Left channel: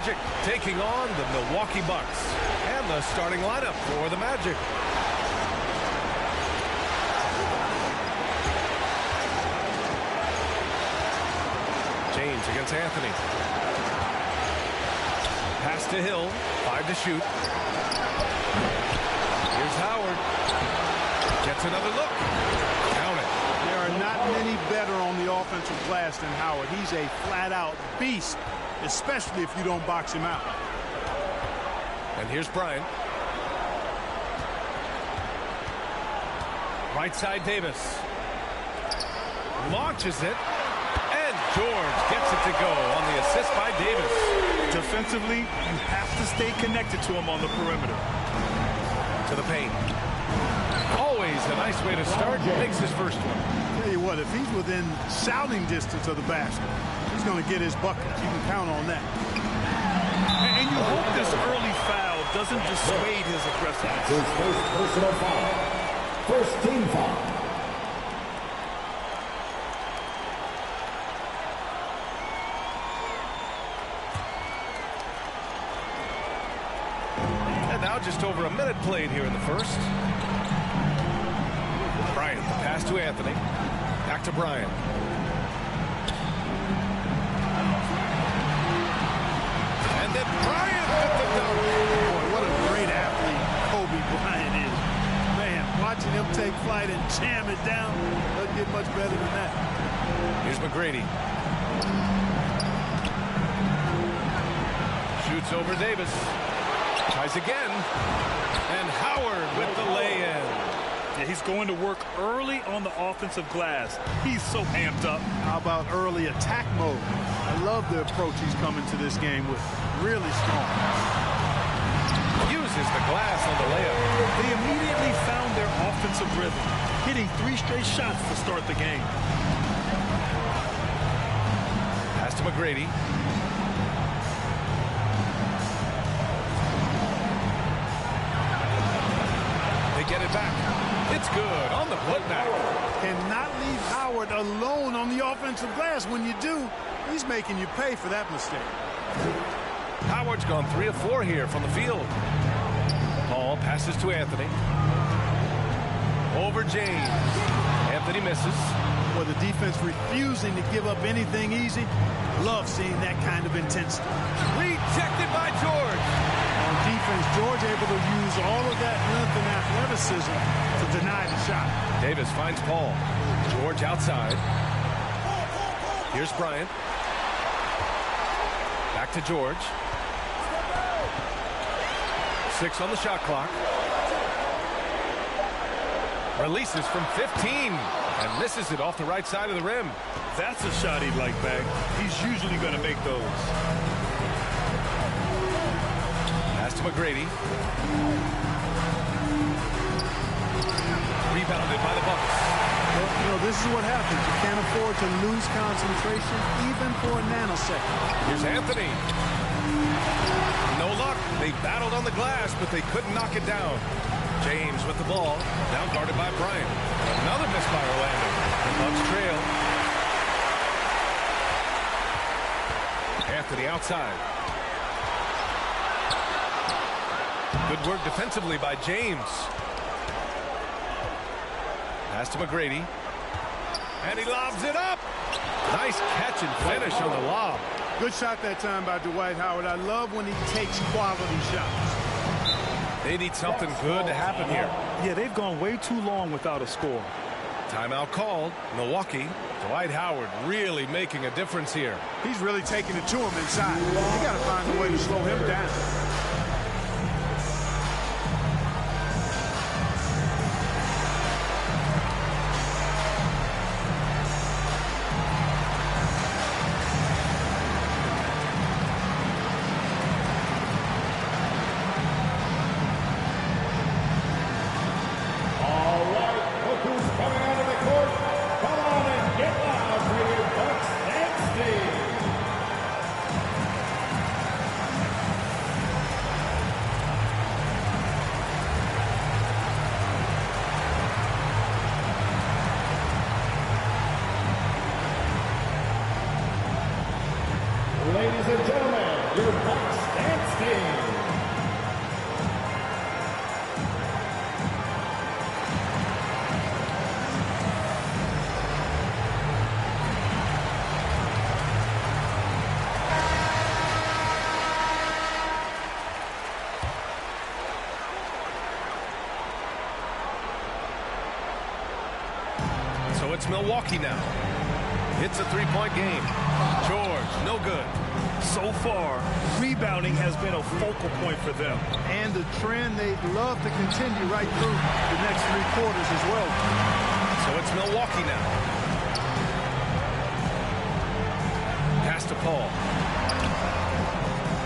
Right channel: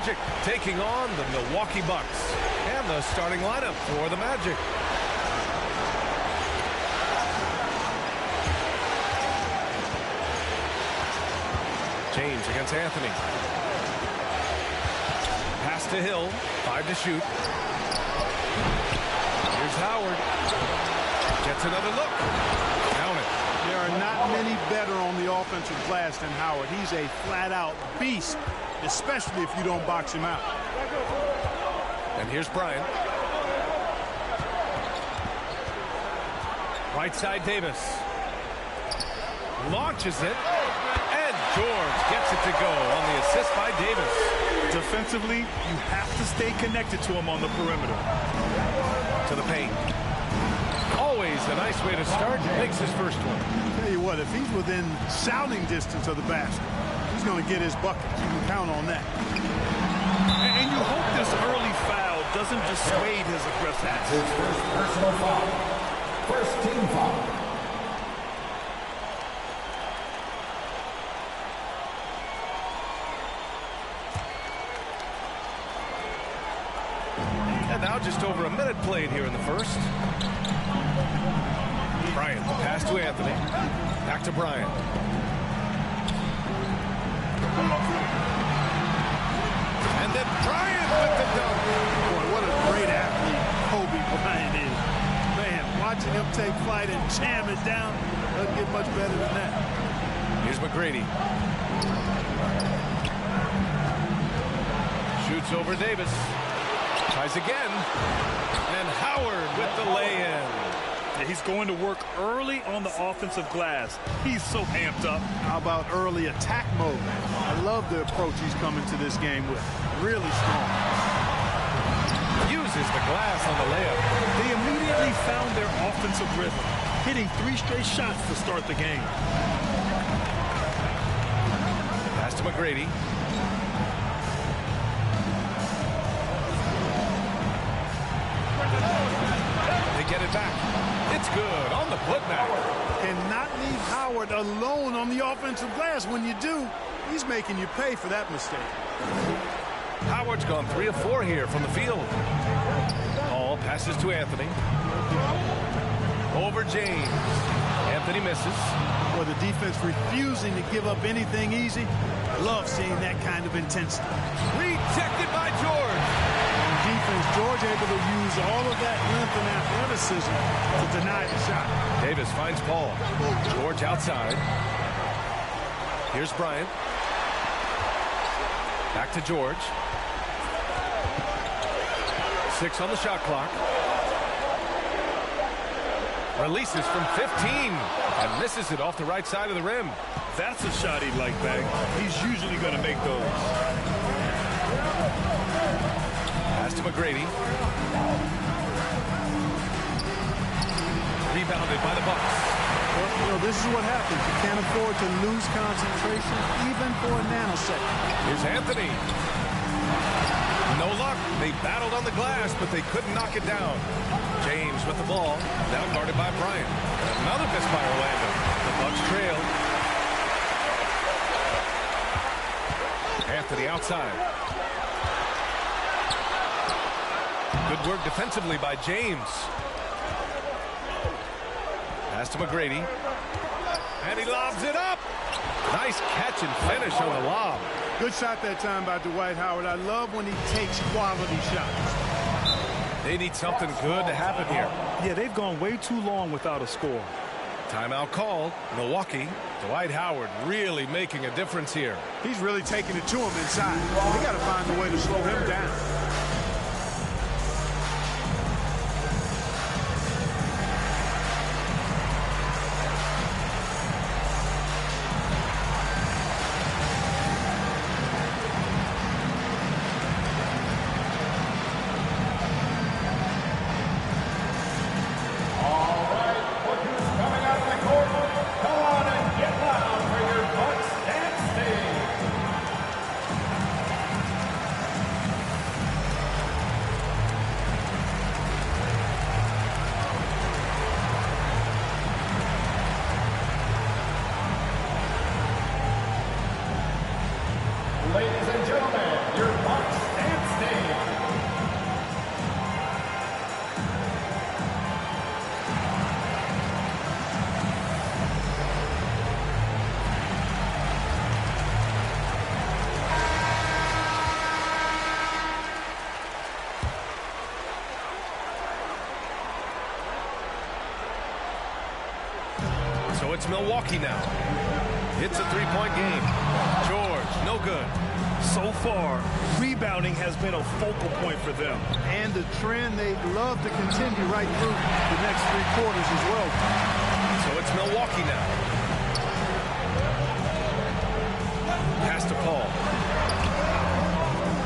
Magic taking on the Milwaukee Bucks. And the starting lineup for the Magic. James against Anthony. Pass to Hill. 5 to shoot. Here's Howard. Gets another look. Count it. There are not many better on the offensive glass than Howard. He's a flat-out beast, especially if you don't box him out. And here's Bryant. Right side Davis. Launches it. And George gets it to go on the assist by Davis. Defensively, you have to stay connected to him on the perimeter. To the paint. Always a nice way to start. Makes his first one. Tell you what, if he's within shouting distance of the basket, he's going to get his buckets. You can count on that. And you hope this early foul doesn't dissuade his aggressiveness. His first personal foul. First team foul. And now just over a minute played here in the first. Bryant, the pass to Anthony. Back to Bryant. And then Bryant with the dunk. Boy, what a great athlete Kobe Bryant is. Man, watching him take flight and jam it down doesn't get much better than that. Here's McGrady. Shoots over Davis. Tries again. And Howard with the lay-in. Yeah, he's going to work early on the offensive glass. He's so amped up. How about early attack mode? I love the approach he's coming to this game with. Really strong. Uses the glass on the layup. They immediately found their offensive rhythm, hitting 3 straight shots to start the game. Pass to McGrady. They get it back. It's good on the putback. Cannot leave Howard alone on the offensive glass. When you do, he's making you pay for that mistake. Howard's gone 3 of 4 here from the field. Paul passes to Anthony. Over James. Anthony misses. Well, the defense refusing to give up anything easy. Love seeing that kind of intensity. Rejected by George. On defense, George able to use all of that length and athleticism to deny the shot. Davis finds Paul. George outside. Here's Bryant. Back to George. 6 on the shot clock. Releases from 15 and misses it off the right side of the rim. That's a shot he'd like back. He's usually going to make those. Pass to McGrady. Rebounded by the Bucks. Well, you know, this is what happens. You can't afford to lose concentration even for a nanosecond. Here's Anthony. No luck. They battled on the glass, but they couldn't knock it down. James with the ball. Now guarded by Bryant. And another miss by Orlando. The Bucks trail. Anthony outside. Good work defensively by James. Pass to McGrady. And he lobs it up. Nice catch and finish on the lob. Good shot that time by Dwight Howard. I love when he takes quality shots. They need something good to happen here. Yeah, they've gone way too long without a score. Timeout called. Milwaukee. Dwight Howard really making a difference here. He's really taking it to him inside. They got to find a way to slow him down. standstill. So it's Milwaukee now. It's a three-point game. George, no good. So far, rebounding has been a focal point for them. And the trend they'd love to continue right through the next 3 quarters as well. So it's Milwaukee now. Pass to Paul.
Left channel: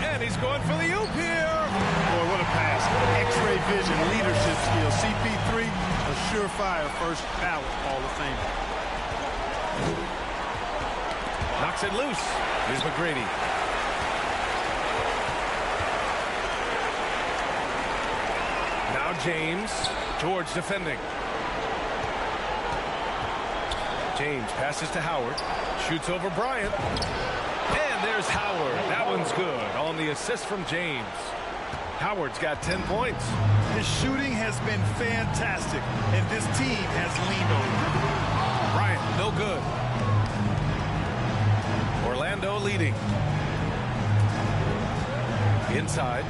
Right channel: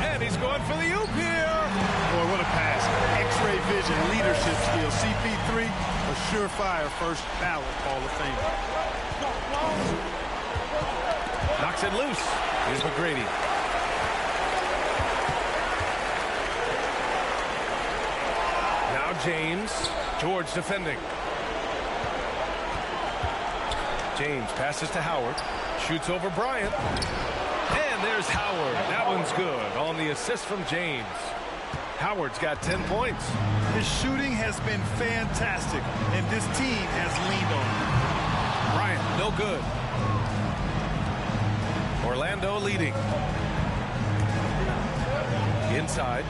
And he's going for the oop here. Boy, what a pass. X-ray vision, leadership skills. CP3, a surefire first ballot Hall of Fame. Knocks it loose. Here's McGrady. Now James. George defending. James passes to Howard. Shoots over Bryant. And there's Howard. That one's good on the assist from James. Howard's got 10 points. His shooting has been fantastic, and this team has leaned on him. Bryant, no good. Orlando leading. Inside.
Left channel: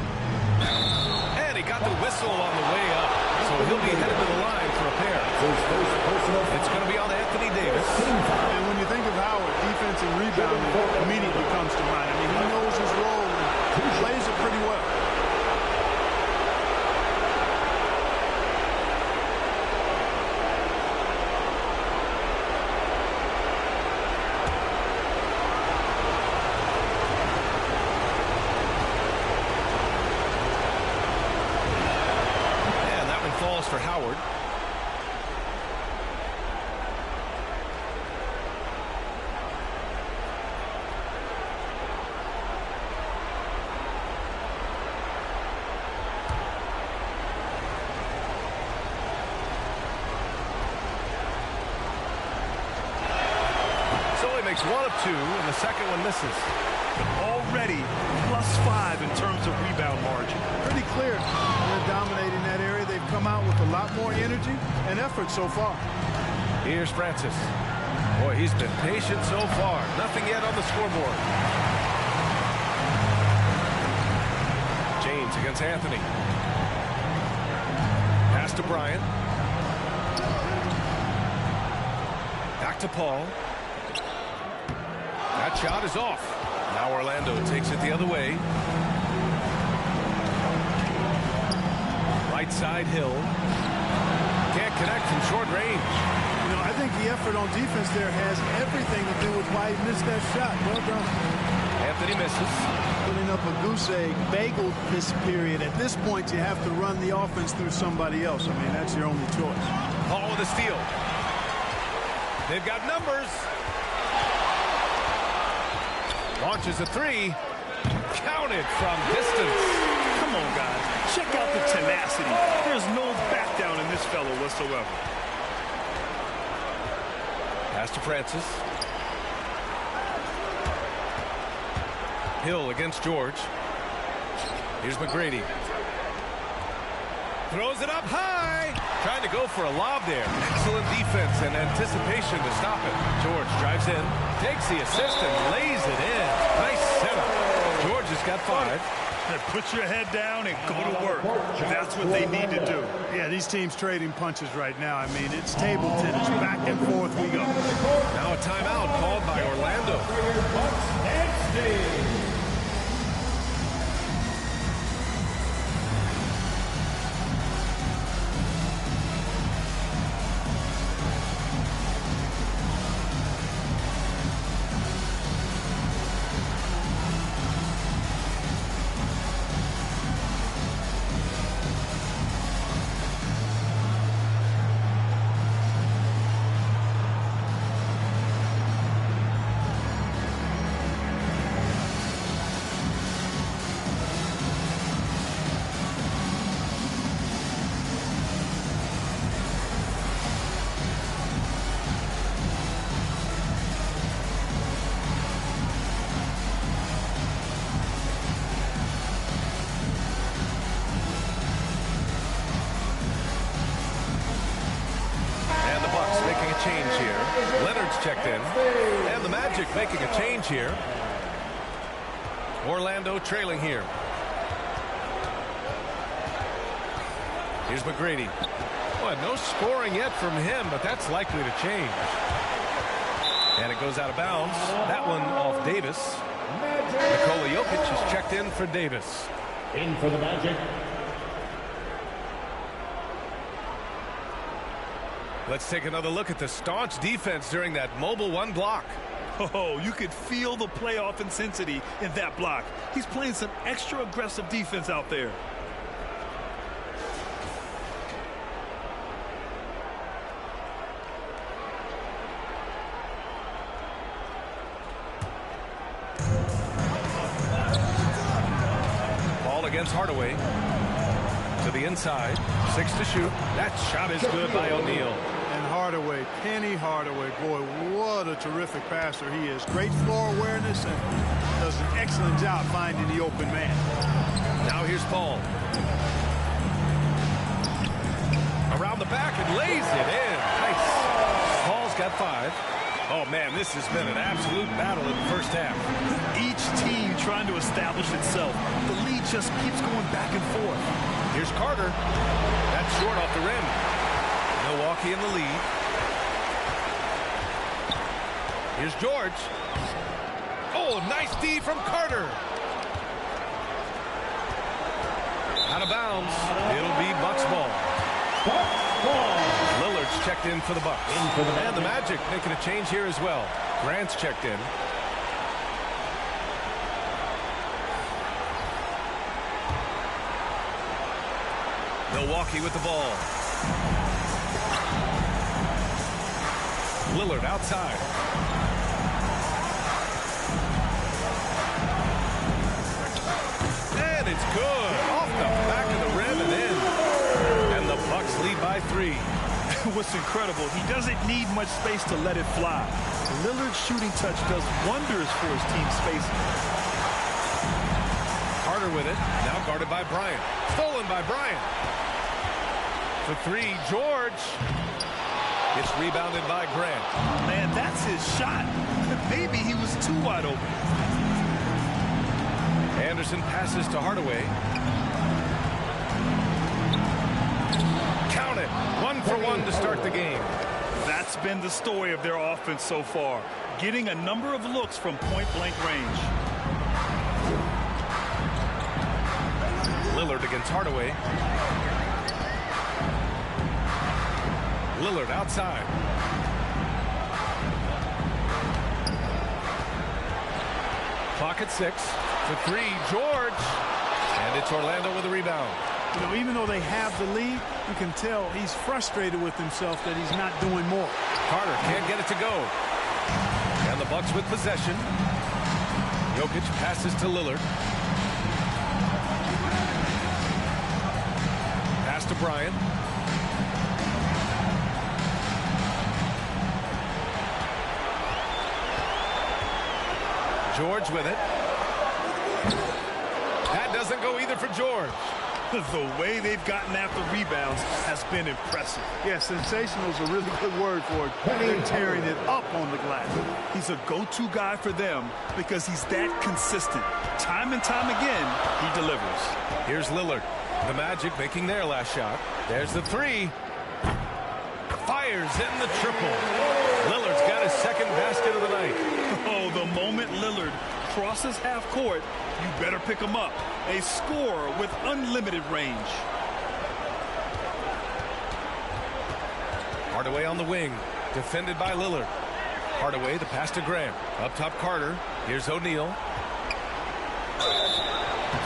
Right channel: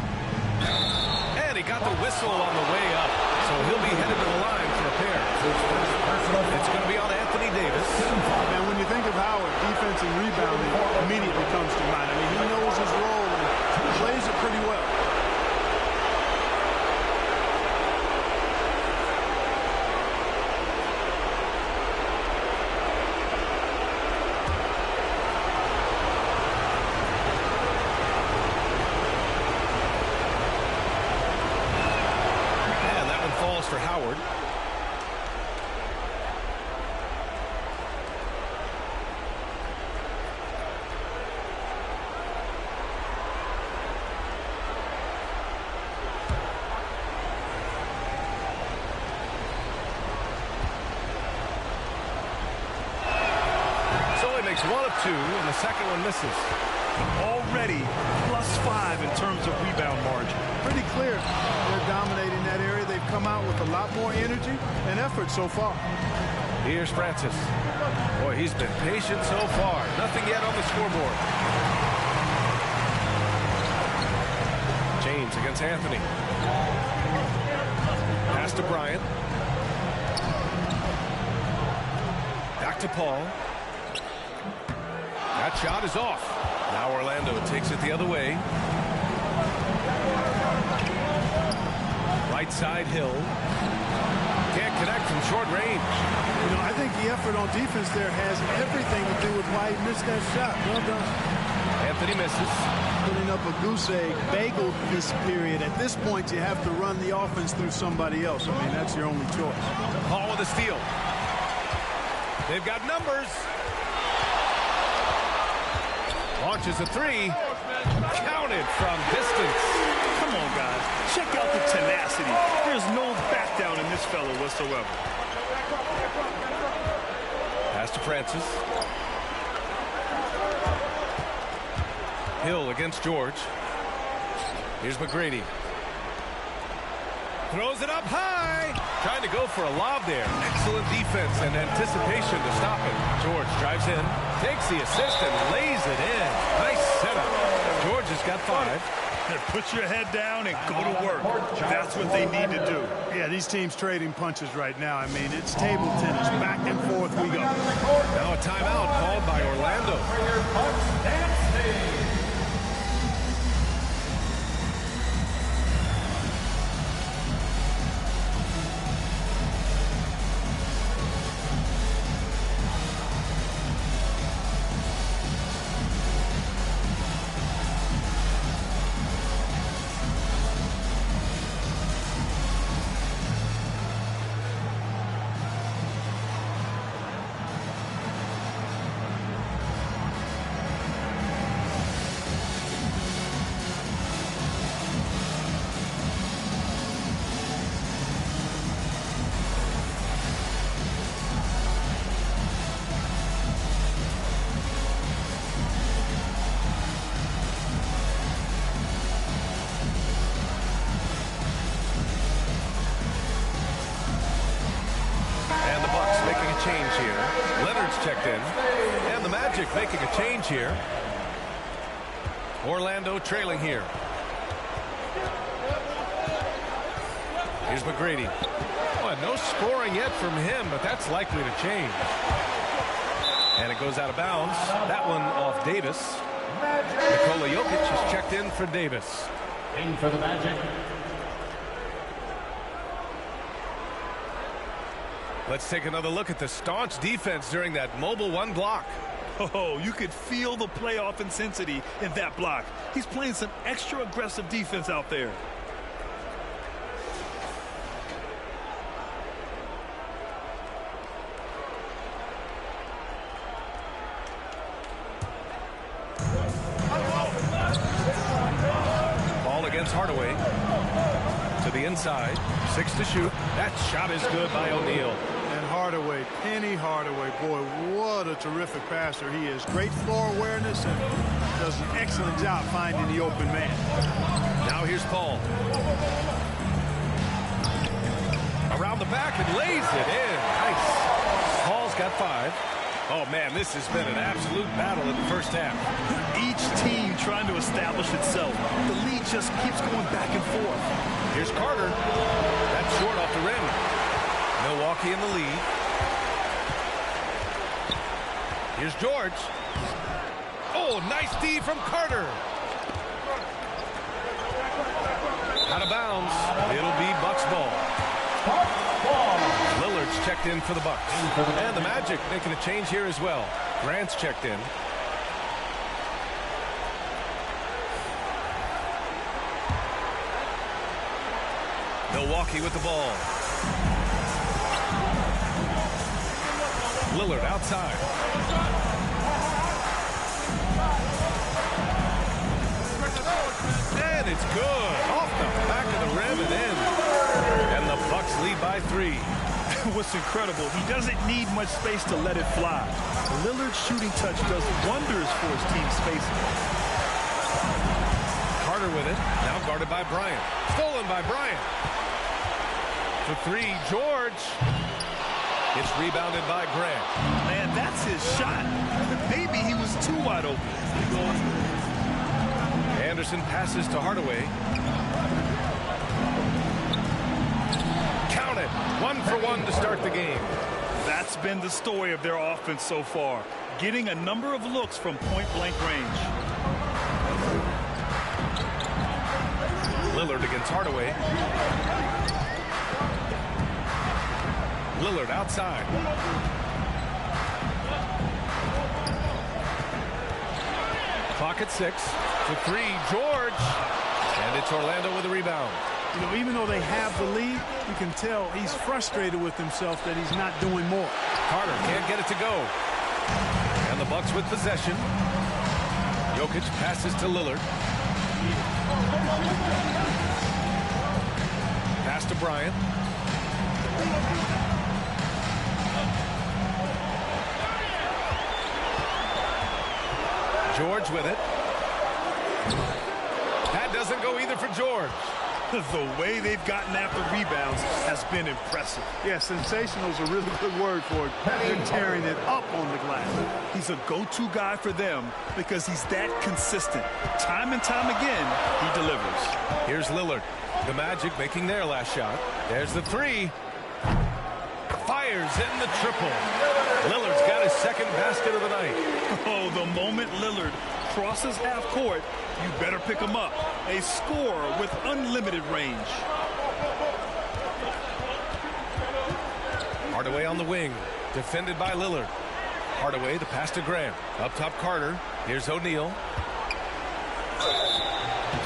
And he got the whistle on the way up. So he'll be headed to the line for a pair. It's going to be on Anthony Davis. And when you think of Howard, defense and rebounding immediately comes to mind. I mean, he knows his role and plays it pretty well. Falls for Howard. So he makes 1 of 2, and the second one misses. But already +5 in terms of rebound margin. Pretty clear. They're dominating that area. They've come out with a lot more energy and effort so far. Here's Francis. Boy, he's been patient so far. Nothing yet on the scoreboard. James against Anthony. Pass to Bryant. Back to Paul. That shot is off. Now Orlando takes it the other way. Right side, Hill. Can't connect from short range. You know, I think the effort on defense there has everything to do with why he missed that shot. Well done. Anthony misses. Putting up a goose egg, bageled this period. At this point, you have to run the offense through somebody else. I mean, that's your only choice. Paul with a steal. They've got numbers. Launches a 3. Counted from distance. Come on, guys. Check out the tenacity. There's no back down in this fellow whatsoever. Pass to Francis. Hill against George. Here's McGrady. Throws it up high. Trying to go for a lob there. Excellent defense and anticipation to stop it. George drives in, takes the assist, and lays it in. Nice setup. George has got 5. Put your head down and go to work. That's what they need to do. Yeah, these teams trading punches right now. I mean, it's table tennis. Back and forth we go. Now a timeout called by Orlando. change here. Leonard's checked in. And the Magic making a change here. Orlando trailing here. Here's McGrady. Well, no scoring yet from him, but that's likely to change. And it goes out of bounds. That one off Davis. Nikola Jokic is checked in for Davis. In for the Magic. Let's take another look at the staunch defense during that mobile one block. Oh, you could feel the playoff intensity in that block. He's playing some extra aggressive defense out there. Ball against Hardaway. To the inside. 6 to shoot. That shot is good by O'Neal. And Hardaway, Penny Hardaway, boy, what a terrific passer he is. Great floor awareness and does an excellent job finding the open man. Now here's Paul. Around the back and lays it in. Nice. Paul's got 5. Oh, man, this has been an absolute battle in the first half. Each team trying to establish itself. The lead just keeps going back and forth. Here's Carter. That's short off the rim. Milwaukee in the lead. Here's George. Oh, nice D from Carter. Out of bounds. It'll be Bucks ball. Lillard's checked in for the Bucks. And the Magic making a change here as well. Grant's checked in. Milwaukee with the ball. Lillard outside. And it's good. Off the back of the rim and in. And the Bucks lead by 3. What's incredible, he doesn't need much space to let it fly. Lillard's shooting touch does wonders for his team spacing. Carter with it. Now guarded by Bryant. Stolen by Bryant. For 3, George. It's rebounded by Grant. Man, that's his shot. Maybe he was too wide open. Anderson passes to Hardaway. Count it. 1 for 1 to start the game. That's been the story of their offense so far. Getting a number of looks from point-blank range. Lillard against Hardaway. Lillard outside. Clock at 6. For 3, George. And it's Orlando with a rebound. You know, even though they have the lead, you can tell he's frustrated with himself that he's not doing more. Carter can't get it to go. And the Bucks with possession. Jokic passes to Lillard. Pass to Bryant. George with it. That doesn't go either for George. The way they've gotten after rebounds has been impressive. Yeah, sensational is a really good word for it. They're tearing it up on the glass. He's a go-to guy for them because he's that consistent. Time and time again, he delivers. Here's Lillard. The Magic making their last shot. There's the 3. Fires in the triple. Lillard's got his second basket of the night. Oh, the moment Lillard crosses half court, you better pick him up. A scorer with unlimited range. Hardaway on the wing. Defended by Lillard. Hardaway, the pass to Grant. Up top, Carter. Here's O'Neal.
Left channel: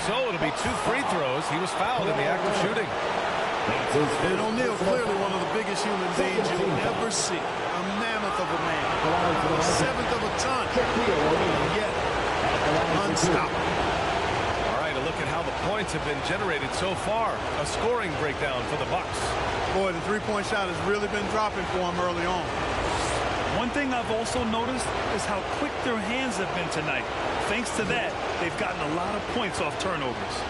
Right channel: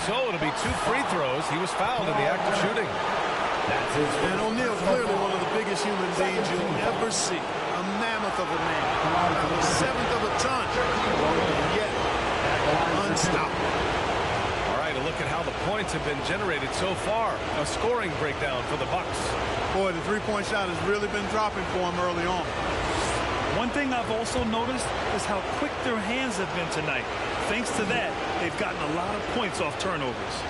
So it'll be 2 free throws. He was fouled in the act of shooting. And O'Neal, clearly one of the biggest human beings you'll ever see. A mammoth of a man. About a 1/7 of a ton. And yet, unstoppable. All right, a look at how the points have been generated so far. A scoring breakdown for the Bucks. Boy, the three-point shot has really been dropping for him early on. One thing I've also noticed is how quick their hands have been tonight. Thanks to that, they've gotten a lot of points off turnovers.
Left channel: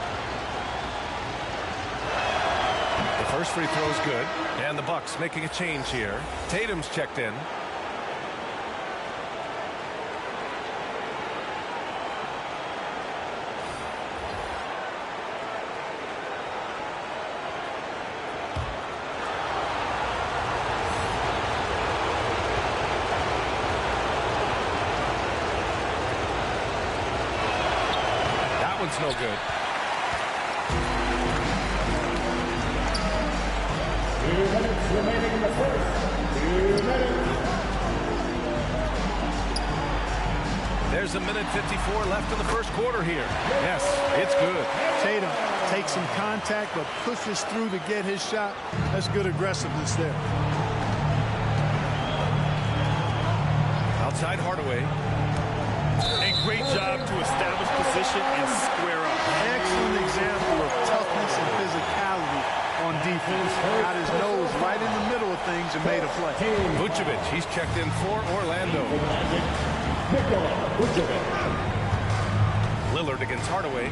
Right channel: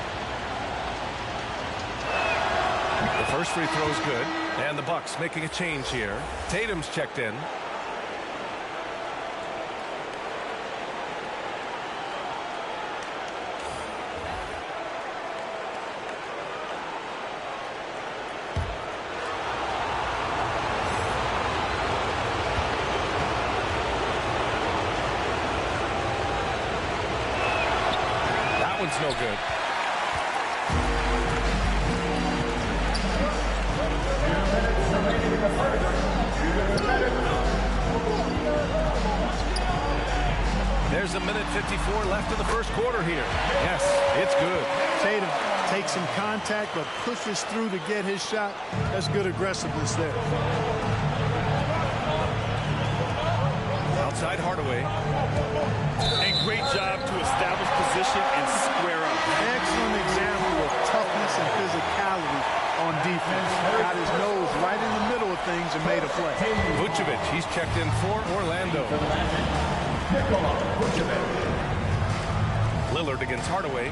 The first free throw is good, and the Bucks making a change here. Tatum's checked in. That one's no good. There's a minute 54 left in the first quarter here. Yes, it's good. Tatum takes some contact but pushes through to get his shot. That's good aggressiveness there. Outside Hardaway. And great job to establish position and square up. Excellent example of toughness and physicality on defense. Got his nose right in the middle of things and made a play. Vucevic, he's checked in for Orlando. Nikola Vucevic. Lillard against Hardaway.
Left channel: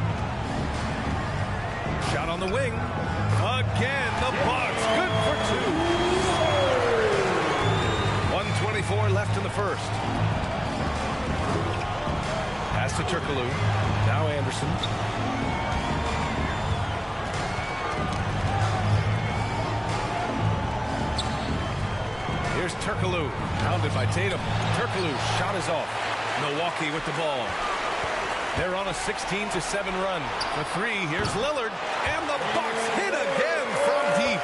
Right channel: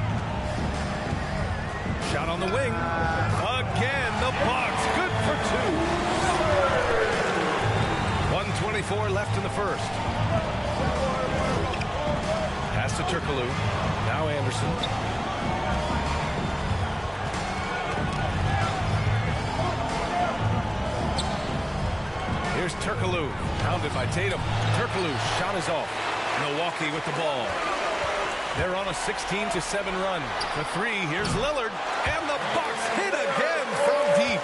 Shot on the wing. Again, the Bucks. Good for two. 1:24 left in the first. Pass to Turkoglu. Now Anderson. Here's Turkoglu. Pounded by Tatum. Turkoglu's shot is off. Milwaukee with the ball. They're on a 16-7 run. For three, here's Lillard. And the Bucks hit again from deep.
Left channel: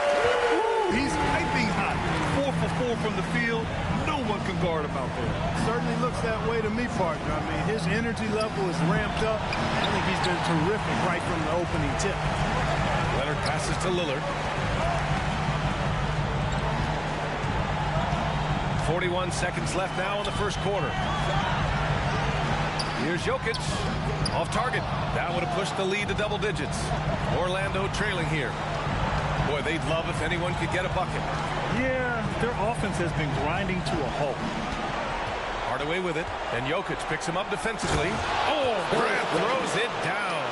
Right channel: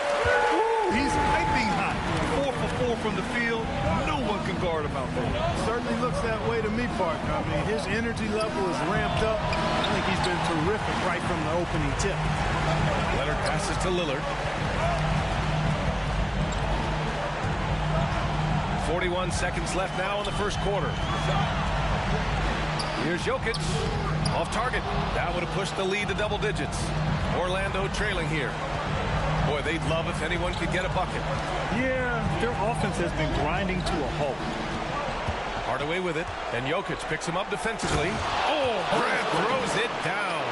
Ooh, he's piping hot. 4 for 4 from the field. No one can guard him out there. Certainly looks that way to me, partner. I mean, his energy level is ramped up. I think he's been terrific right from the opening tip. Leonard passes to Lillard. 41 seconds left now in the first quarter. Here's Jokic. Off target. That would have pushed the lead to double digits. Orlando trailing here. Boy, they'd love if anyone could get a bucket. Yeah, their offense has been grinding to a halt. Hardaway with it. And Jokic picks him up defensively. Oh, Grant throws it down.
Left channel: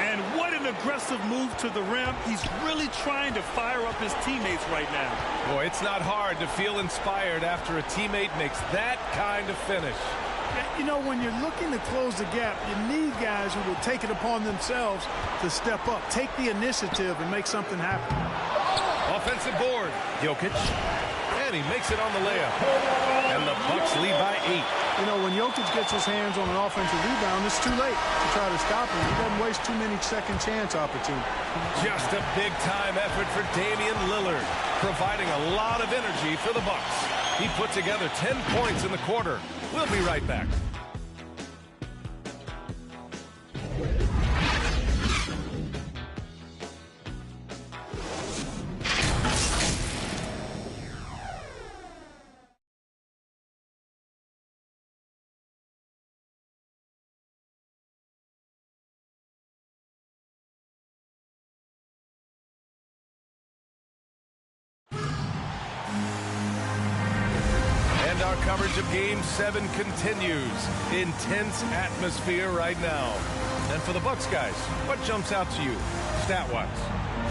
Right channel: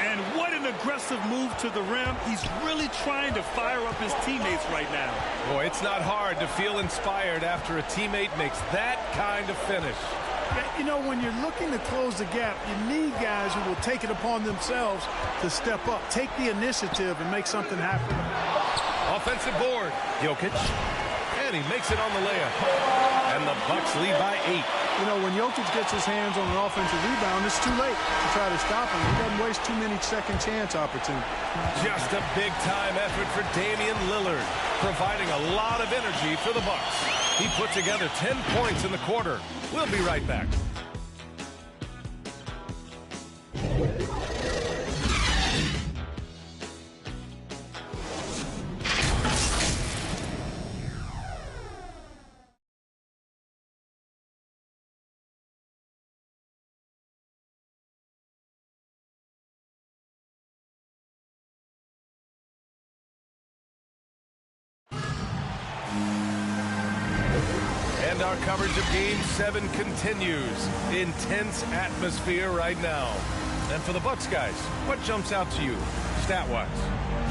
And what an aggressive move to the rim. He's really trying to fire up his teammates right now. Boy, it's not hard to feel inspired after a teammate makes that kind of finish. You know, when you're looking to close the gap, you need guys who will take it upon themselves to step up, take the initiative, and make something happen. Offensive board. Jokic. And he makes it on the layup. And the Bucks lead by 8. You know, when Jokic gets his hands on an offensive rebound, it's too late to try to stop him. He doesn't waste too many second chance opportunities. Just a big-time effort for Damian Lillard, providing a lot of energy for the Bucks. He put together 10 points in the quarter. We'll be right back. And our coverage of Game 7 continues. Intense atmosphere right now. And for the Bucks guys, what jumps out to you, stat-wise?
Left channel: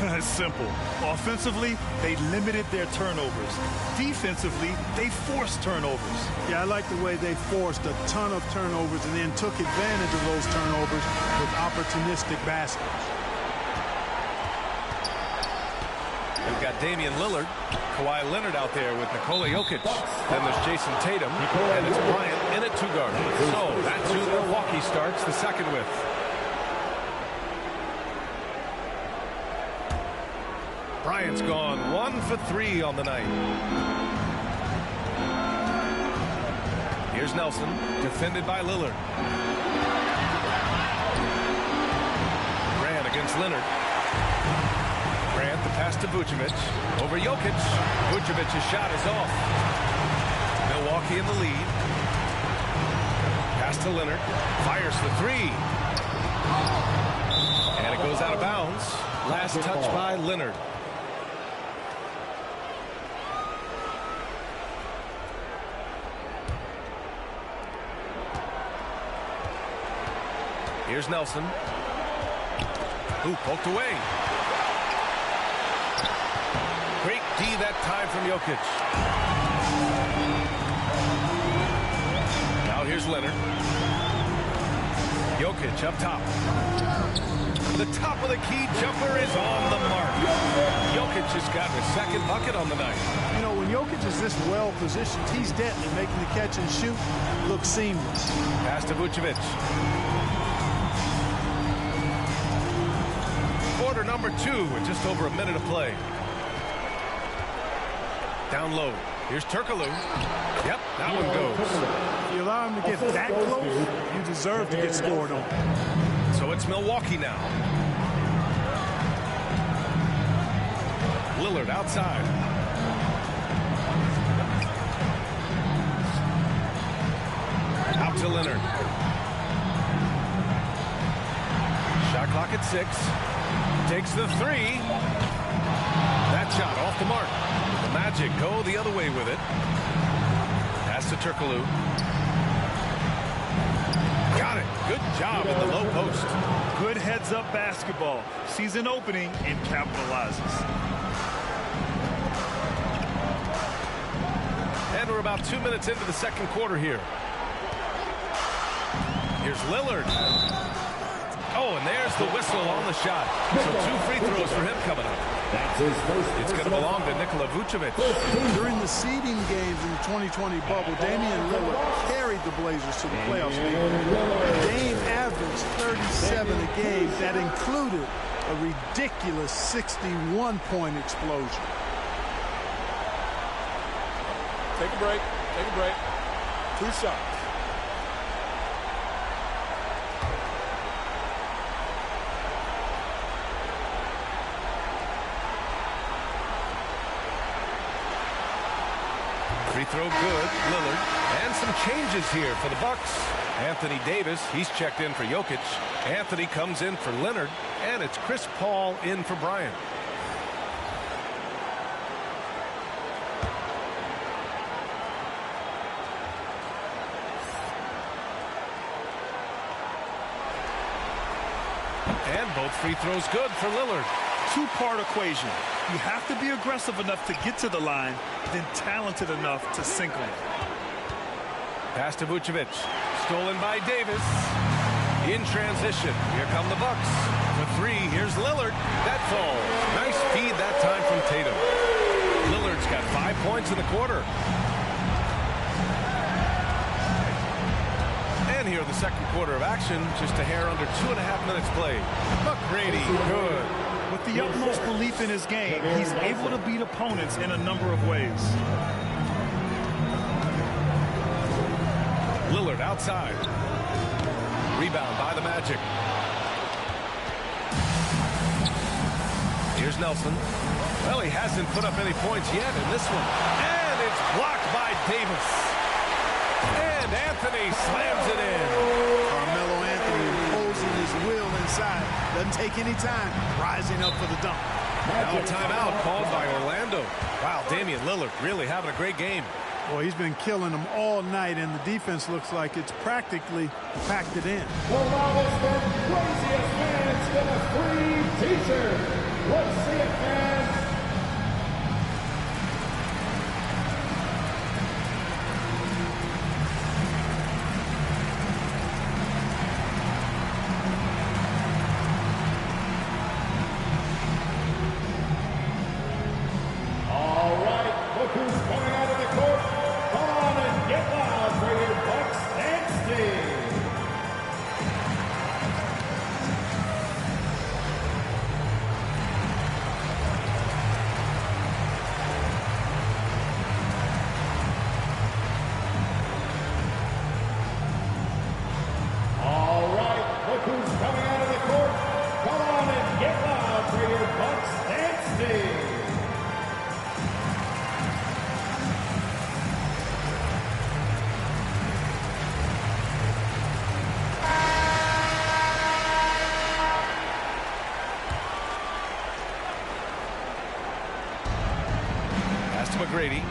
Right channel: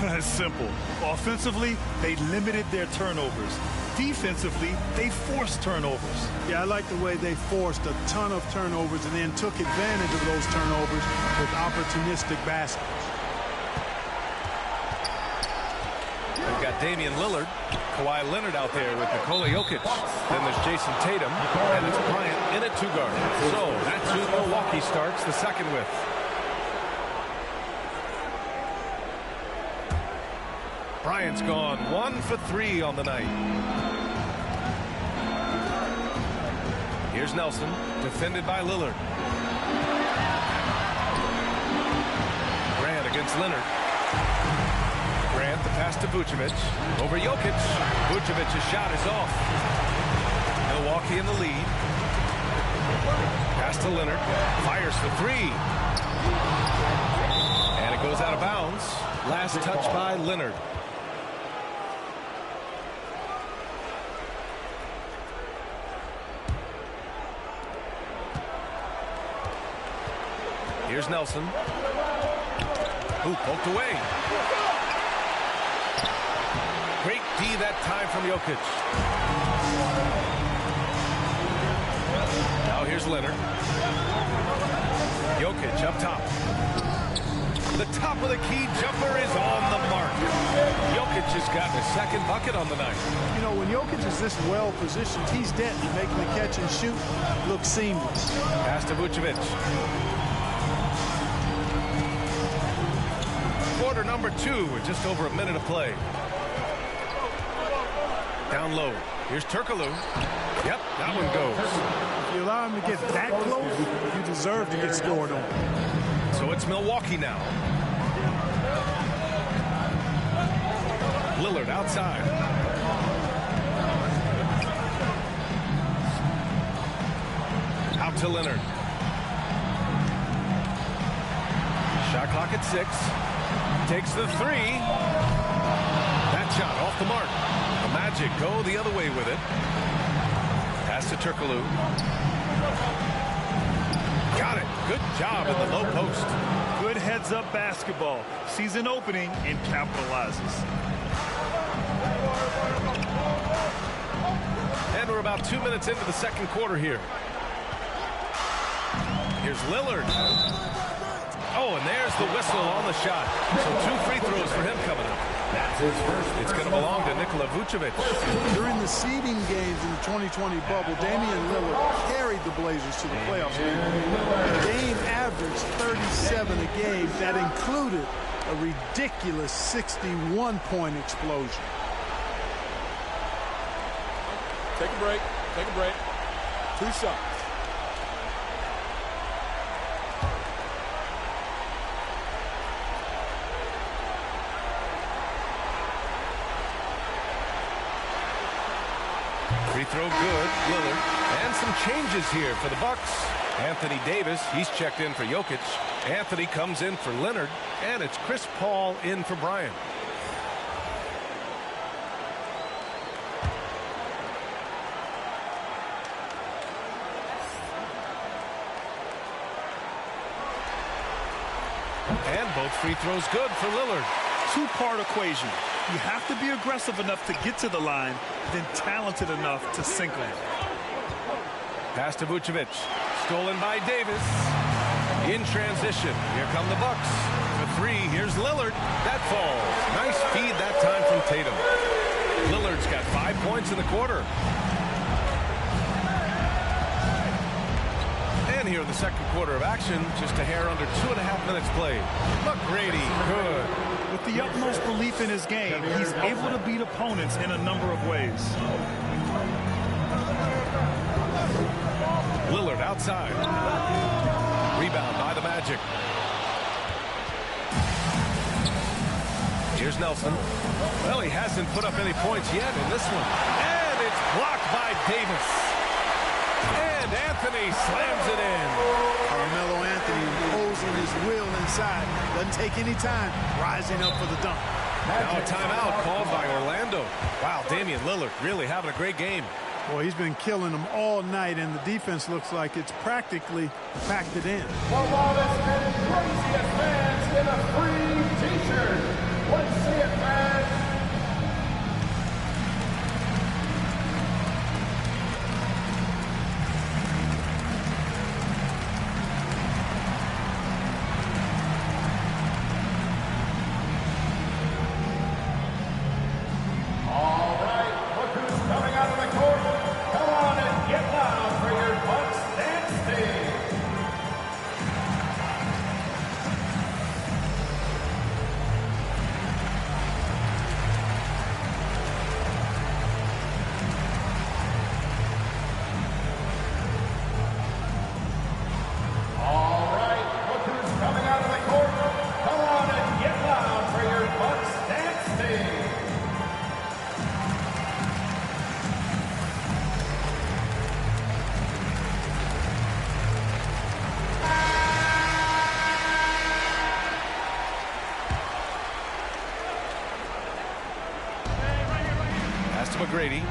It's simple. Offensively, they limited their turnovers. Defensively, they forced turnovers. Yeah, I like the way they forced a ton of turnovers and then took advantage of those turnovers with opportunistic baskets. We've got Damian Lillard, Kawhi Leonard out there with Nikola Jokic. Then there's Jason Tatum, and it's Bryant in at 2 guard. So that's who Milwaukee starts the second with. Bryant's gone 1 for 3 on the night. Here's Nelson, defended by Lillard. Grant against Leonard. Grant, the pass to Vucevic. Over Jokic. Vucevic's shot is off. Milwaukee in the lead. Pass to Leonard. Fires for 3. And it goes out of bounds. Last touch by Leonard. Here's Nelson. Ooh, poked away. Great D that time from Jokic. Now here's Leonard. Jokic up top. The top of the key jumper is on the mark. Jokic has gotten his second bucket on the night. You know, when Jokic is this well positioned, he's deadly, making the catch and shoot look seamless. Pass to Vucevic. Quarter number 2 with just over a minute of play. Down low. Here's Turkoglu. Yep, that one goes. If you allow him to get that close, you deserve to get scored on. So it's Milwaukee now. Lillard outside. Out to Leonard. Shot clock at 6. Takes the 3. That shot off the mark. The Magic go the other way with it. Pass to Turkoglu. Got it. Good job in the low post. Good heads-up basketball. Sees an opening and capitalizes. And we're about 2 minutes into the second quarter here. Here's Lillard. Oh, and there's the whistle on the shot. So 2 free throws for him coming up. That's his first. It's going to belong to Nikola Vucevic. During the seeding games in the 2020 bubble, Damian Lillard carried the Blazers to the playoffs. Dame averaged 37 a game. That included a ridiculous 61-point explosion. Take a break. Take a break. 2 shots. Free throw good, Lillard. And some changes here for the Bucks. Anthony Davis, he's checked in for Jokic. Anthony comes in for Leonard. And it's Chris Paul in for Bryant. And both free throws good for Lillard. 2-part equation. You have to be aggressive enough to get to the line, then talented enough to sink on it. Pass to Vucevic. Stolen by Davis. In transition. Here come the Bucks. For 3, here's Lillard. That falls. Nice feed that time from Tatum. Lillard's got 5 points in the quarter. And here in the second quarter of action, just a hair under 2.5 minutes played. McGrady, good. With the utmost belief in his game, he's able to beat opponents in a number of ways. Lillard outside. Rebound by the Magic. Here's Nelson. Well, he hasn't put up any points yet in this one. And it's blocked by Davis. And Anthony slams it in. Carmelo Anthony imposing his will inside. Doesn't take any time. Rising up for the dunk. Now a timeout called by Orlando. Wow, Damian Lillard really having a great game. Boy, he's been killing them all night, and the defense looks like it's practically packed it in. The loudest and craziest fans get a free T-shirt. Let's see it, fans. All right, look who's coming out of the court. Come on and get loud for your Bucks dance team. All right, look who's coming out of the court. Come on and get loud for your Bucks dance team. Pass to McGrady.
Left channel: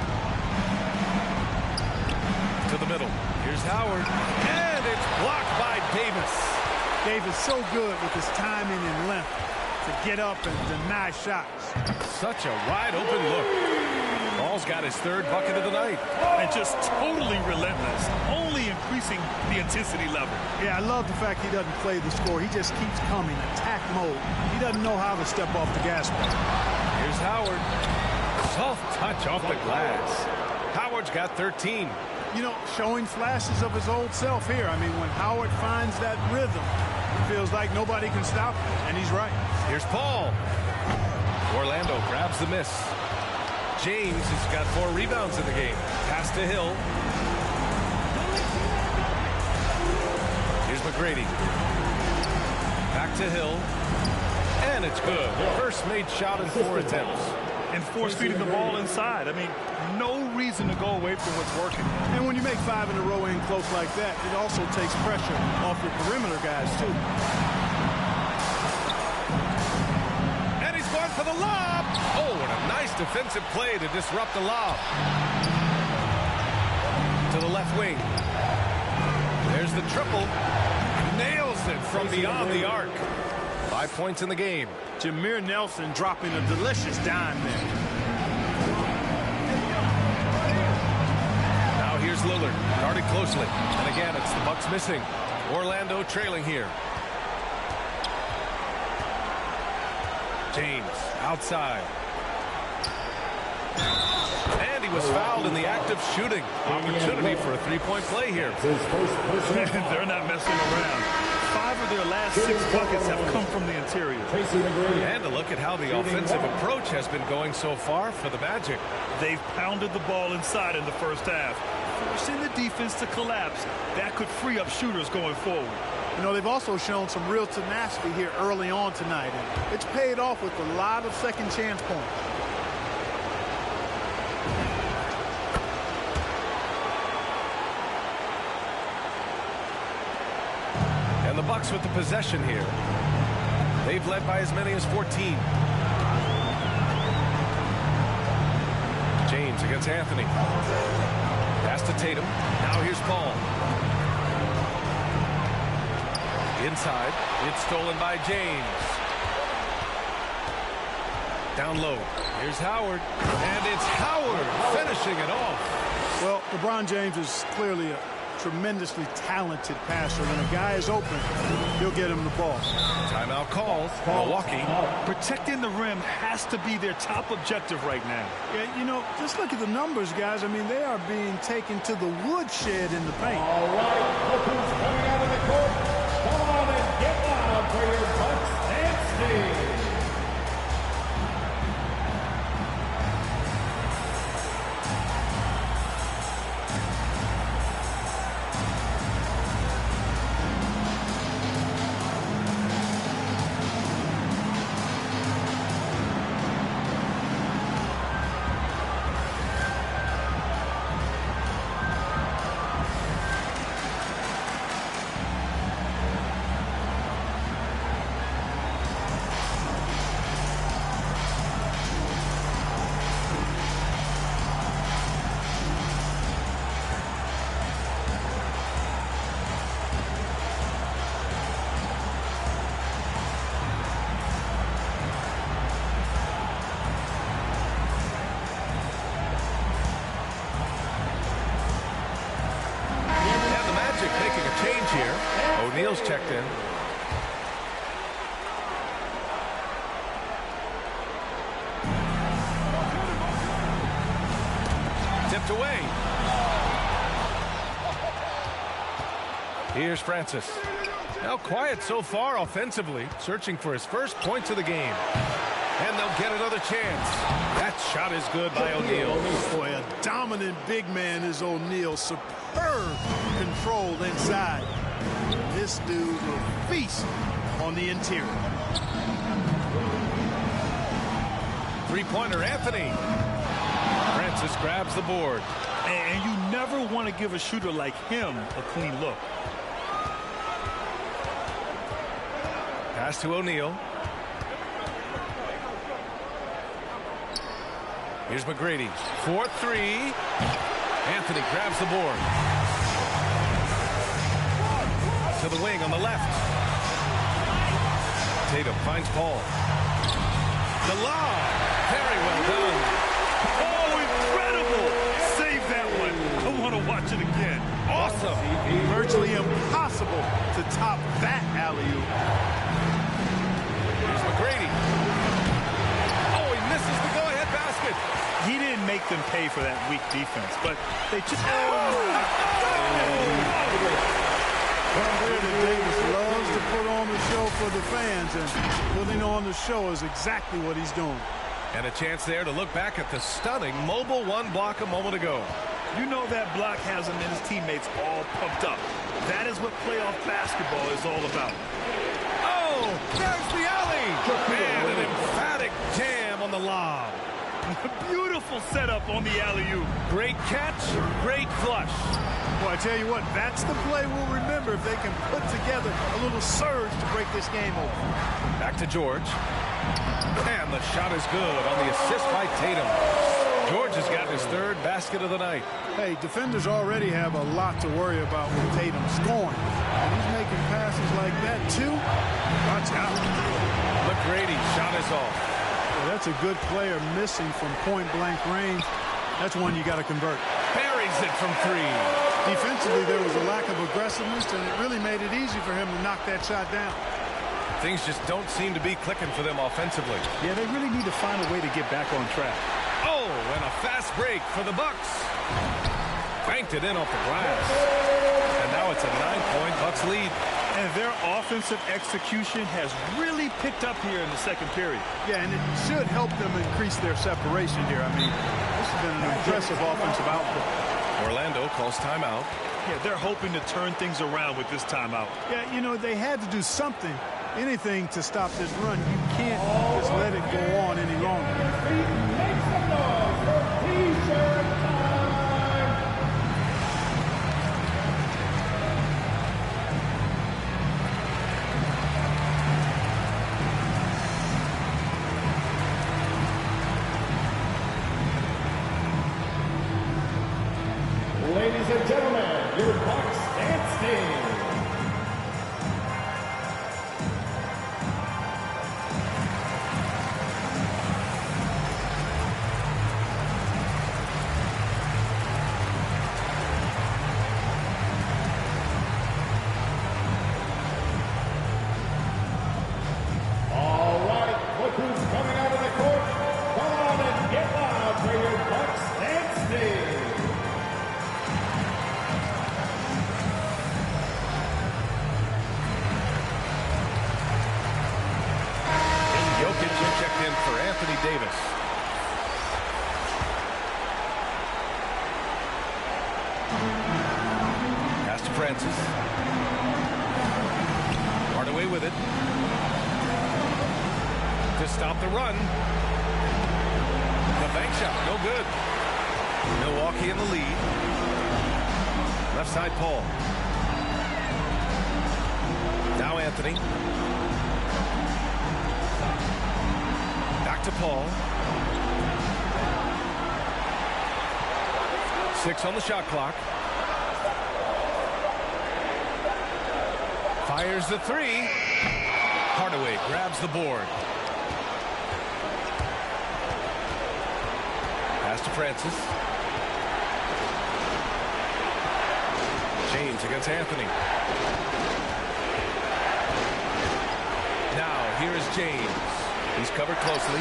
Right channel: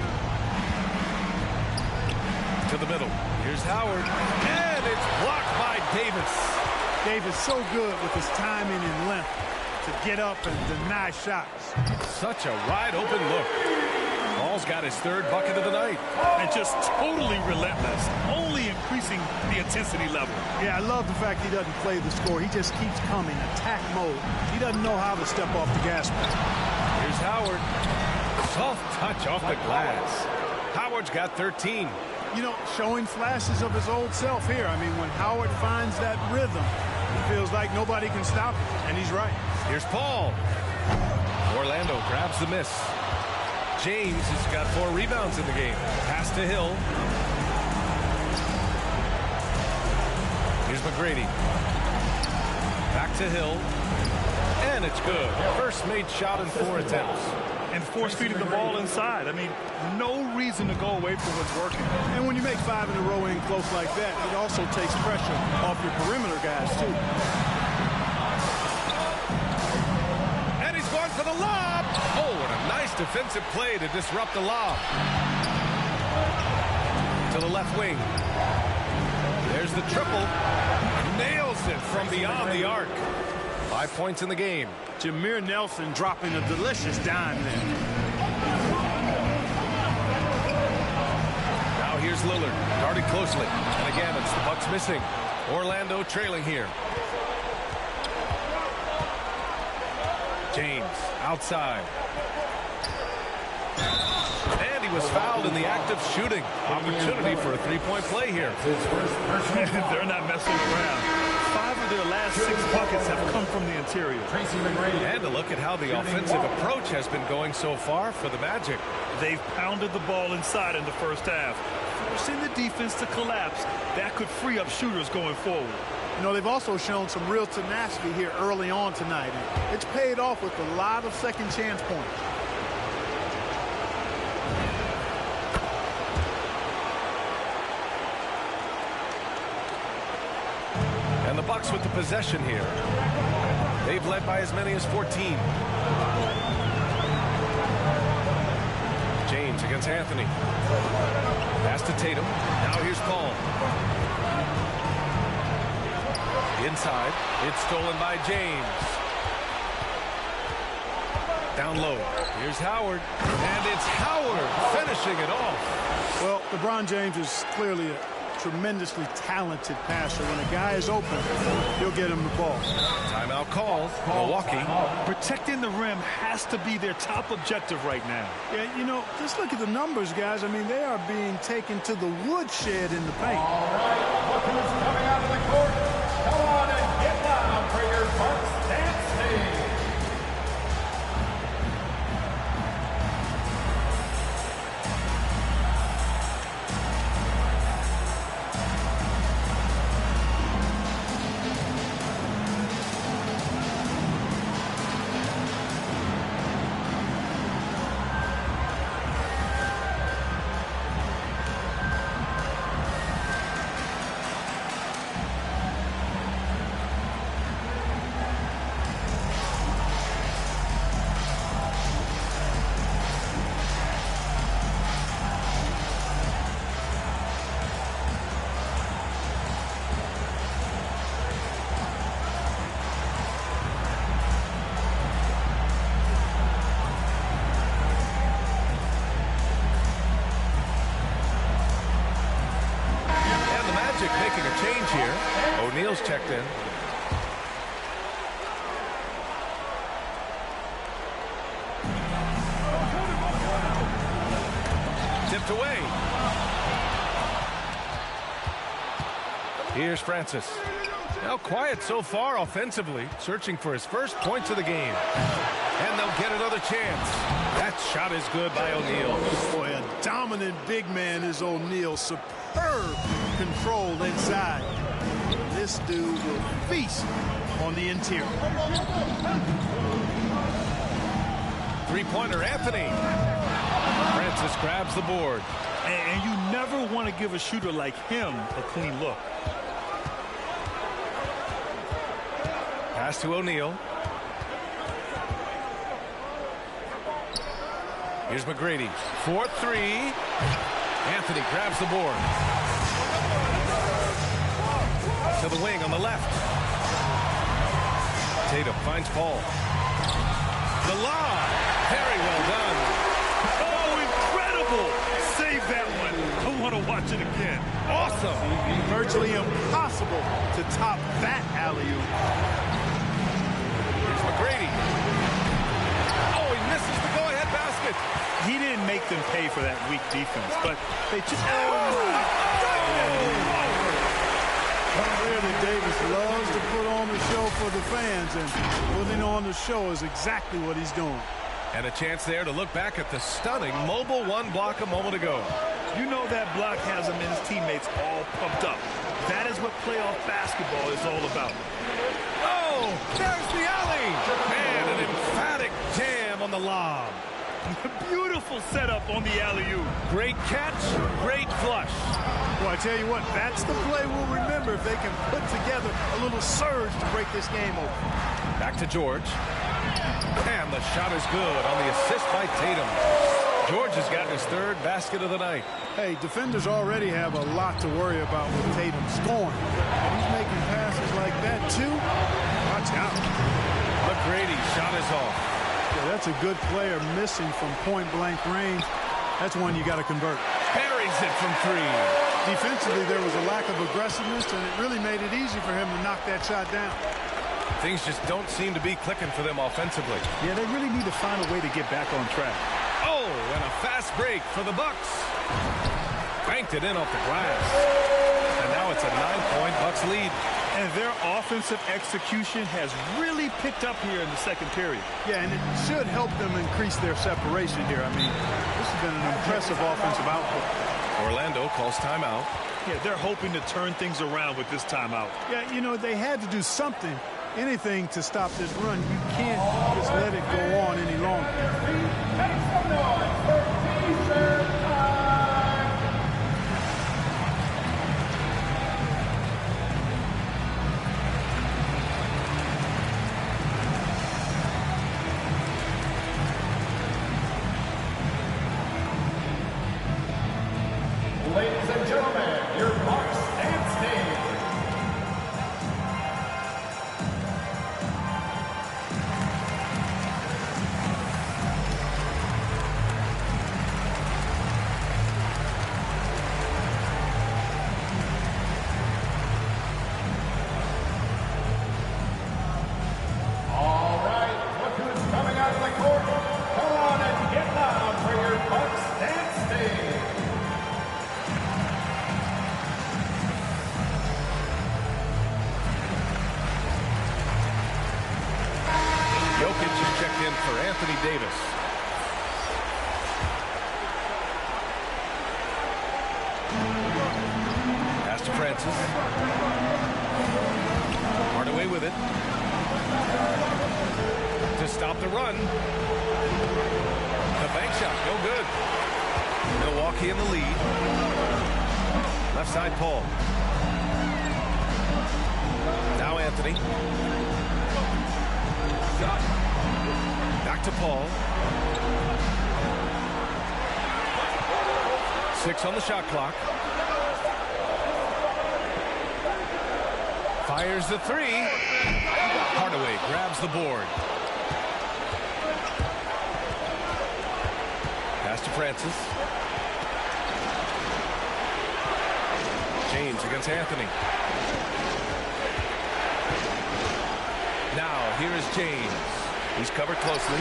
To the middle. Here's Howard. And it's blocked by Davis. Davis so good with his timing and length. to get up and deny shots. Such a wide open look. Paul's got his third bucket of the night. And just totally relentless, only increasing the intensity level. Yeah, I love the fact he doesn't play the score. He just keeps coming, attack mode. He doesn't know how to step off the gas pedal. Here's Howard. Soft touch off the glass. Howard's got 13. You know, showing flashes of his old self here. I mean, when Howard finds that rhythm, he feels like nobody can stop him, and he's right. Here's Paul. Orlando grabs the miss. James has got 4 rebounds in the game. Pass to Hill. Here's McGrady. Back to Hill. And it's good. First made shot in 4 attempts. And force feeding the ball inside. I mean, no reason to go away from what's working. And when you make 5 in a row in close like that, it also takes pressure off your perimeter guys, too. And he's going for the lob. Oh, what a nice defensive play to disrupt the lob. To the left wing. There's the triple. Nails it from beyond the arc. 5 points in the game. Jameer Nelson dropping a delicious dime there. Now here's Lillard, guarded closely. And again, it's the Bucks missing. Orlando trailing here. James outside. And he was fouled in the act of shooting. Opportunity for a 3-point play here. They're not messing around. 5 of their last 6 buckets have come from the interior. And a look at how the offensive approach has been going so far for the Magic. They've pounded the ball inside in the first half, forcing the defense to collapse. That could free up shooters going forward. You know, they've also shown some real tenacity here early on tonight, and it's paid off with a lot of second chance points. And the Bucks with the possession here. They've led by as many as 14. James against Anthony. Pass to Tatum. Now here's Paul. Inside. It's stolen by James. Down low. Here's Howard. And it's Howard finishing it off. Well, LeBron James is clearly a tremendously talented passer. When a guy is open, he'll get him the ball. Timeout called. Milwaukee. Protecting the rim has to be their top objective right now. Yeah, you know, just look at the numbers, guys. I mean, they are being taken to the woodshed in the paint. All right, look who's coming out of the court. Come on and get loud for your Bucks dance team. Making a change here. O'Neal's checked in. Tipped away. Here's Francis. Now quiet so far offensively, searching for his first points of the game. And they'll get another chance. That shot is good by O'Neal. Boy, a dominant big man is O'Neal. Superb control inside. This dude will feast on the interior. Three-pointer, Anthony. Francis grabs the board. And you never want to give a shooter like him a clean look. Pass to O'Neal. Here's McGrady. 4-3. Anthony grabs the board. To the wing on the left. Tatum finds Paul. The lob. Very well done. Oh, incredible. Save that one. I want to watch it again. Awesome. Virtually impossible to top that alley-oop. Here's McGrady. Oh, he misses the go-ahead basket. He didn't make them pay for that weak defense, but they just... Anthony Davis loves to put on the show for the fans, and putting on the show is exactly what he's doing. And a chance there to look back at the stunning mobile one block a moment ago. You know that block has him and his teammates all pumped up. That is what playoff basketball is all about. Oh, there's the alley. Man, an emphatic jam on the lob. Beautiful setup on the alley-oop. Great catch, great flush. Well, I tell you what, that's the play we'll remember if they can put together a little surge to break this game open. Back to George. And the shot is good on the assist by Tatum. George has gotten his third basket of the night. Hey, defenders already have a lot to worry about with Tatum scoring. And he's making passes like that, too. Watch out. McGrady shot is off. Yeah, that's a good player missing from point-blank range. That's one you got to convert. Buries it from three. Defensively, there was a lack of aggressiveness, and it really made it easy for him to knock that shot down. Things just don't seem to be clicking for them offensively. Yeah, they really need to find a way to get back on track. Oh, and a fast break for the Bucks. Banked it in off the glass. And now it's a 9-point Bucks lead. And their offensive execution has really picked up here in the second period. Yeah, and it should help them increase their separation here. I mean, this has been an impressive offensive output. Orlando calls timeout. Yeah, they're hoping to turn things around with this timeout. Yeah, you know, they had to do something, anything to stop this run. You can't just let it go on any longer. Make some noise for T-shirt time. Ladies and gentlemen, your Bucks dance team. All right, look who's coming out of the court. Come on and get loud for your Bucks dance team. Jokic checked in for Anthony Davis. Pass to Francis. Hardaway with it. To stop the run. The bank shot, no good. Milwaukee in the lead. Left side, Paul. Now Anthony. Back to Paul. 6 on the shot clock. Fires the three. Hardaway grabs the board. Pass to Francis. James against Anthony. Now here is James. He's covered closely.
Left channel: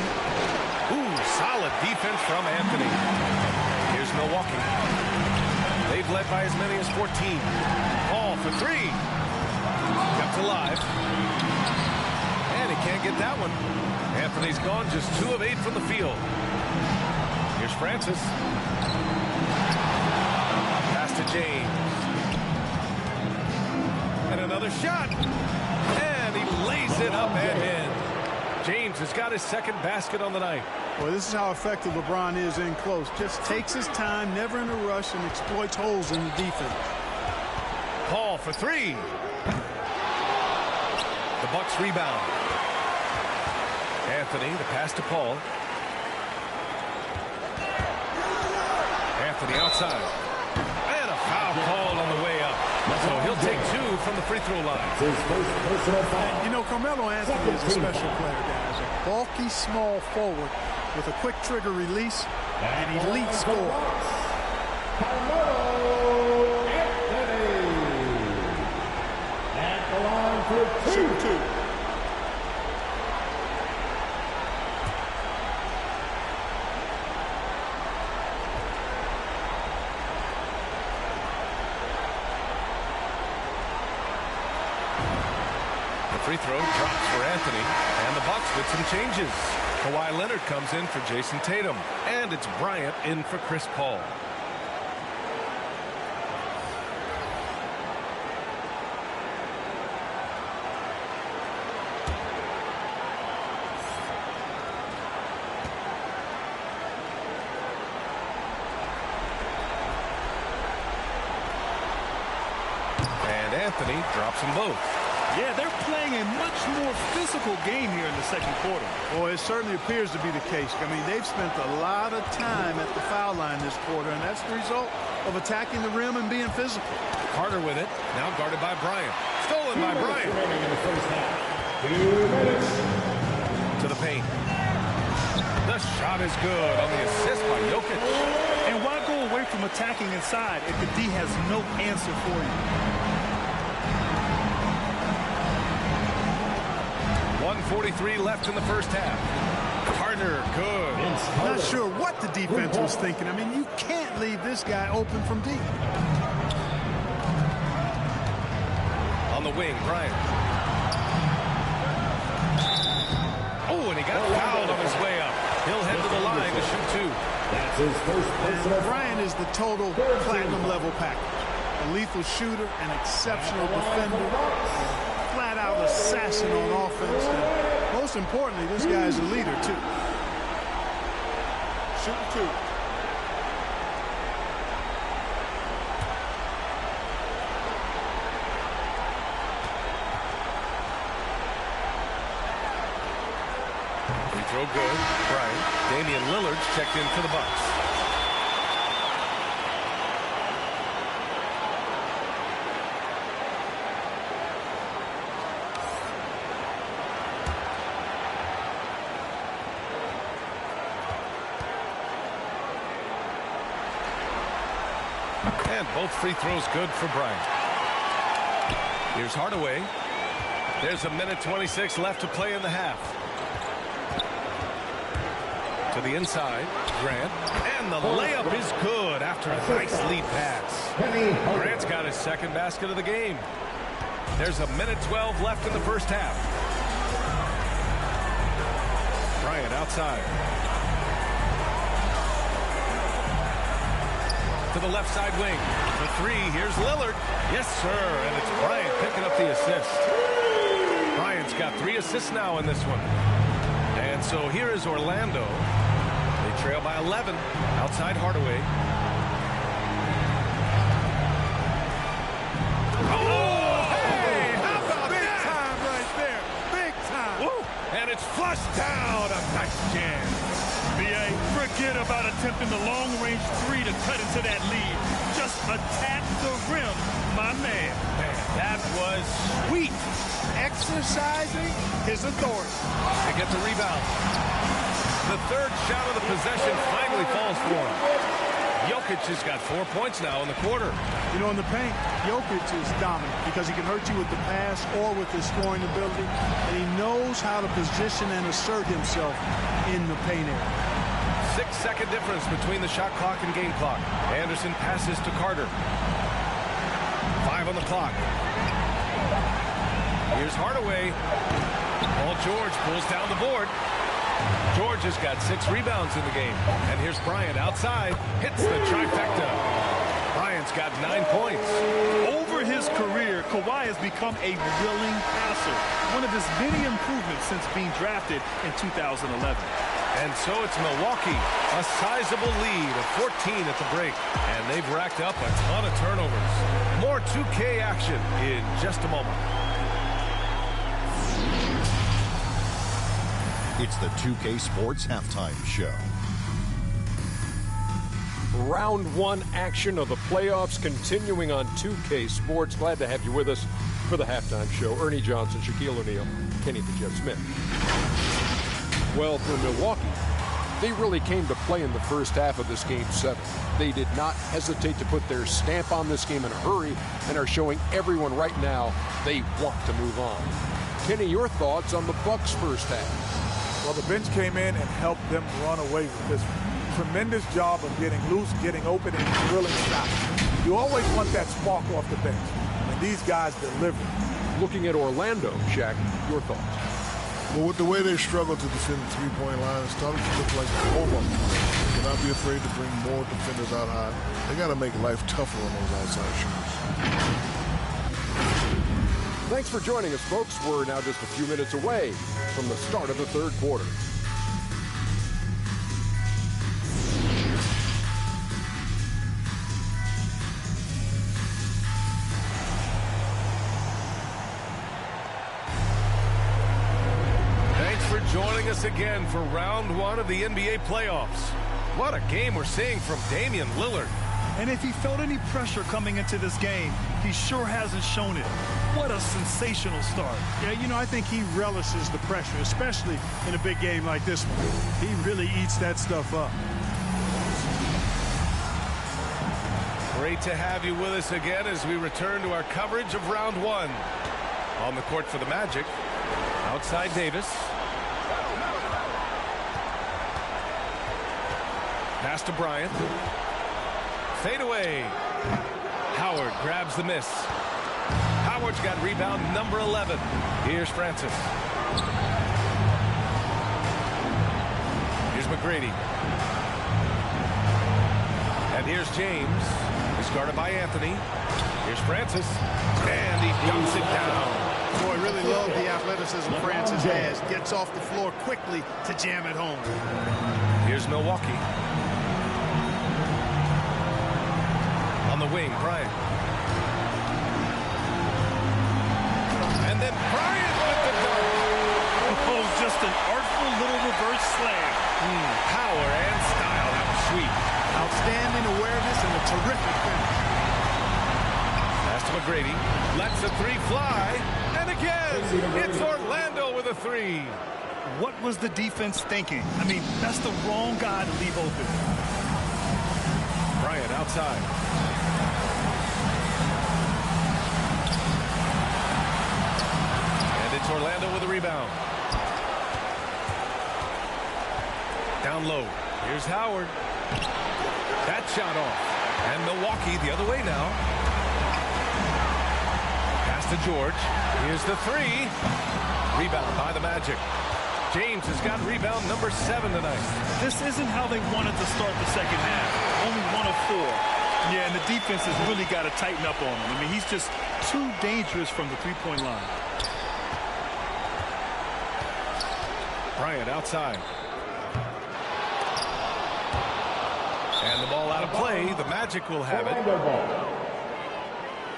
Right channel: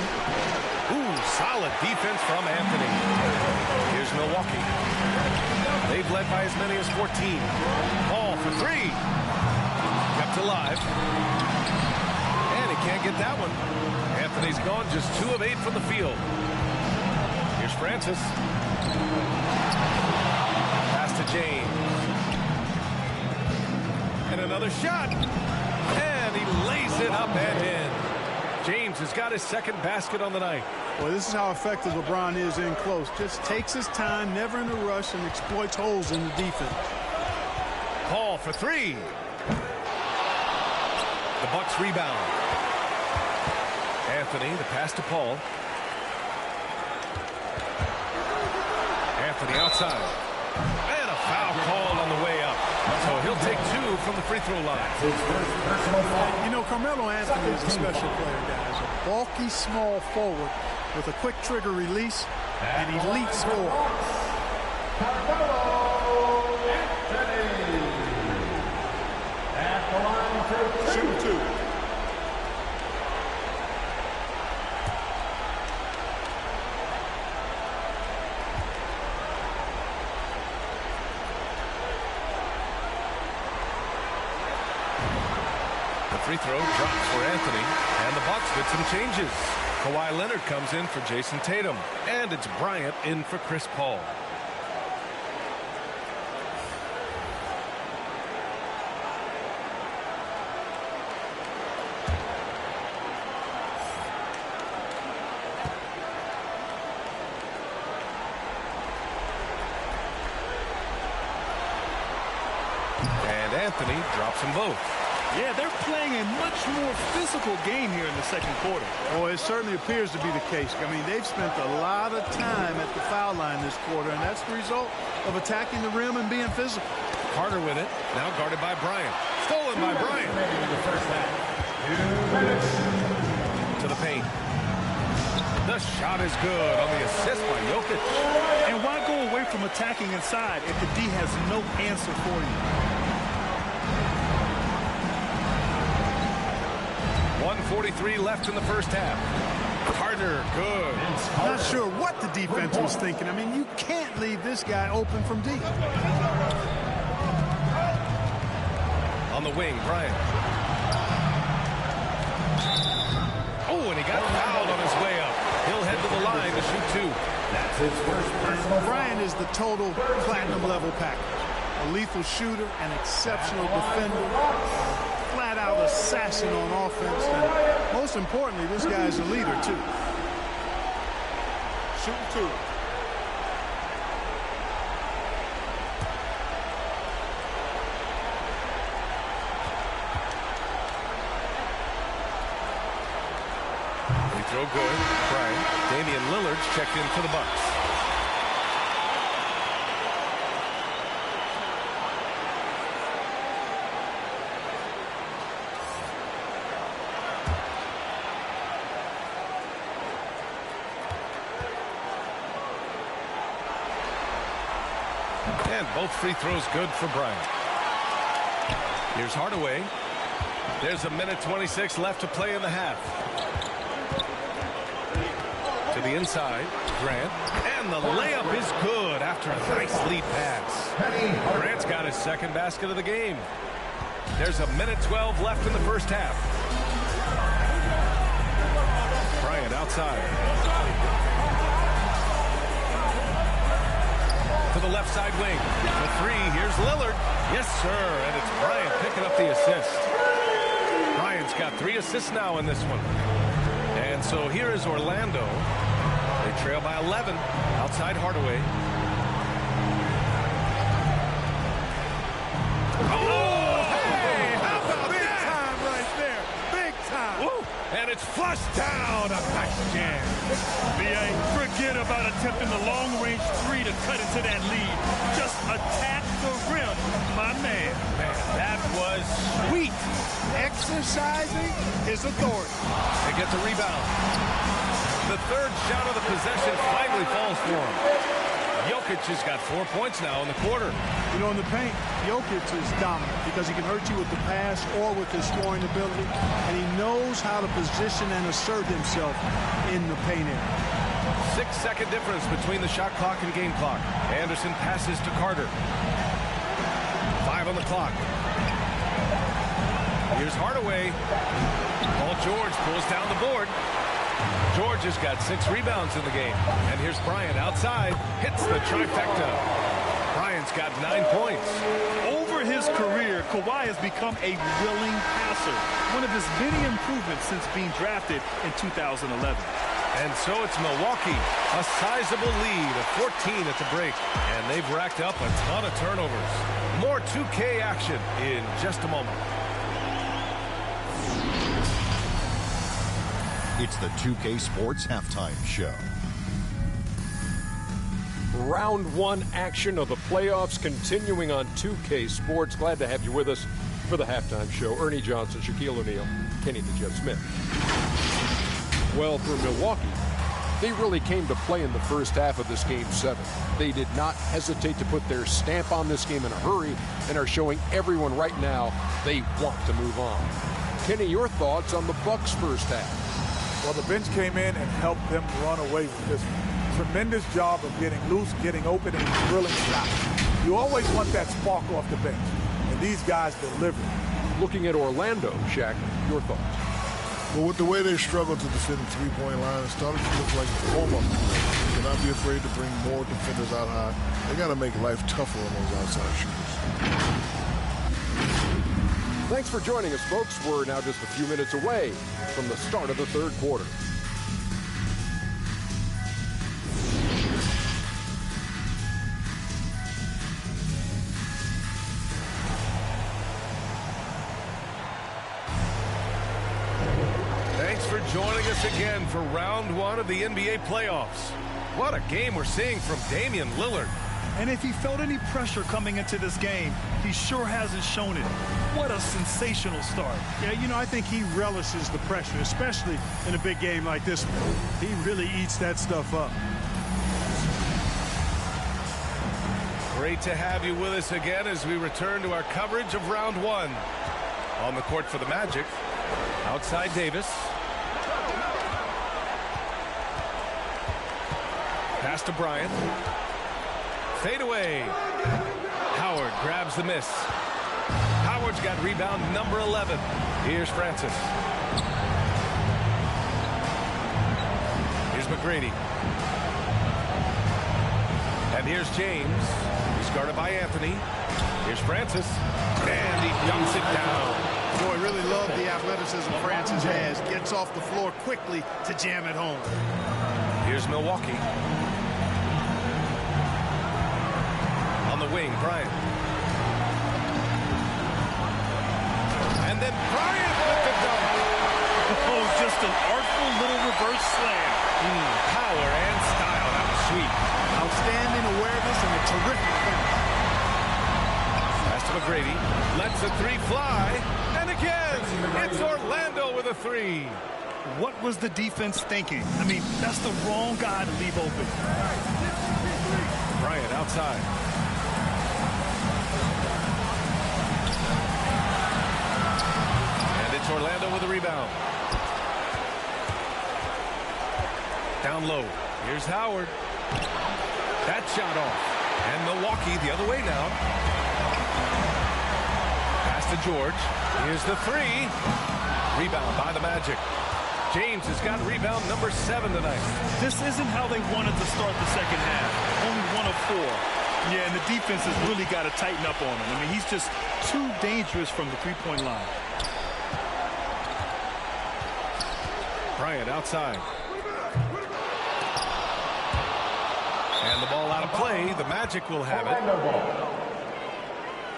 Ooh, solid defense from Anthony. Here's Milwaukee. They've led by as many as 14. Paul for three. Kept alive. And he can't get that one. Anthony's gone just 2 of 8 from the field. Here's Francis. Pass to James. And another shot. And he lays it up and in. James has got his second basket on the night. Well, this is how effective LeBron is in close. Just takes his time, never in a rush, and exploits holes in the defense. Paul for three. The Bucks rebound. Anthony, the pass to Paul. Anthony outside. And a foul called on the way up. So he'll take 2 from the free throw line. His first personal foul. And, you know, Carmelo Anthony is a special player, guys. A bulky, small forward with a quick trigger release and elite score. Carmelo Anthony. At the line to shoot 2. The free throw drops for Anthony, and the Bucks with some changes. Kawhi Leonard comes in for Jason Tatum, and it's Bryant in for Chris Paul. And Anthony drops them both. Yeah, they're playing a much more physical game here in the second quarter. Oh, it certainly appears to be the case. I mean, they've spent a lot of time at the foul line this quarter, and that's the result of attacking the rim and being physical. Carter with it, now guarded by Bryant. Stolen by Bryant. Remaining in the first half. 2 minutes. To the paint. The shot is good on the assist by Jokic. And why go away from attacking inside if the D has no answer for you? 1:43 left in the first half. Carter, good. Not sure what the defense was thinking. I mean, you can't leave this guy open from deep. On the wing, Bryant. Oh, and he got fouled on his way up. He'll head to the line to shoot 2. That's his first personal And Bryant is the total platinum level package. A lethal shooter, an exceptional defender, flat-out assassin on offense, and most importantly, this guy is a leader, too. Shooting 2. Free throw good. Bryant. Damian Lillard's checked in for the Bucks. And both free throws good for Bryant. Here's Hardaway. There's 1:26 left to play in the half. To the inside, Grant. And the layup is good after a nice lead pass. Grant's got his second basket of the game. There's 1:12 left in the first half. Bryant outside. To the left side wing. For 3, here's Lillard. Yes, sir, and it's Bryant picking up the assist. Bryant's got 3 assists now in this one. And so here is Orlando. They trail by 11. Outside Hardaway. Oh, hey, how about Big that? time right there. Big time. Woo. And it's flushed down. A nice jam. B.A., forget about attempting the long-range 3 to cut into that lead. Just attack the rim, my man. Man, that was sweet. Exercising his authority. They get the rebound. The third shot of the possession finally falls for him. Jokic has got 4 points now in the quarter. You know, in the paint, Jokic is dominant because he can hurt you with the pass or with his scoring ability, and he knows how to position and assert himself in the paint area. 6-second difference between the shot clock and game clock. Anderson passes to Carter. 5 on the clock. Here's Hardaway. Paul George pulls down the board. George has got 6 rebounds in the game. And here's Bryant outside. Hits the trifecta. Bryant's got 9 points. Over his career, Kawhi has become a willing passer. One of his many improvements since being drafted in 2011. And so it's Milwaukee. A sizable lead of 14 at the break. And they've racked up a ton of turnovers. More 2K action in just a moment. It's the 2K Sports Halftime Show. Round 1 action of the playoffs continuing on 2K Sports. Glad to have you with us for the halftime show. Ernie Johnson, Shaquille O'Neal, Kenny the Jet Smith. Well, for Milwaukee, they really came to play in the first half of this Game 7. They did not hesitate to put their stamp on this game in a hurry and are showing everyone right now they want to move on. Kenny, your thoughts on the Bucks' first half? Well, the bench came in and helped them run away with this tremendous job of getting loose, getting open, and drilling shots. You always want that spark off the bench, and these guys delivered. Looking at Orlando, Shaq, your thoughts? Well, with the way they struggled to defend the three-point line, it started to look like a warm-up. They cannot be afraid to bring more defenders out high. They got to make life tougher on those outside shooters. Thanks for joining us, folks. We're now just a few minutes away from the start of the third quarter. Thanks for joining us again for round 1 of the NBA playoffs. What a game we're seeing from Damian Lillard. And if he felt any pressure coming into this game, he sure hasn't shown it. What a sensational start. Yeah, you know, I think he relishes the pressure, especially in a big game like this one. He really eats that stuff up. Great to have you with us again as we return to our coverage of round 1. On the court for the Magic, outside Davis. Pass to Bryant. Fade away. Howard grabs the miss. Howard's got rebound number 11. Here's Francis. Here's McGrady. And here's James. He's guarded by Anthony. Here's Francis. And he dunks it down. Boy, really love the athleticism Francis has. Gets off the floor quickly to jam it home. Here's Milwaukee. On the wing, Bryant. And then Bryant with the dunk. Oh, just an artful little reverse slam. Power and style. That was sweet. Outstanding awareness and a terrific finish. Pass to McGrady. Lets the three fly. And again, it's Orlando with a three. What was the defense thinking? I mean, that's the wrong guy to leave open. Bryant outside. And it's Orlando with a rebound. Down low. Here's Howard. That shot off. And Milwaukee the other way now. Pass to George. Here's the three. Rebound by the Magic. James has got rebound number 7 tonight. This isn't how they wanted to start the second half. Only 1 of 4. Yeah, and the defense has really got to tighten up on him. I mean, he's just too dangerous from the three-point line. Bryant outside. And the ball out of play. The Magic will have it.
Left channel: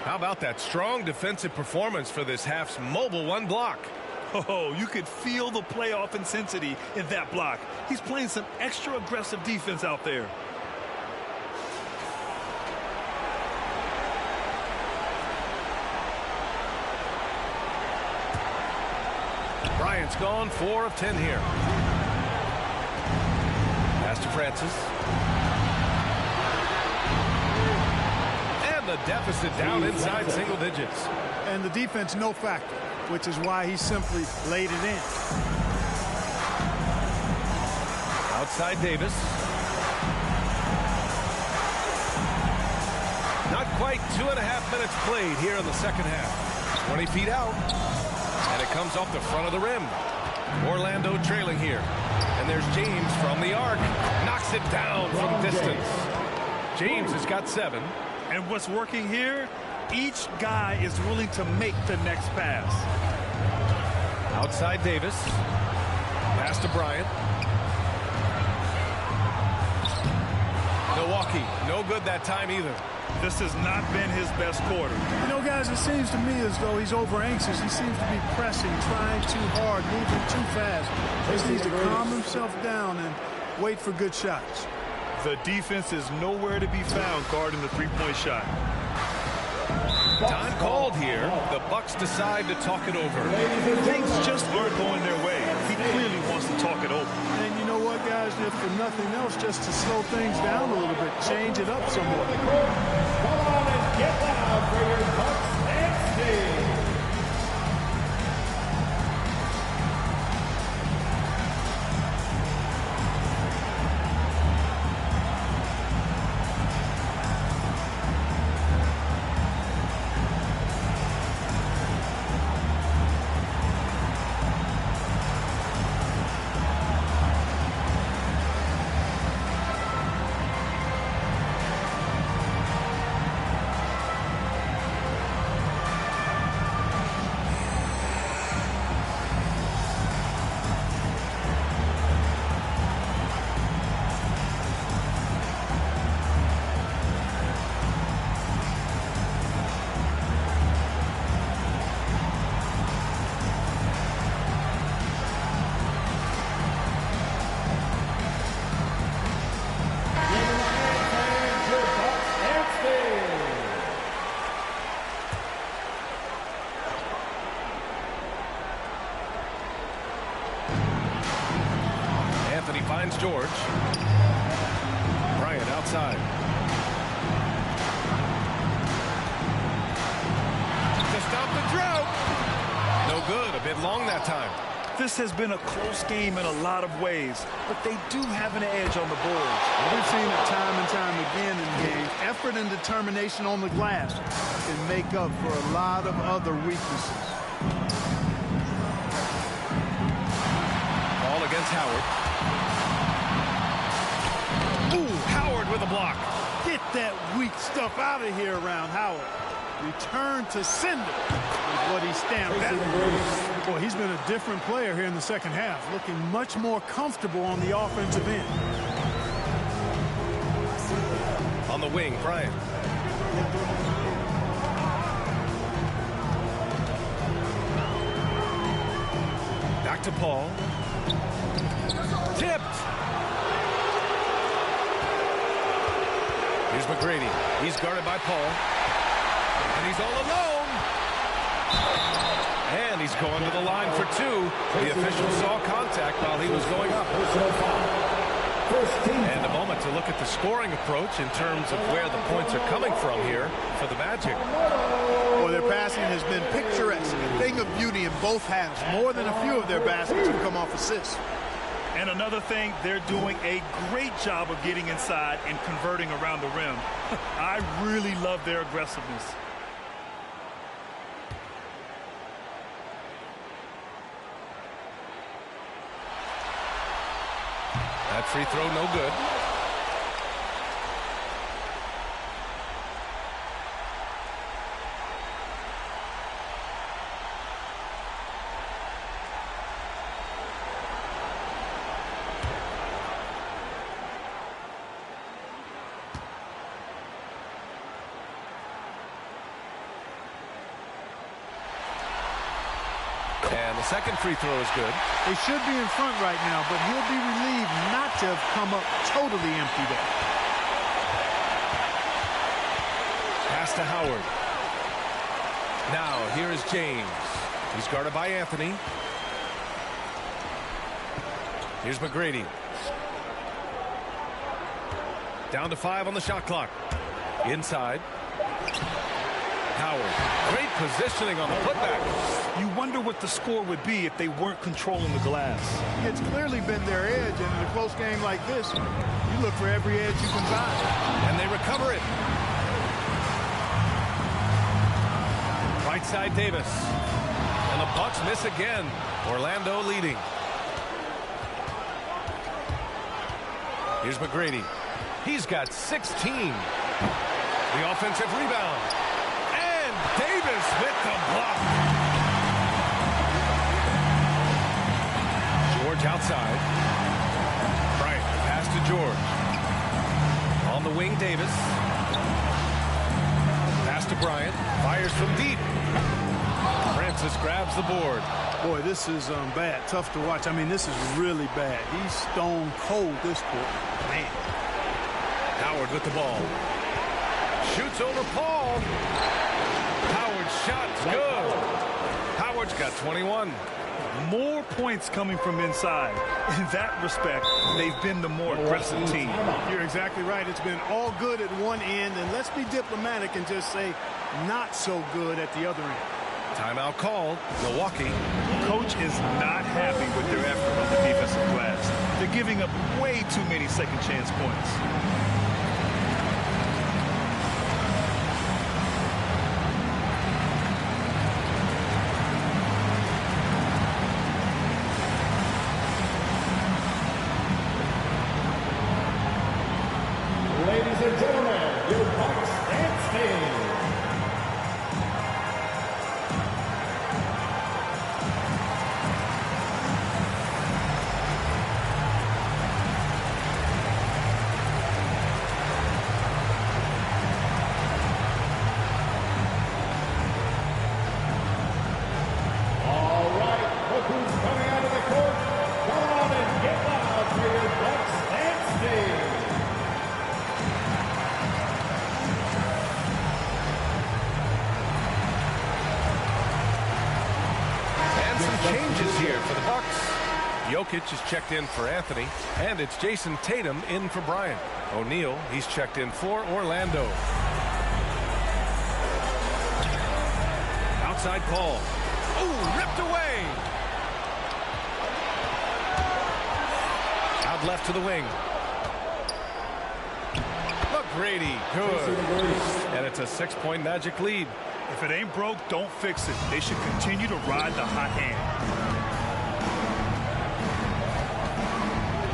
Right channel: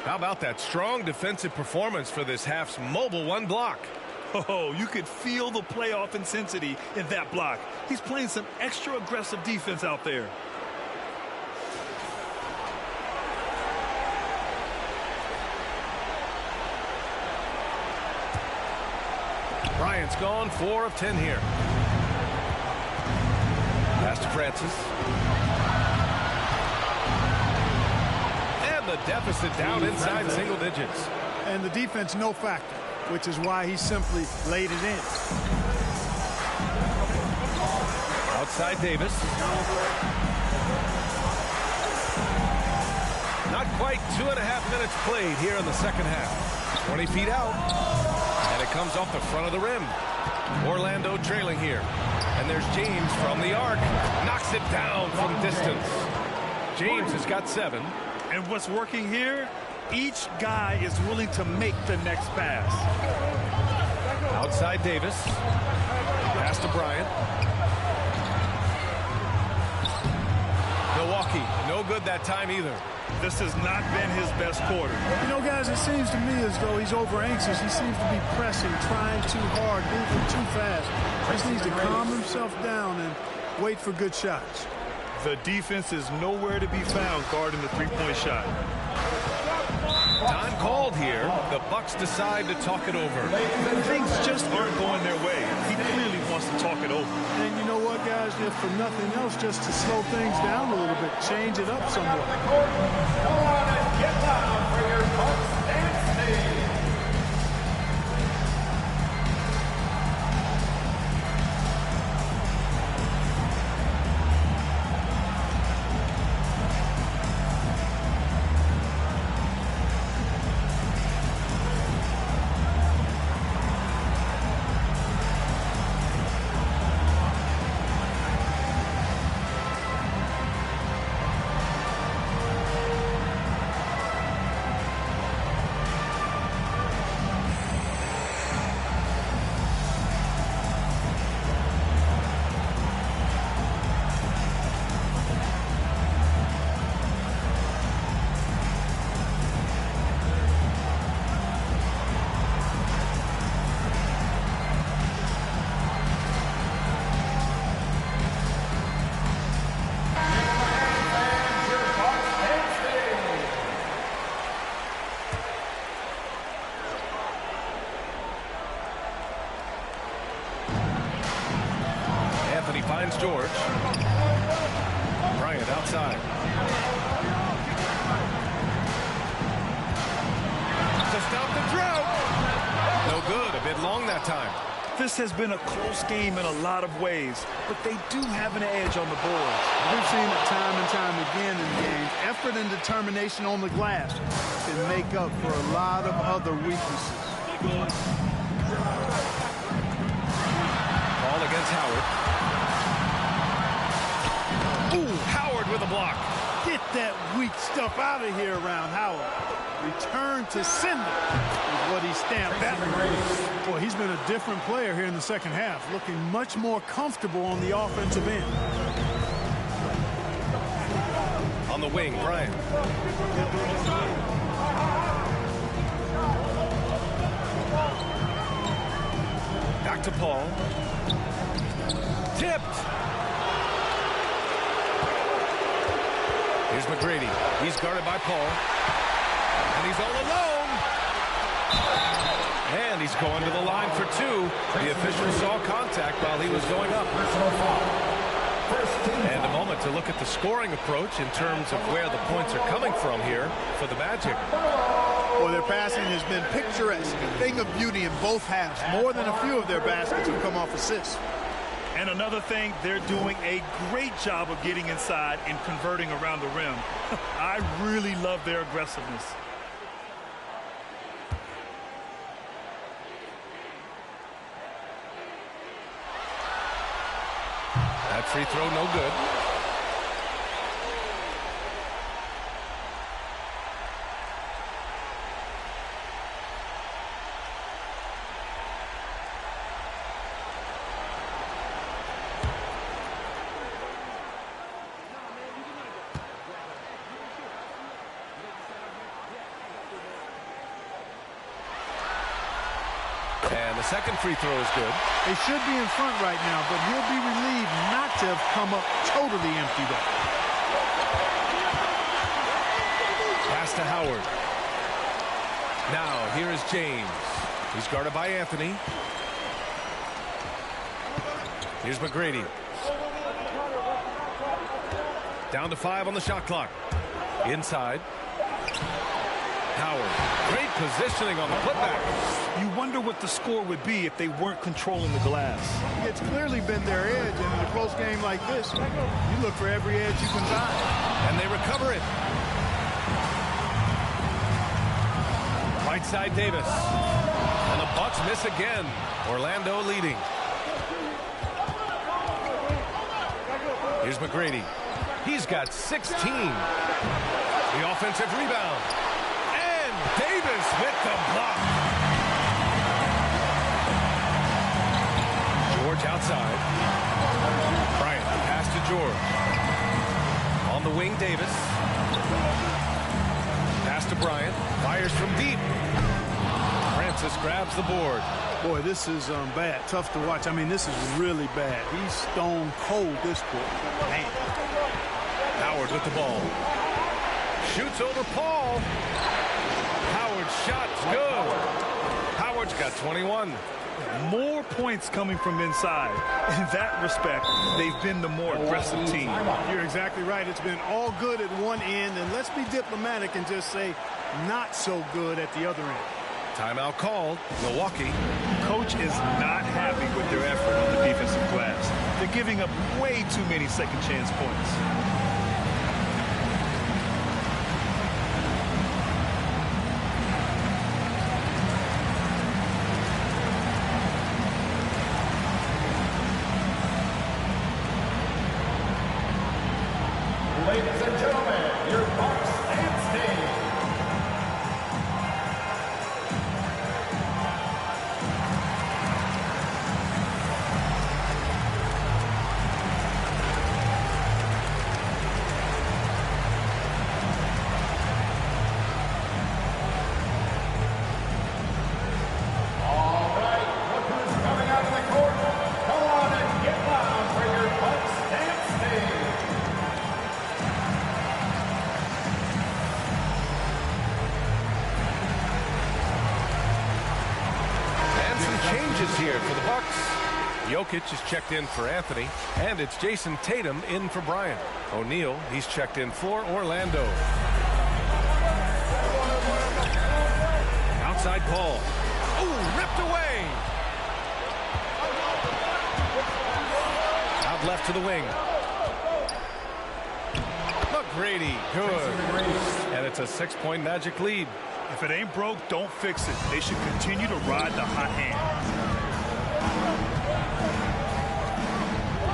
How about that strong defensive performance for this half's mobile one block? Oh, you could feel the playoff intensity in that block. He's playing some extra aggressive defense out there. Bryant's gone 4 of 10 here. Pass to Francis. And the deficit down inside single digits. And the defense no factor, which is why he simply laid it in. Outside Davis. Not quite 2.5 minutes played here in the second half. 20 feet out. And it comes off the front of the rim. Orlando trailing here. And there's James from the arc. Knocks it down from distance. James has got 7. And what's working here? Each guy is willing to make the next pass. Outside Davis. Pass to Bryant. Milwaukee, no good that time either. This has not been his best quarter. You know, guys, it seems to me as though he's over anxious. He seems to be pressing, trying too hard, moving too fast. He just needs to calm himself down and wait for good shots. The defense is nowhere to be found guarding the three-point shot. Time called here. The Bucks decide to talk it over. Things just aren't going their way. He clearly wants to talk it over. And you know what, guys? If for nothing else, just to slow things down a little bit, change it up somewhat. Come on and get loud for your Bucks dance team. Anthony finds George. Bryant outside. To stop the drought. No good. A bit long that time. This has been a close game in a lot of ways, but they do have an edge on the boards. We've seen it time and time again in games. Effort and determination on the glass can make up for a lot of other weaknesses. Ball against Howard. Ooh, Howard with a block. Get that weak stuff out of here around Howard. Return to sender is what he stamped that. Boy, he's been a different player here in the second half, looking much more comfortable on the offensive end. On the wing, Bryant. Back to Paul. Tipped. Here's McGrady. He's guarded by Paul. And he's all alone. And he's going to the line for two. The official saw contact while he was going up. Personal foul. And a moment to look at the scoring approach in terms of where the points are coming from here for the Magic. Well, their passing has been picturesque, a thing of beauty in both halves. More than a few of their baskets have come off assists. And another thing, they're doing a great job of getting inside and converting around the rim. I really love their aggressiveness. That free throw, no good. And the second free throw is good. They should be in front right now, but he'll be relieved not to have come up totally empty there. Pass to Howard. Now, here is James. He's guarded by Anthony. Here's McGrady. Down to 5 on the shot clock. Inside. Howard. Great positioning on the putback. You wonder what the score would be if they weren't controlling the glass. It's clearly been their edge, and in a close game like this, you look for every edge you can find. And they recover it. Right side Davis. And the Bucks miss again. Orlando leading. Here's McGrady. He's got 16. The offensive rebound. And Davis with the block. George outside. Bryant, the pass to George. On the wing, Davis. Pass to Bryant. Fires from deep. Francis grabs the board. Boy, this is bad. Tough to watch. I mean, this is really bad. He's stone cold this quarter. Man. Howard with the ball. Shoots over Paul. Howard's shot's good. Howard's got 21. More points coming from inside. In that respect, they've been the more aggressive team. You're exactly right. It's been all good at one end, and let's be diplomatic and just say not so good at the other end. Timeout called. Milwaukee. Coach is not happy with their effort on the defensive glass. They're giving up way too many second chance points. Ladies and gentlemen, your Bucks dance team. All right, look who's coming out of the court. Come on and get loud for your Bucks dance team. And some changes here for the Bucks. Jokic is checked in for Anthony, and it's Jason Tatum in for Bryant. O'Neal, he's checked in for Orlando. Outside Paul. Oh, ripped away. Out left to the wing. McGrady, good. And it's a 6-point Magic lead. If it ain't broke, don't fix it. They should continue to ride the hot hand.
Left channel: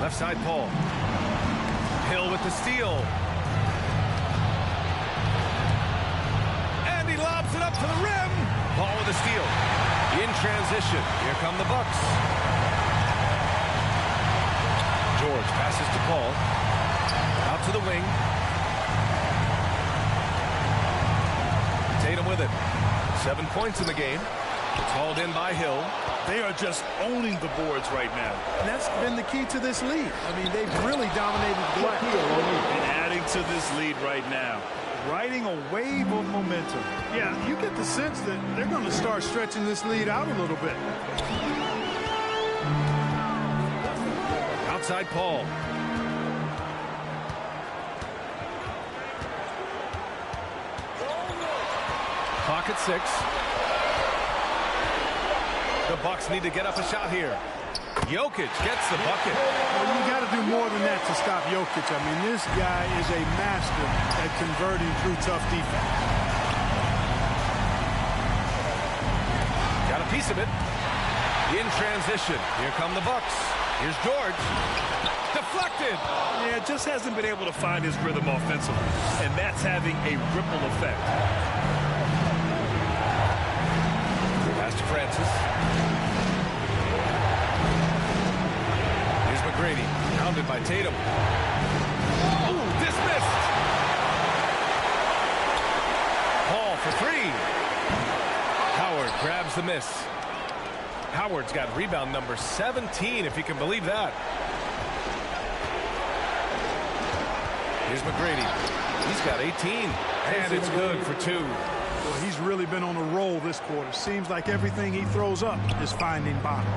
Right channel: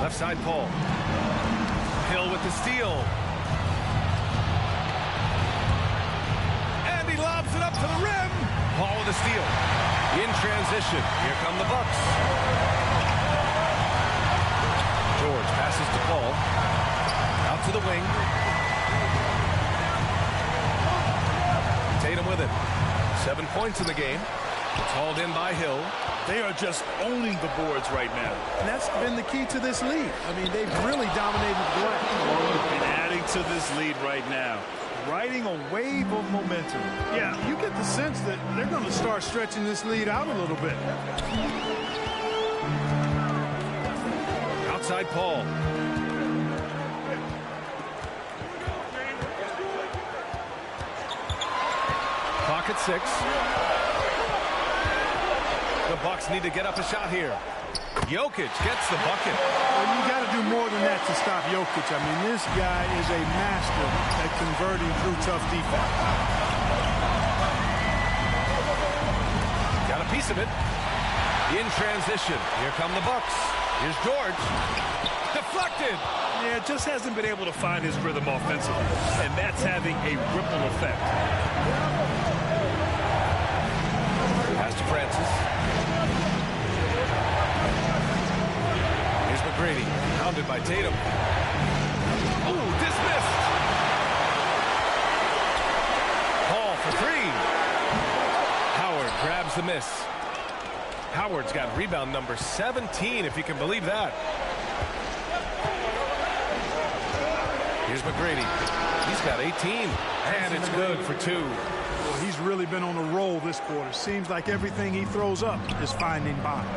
Left side Paul. Hill with the steal. And he lobs it up to the rim. Paul with the steal. In transition. Here come the Bucks. George passes to Paul. Out to the wing. Tatum with it. 7 points in the game. It's hauled in by Hill. They are just owning the boards right now. And that's been the key to this lead. I mean, they've really dominated the glass. And adding to this lead right now. Riding a wave of momentum. Yeah, you get the sense that they're going to start stretching this lead out a little bit. Outside Paul. Clock at 6. The Bucks need to get up a shot here. Jokic gets the bucket. Well, you got to do more than that to stop Jokic. I mean, this guy is a master at converting through tough defense. Got a piece of it. In transition. Here come the Bucks. Here's George. Deflected. Yeah, just hasn't been able to find his rhythm offensively. And that's having a ripple effect. Pass to Francis. Here's McGrady, pounded by Tatum. Ooh, dismissed. Paul for 3. Howard grabs the miss. Howard's got rebound number 17, if you can believe that. Here's McGrady. He's got 18, and it's good for 2. Well, he's really been on a roll this quarter. Seems like everything he throws up is finding bottom.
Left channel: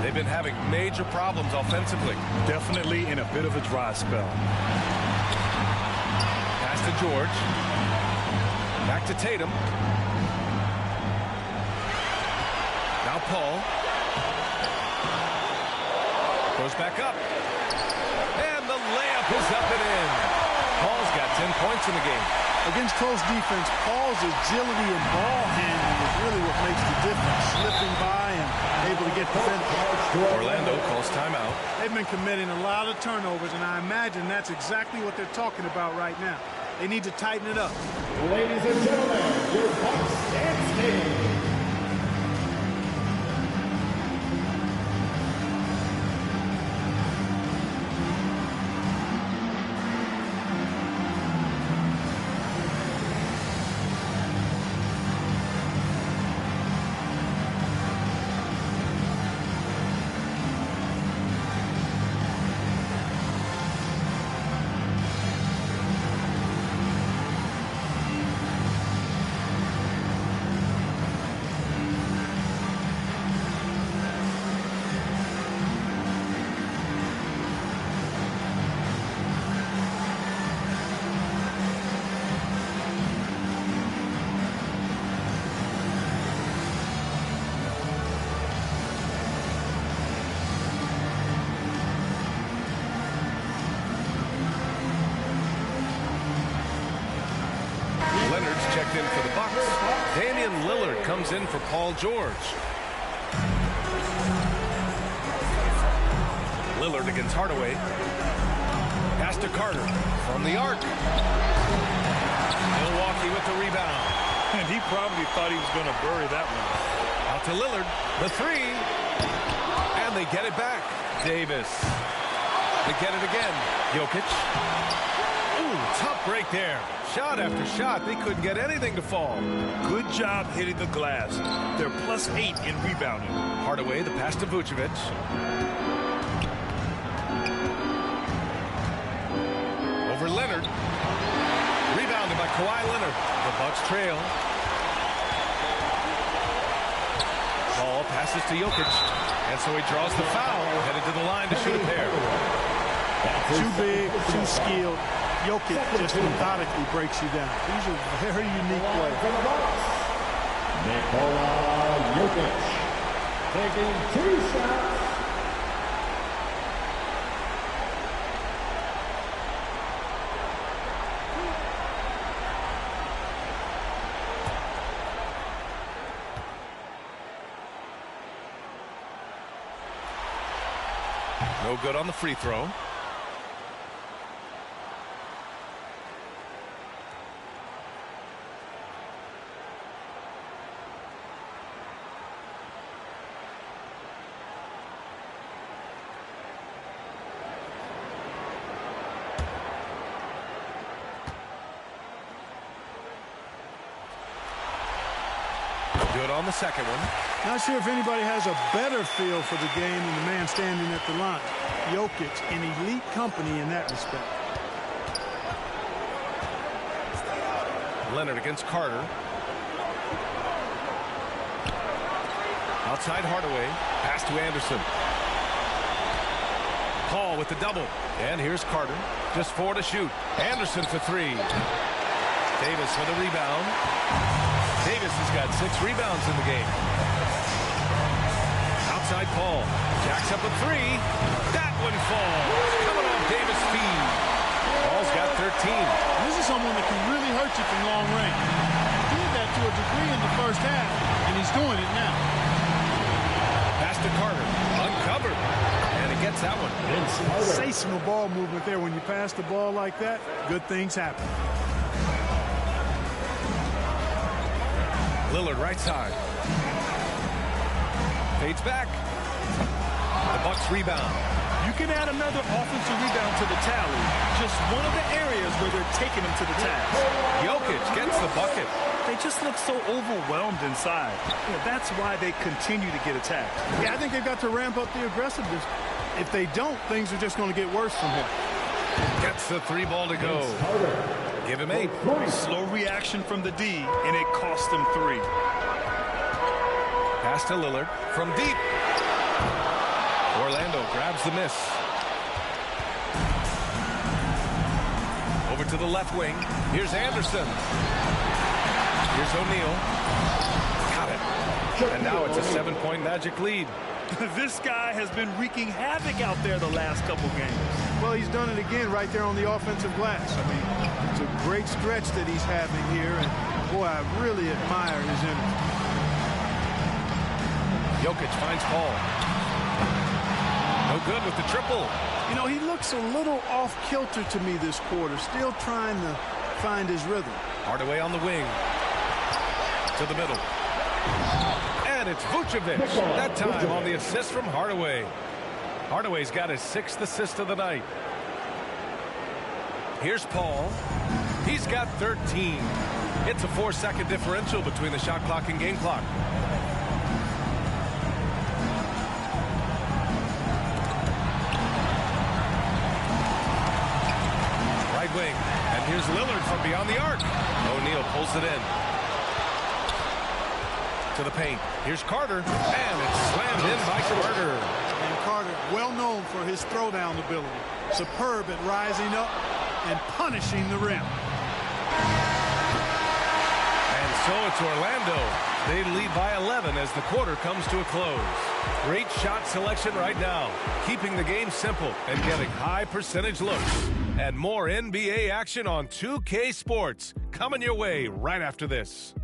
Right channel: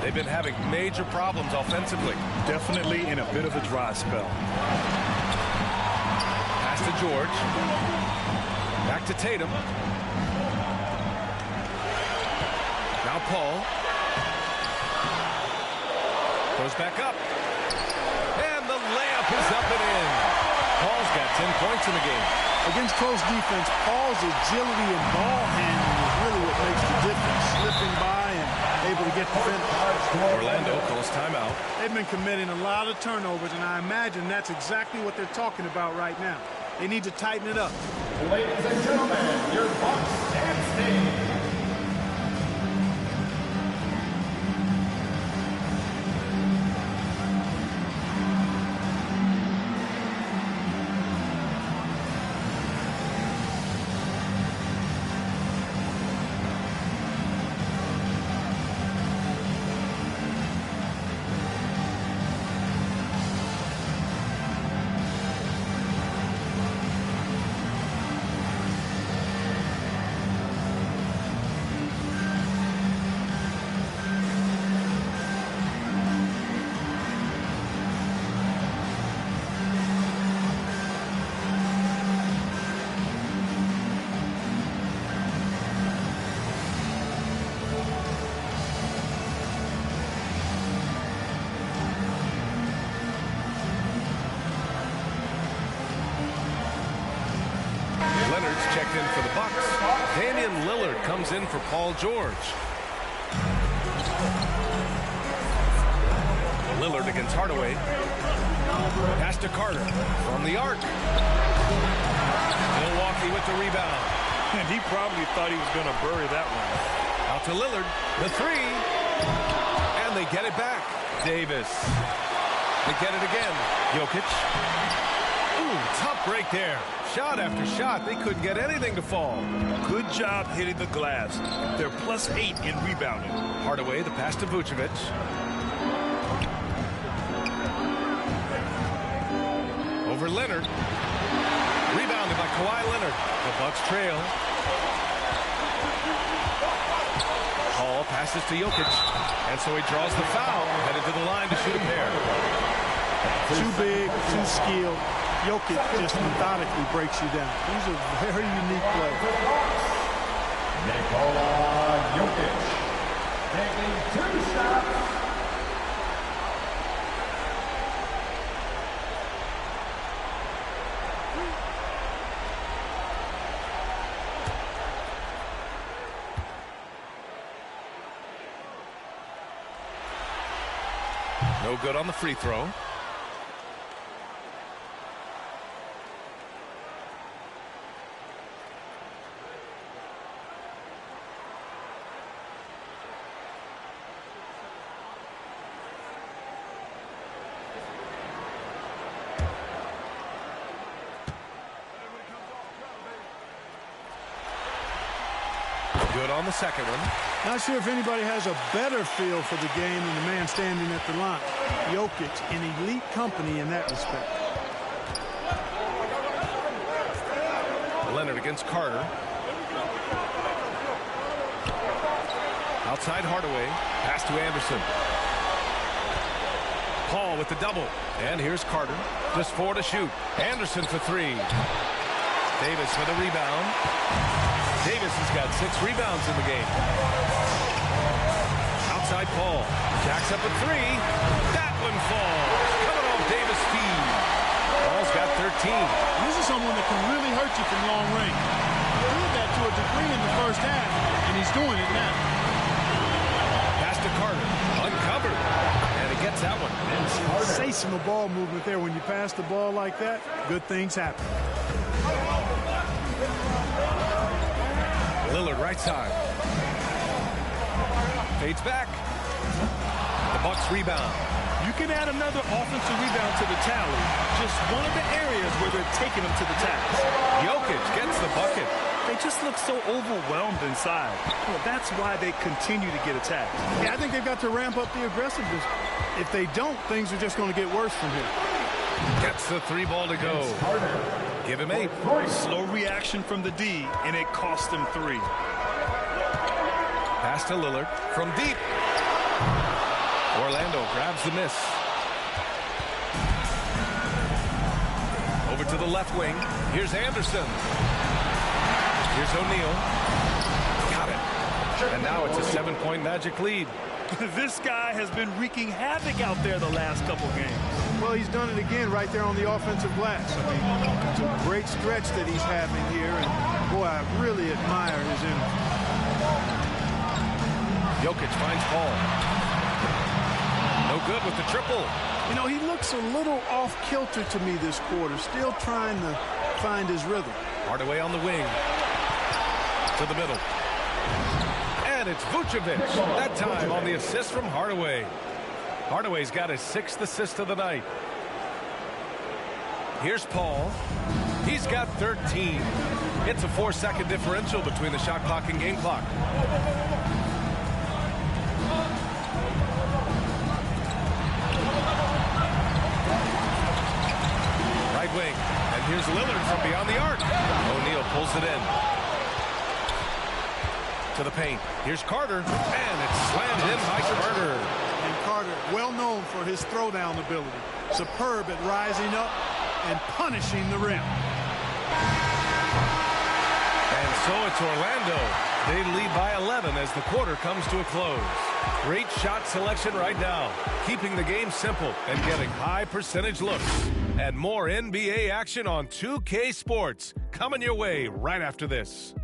They've been having major problems offensively. Definitely in a bit of a dry spell. Pass to George. Back to Tatum. Now Paul. Goes back up. And the layup is up and in. Paul's got 10 points in the game. Against close defense, Paul's agility and ball handling is really what makes the difference. Slipping by and able to get the finish. Orlando calls timeout. They've been committing a lot of turnovers, and I imagine that's exactly what they're talking about right now. They need to tighten it up. Ladies and gentlemen, your Bucks dance team. Leonard's checked in for the Bucks. Damian Lillard comes in for Paul George. Lillard against Hardaway. Pass to Carter from the arc. Milwaukee with the rebound. And he probably thought he was going to bury that one. Out to Lillard. The three. And they get it back. Davis. They get it again. Jokic. Ooh, tough break there. Shot after shot. They couldn't get anything to fall. Good job hitting the glass. They're +8 in rebounding. Hardaway, the pass to Vucevic. Over Leonard. Rebounded by Kawhi Leonard. The Bucks trail. Paul passes to Jokic. And so he draws the foul. Headed to the line to shoot a pair. Too big, too skilled. Jokic just methodically breaks you down. He's a very unique player. Nikola Jokic taking 2 shots. No good on the free throw. Good on the second one. Not sure if anybody has a better feel for the game than the man standing at the line. Jokic in elite company in that respect. Leonard against Carter. Outside Hardaway. Pass to Anderson. Paul with the double. And here's Carter. Just 4 to shoot. Anderson for 3. Davis with a rebound. Davis has got 6 rebounds in the game. Outside Paul. Jacks up a 3. That one falls. Coming off Davis' feed. Paul's got 13. This is someone that can really hurt you from long range. He did that to a degree in the first half, and he's doing it now. Pass to Carter. Uncovered. And he gets that one. Sensational ball movement there. When you pass the ball like that, good things happen. Lillard right side. Fades back. The Bucks rebound. You can add another offensive rebound to the tally. Just one of the areas where they're taking them to the task. Jokic gets the bucket. They just look so overwhelmed inside. Yeah, that's why they continue to get attacked. Yeah, I think they've got to ramp up the aggressiveness. If they don't, things are just going to get worse from here. Gets the 3 ball to go. Give him 8. Slow reaction from the D, and it cost them 3. Pass to Lillard from deep. Orlando grabs the miss. Over to the left wing. Here's Anderson. Here's O'Neal. Got it. And now it's a 7-point Magic lead. This guy has been wreaking havoc out there the last couple games. Well, he's done it again right there on the offensive glass. I mean, it's a great stretch that he's having here, and boy, I really admire his energy. Jokic finds Paul. No good with the triple. You know, he looks a little off-kilter to me this quarter, still trying to find his rhythm. Hardaway on the wing. To the middle. And it's Vucevic. That time on the assist from Hardaway. Hardaway's got his 6th assist of the night. Here's Paul. He's got 13. It's a 4-second differential between the shot clock and game clock. Right wing. And here's Lillard from beyond the arc. O'Neal pulls it in. To the paint. Here's Carter. And it's slammed in by Carter. And Carter, well known for his throwdown ability. Superb at rising up and punishing the rim. And so it's Orlando They lead by 11 as the quarter comes to a close. Great shot selection right now, keeping the game simple and getting high percentage looks. And more NBA action on 2K Sports coming your way right after this.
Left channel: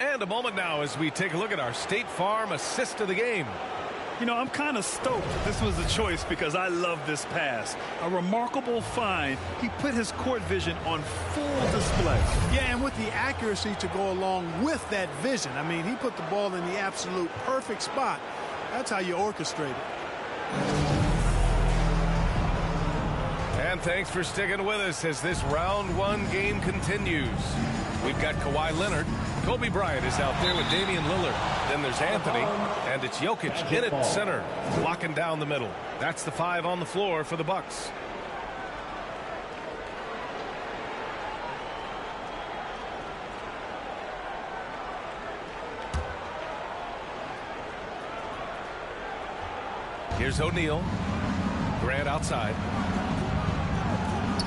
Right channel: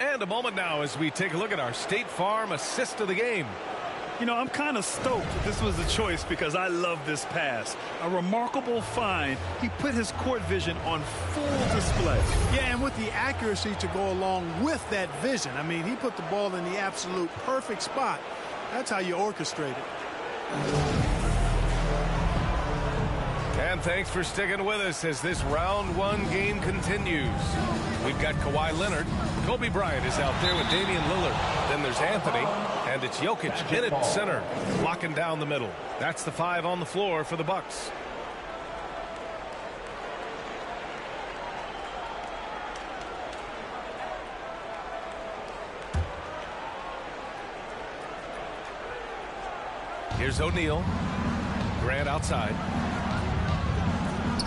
And a moment now as we take a look at our State Farm assist of the game. You know, I'm kind of stoked that this was a choice because I love this pass. A remarkable find. He put his court vision on full display. Yeah, and with the accuracy to go along with that vision. I mean, he put the ball in the absolute perfect spot. That's how you orchestrate it. And thanks for sticking with us as this round one game continues. We've got Kawhi Leonard. Kobe Bryant is out there with Damian Lillard. Then there's Anthony, and it's Jokic in at center, locking down the middle. That's the 5 on the floor for the Bucks. Here's O'Neal. Grant outside.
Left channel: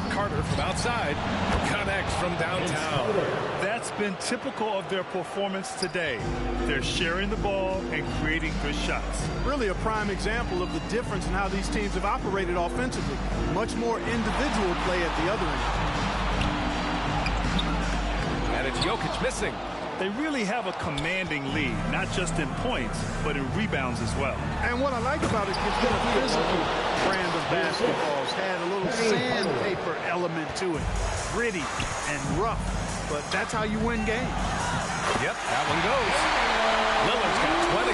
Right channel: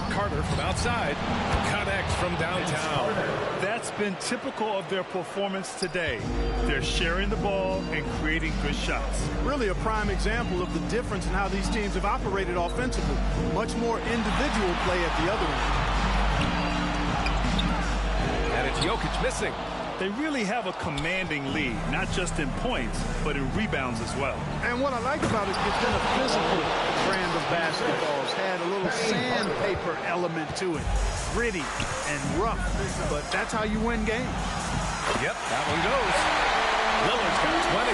Carter from outside connects from downtown. That's been typical of their performance today. They're sharing the ball and creating good shots. Really a prime example of the difference in how these teams have operated offensively. Much more individual play at the other end. And it's Jokic missing. They really have a commanding lead, not just in points, but in rebounds as well. And what I like about it, it's been a physical brand of basketball. It's had a little sandpaper element to it. Gritty and rough, but that's how you win games. Yep, that one goes. Lillard's got 20.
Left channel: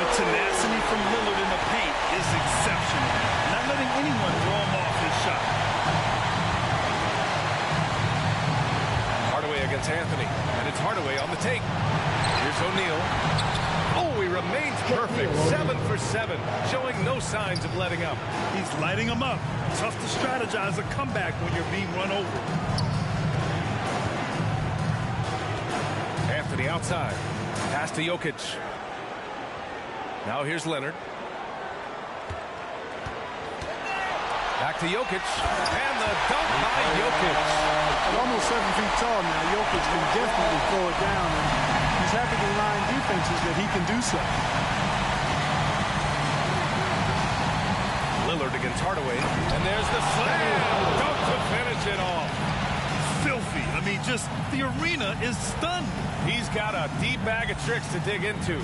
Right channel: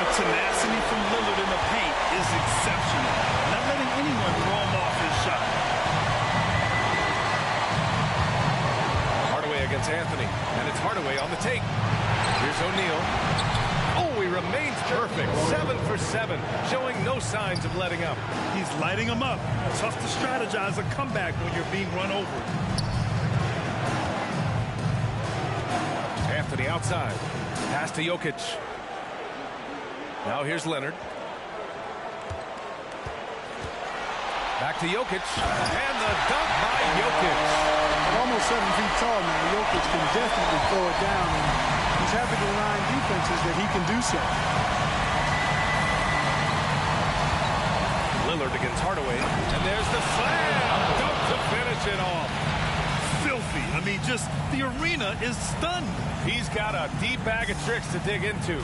The tenacity from Lillard in the paint is exceptional. Not letting anyone throw him off his shot. Hardaway against Anthony, and it's Hardaway on the take. Here's O'Neal. Oh, he remains perfect. 7 for 7, showing no signs of letting up. He's lighting them up. Tough to strategize a comeback when you're being run over. Anthony outside. Pass to Jokic. Now here's Leonard. Back to Jokic. And the dunk by Jokic. At almost 7 feet tall now, Jokic can definitely throw it down, and he's happy to line defenses that he can do so. Lillard against Hardaway, and there's the slam dunk to finish it off. Filthy. I mean, just the arena is stunned. He's got a deep bag of tricks to dig into.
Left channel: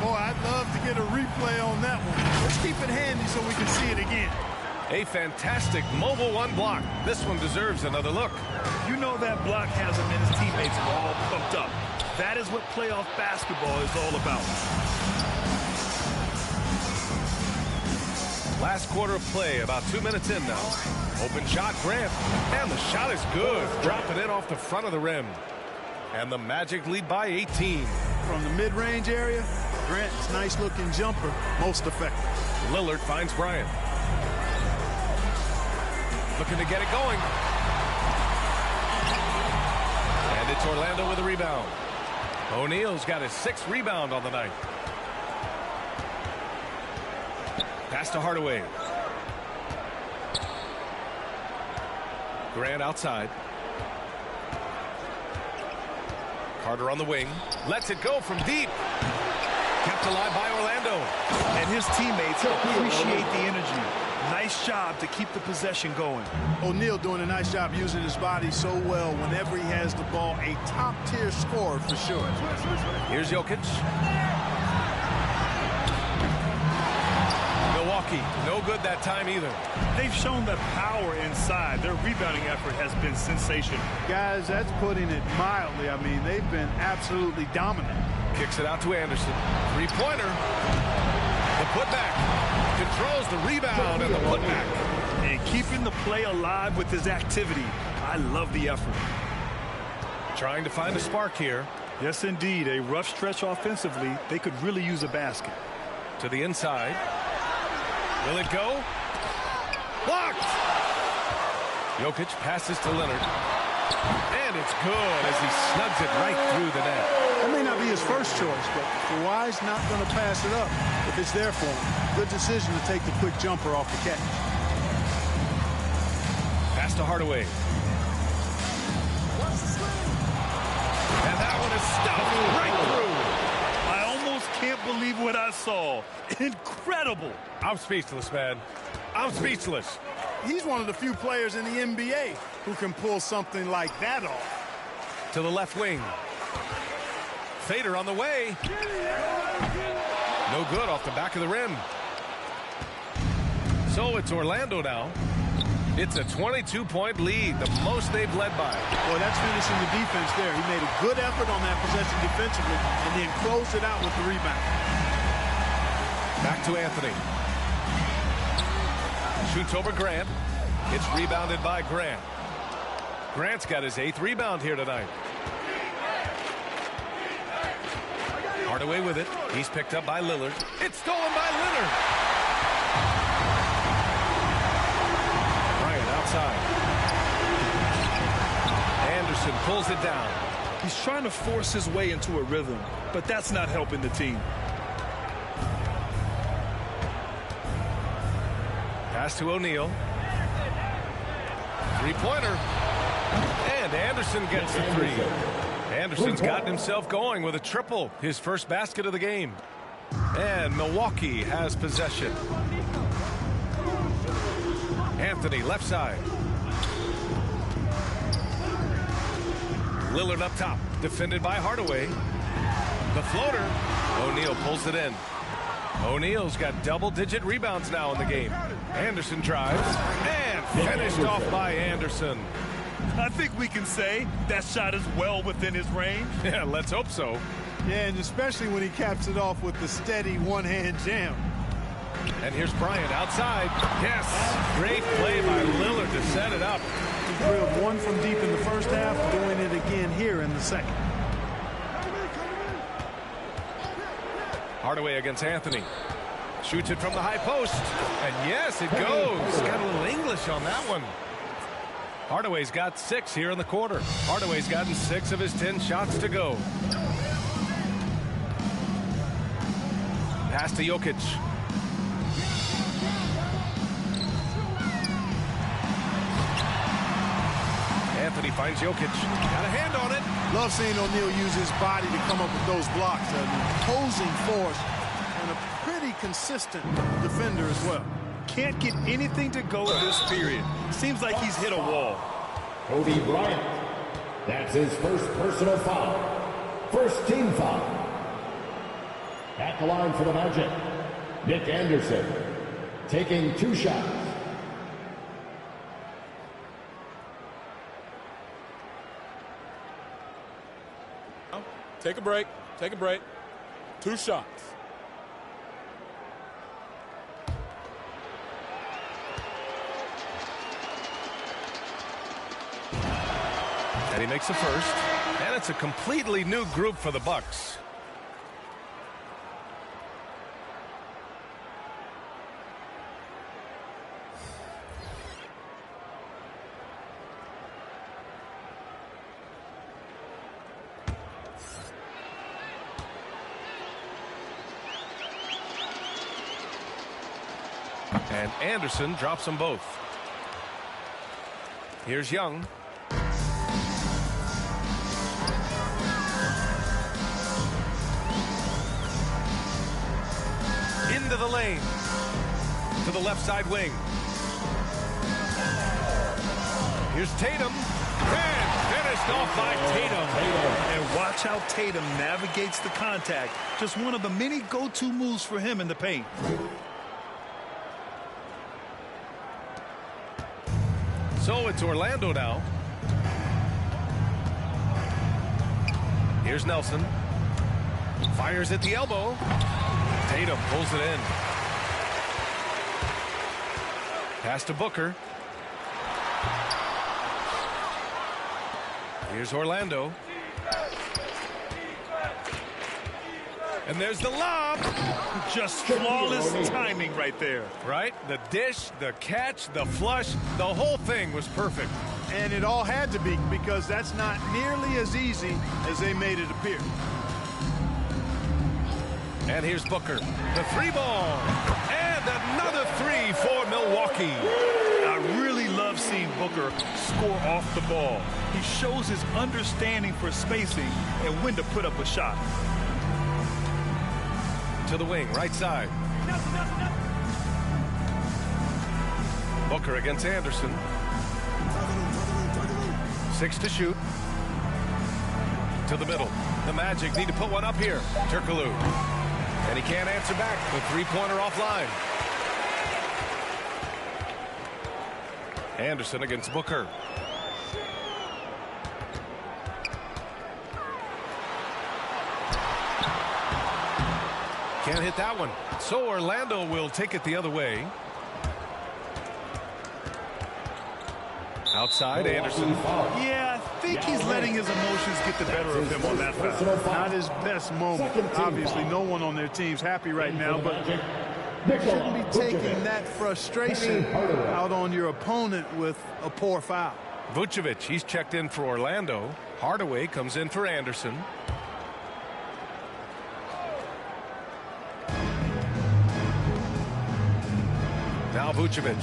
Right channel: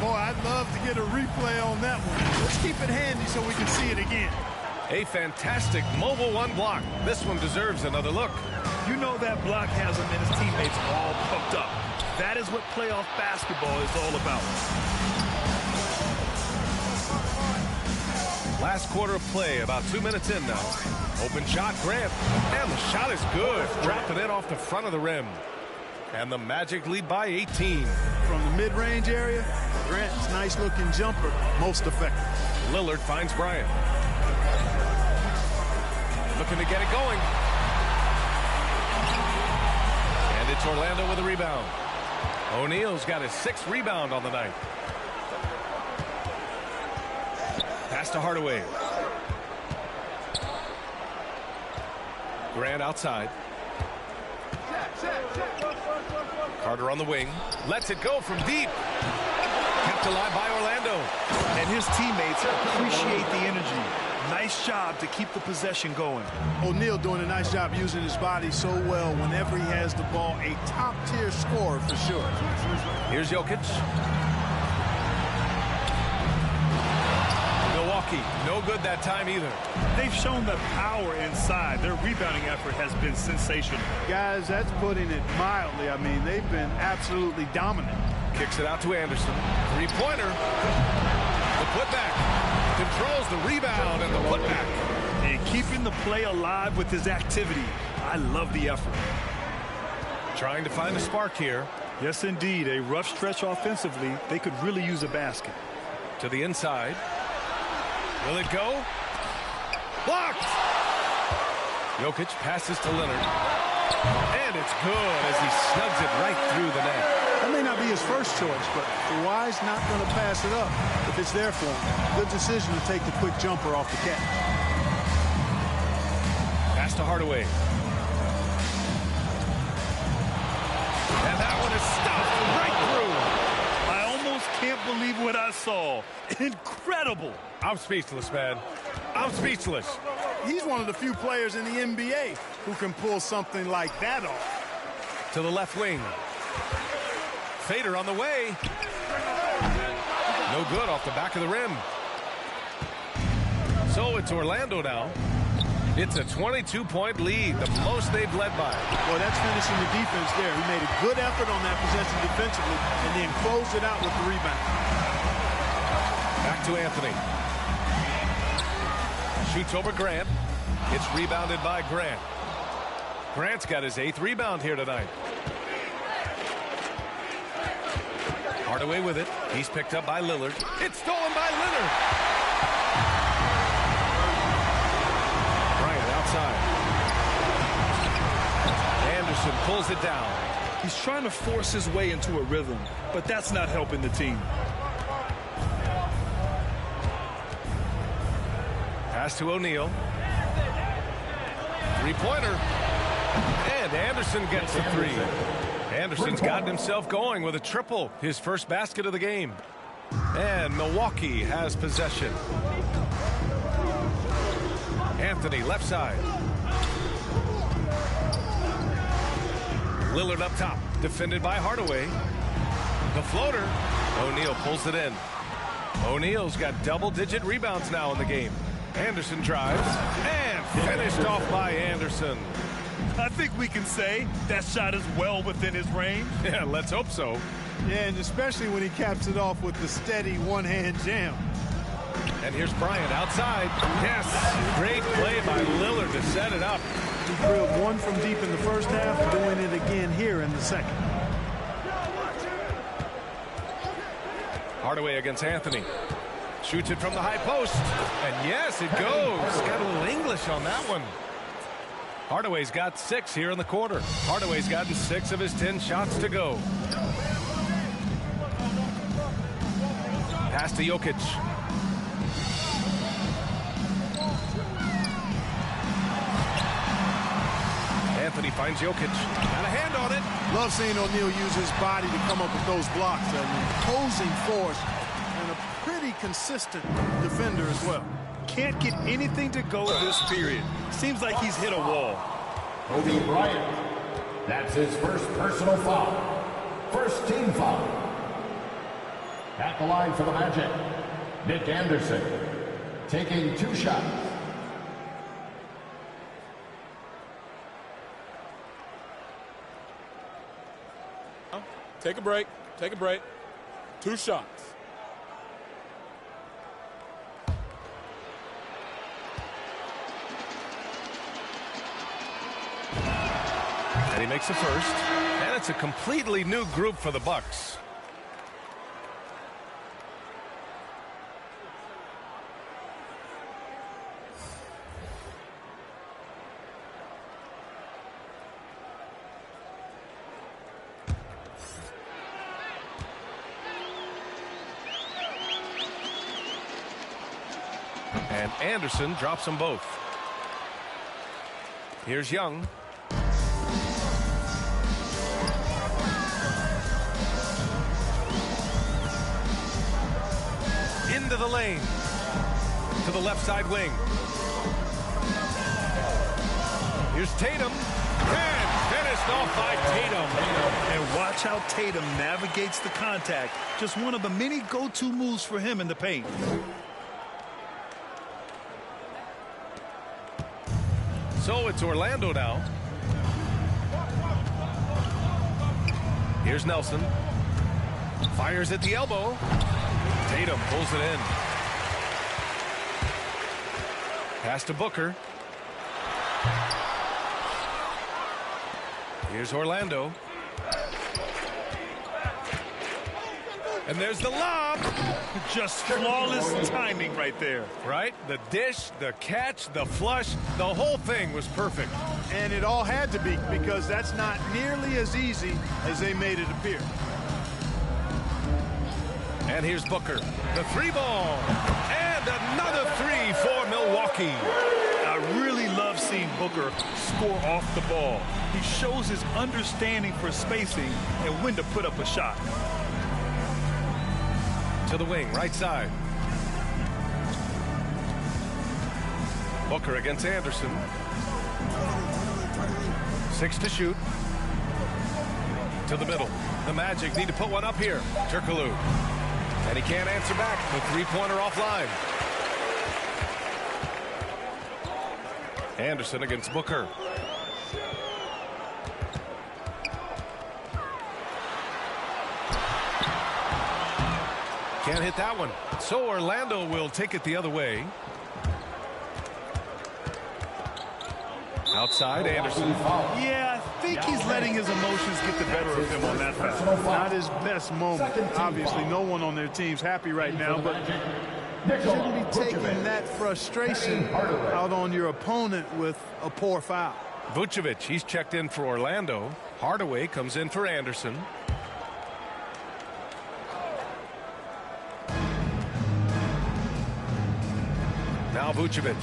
Boy, I'd love to get a replay on that one. Let's keep it handy so we can see it again. A fantastic mobile one block. This one deserves another look. You know that block has him and his teammates all pumped up. That is what playoff basketball is all about. Last quarter of play, about 2 minutes in now. Open shot, Grant. And the shot is good. Dropping it off the front of the rim. And the Magic lead by 18. From the mid-range area, Grant's nice-looking jumper, most effective. Lillard finds Bryant. Looking to get it going. And it's Orlando with a rebound. O'Neal's got his 6th rebound on the night. Pass to Hardaway. Grant outside. Carter on the wing. Lets it go from deep. Kept alive by Orlando. And his teammates appreciate the energy. Nice job to keep the possession going. O'Neal doing a nice job using his body so well whenever he has the ball. A top-tier scorer for sure. Here's Jokic. Milwaukee, no good that time either. They've shown the power inside. Their rebounding effort has been sensational. Guys, that's putting it mildly. I mean, they've been absolutely dominant. Kicks it out to Anderson. Three-pointer. The putback. Controls the rebound and the putback. And keeping the play alive with his activity. I love the effort. Trying to find a spark here. Yes, indeed. A rough stretch offensively. They could really use a basket. To the inside. Will it go? Blocked! Jokic passes to Leonard. And it's good as he snugs it right through the net. That may not be his first choice, but Kawhi's not going to pass it up if it's there for him. Good decision to take the quick jumper off the catch. Pass to Hardaway. And that one is stuffed right through. I almost can't believe what I saw. Incredible. I'm speechless, man. I'm speechless. He's one of the few players in the NBA who can pull something like that off. To the left wing. Fader on the way. No good off the back of the rim. So it's Orlando now. It's a 22-point lead, the most they've led by. Boy, that's finishing the defense there. He made a good effort on that possession defensively and then closed it out with the rebound. Back to Anthony. Shoots over Grant. It's rebounded by Grant. Grant's got his 8th rebound here tonight. Hardaway with it. He's picked up by Lillard. It's stolen by Leonard. Bryant outside. Anderson pulls it down. He's trying to force his way into a rhythm, but that's not helping the team. Pass to O'Neal. Three-pointer. And Anderson gets the three. Anderson's gotten himself going with a triple, his first basket of the game. And Milwaukee has possession. Anthony left side. Lillard up top, defended by Hardaway. The floater. O'Neal pulls it in. O'Neal's got double-digit rebounds now in the game. Anderson drives and finished off by Anderson. I think we can say that shot is well within his range. Yeah, let's hope so. Yeah, and especially when he caps it off with the steady one-hand jam. And here's Bryant outside. Yes, great play by Lillard to set it up. He drilled one from deep in the first half, doing it again here in the second. Hardaway against Anthony. Shoots it from the high post. And yes, it goes. Got a little English on that one. Hardaway's got 6 here in the quarter. Hardaway's gotten 6 of his 10 shots to go. Pass to Jokic. Anthony finds Jokic. Got a hand on it. Love seeing O'Neal use his body to come up with those blocks. An imposing force and a pretty consistent defender as well. Can't get anything to go this period. Seems like he's hit a wall. Kobe Bryant. That's his first personal foul. First team foul. At the line for the Magic, Nick Anderson, taking 2 shots. Take a break. Take a break. 2 shots. And he makes the first. And it's a completely new group for the Bucks. And Anderson drops them both. Here's Young. Into the lane. To the left side wing. Here's Tatum. And finished off by Tatum. And watch how Tatum navigates the contact. Just one of the many go-to moves for him in the paint. So it's Orlando now. Here's Nelson. Fires at the elbow. Tatum pulls it in. Pass to Booker. Here's Orlando. And there's the lob. Just flawless timing right there. Right? The dish, the catch, the flush, the whole thing was perfect. And it all had to be, because that's not nearly as easy as they made it appear. And here's Booker. The three ball. And another three for Milwaukee. I really love seeing Booker score off the ball. He shows his understanding for spacing and when to put up a shot. To the wing, right side. Booker against Anderson. 6 to shoot. To the middle. The Magic need to put one up here. Turkoglu. And he can't answer back. The three-pointer offline. Anderson against Booker. Can't hit that one. So Orlando will take it the other way. Outside, Anderson. Yeah, I think he's letting his emotions get the better of him on that foul. Not his best moment. Obviously, no one on their team's happy right now, but you shouldn't be taking that frustration out on your opponent with a poor foul. Vucevic, he's checked in for Orlando. Hardaway comes in for Anderson. Now Vucevic.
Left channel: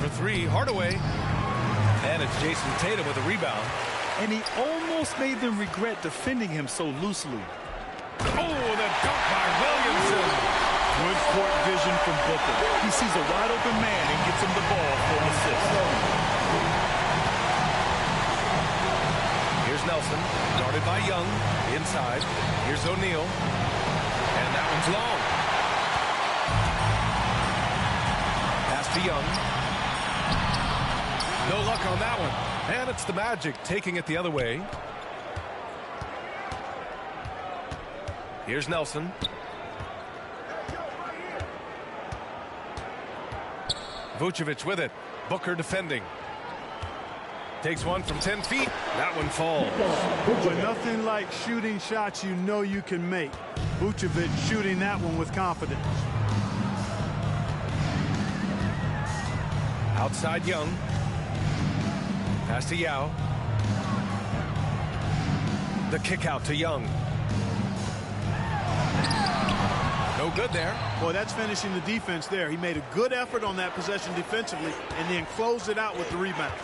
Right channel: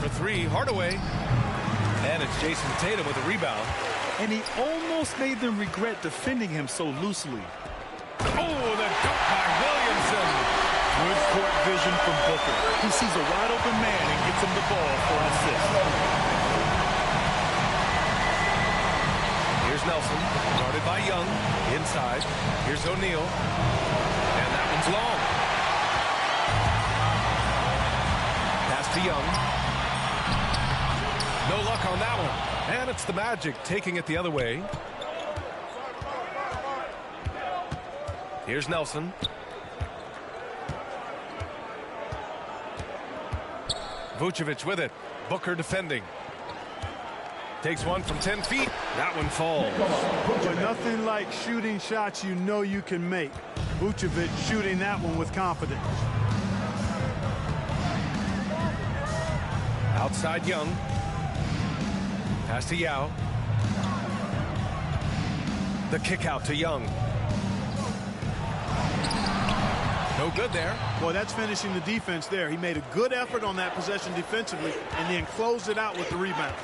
For three, Hardaway. And it's Jason Tatum with a rebound. And he almost made them regret defending him so loosely. Oh, the dunk by Williamson. Good court vision from Booker. He sees a wide open man and gets him the ball for an assist. Here's Nelson, guarded by Young. Inside. Here's O'Neal. And that one's long. Pass to Young. No luck on that one. And it's the Magic taking it the other way. Here's Nelson. Vucevic with it. Booker defending. Takes one from 10 feet. That one falls. But nothing like shooting shots you know you can make. Vucevic shooting that one with confidence. Outside Young. Pass to Yao. The kick out to Young. No good there. Boy, that's finishing the defense there. He made a good effort on that possession defensively and then closed it out with the rebound.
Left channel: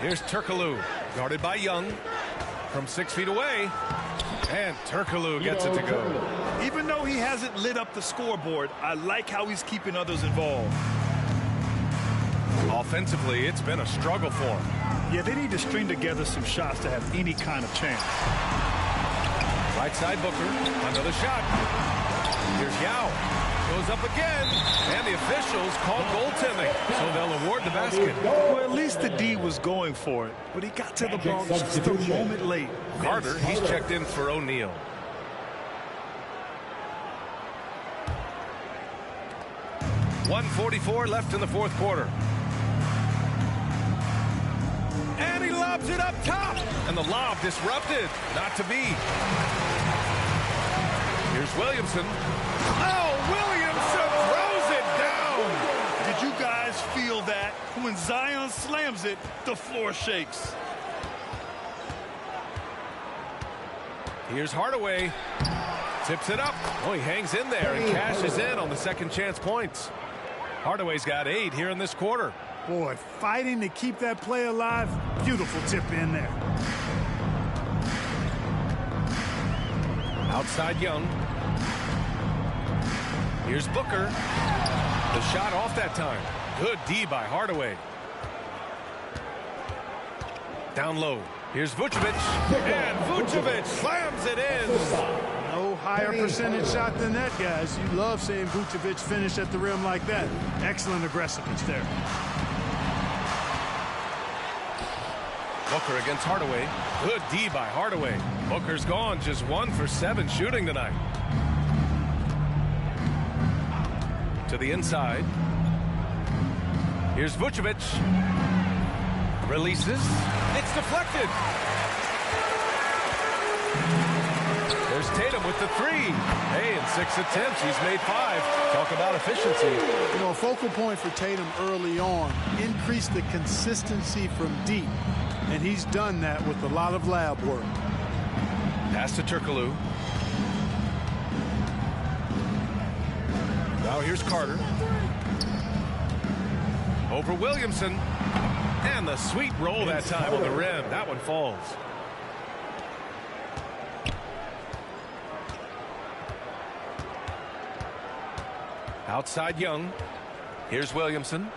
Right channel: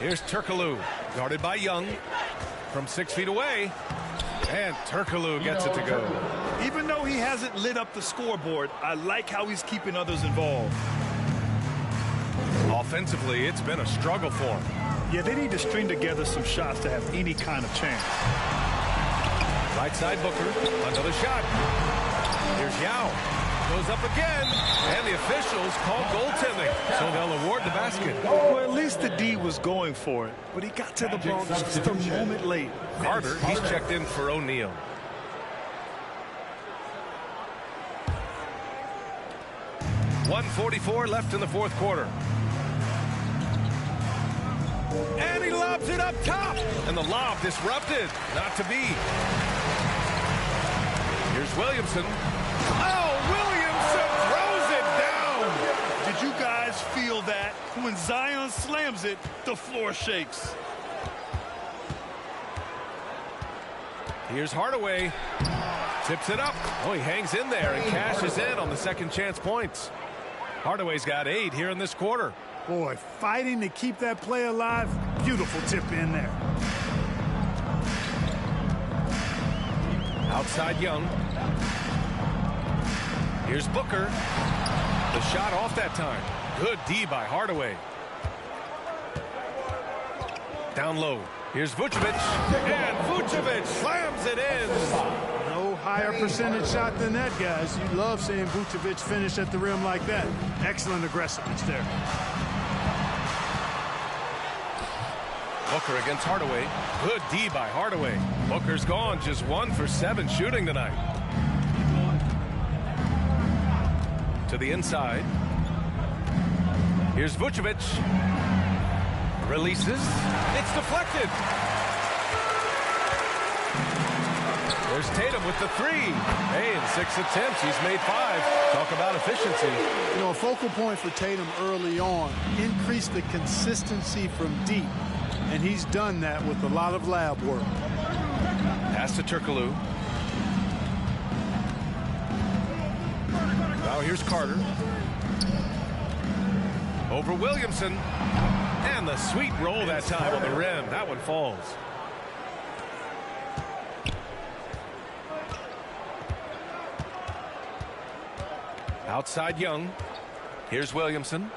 Here's Turkoglu, guarded by Young from 6 feet away. And Turkoglu gets it to go. Even though he hasn't lit up the scoreboard, I like how he's keeping others involved. Offensively, it's been a struggle for him. Yeah, they need to string together some shots to have any kind of chance. Right side Booker, another shot. Here's Yao. Goes up again, and the officials call goaltending, so they'll award the basket. Well, at least the D was going for it, but he got to the ball just a moment late. Carter, he's checked in for O'Neal. .144 left in the fourth quarter. And he lobs it up top. And the lob disrupted. Not to be. Here's Williamson. Oh, Williamson throws it down. Did you guys feel that? When Zion slams it, the floor shakes. Here's Hardaway. Tips it up. Oh, he hangs in there and cashes in on the second chance points. Hardaway's got 8 here in this quarter. Boy, fighting to keep that play alive. Beautiful tip in there. Outside Young. Here's Booker. The shot off that time. Good D by Hardaway. Down low. Here's Vucevic. And Vucevic slams it in. No higher percentage shot than that, guys. You love seeing Vucevic finish at the rim like that. Excellent aggressiveness there. Booker against Hardaway. Good D by Hardaway. Booker's gone just 1 for 7 shooting tonight. To the inside. Here's Vucevic. Releases. It's deflected. There's Tatum with the three. Hey, in 6 attempts, he's made 5. Talk about efficiency. You know, a focal point for Tatum early on, increase the consistency from deep. And he's done that with a lot of lab work. Pass to Turkoglu. Now here's Carter. Over Williamson. And the sweet roll that time on the rim. That one falls. Outside Young. Here's Williamson.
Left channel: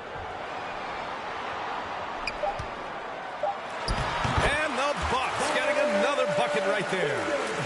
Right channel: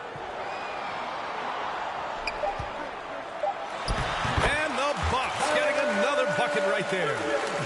And the Bucks getting another bucket right there.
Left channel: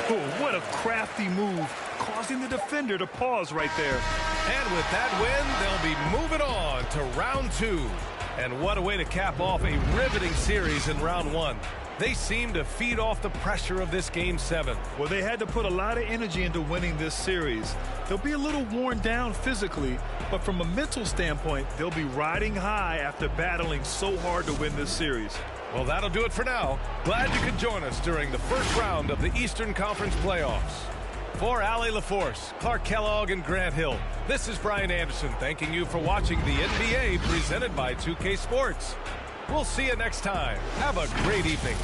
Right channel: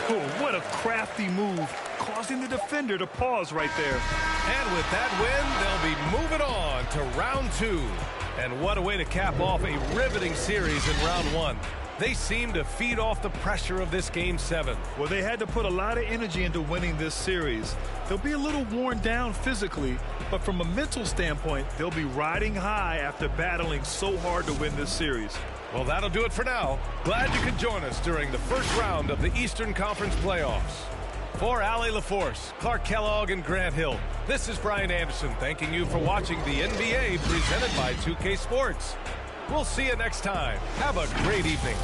Oh, what a crafty move, causing the defender to pause right there. And with that win, they'll be moving on to round 2. And what a way to cap off a riveting series in round 1. They seem to feed off the pressure of this Game 7. Well, they had to put a lot of energy into winning this series. They'll be a little worn down physically, but from a mental standpoint, they'll be riding high after battling so hard to win this series. Well, that'll do it for now. Glad you could join us during the first round of the Eastern Conference playoffs. For Allie LaForce, Clark Kellogg, and Grant Hill, this is Brian Anderson thanking you for watching the NBA presented by 2K Sports. We'll see you next time. Have a great evening.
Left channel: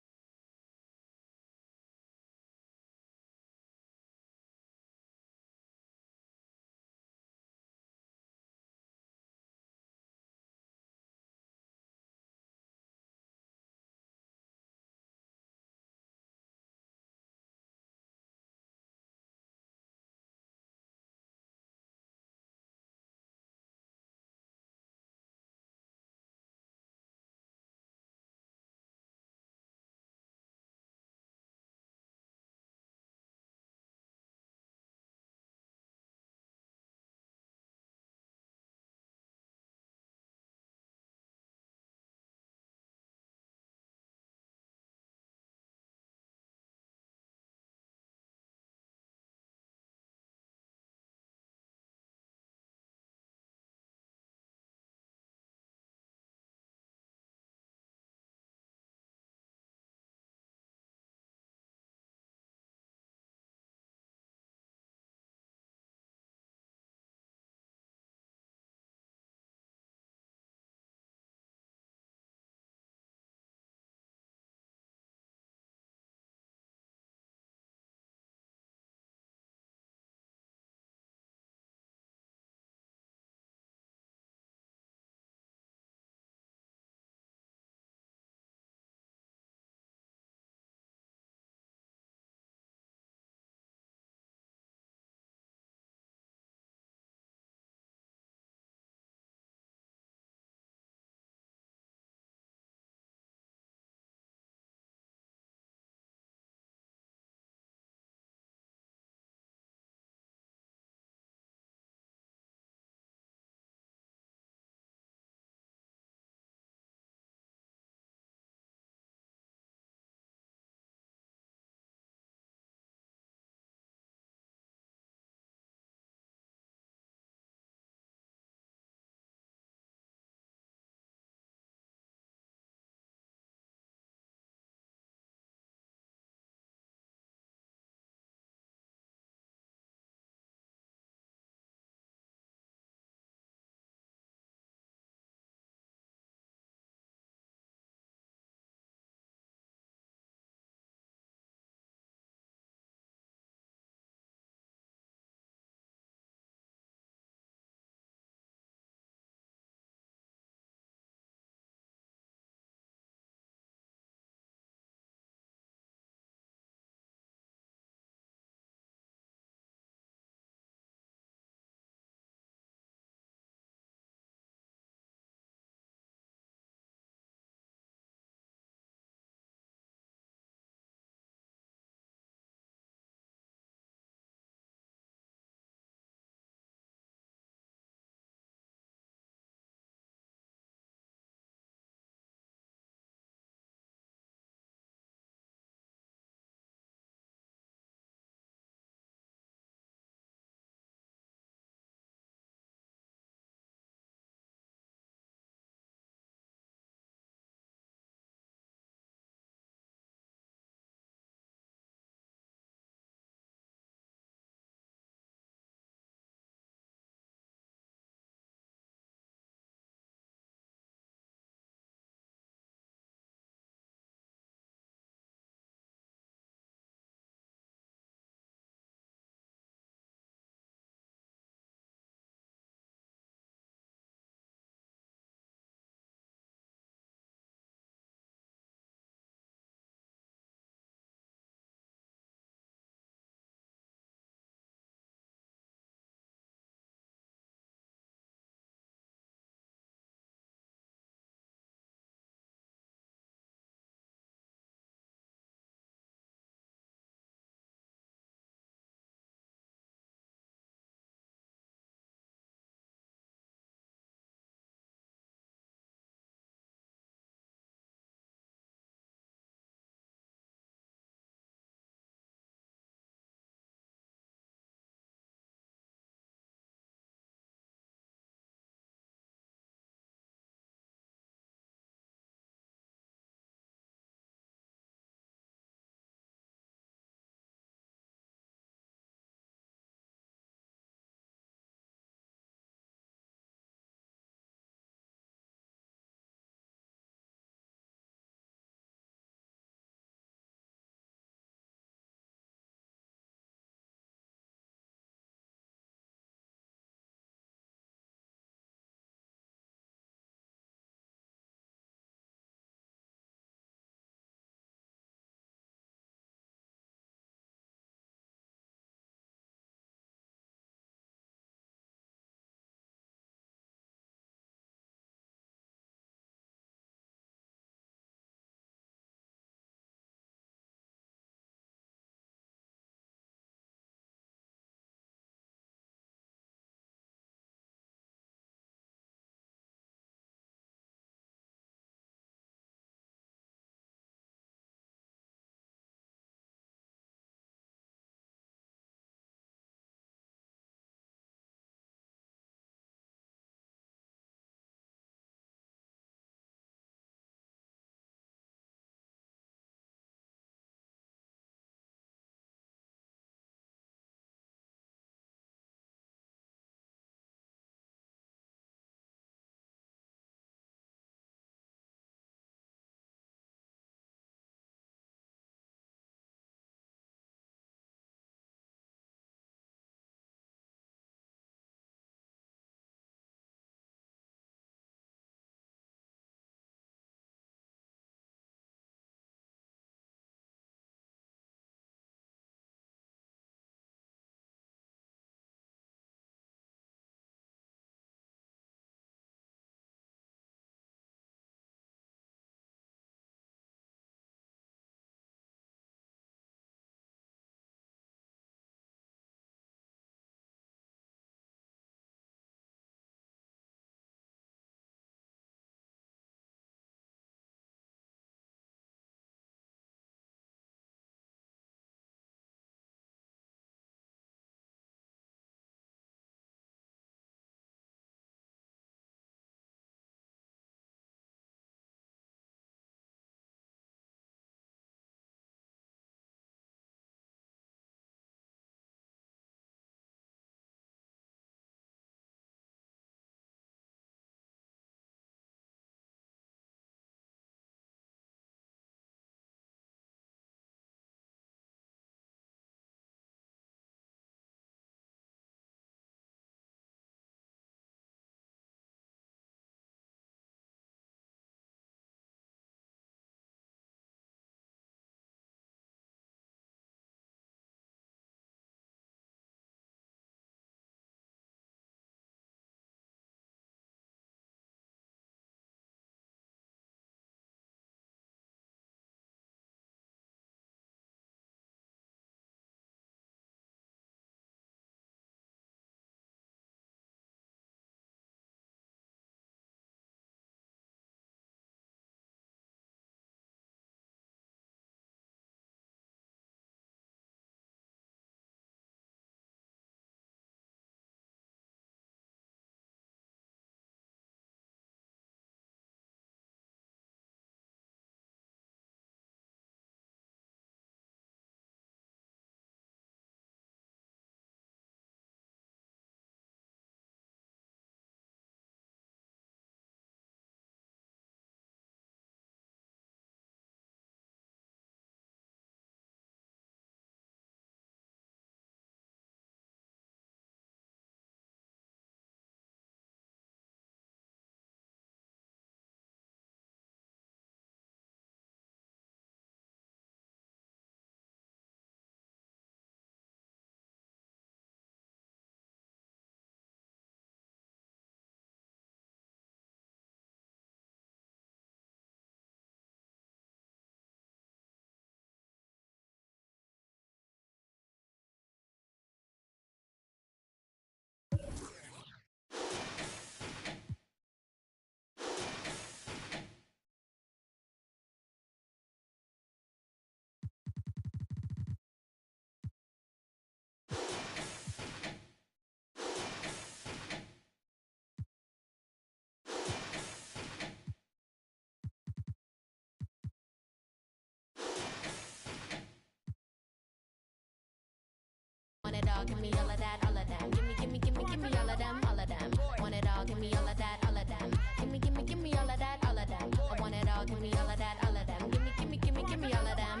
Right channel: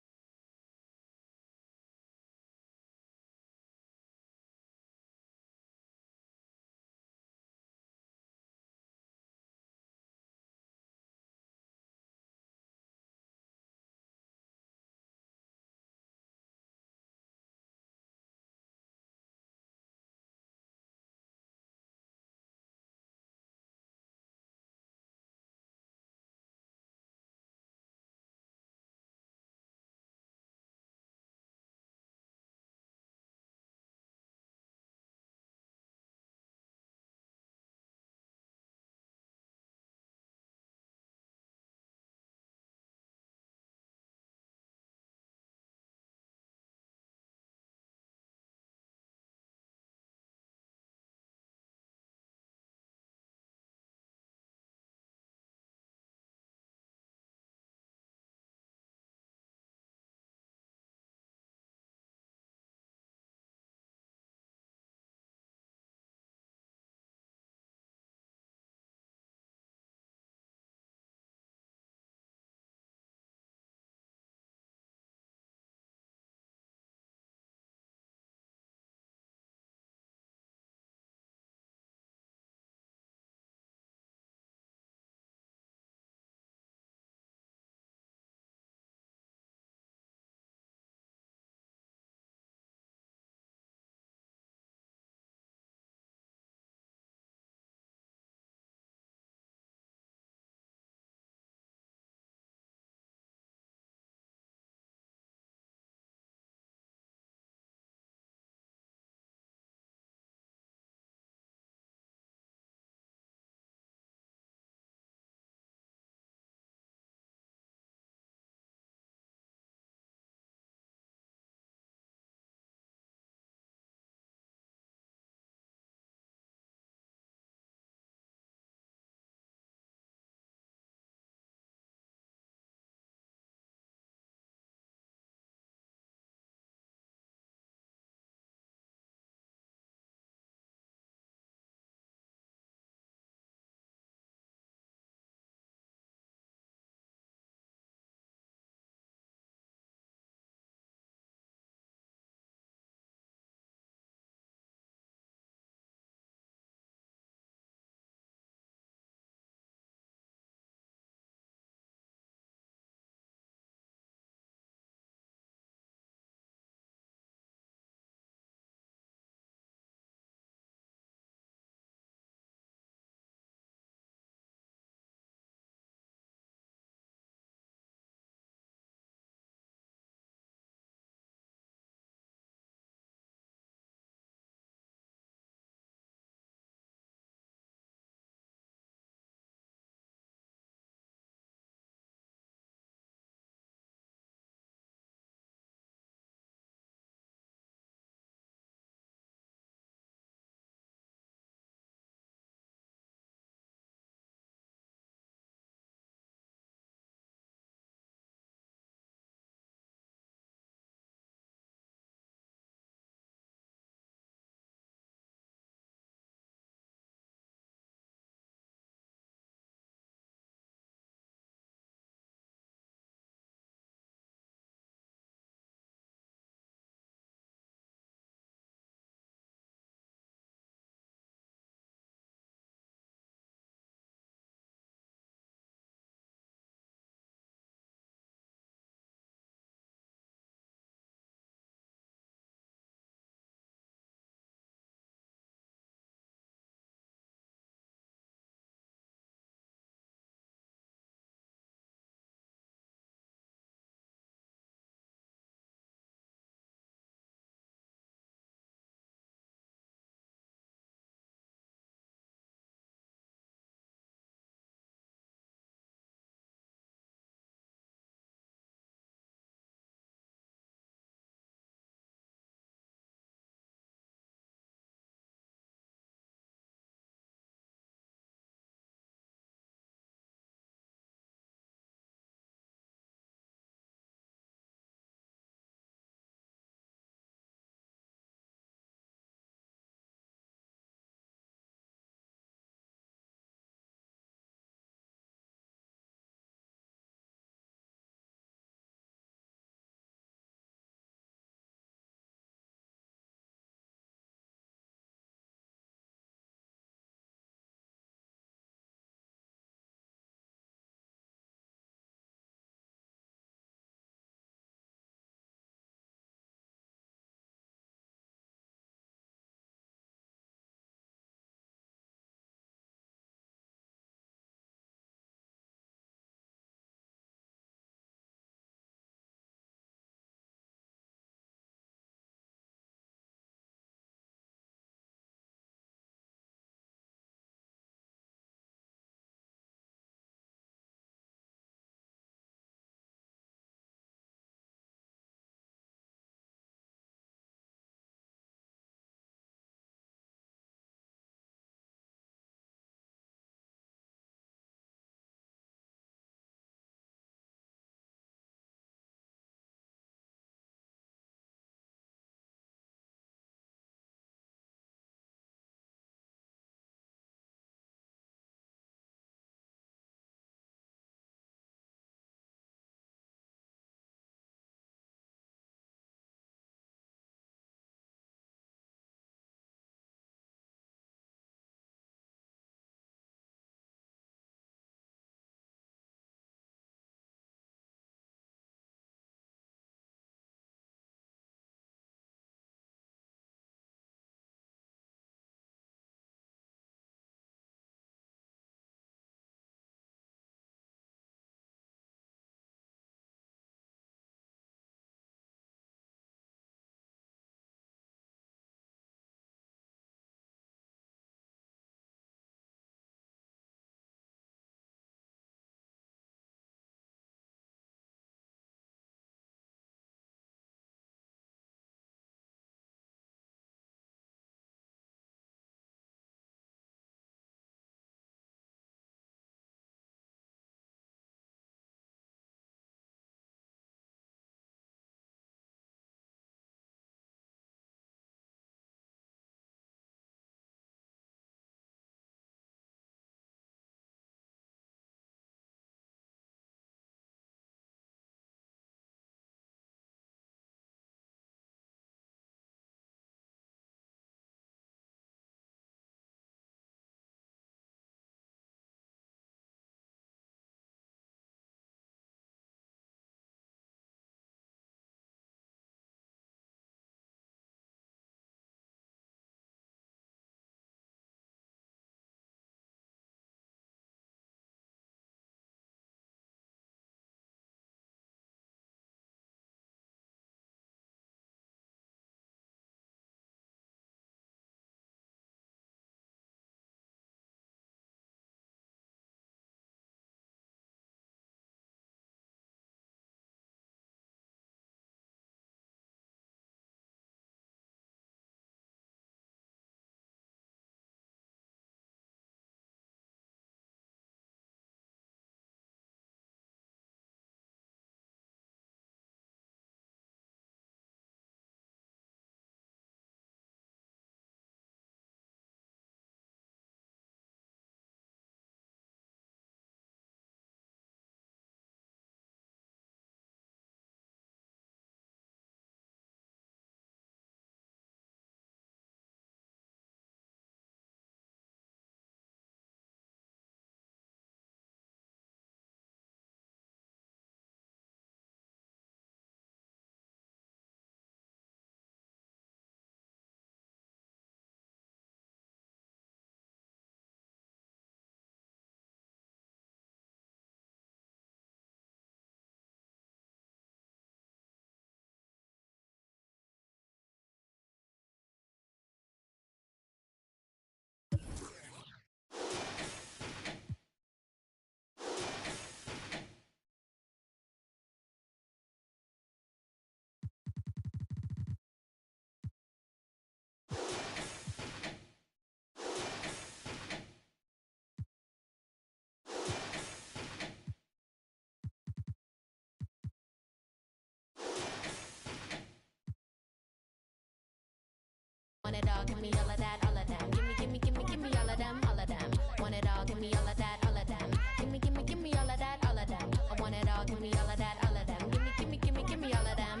Want it all, give me all of that, all of them. Give me, give me, give me, give me all of them, all of them. Want it all, give me all of that, all of them. Give me, give me, give me all of that, all of them. I want it all, give me all of that, all of them. Give me, give me, give me, give me all of them.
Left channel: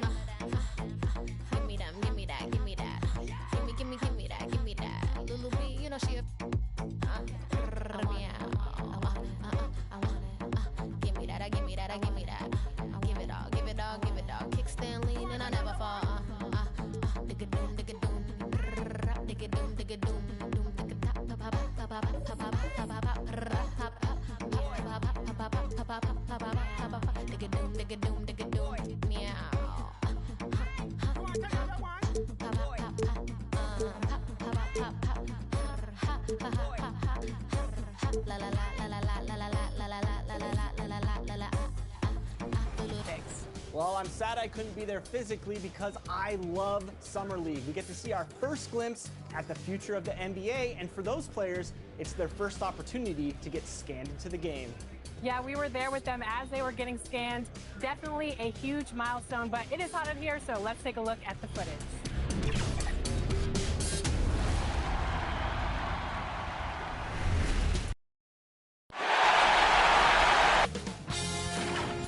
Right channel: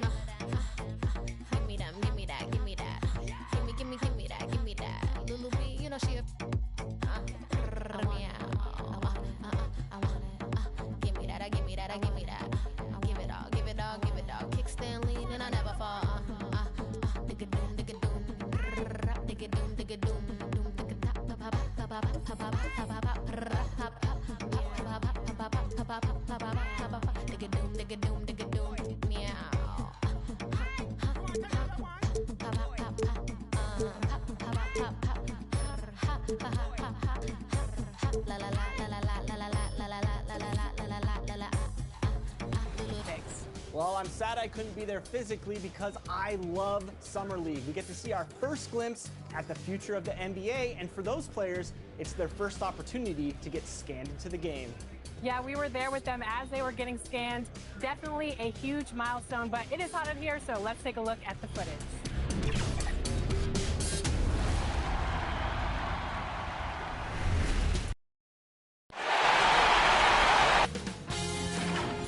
Give me them, give me that, give me that. Give me, give me, give me that, give me that. Lulu B, you know she a I want it. Give me that, I give me that, I give me that. Give it all, give it all, give it all. Kickstand lean and I never fall. Digga doom, digga doom, digga doom, digga doom, doom, digga tap, digga doom, digga doom, digga doom, meow. La la la la la la la la la la la la la la la la. Thanks. Well, I'm sad I couldn't be there physically because I love Summer League. We get to see our first glimpse at the future of the NBA, and for those players, it's their first opportunity to get scanned into the game. Yeah, we were there with them as they were getting scanned. Definitely a huge milestone, but it is hot in here, so let's take a look at the footage.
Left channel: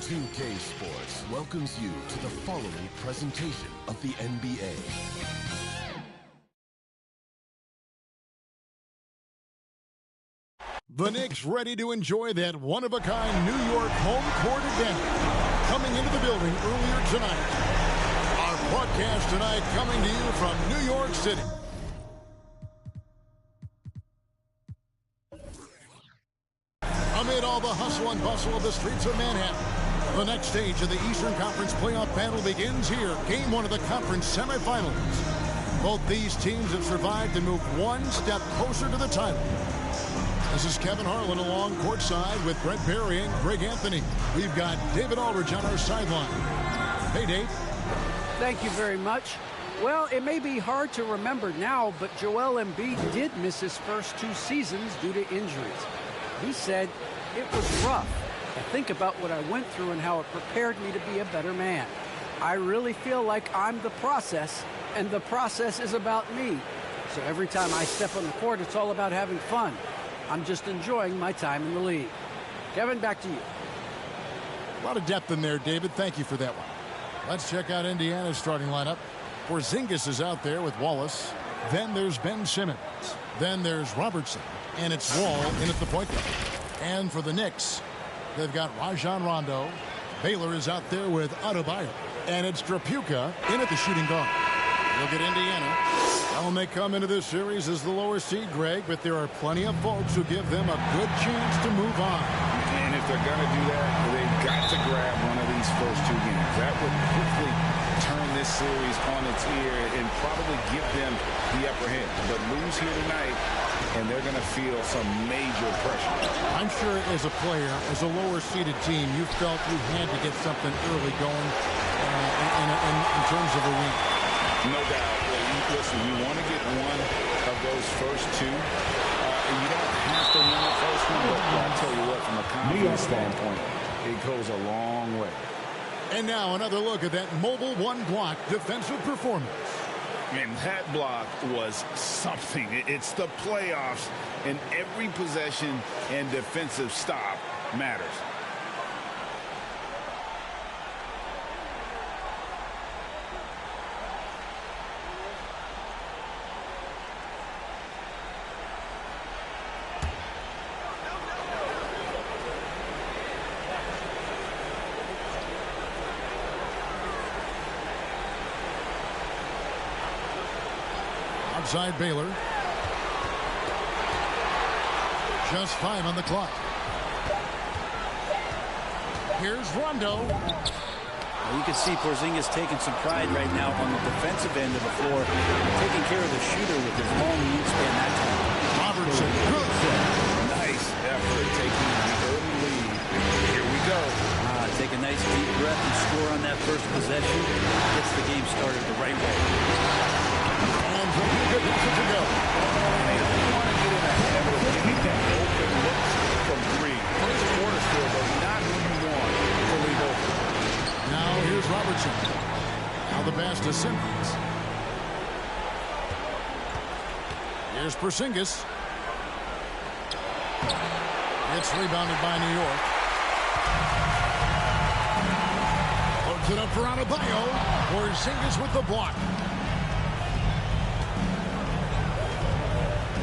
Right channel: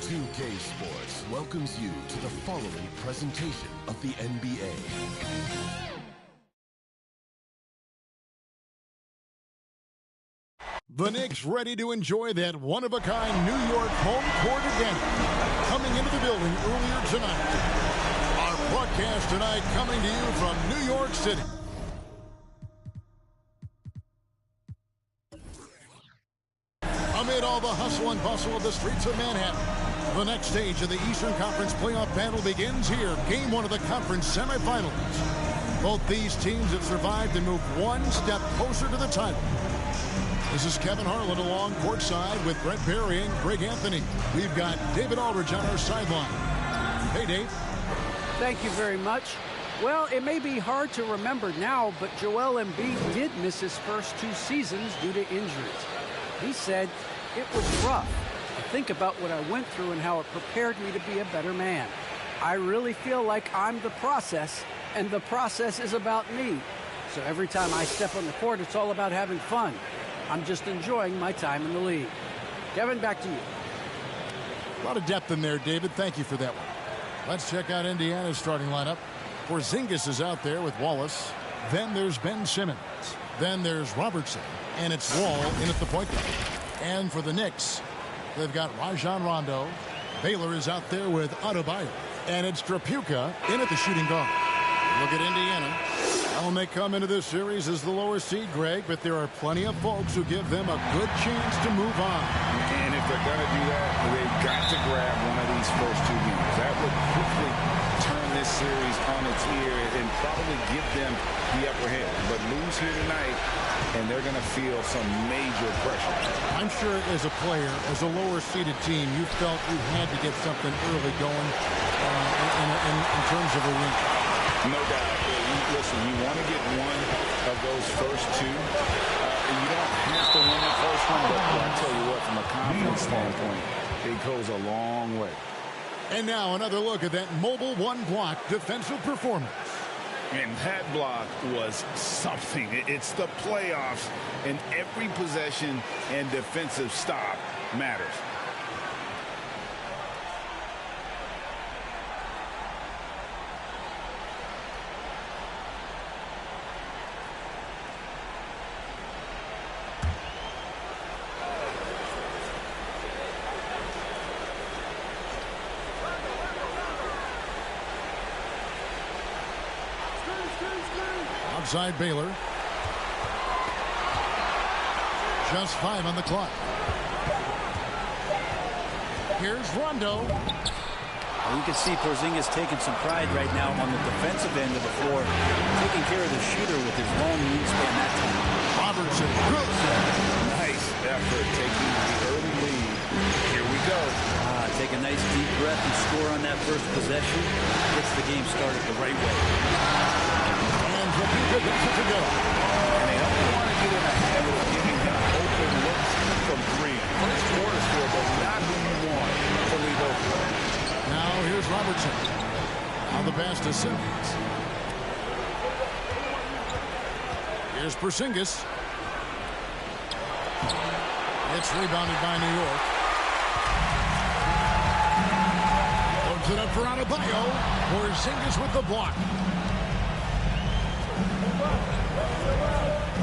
2K Sports welcomes you to the following presentation of the NBA. The Knicks ready to enjoy that one-of-a-kind New York home court advantage. Coming into the building earlier tonight. Our broadcast tonight coming to you from New York City. Amid all the hustle and bustle of the streets of Manhattan, the next stage of the Eastern Conference playoff battle begins here. Game 1 of the conference semifinals. Both these teams have survived and moved one step closer to the title. This is Kevin Harlan along courtside with Brent Barry and Greg Anthony. We've got David Aldridge on our sideline. Hey, Dave. Thank you very much. Well, it may be hard to remember now, but Joel Embiid did miss his first 2 seasons due to injuries. He said, "It was rough. I think about what I went through and how it prepared me to be a better man. I really feel like I'm the process, and the process is about me. So every time I step on the court, it's all about having fun. I'm just enjoying my time in the league." Kevin, back to you. A lot of depth in there, David. Thank you for that one. Let's check out Indiana's starting lineup. Porzingis is out there with Wallace. Then there's Ben Simmons. Then there's Robertson. And it's Wall in at the point guard. And for the Knicks, they've got Rajon Rondo. Baylor is out there with Adebayo. And it's Drapuka in at the shooting guard. Look at Indiana. Well, they come into this series as the lower seed, Greg, but there are plenty of folks who give them a good chance to move on. And if they're going to do that, they've got to grab one of these first 2 games. That would quickly turn this series on its ear and probably give them the upper hand. But lose here tonight, and they're going to feel some major pressure. I'm sure as a player, as a lower-seeded team, you felt you had to get something early going in terms of a win. No doubt. Listen, you want to get one of those first 2. You don't have to win the first one, but I tell you what, from a confidence standpoint, it goes a long way. And now another look at that mobile one-block defensive performance. And that block was something. It's the playoffs, and every possession and defensive stop matters. Outside Baylor. Just 5 on the clock. Here's Rondo. Well, you can see Porzingis taking some pride right now on the defensive end of the floor, taking care of the shooter with his long wingspan that time. Robertson, good. Nice effort taking the early lead. Here we go. Take a nice deep breath and score on that first possession. Gets the game started the right way. And Drapuka gets it to go. And they don't want to get in a habit of getting them open looks from 3. First quarter score, but not who you want to leave open. Now here's Robertson. Now the pass to Simmons. Here's Porzingis. It's rebounded by New York. Loads it up for Adebayo. Porzingis with the block.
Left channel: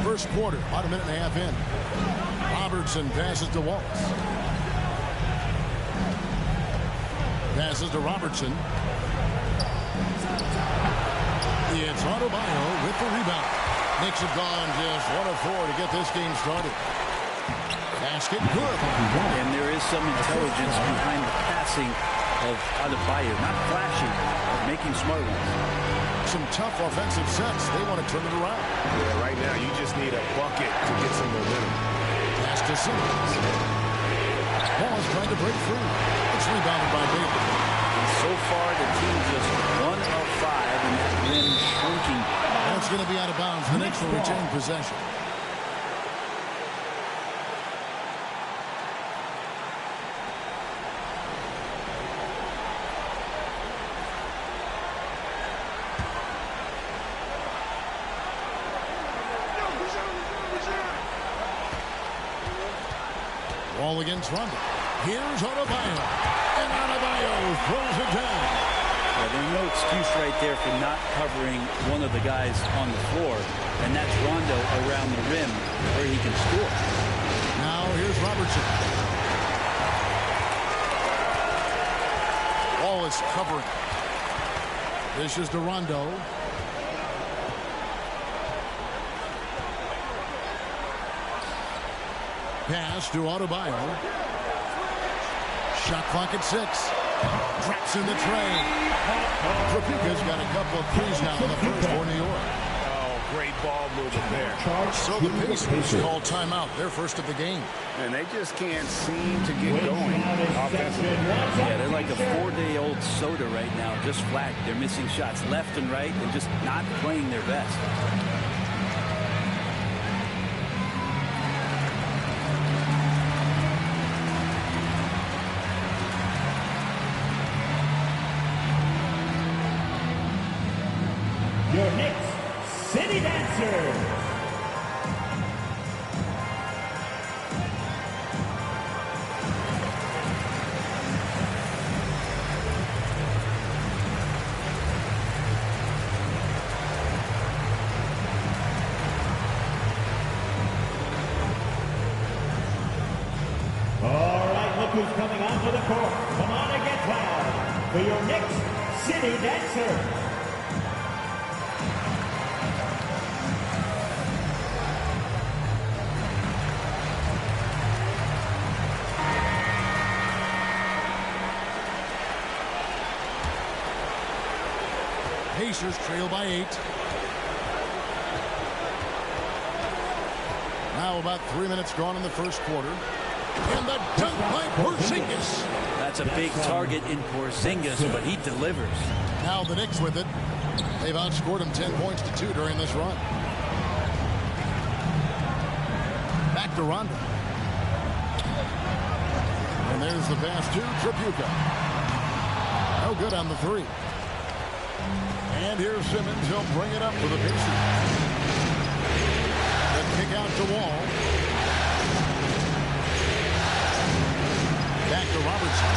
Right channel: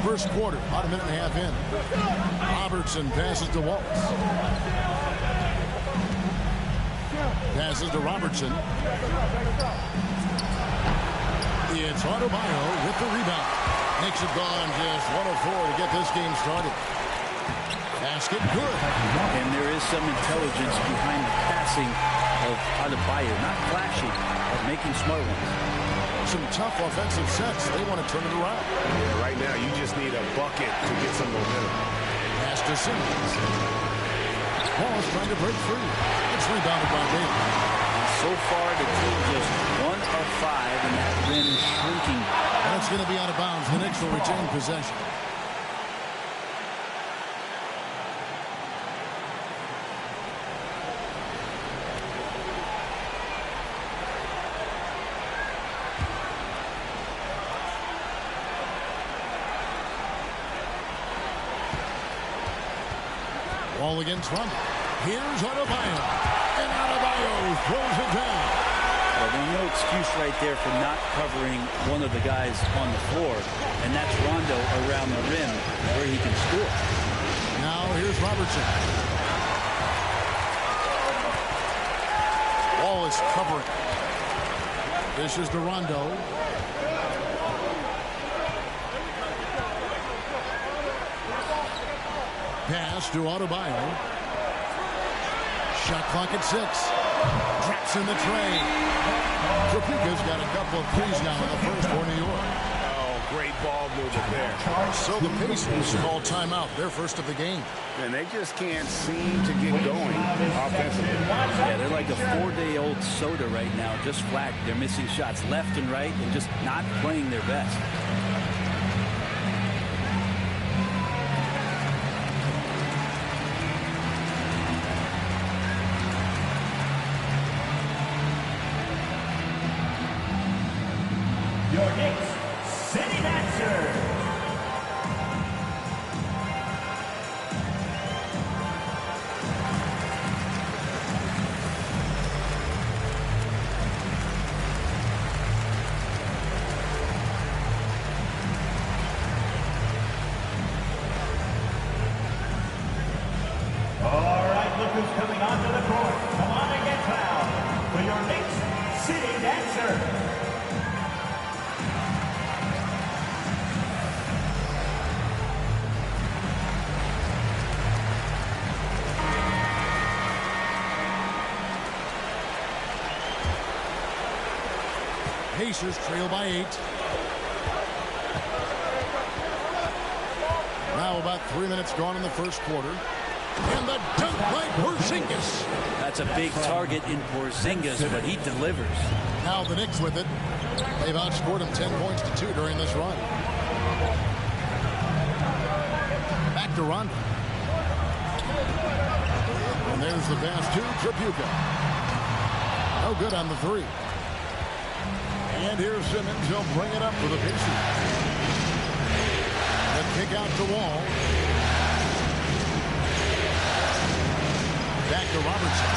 First quarter, about a minute and a half in. Robertson passes to Wallace. Passes to Robertson. It's Adebayo with the rebound. Knicks have gone just 1 of 4 to get this game started. Basket good. And there is some intelligence behind the passing of Adebayo. Not flashy, but making smart ones. Some tough offensive sets. They want to turn it around. Yeah, right now you just need a bucket to get some momentum. Pass to Simmons. Wallace trying to break free. It's rebounded by Baylor. And so far, the team just 1 of 5, and that rim shrinking. And it's going to be out of bounds. The Knicks will retain possession. Wall against Rondo. Here's Adebayo. And Adebayo throws it down. Well, there's no excuse right there for not covering one of the guys on the floor. And that's Rondo around the rim where he can score. Now here's Robertson. Wall is covering. Dishes to Rondo. Pass to Adebayo. Shot clock at 6. Drops in the tray. Trapuka's got a couple of threes now in the first for New York. Oh, great ball movement there. So the Pacers call timeout. Their first of the game. And they just can't seem to get going offensively. Yeah, they're like a 4-day-old soda right now, just flat. They're missing shots left and right and just not playing their best. Your Knicks City Dancers. All right, look who's coming onto the court. Come on and get fouled for your Knicks City Dancer. Pacers trail by 8. Now about 3 minutes gone in the first quarter. And the dunk by Porzingis. That's a big target in Porzingis, but he delivers. Now the Knicks with it. They've outscored him 10 points to 2 during this run. Back to Rondo. And there's the pass to Trapuka. No good on the 3. And here's Simmons. He'll bring it up for the Pacers. Then kick out to Wall. Back to Robertson.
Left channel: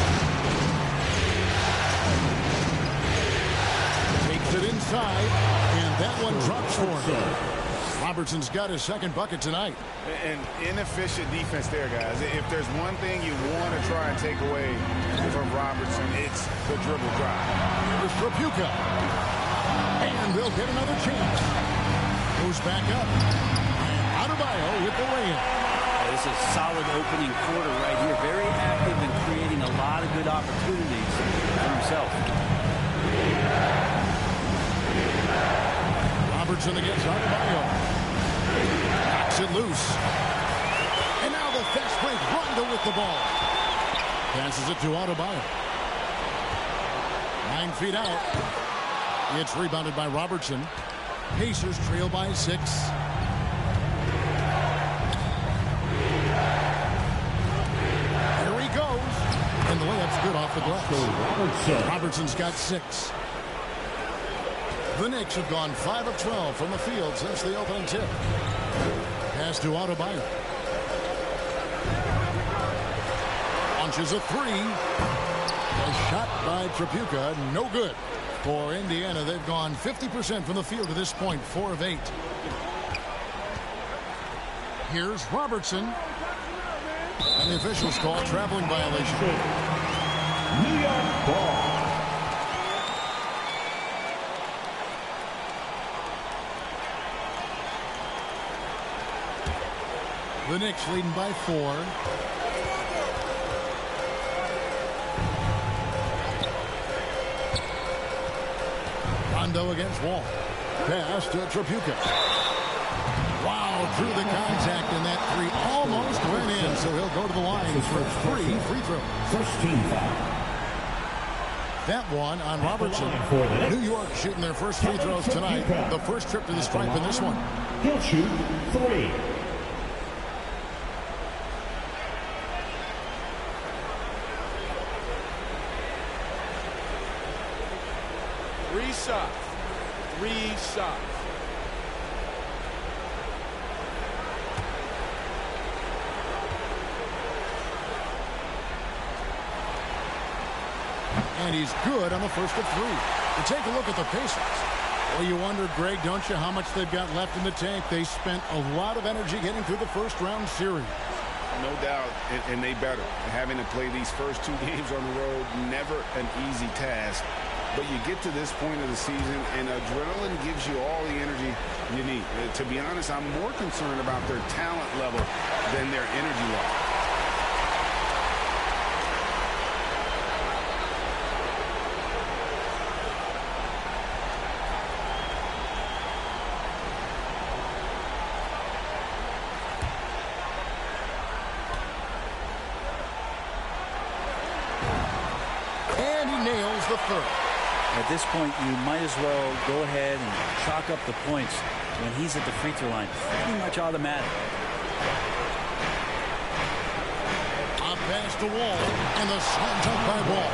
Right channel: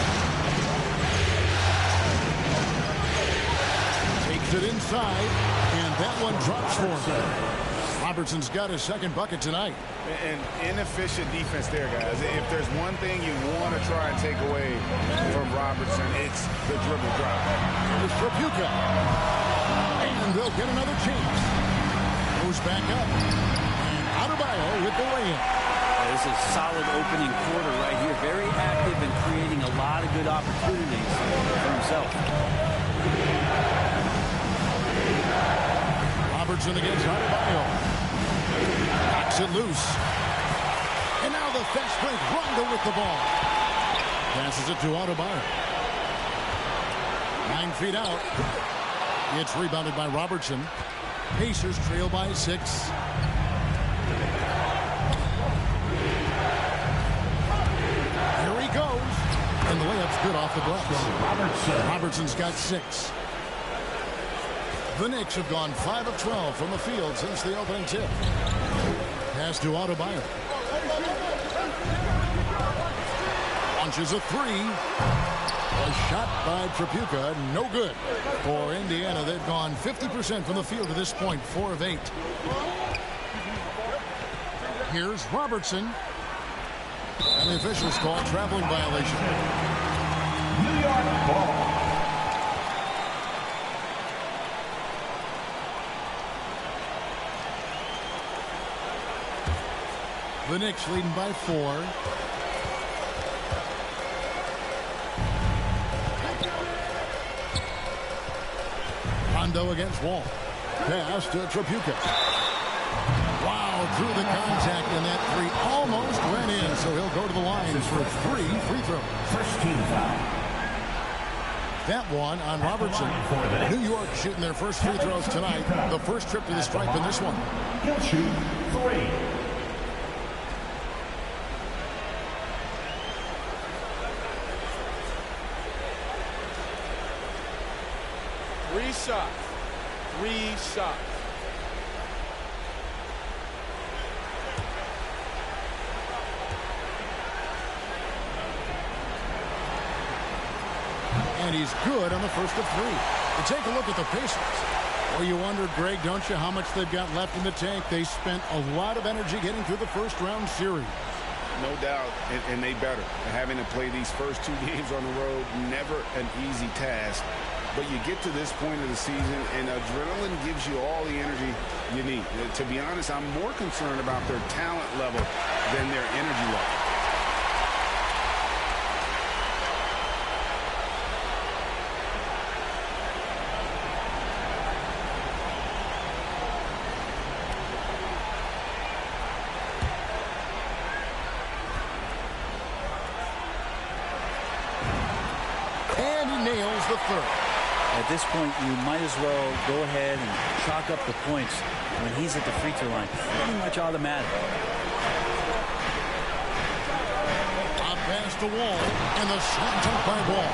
Takes it inside. And that one drops for him. Robertson's got his second bucket tonight. And inefficient defense there, guys. If there's one thing you want to try and take away from Robertson, it's the dribble drive. Here's Trapuka. And they'll get another chance. Goes back up. And Adebayo with the layup. This is a solid opening quarter right here. Very active and creating a lot of good opportunities for himself. Robertson against Adebayo. Knocks it loose. And now the fast break. Rondo with the ball. Passes it to Adebayo. 9 feet out. It's rebounded by Robertson. Pacers trail by 6. Here he goes. And the layup's good off the glass. Robertson's got 6. The Knicks have gone 5 of 12 from the field since the opening tip. Pass to Adebayo. Launches a three. A shot by Tripucka, no good. For Indiana, they've gone 50% from the field to this point, 4 of 8. Here's Robertson. And the officials call traveling violation. New York ball. The Knicks leading by 4. Rondo against Wall. Pass to Tripucka. Wow, drew the contact, and that three almost went in, so he'll go to the line for 3 free throws. First team foul. That one on Robertson. New York shooting their first free throws tonight. The first trip to the stripe in this one. He'll shoot 3. Three shots. 3 shots. And he's good on the first of 3. To take a look at the Pacers. Well, you wonder, Greg, don't you, how much they've got left in the tank? They spent a lot of energy getting through the first round series. No doubt, and they better. Having to play these first 2 games on the road, never an easy task. But you get to this point of the season, and adrenaline gives you all the energy you need. To be honest, I'm more concerned about their talent level than their energy level. And he nails the third. At this point, you might as well go ahead and chalk up the points when he's at the free throw line. Pretty much automatic. Up pass to Wall, and the slam dunk by Wall.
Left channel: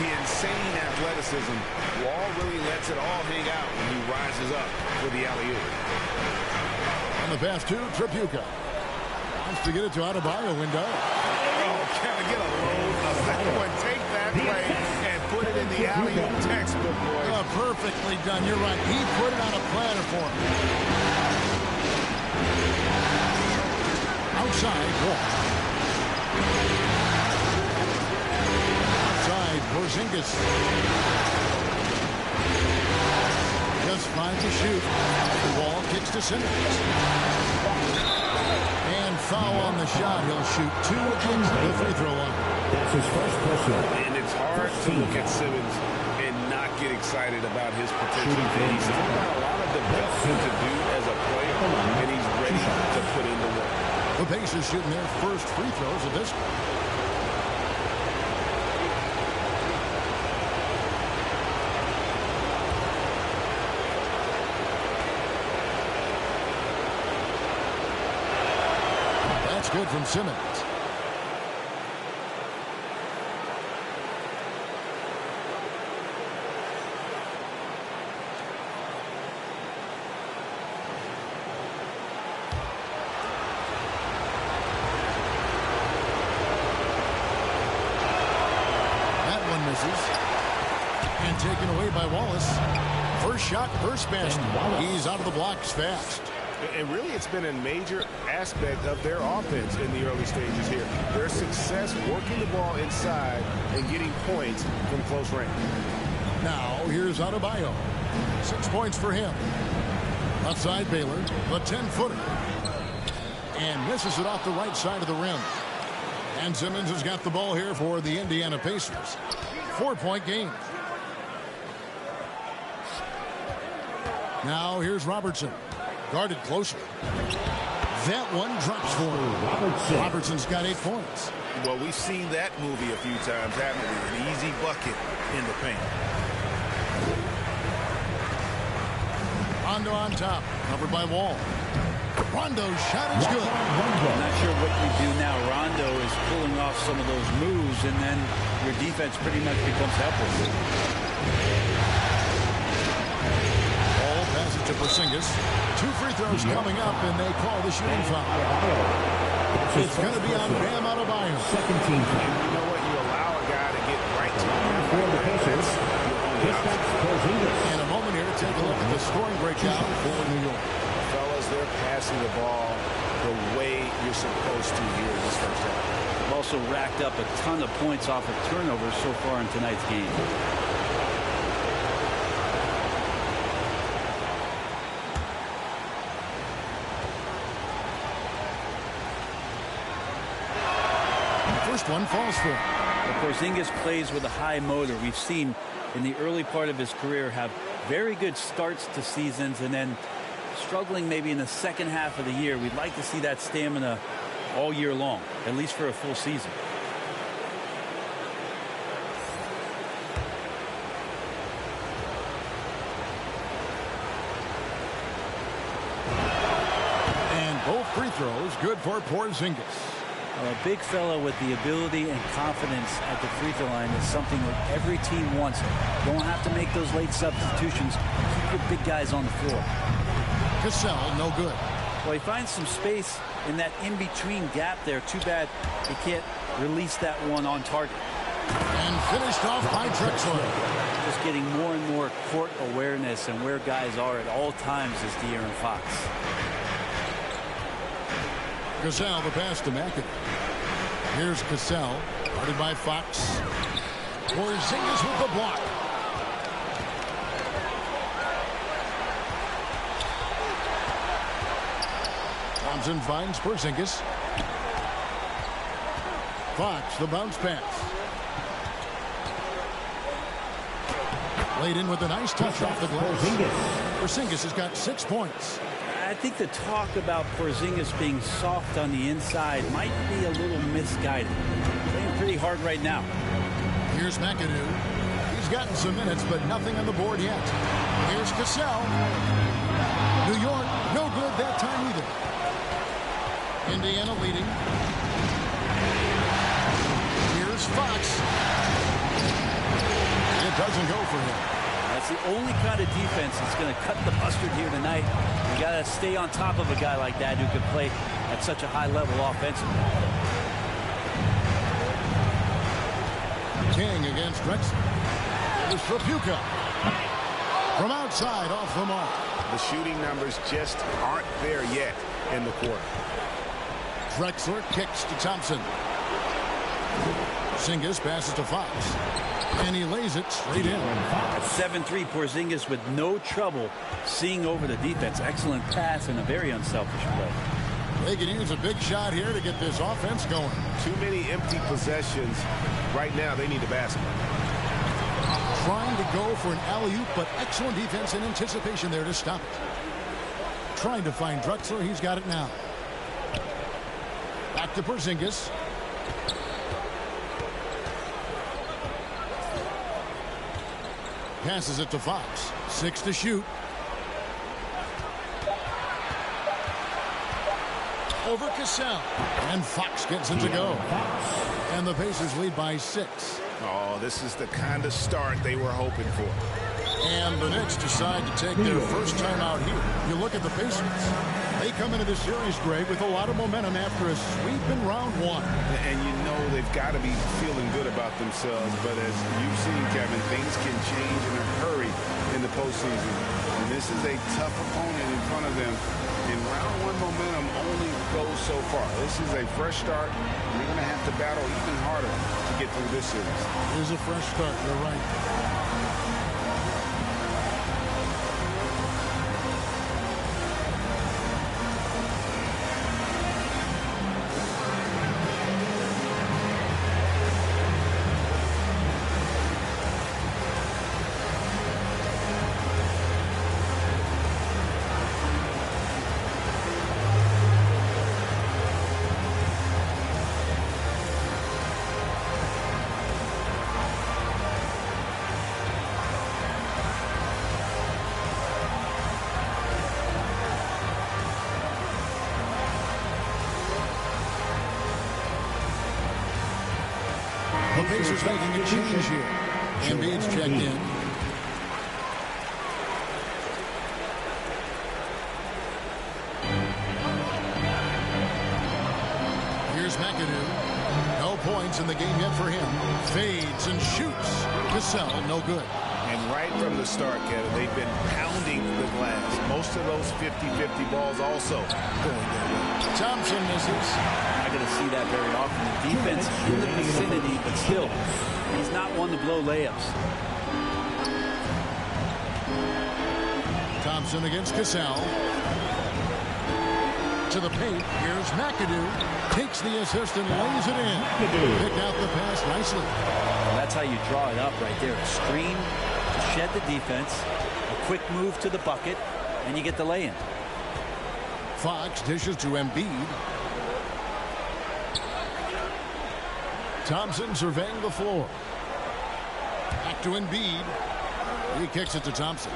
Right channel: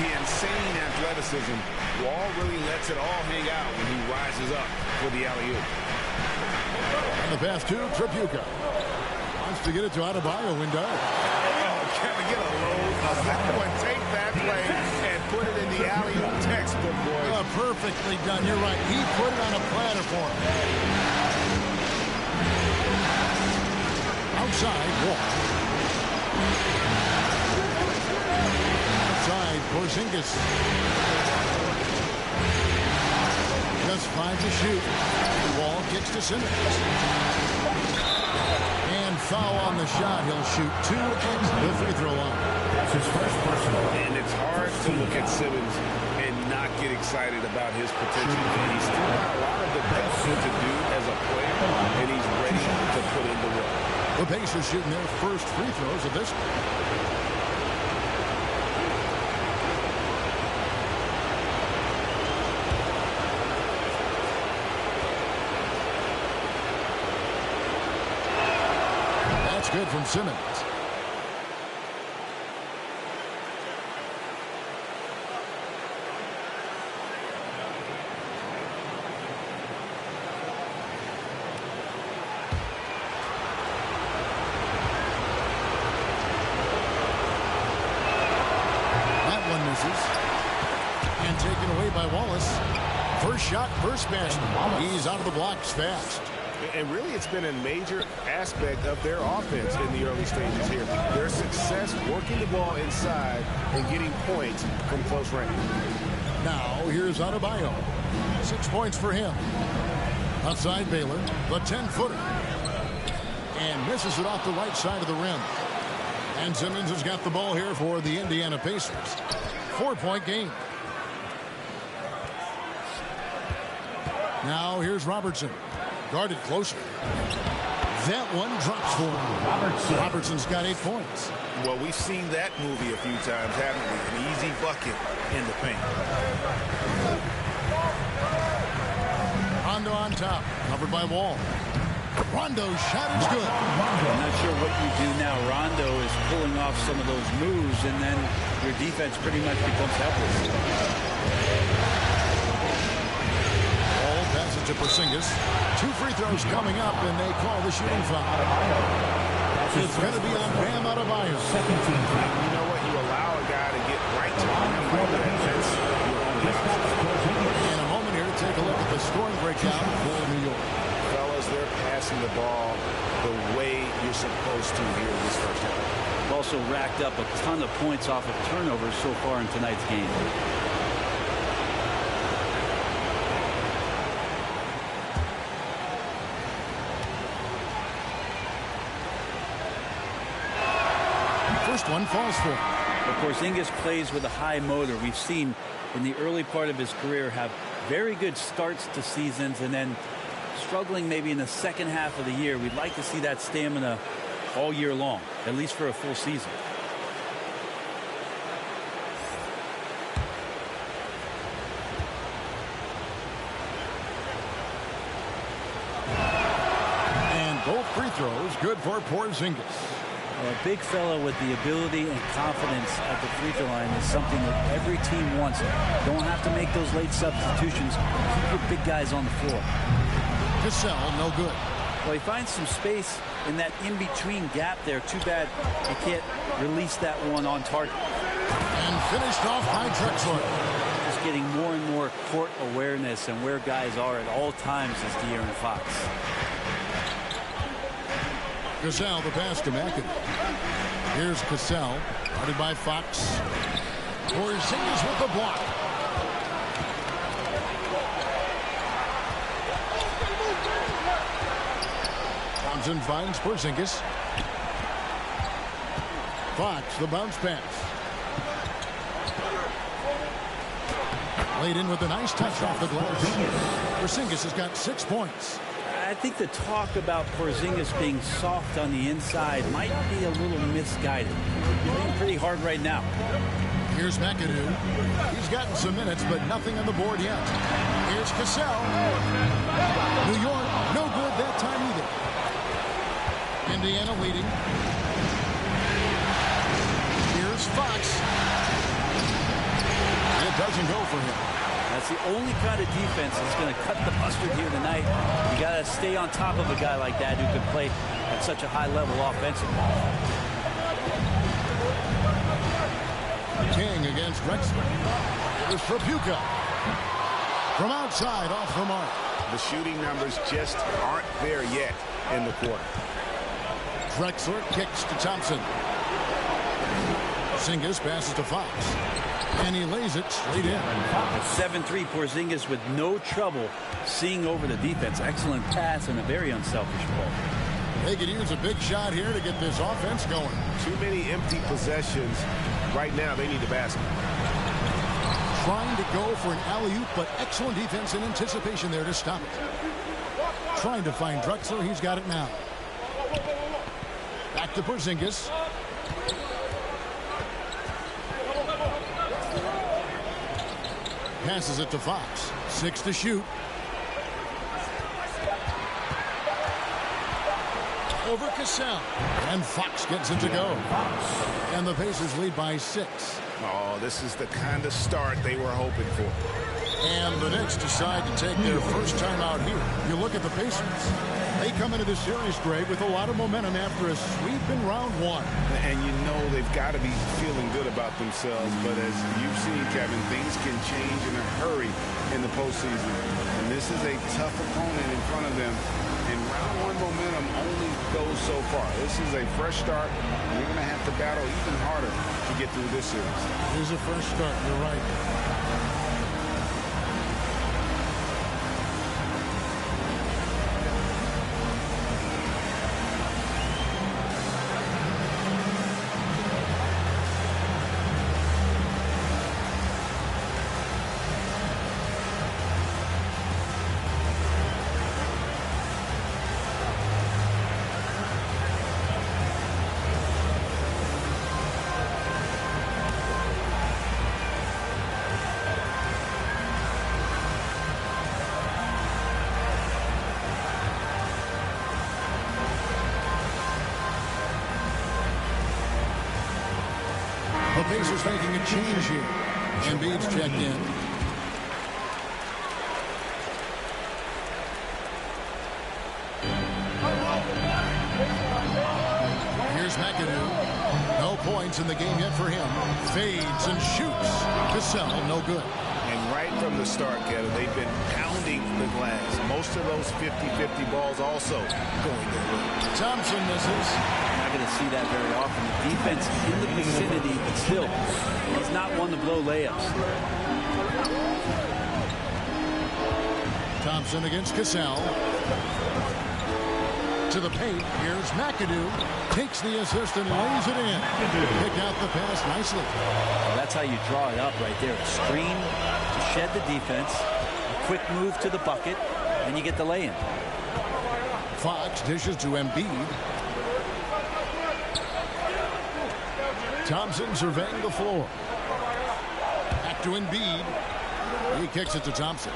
The insane athleticism. Wall really lets it all hang out when he rises up for the alley-oop. And the pass to Tripucka. Wants to get it to Adebayo and does. Kevin, get a load of that one. Take that play and put it in the alley-oop textbook, boys. Oh, perfectly done. You're right. He put it on a platter for him. Outside, Wall. Outside, Porzingis. Just 5 to shoot. The Wall kicks to Simmons. And foul on the shot. He'll shoot 2 at the free throw line. That's his first personal. And it's hard to look at Simmons and not get excited about his potential. He's still got a lot of development to do as a player, and he's ready to put in the work. The Pacers shooting their first free throws of this one. That's good from Simmons. That one misses. And taken away by Wallace. First shot, first basket. He's out of the blocks fast. And really, it's been a major aspect of their offense in the early stages here. Their success working the ball inside and getting points from close range. Now, here's Adebayo. 6 points for him. Outside Baylor, the 10-footer. And misses it off the right side of the rim. And Simmons has got the ball here for the Indiana Pacers. 4-point game. Now, here's Robertson. Guarded closer. That one drops for him. Robertson's got 8 points. Well, we've seen that movie a few times, haven't we? An easy bucket in the paint. Rondo on top, covered by Wall. Rondo's shot is good. I'm not sure what you do now. Rondo is pulling off some of those moves, and then your defense pretty much becomes helpless. to Porzingis. 2 free throws coming up, and they call the shooting foul. It's going to be on Bam Adebayo. Second team foul. You know what? You allow a guy to get right to the rim like that. That's your only option. In a moment here to take a look at the scoring breakdown for New York. Fellas, they're passing the ball the way you're supposed to here in this first half. They've also racked up a ton of points off of turnovers so far in tonight's game. First one falls for him. Porzingis plays with a high motor. We've seen in the early part of his career have very good starts to seasons and then struggling maybe in the second half of the year. We'd like to see that stamina all year long, at least for a full season. And both free throws good for Porzingis. A big fella with the ability and confidence at the free throw line is something that every team wants. Don't have to make those late substitutions. Keep your big guys on the floor. Cassell, no good. Well, he finds some space in that in-between gap there. Too bad he can't release that one on target. And finished off by Drexler. Just getting more and more court awareness and where guys are at all times is De'Aaron Fox. Cassell, the pass to McAdoo. Here's Cassell, guarded by Fox. Porzingis with the block. Thompson finds Porzingis. Fox, the bounce pass. Laid in with a nice touch off the glass. Porzingis has got 6 points. I think the talk about Porzingis being soft on the inside might be a little misguided. Playing pretty hard right now. Here's McAdoo. He's gotten some minutes, but nothing on the board yet. Here's Cassell. New York, no good that time either. Indiana leading. Here's Fox. It doesn't go for him. That's the only kind of defense that's going to cut the mustard here tonight. You got to stay on top of a guy like that who can play at such a high level offensively. King against Drexler. Here's Trapuka. From outside, off the mark. The shooting numbers just aren't there yet in the quarter. Drexler kicks to Thompson. Porzingis passes to Fox. And he lays it straight in. At 7-3, Porzingis with no trouble seeing over the defense. Excellent pass and a very unselfish play. They could use a big shot here to get this offense going. Too many empty possessions. Right now, they need a basket. Trying to go for an alley-oop, but excellent defense and anticipation there to stop it. Trying to find Drexler. He's got it now. Back to Porzingis. Passes it to Fox. 6 to shoot. Over Cassell. And Fox gets it to go. And the Pacers lead by 6. Oh, this is the kind of start they were hoping for. And the Knicks decide to take their first time out here. You look at the Pacers. They come into this series, Greg, with a lot of momentum after a sweep in round 1. And you know they've got to be feeling good about themselves. But as you've seen, Kevin, things can change in a hurry in the postseason. And this is a tough opponent in front of them. And round 1 momentum only goes so far. This is a fresh start. And you're going to have to battle even harder to get through this series. It is a fresh start. You're right. The Pacers making a change here. Embiid's checked in. points in the game yet for him. Fades and shoots. Cassell, no good. And right from the start, Kevin, they've been pounding the glass. Most of those 50-50 balls also going their way. Thompson misses. Not going to see that very often. The defense in the vicinity, but still, he's not one to blow layups. Thompson against Cassell. To the paint. Here's McAdoo. Takes the assist and lays it in. Pick out the pass nicely. Well, that's how you draw it up right there. A screen to shed the defense. A quick move to the bucket. And you get the lay-in. Fox dishes to Embiid. Thompson surveying the floor. Back to Embiid. He kicks it to Thompson.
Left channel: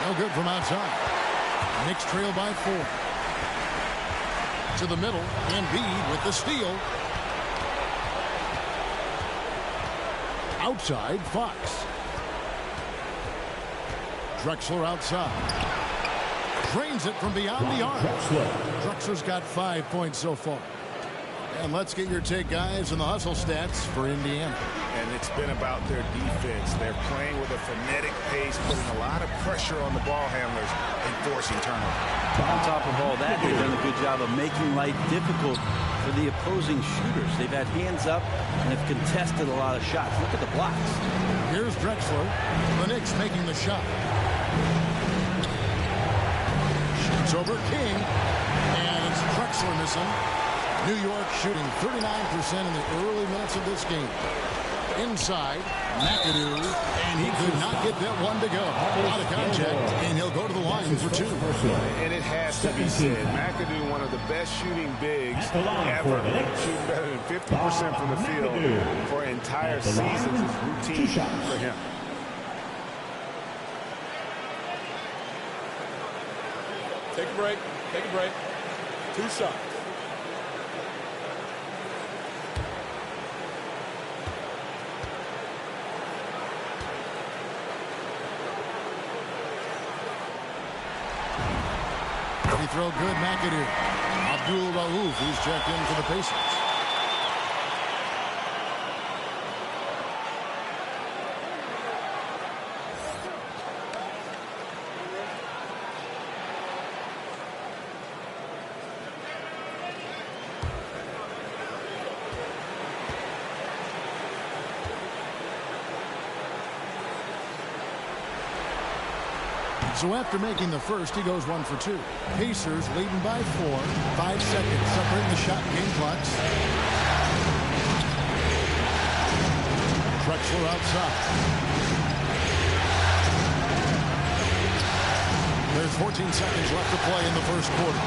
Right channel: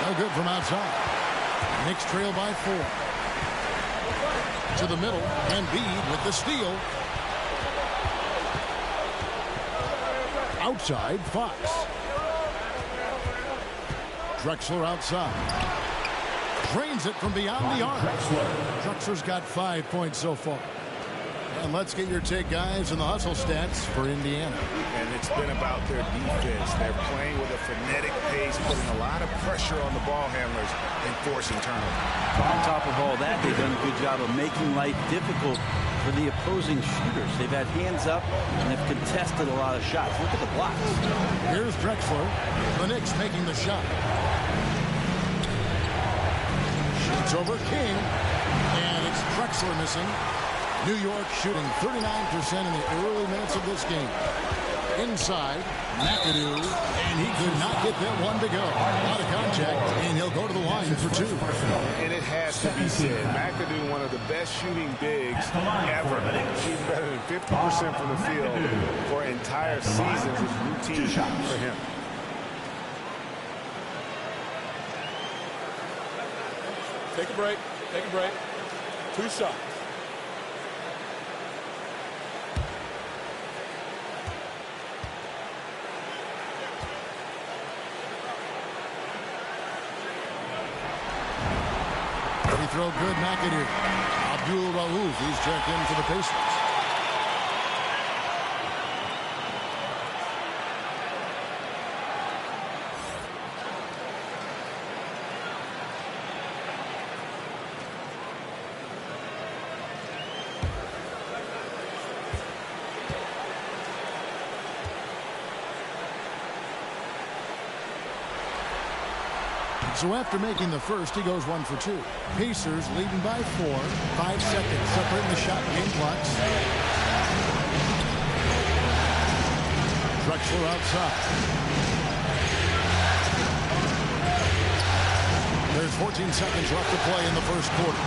No good from outside. Knicks trail by 4. To the middle. Embiid with the steal. Outside, Fox. Drexler outside. Drains it from beyond the arc. Drexler's got 5 points so far. And let's get your take, guys, on the hustle stats for Indiana. And it's been about their defense. They're playing with a frenetic pace, putting a lot of pressure on the ball handlers and forcing turnovers. On top of all that, they've done a good job of making life difficult for the opposing shooters. They've had hands up and have contested a lot of shots. Look at the blocks. Here's Drexler. The Knicks making the shot. Shoots over King. And it's Drexler missing. New York shooting 39% in the early minutes of this game. Inside, McAdoo, and he could not get that one to go. A lot of contact, and he'll go to the line for 2. And it has to be said, McAdoo, one of the best shooting bigs ever, shooting better than 50% from the field for entire seasons is routine for him. Take a break. Take a break. 2 shots. Free throw good, McAdoo. Abdul Rauf, he's checked in for the Pacers. So after making the first, he goes 1 for 2. Pacers leading by 4. 5 seconds separating the shot game clocks. Drexler outside. There's 14 seconds left to play in the first quarter.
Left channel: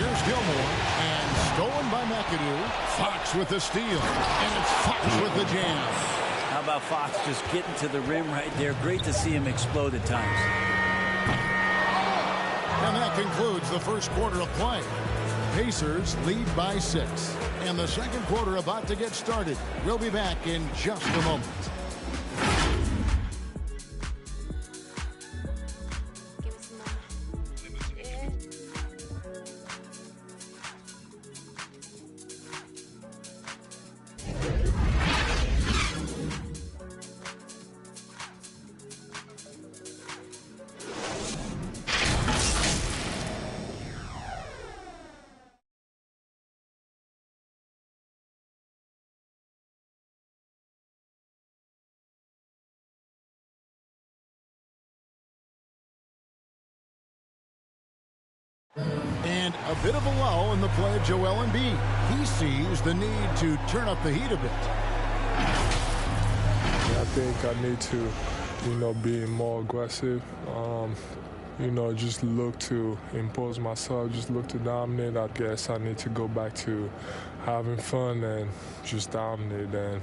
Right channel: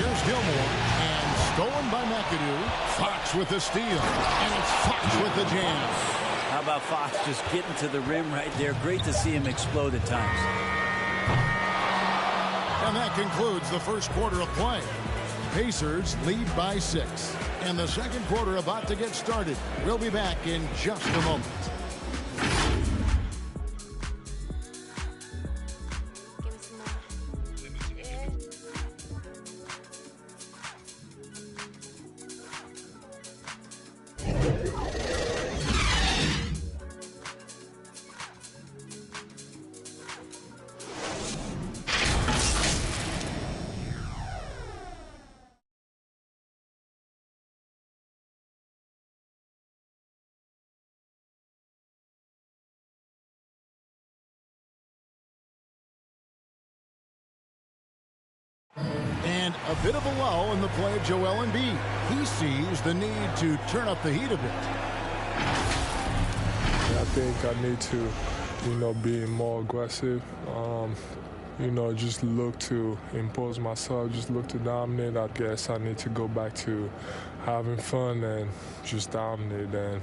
Here's Gilmore, and stolen by McAdoo. Fox with the steal, and it's Fox with the jam. How about Fox just getting to the rim right there? Great to see him explode at times. And that concludes the first quarter of play. Pacers lead by 6. And the second quarter about to get started. We'll be back in just a moment. And a bit of a lull in the play of Joel Embiid. He sees the need to turn up the heat a bit. I think I need to, be more aggressive. Just look to impose myself, just look to dominate. I guess I need to go back to having fun and just dominate. And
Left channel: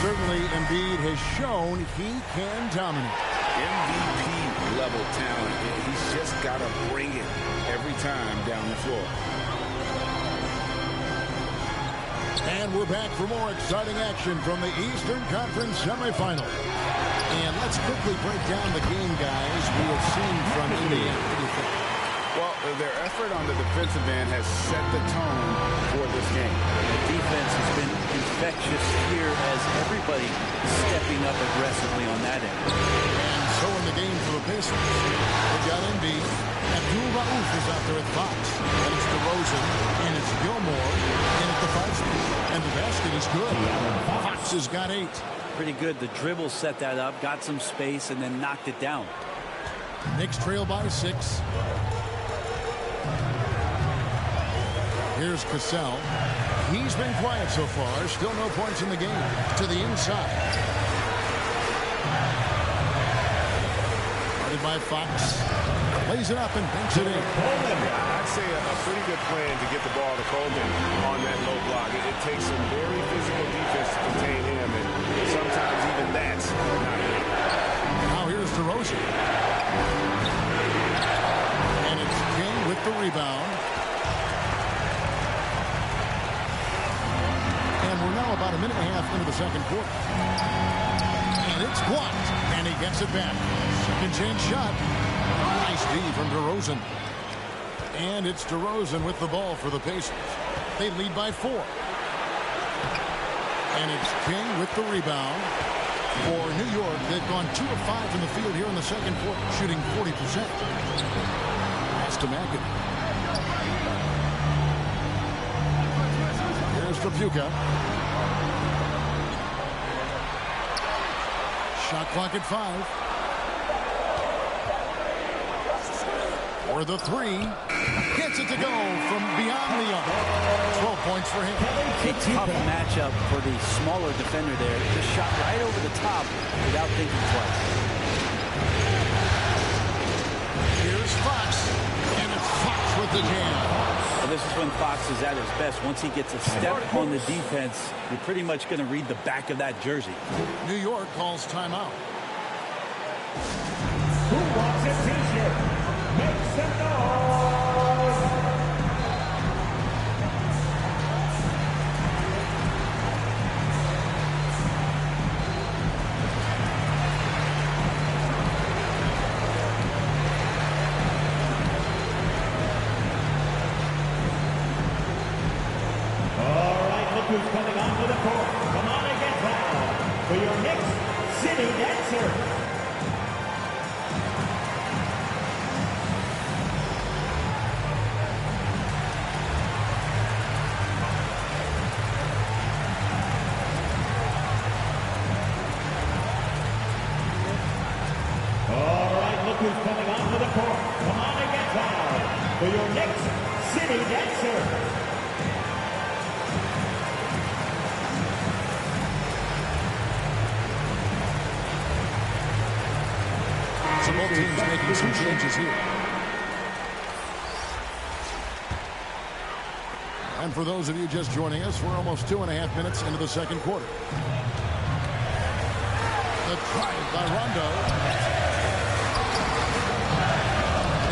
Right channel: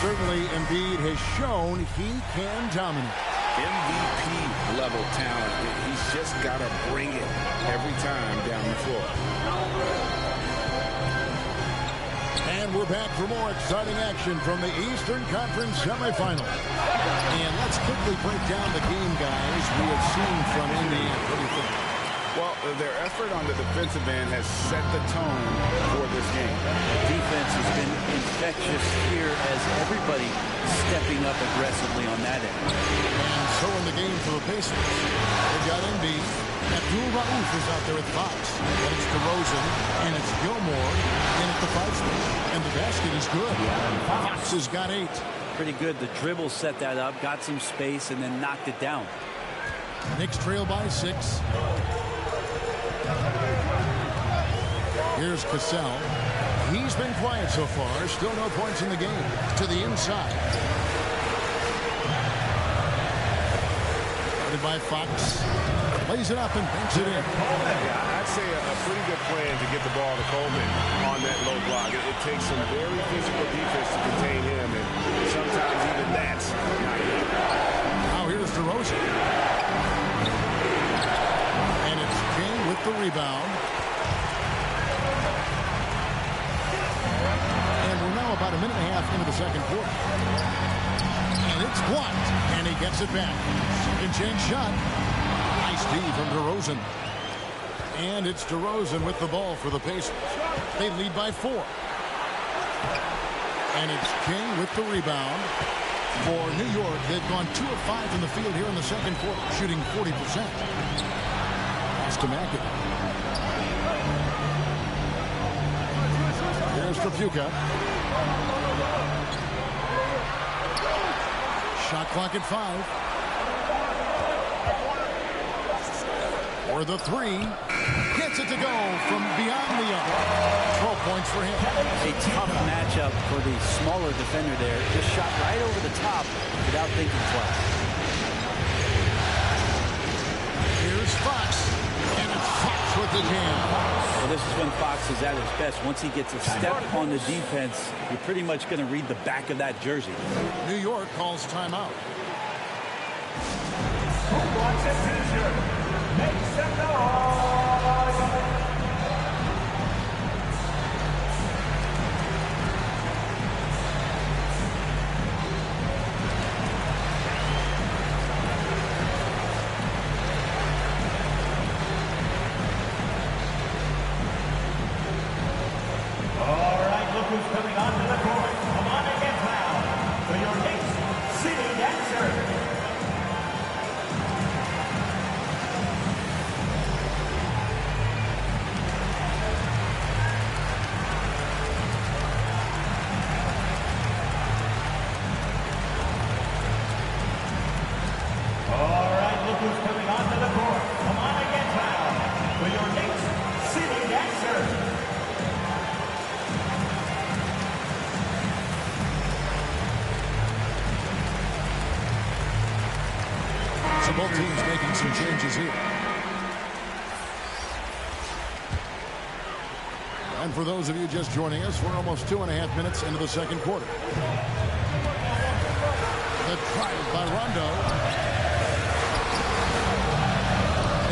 certainly Embiid has shown he can dominate. MVP level talent. He's just got to bring it every time down the floor. And we're back for more exciting action from the Eastern Conference semifinal. And let's quickly break down the game, guys, we have seen from Indiana. What do you think? Well, their effort on the defensive end has set the tone for this game. The defense has been infectious here as everybody stepping up aggressively on that end. And so in the game for the Pacers, they've got Embiid. Abdul-Rauf is out there with Fox. Then it's DeRozan, and it's Gilmore in at the 5 spot. And the basket is good. Fox has got 8. Pretty good. The dribble set that up, got some space, and then knocked it down. Knicks trail by 6. Here's Cassell. He's been quiet so far. Still no points in the game. To the inside. Guarded by Fox. Lays it up and banks it in. Yeah, I'd say a pretty good plan to get the ball to Coleman on that low block. It takes some very physical defense to contain him, and sometimes even that's not enough. Now here's DeRozan. And it's King with the rebound. And we're now about a minute and a half into the second quarter. And it's blocked. And he gets it back. Second chance shot. Nice D from DeRozan. And it's DeRozan with the ball for the Pacers. They lead by 4. And it's King with the rebound. For New York, they've gone 2 of 5 from the field here in the second quarter, shooting 40%. Pass to McAdoo. Here's Trapuka. Shot clock at 5. For the 3. Gets it to go from beyond the arc. 12 points for him. A tough matchup for the smaller defender there. Just shot right over the top without thinking twice. Here's Fox. And it's Fox with the jam. Well, this is when Fox is at his best. Once he gets a step on the defense, you're pretty much going to read the back of that jersey. New York calls timeout. Who wants a t-shirt? Make some noise! All right, look who's coming onto the court. Come on and get loud for your next city dancer. Who's coming onto the court. Come on and get loud for your next city dancer. So both teams making some changes here. And for those of you just joining us, we're almost 2.5 minutes into the second quarter. The drive by Rondo.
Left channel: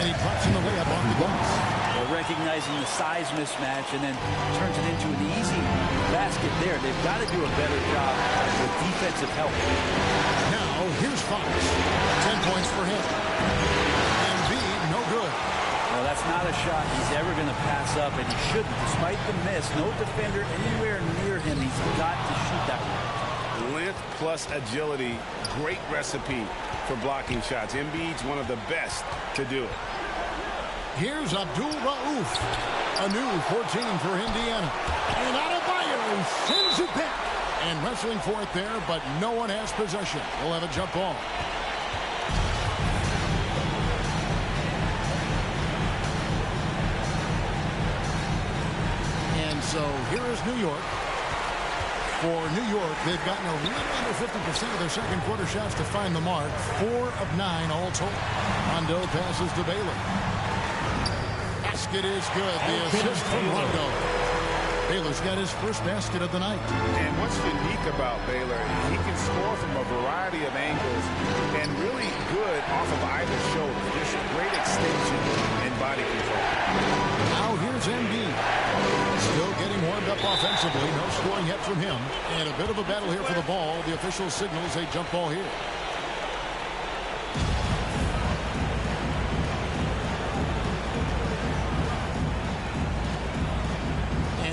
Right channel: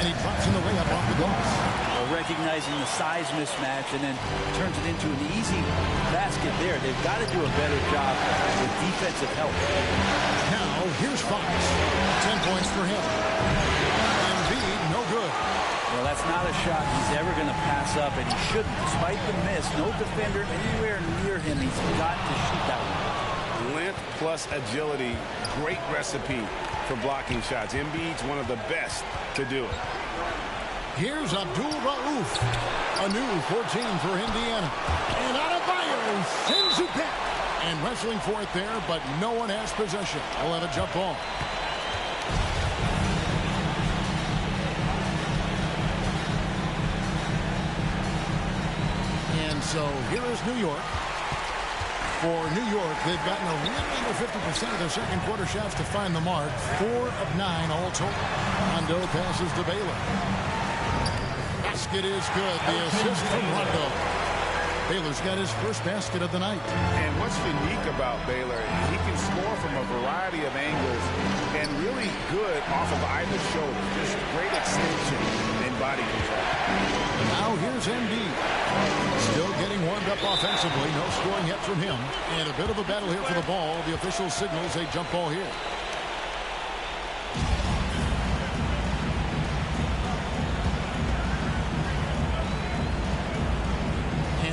And he drops in the layup off the glass. Well, recognizing the size mismatch and then turns it into an easy basket there. They've got to do a better job with defensive help. Now, here's Fox. 10 points for him. Embiid, no good. Well, that's not a shot he's ever going to pass up, and he shouldn't. Despite the miss, no defender anywhere near him. He's got to shoot that one. Length plus agility, great recipe for blocking shots. Embiid's one of the best to do it. Here's Abdul-Rauf. A new 14 for Indiana. And Adebayo sends it back. And wrestling for it there, but no one has possession. We'll have a jump ball. And so here is New York. For New York, they've gotten a little under 50% of their second quarter shots to find the mark. 4 of 9 all told. Rondo passes to Baylor. Basket is good. The assist from Rondo. Baylor's got his first basket of the night. And what's unique about Baylor, he can score from a variety of angles and really good off of either shoulder. Just great extension and body control. Now here's Embiid. Still getting warmed up offensively. No scoring yet from him. And a bit of a battle here for the ball. The official signals a jump ball here.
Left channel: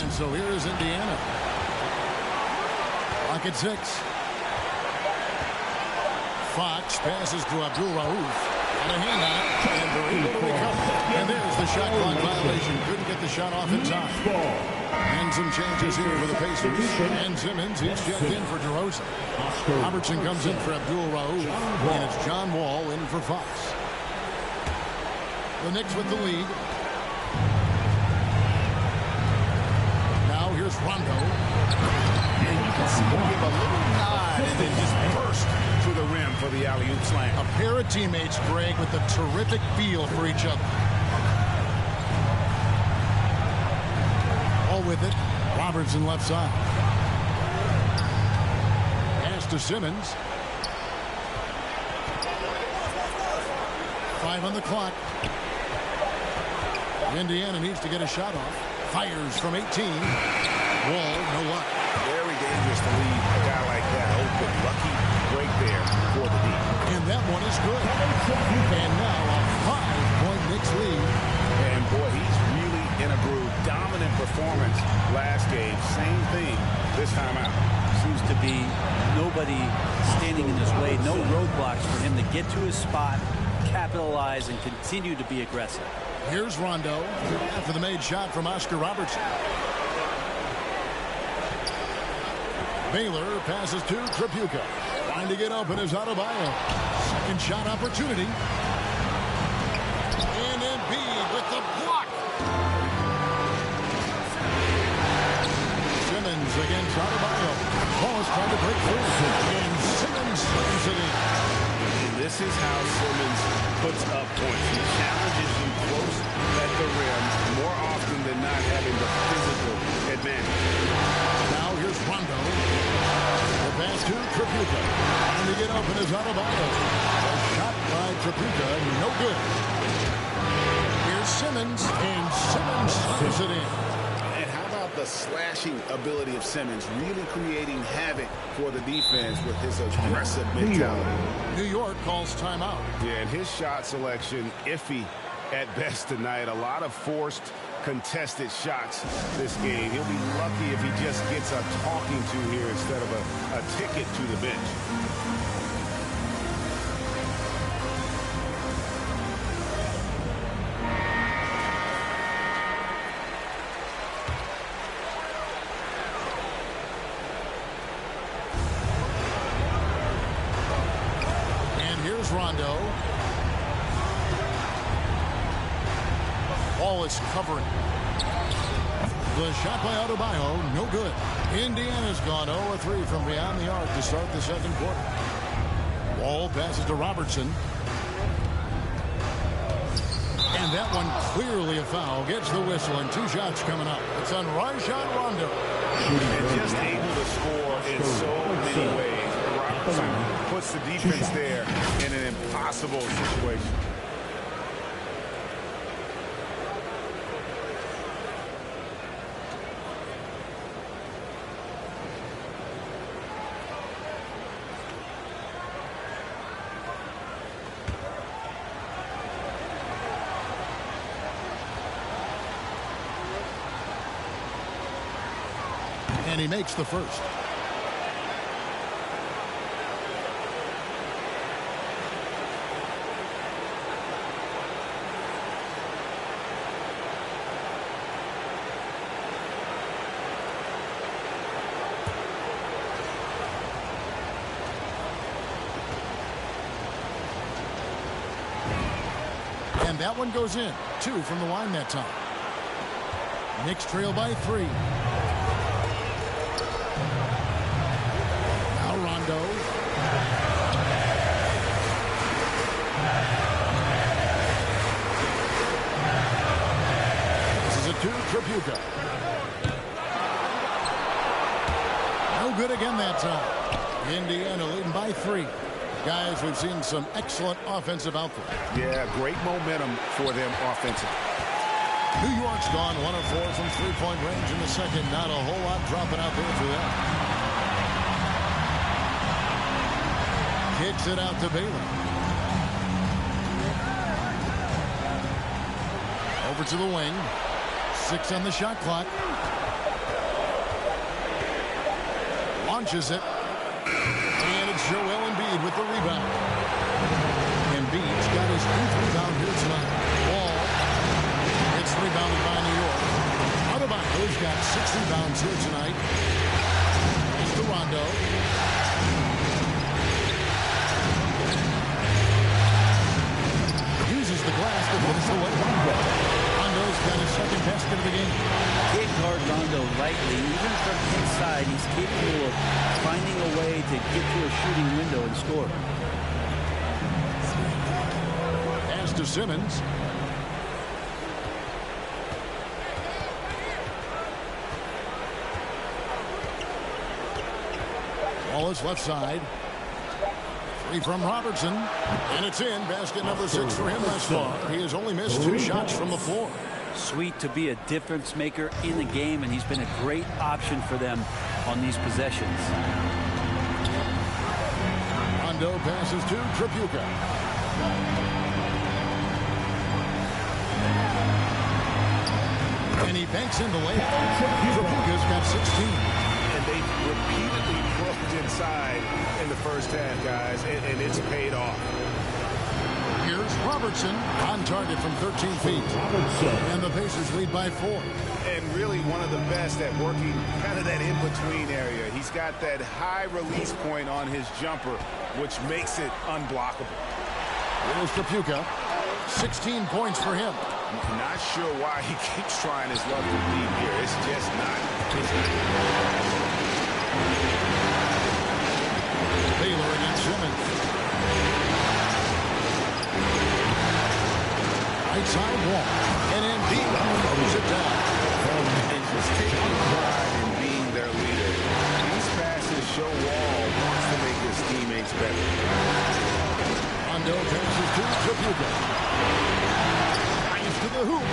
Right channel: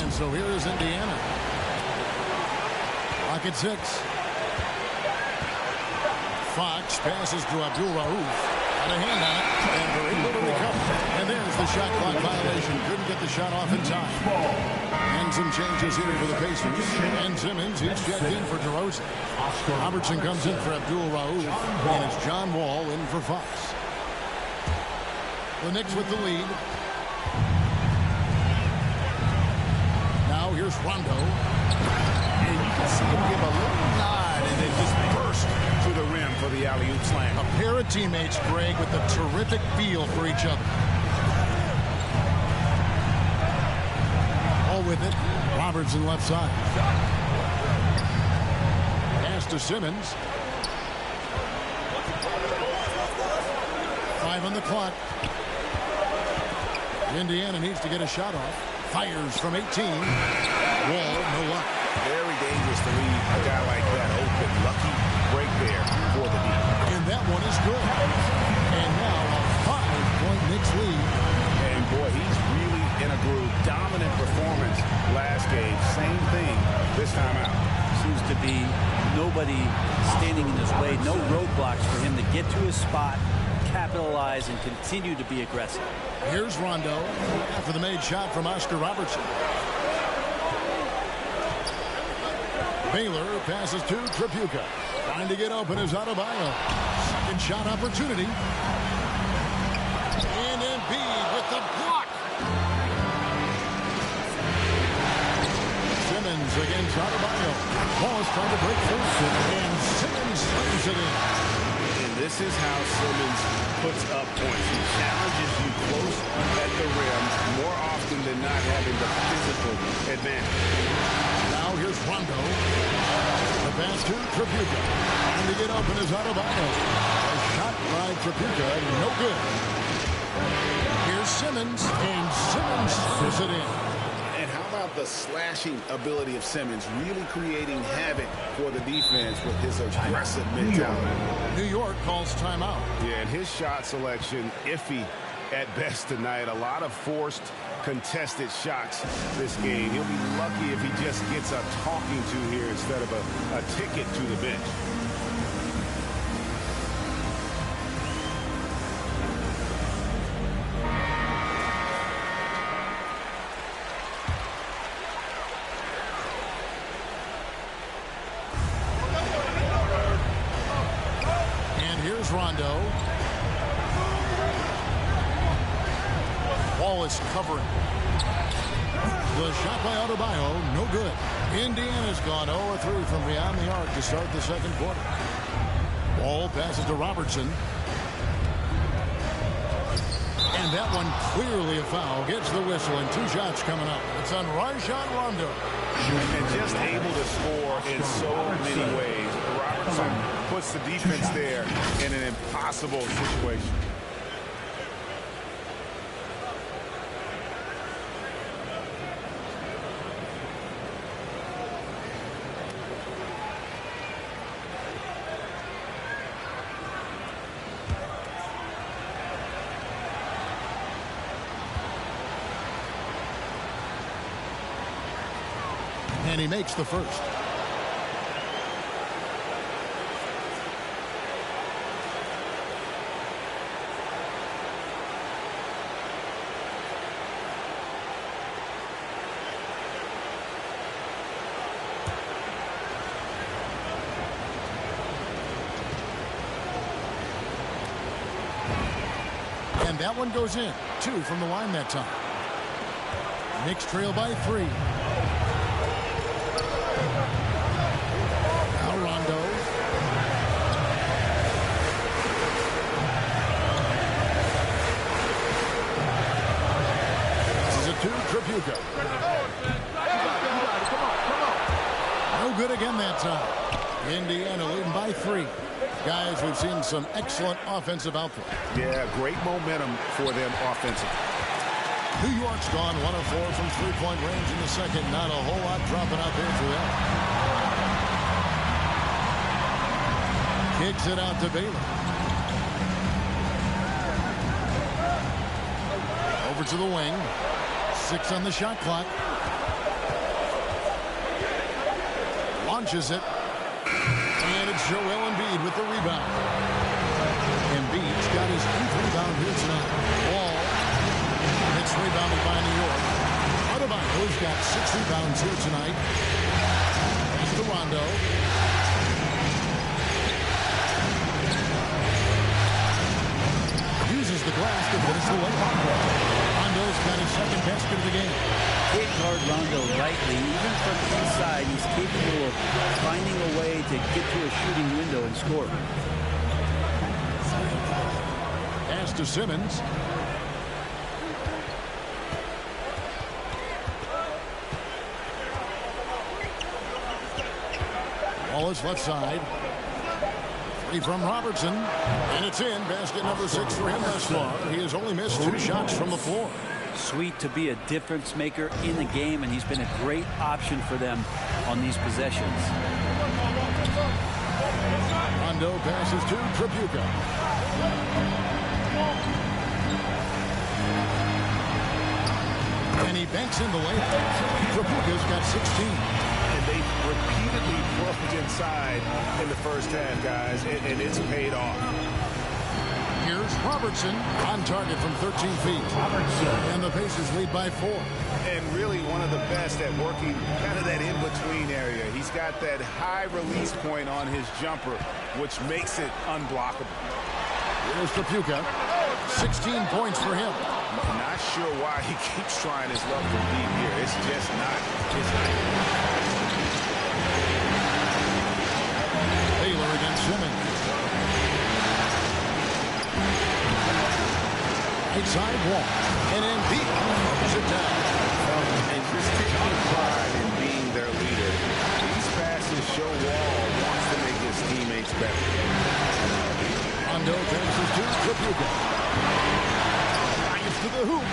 And so here is Indiana. Clock at 6. Fox passes to Abdul Rauf. Got a hand on it, and they're able to recover. And there's the shot clock violation. Couldn't get the shot off in time. And some changes here for the Pacers. And Simmons, he's checked in for DeRozan. Robertson comes in for Abdul Rauf, and it's John Wall in for Fox. The Knicks with the lead. Now here's Rondo. And you can see him give a little nod and then just burst to the rim for the alley-oop slam. A pair of teammates, Greg, with a terrific feel for each other. All with it. Robertson left side. Pass to Simmons. 5 on the clock. Indiana needs to get a shot off. Fires from 18. Wall, no luck. Very dangerous to leave a guy like that open. Lucky break there for the D. And that one is good. And now a 5-point Knicks lead. And boy, he's really in a groove. Dominant performance last game. Same thing this time out. Seems to be nobody standing in his way. No roadblocks for him to get to his spot, capitalize, and continue to be aggressive. Here's Rondo after the made shot from Oscar Robertson. Baylor passes to Tripucka. Trying to get open is Adebayo. Second shot opportunity. And Embiid with the block. Simmons against Adebayo. Ball is trying to break through. And Simmons slams it in. And this is how Simmons puts up points. He challenges you close at the rim more often than not, having the physical advantage. Now here's Rondo. The pass to Tripucka. Trying to get open is Adebayo. A shot by Tripucka, no good. Here's Simmons, and Simmons slams it in. And how about the slashing ability of Simmons, really creating havoc for the defense with his aggressive mentality. New York calls timeout. Yeah, and his shot selection iffy at best tonight. A lot of forced, contested shots this game. He'll be lucky if he just gets a talking to here instead of a ticket to the bench. Here's Rondo. Wall is covering. The shot by Adebayo, no good. Indiana's gone 0-3 from beyond the arc to start the second quarter. Wall passes to Robertson. And that one clearly a foul. Gets the whistle, and 2 shots coming up. It's on Rajon Rondo. And just able to score in so many ways. Robertson puts the defense there in an impossible situation. And he makes the first. And that one goes in. 2 from the line that time. Knicks trail by 3. Now Rondo. This is a 2, Tripucka. No good again that time. Indiana leading by 3. Guys, we've seen some excellent offensive output. Yeah, great momentum for them offensively. New York's gone 1 of 4 from three-point range in the second. Not a whole lot dropping out there for them. Kicks it out to Baylor. Over to the wing. 6 on the shot clock. launches it. And it's Joel Embiid with the rebound. Embiid's got his 8th rebound here tonight. Wall. It's rebounded by New York. Adebayo's got 6 rebounds here tonight. Pass to Rondo. Uses the glass to finish the way. Rondo's got his 2nd basket of the game. Can't guard Rondo lightly. Even from inside, he's capable of finding a way to get to a shooting window and score. Pass to Simmons. Wallace left side. 3 from Robertson. And it's in. Basket number 6 for him thus far. He has only missed 2 shots from the floor. Sweet to be a difference maker in the game, and he's been a great option for them on these possessions. Rondo passes to Tripucka. And he banks in the layup. Tripucka's got 16. And they've repeatedly probed inside in the first half, guys, and it's paid off. Here's Robertson on target from 13 feet. And the Pacers lead by 4. And really one of the best at working kind of that in-between area. He's got that high release point on his jumper, which makes it unblockable. Here's Tripucka. 16 points for him. I'm not sure why he keeps trying his luck from deep here. It's just not his night. Taylor against Simmons. Right side Wall. And Embiid throws it down. And just taking pride in being their leader. These passes show Wall wants to make his teammates better. Rondo passes to Tripucka. Drives to the hoop.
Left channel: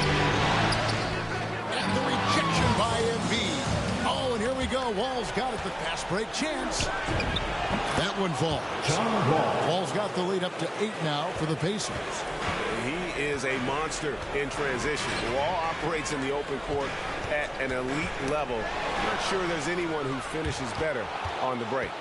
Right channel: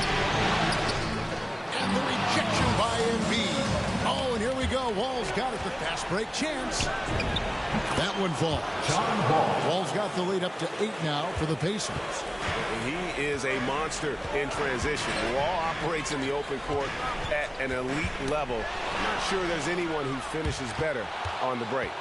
And the rejection by Embiid. Oh, and here we go. Wall's got it. The fast break chance. That one falls. John Wall. Wall's got the lead up to 8 now for the Pacers. He is a monster in transition. Wall operates in the open court at an elite level. I'm not sure there's anyone who finishes better on the break.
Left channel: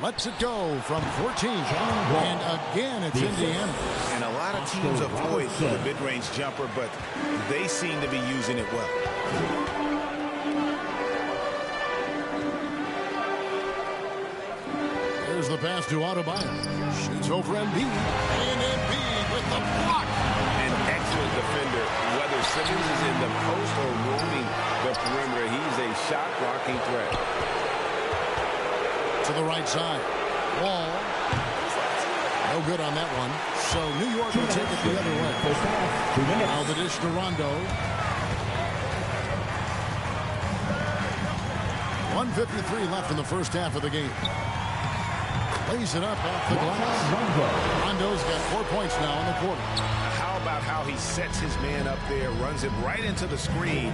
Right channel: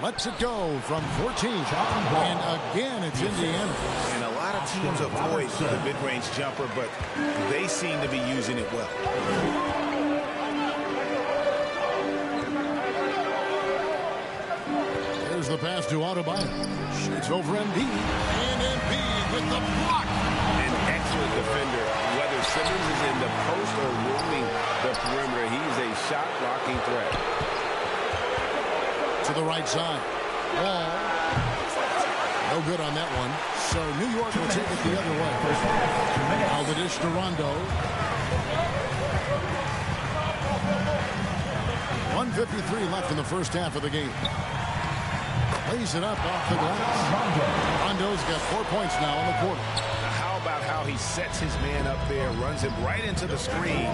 Lets it go from 14. And again, it's Indiana. And a lot of teams avoid the mid-range jumper, but they seem to be using it well. Here's the pass to Adebayo. Shoots over Embiid. And Embiid with the block. An excellent defender. Whether Simmons is in the post or roaming the perimeter, he's a shot-blocking threat. To the right side. Wall. No good on that one. So New York will take it the other way. Now the dish to Rondo. 1:53 left in the first half of the game. Lays it up off the glass. Rondo's got 4 points now in the quarter. Now how about how he sets his man up there, runs him right into the screen,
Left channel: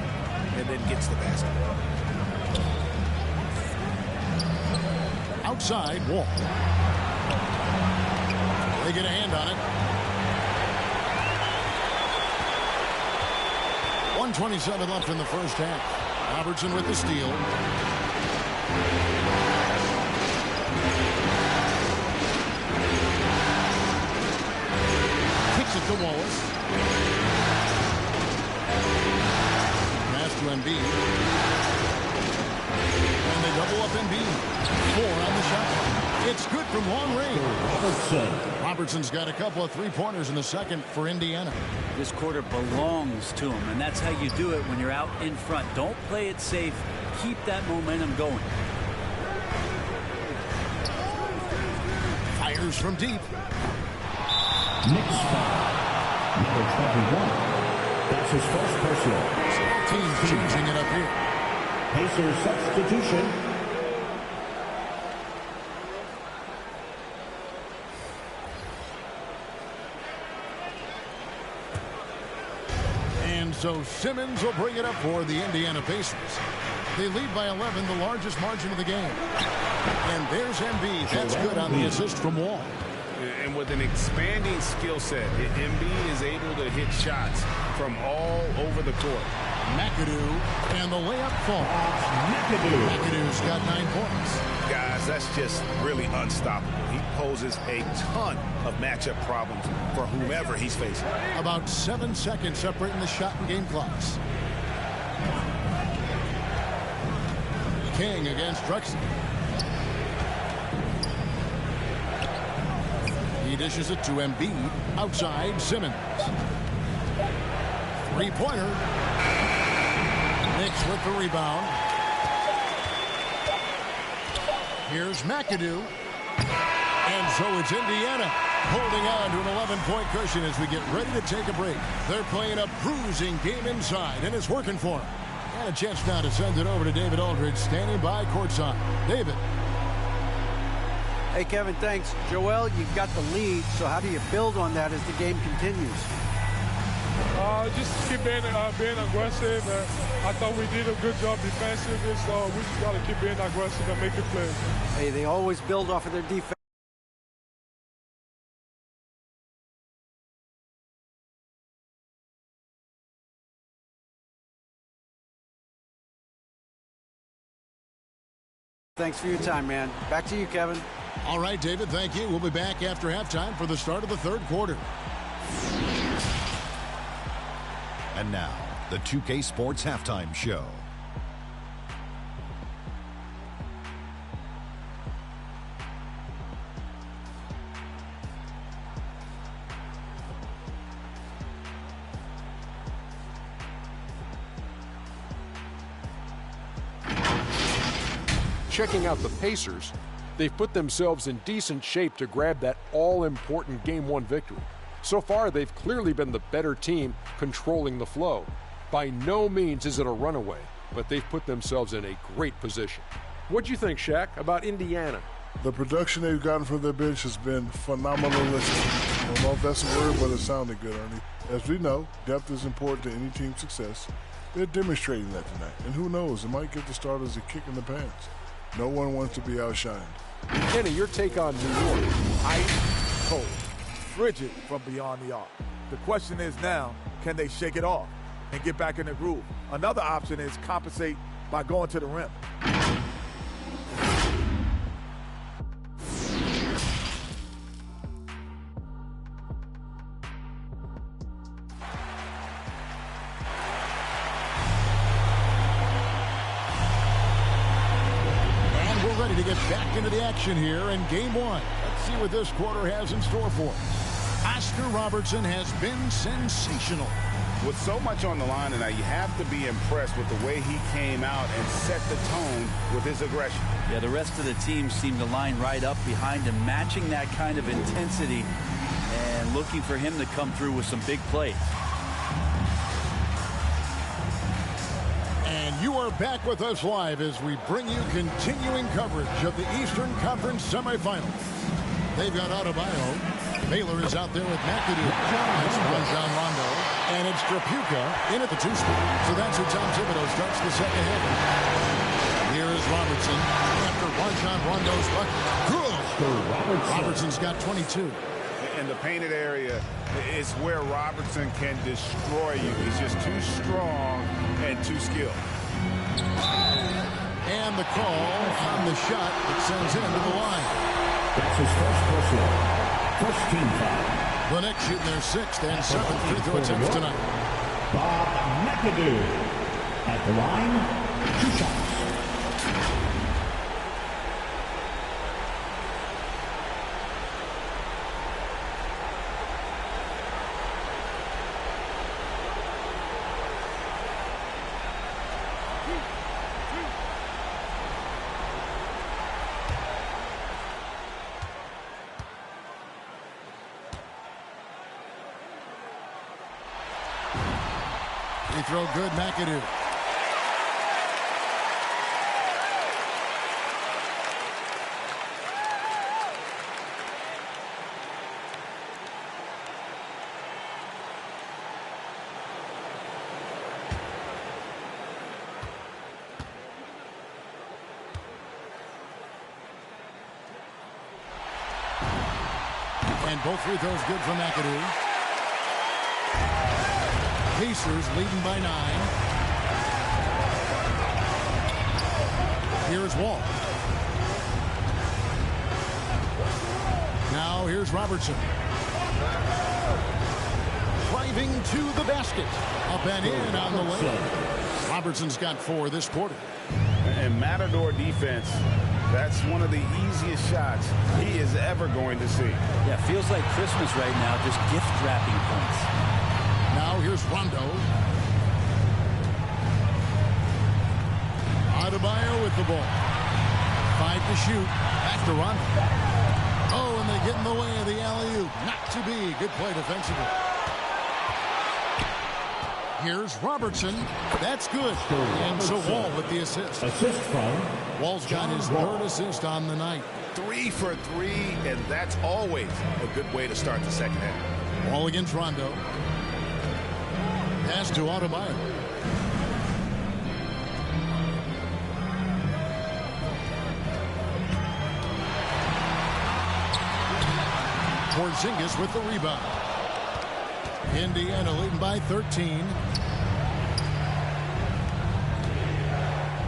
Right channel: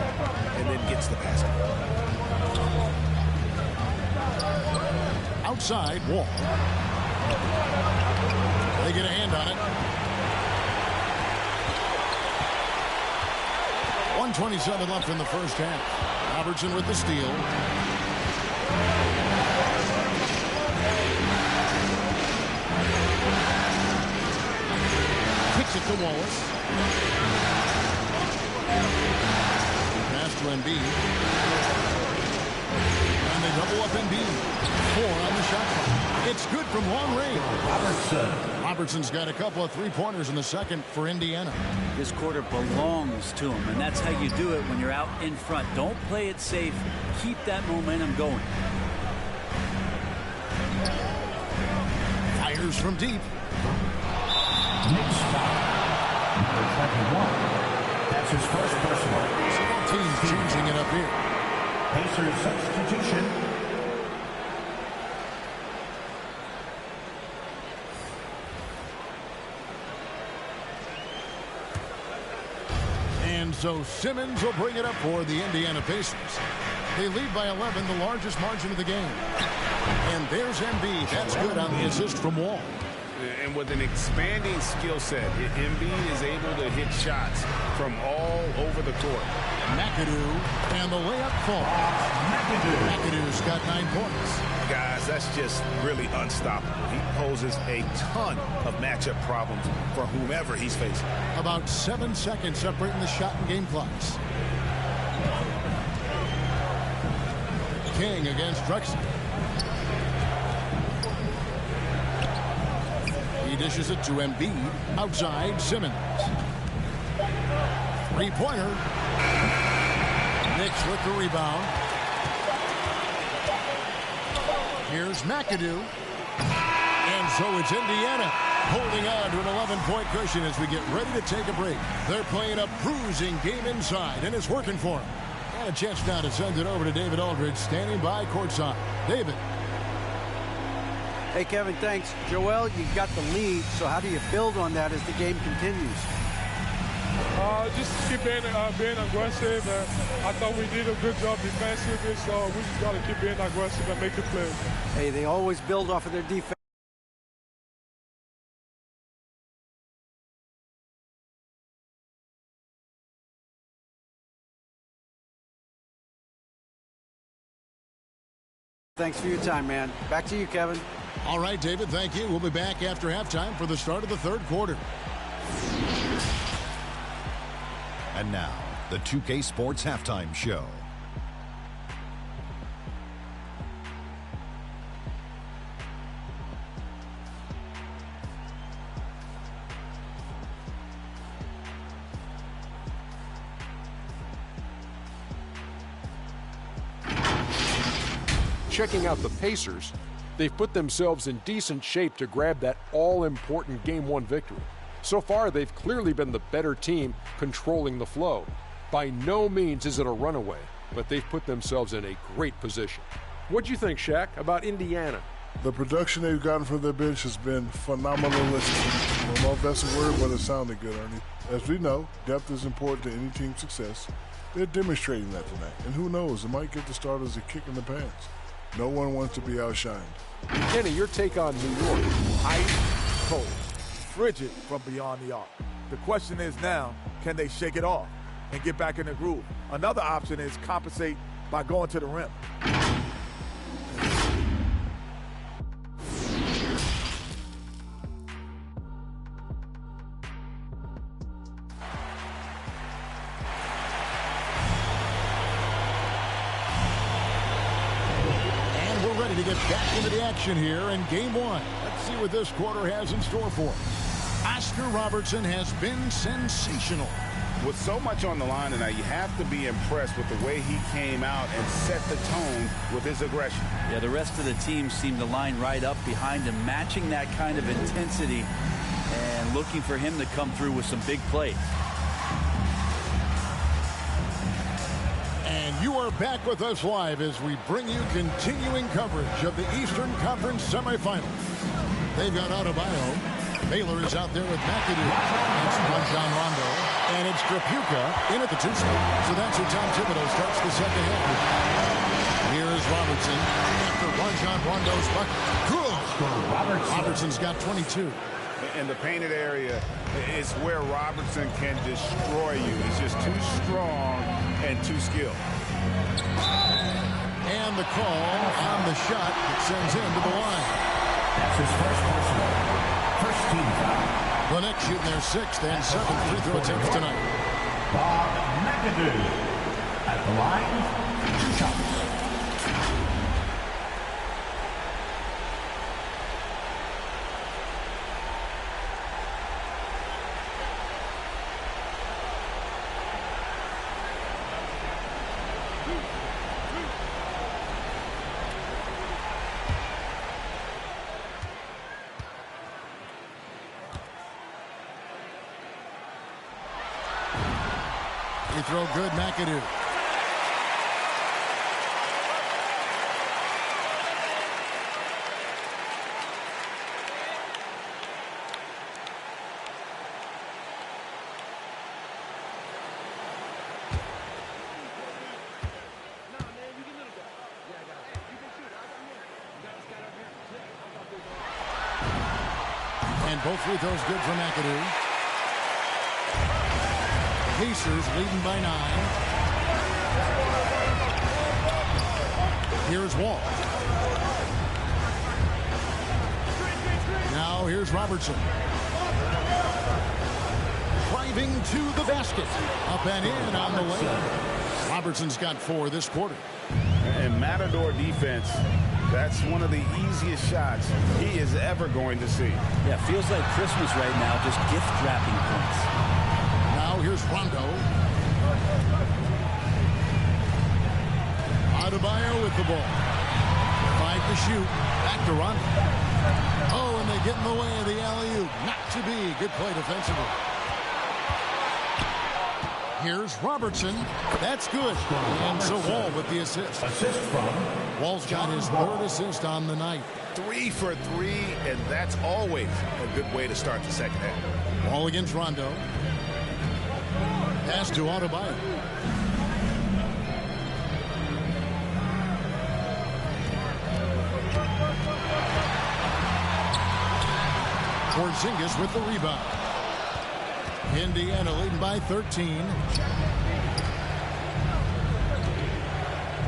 and then gets the basket. Outside, Wall. They get a hand on it. 1:27 left in the first half. Robertson with the steal. Kicks it to Wallace. Pass to Embiid. And they double up Embiid. 4 on the shot clock. It's good from long range. Robertson's got a couple of three-pointers in the second for Indiana. This quarter belongs to him, and that's how you do it when you're out in front. Don't play it safe. Keep that momentum going. Fires from deep. Knicks foul. Number 21. That's his first personal. So both teams changing it up here. Pacers substitution. And so Simmons will bring it up for the Indiana Pacers. They lead by 11, the largest margin of the game. And there's Embiid. That's good on the assist from Wall. And with an expanding skill set, Embiid is able to hit shots from all over the court. McAdoo, and the layup falls. McAdoo's got 9 points. Guys, that's just really unstoppable. He poses a ton of matchup problems for whomever he's facing. About 7 seconds separating the shot and game clocks. King against Drexler. He dishes it to Embiid. Outside, Simmons. Three-pointer. Knicks with the rebound. Here's McAdoo. And so it's Indiana holding on to an 11-point cushion as we get ready to take a break. They're playing a bruising game inside, and it's working for them. And a chance now to send it over to David Aldridge, standing by courtside. David. Hey, Kevin, thanks. Joel, you've got the lead, so how do you build on that as the game continues? Just keep being aggressive. I thought we did a good job defensively, so we just got to keep being aggressive and making plays. Hey, they always build off of their defense. Thanks for your time, man. Back to you, Kevin. All right, David, thank you. We'll be back after halftime for the start of the third quarter. And now, the 2K Sports Halftime Show. Checking out the Pacers, they've put themselves in decent shape to grab that all-important Game 1 victory. So far, they've clearly been the better team controlling the flow. By no means is it a runaway, but they've put themselves in a great position. What do you think, Shaq, about Indiana? The production they've gotten from their bench has been phenomenalistic. I don't know if that's a word, but it sounded good, Ernie. As we know, depth is important to any team's success. They're demonstrating that tonight. And who knows, it might give the starters a kick in the pants. No one wants to be outshined. Kenny, your take on New York. Ice cold, frigid from beyond the arc. The question is now, can they shake it off and get back in the groove? Another option is compensate by going to the rim. To get back into the action here in Game 1. Let's see what this quarter has in store for us. Oscar Robertson has been sensational. With so much on the line tonight, you have to be impressed with the way he came out and set the tone with his aggression. Yeah, the rest of the team seemed to line right up behind him, matching that kind of intensity and looking for him to come through with some big plays. And you are back with us live as we bring you continuing coverage of the Eastern Conference semifinals. They've got Adebayo. Baylor is out there with McAdoo. It's Rajon Rondo. And it's Trapuka in at the 2 spot. So that's who Tom Thibodeau starts the second half. Here is Robertson after Rajon Rondo's bucket. Robertson's got 22. In the painted area is where Robertson can destroy you. He's just too strong and too skilled. And the call on the shot that sends him to the line. That's his first personal. First team foul. The Knicks shooting their 6th and 7th free throw attempts tonight. Bob McAdoo at the line, 2 shots. Free throw good, McAdoo. And both free throws good for McAdoo. Pacers leading by 9. Here's Wall. Now here's Robertson. Driving to the basket. Up and in on the layup. Robertson's got 4 this quarter. And Matador defense, that's one of the easiest shots he is ever going to see. Yeah, feels like Christmas right now, just gift wrapping points. Now here's Rondo. Adebayo with the ball. 5 to shoot. Back to Rondo. Oh, and they get in the way of the alley-oop. Not to be. Good play defensively. Here's Robertson. That's good. And so Wall with the assist. Assist from Wall's got his 3rd assist on the night. 3 for 3, and that's always a good way to start the second half. Wall against Rondo. Pass to Adebayo. Porzingis with the rebound. Indiana leading by 13.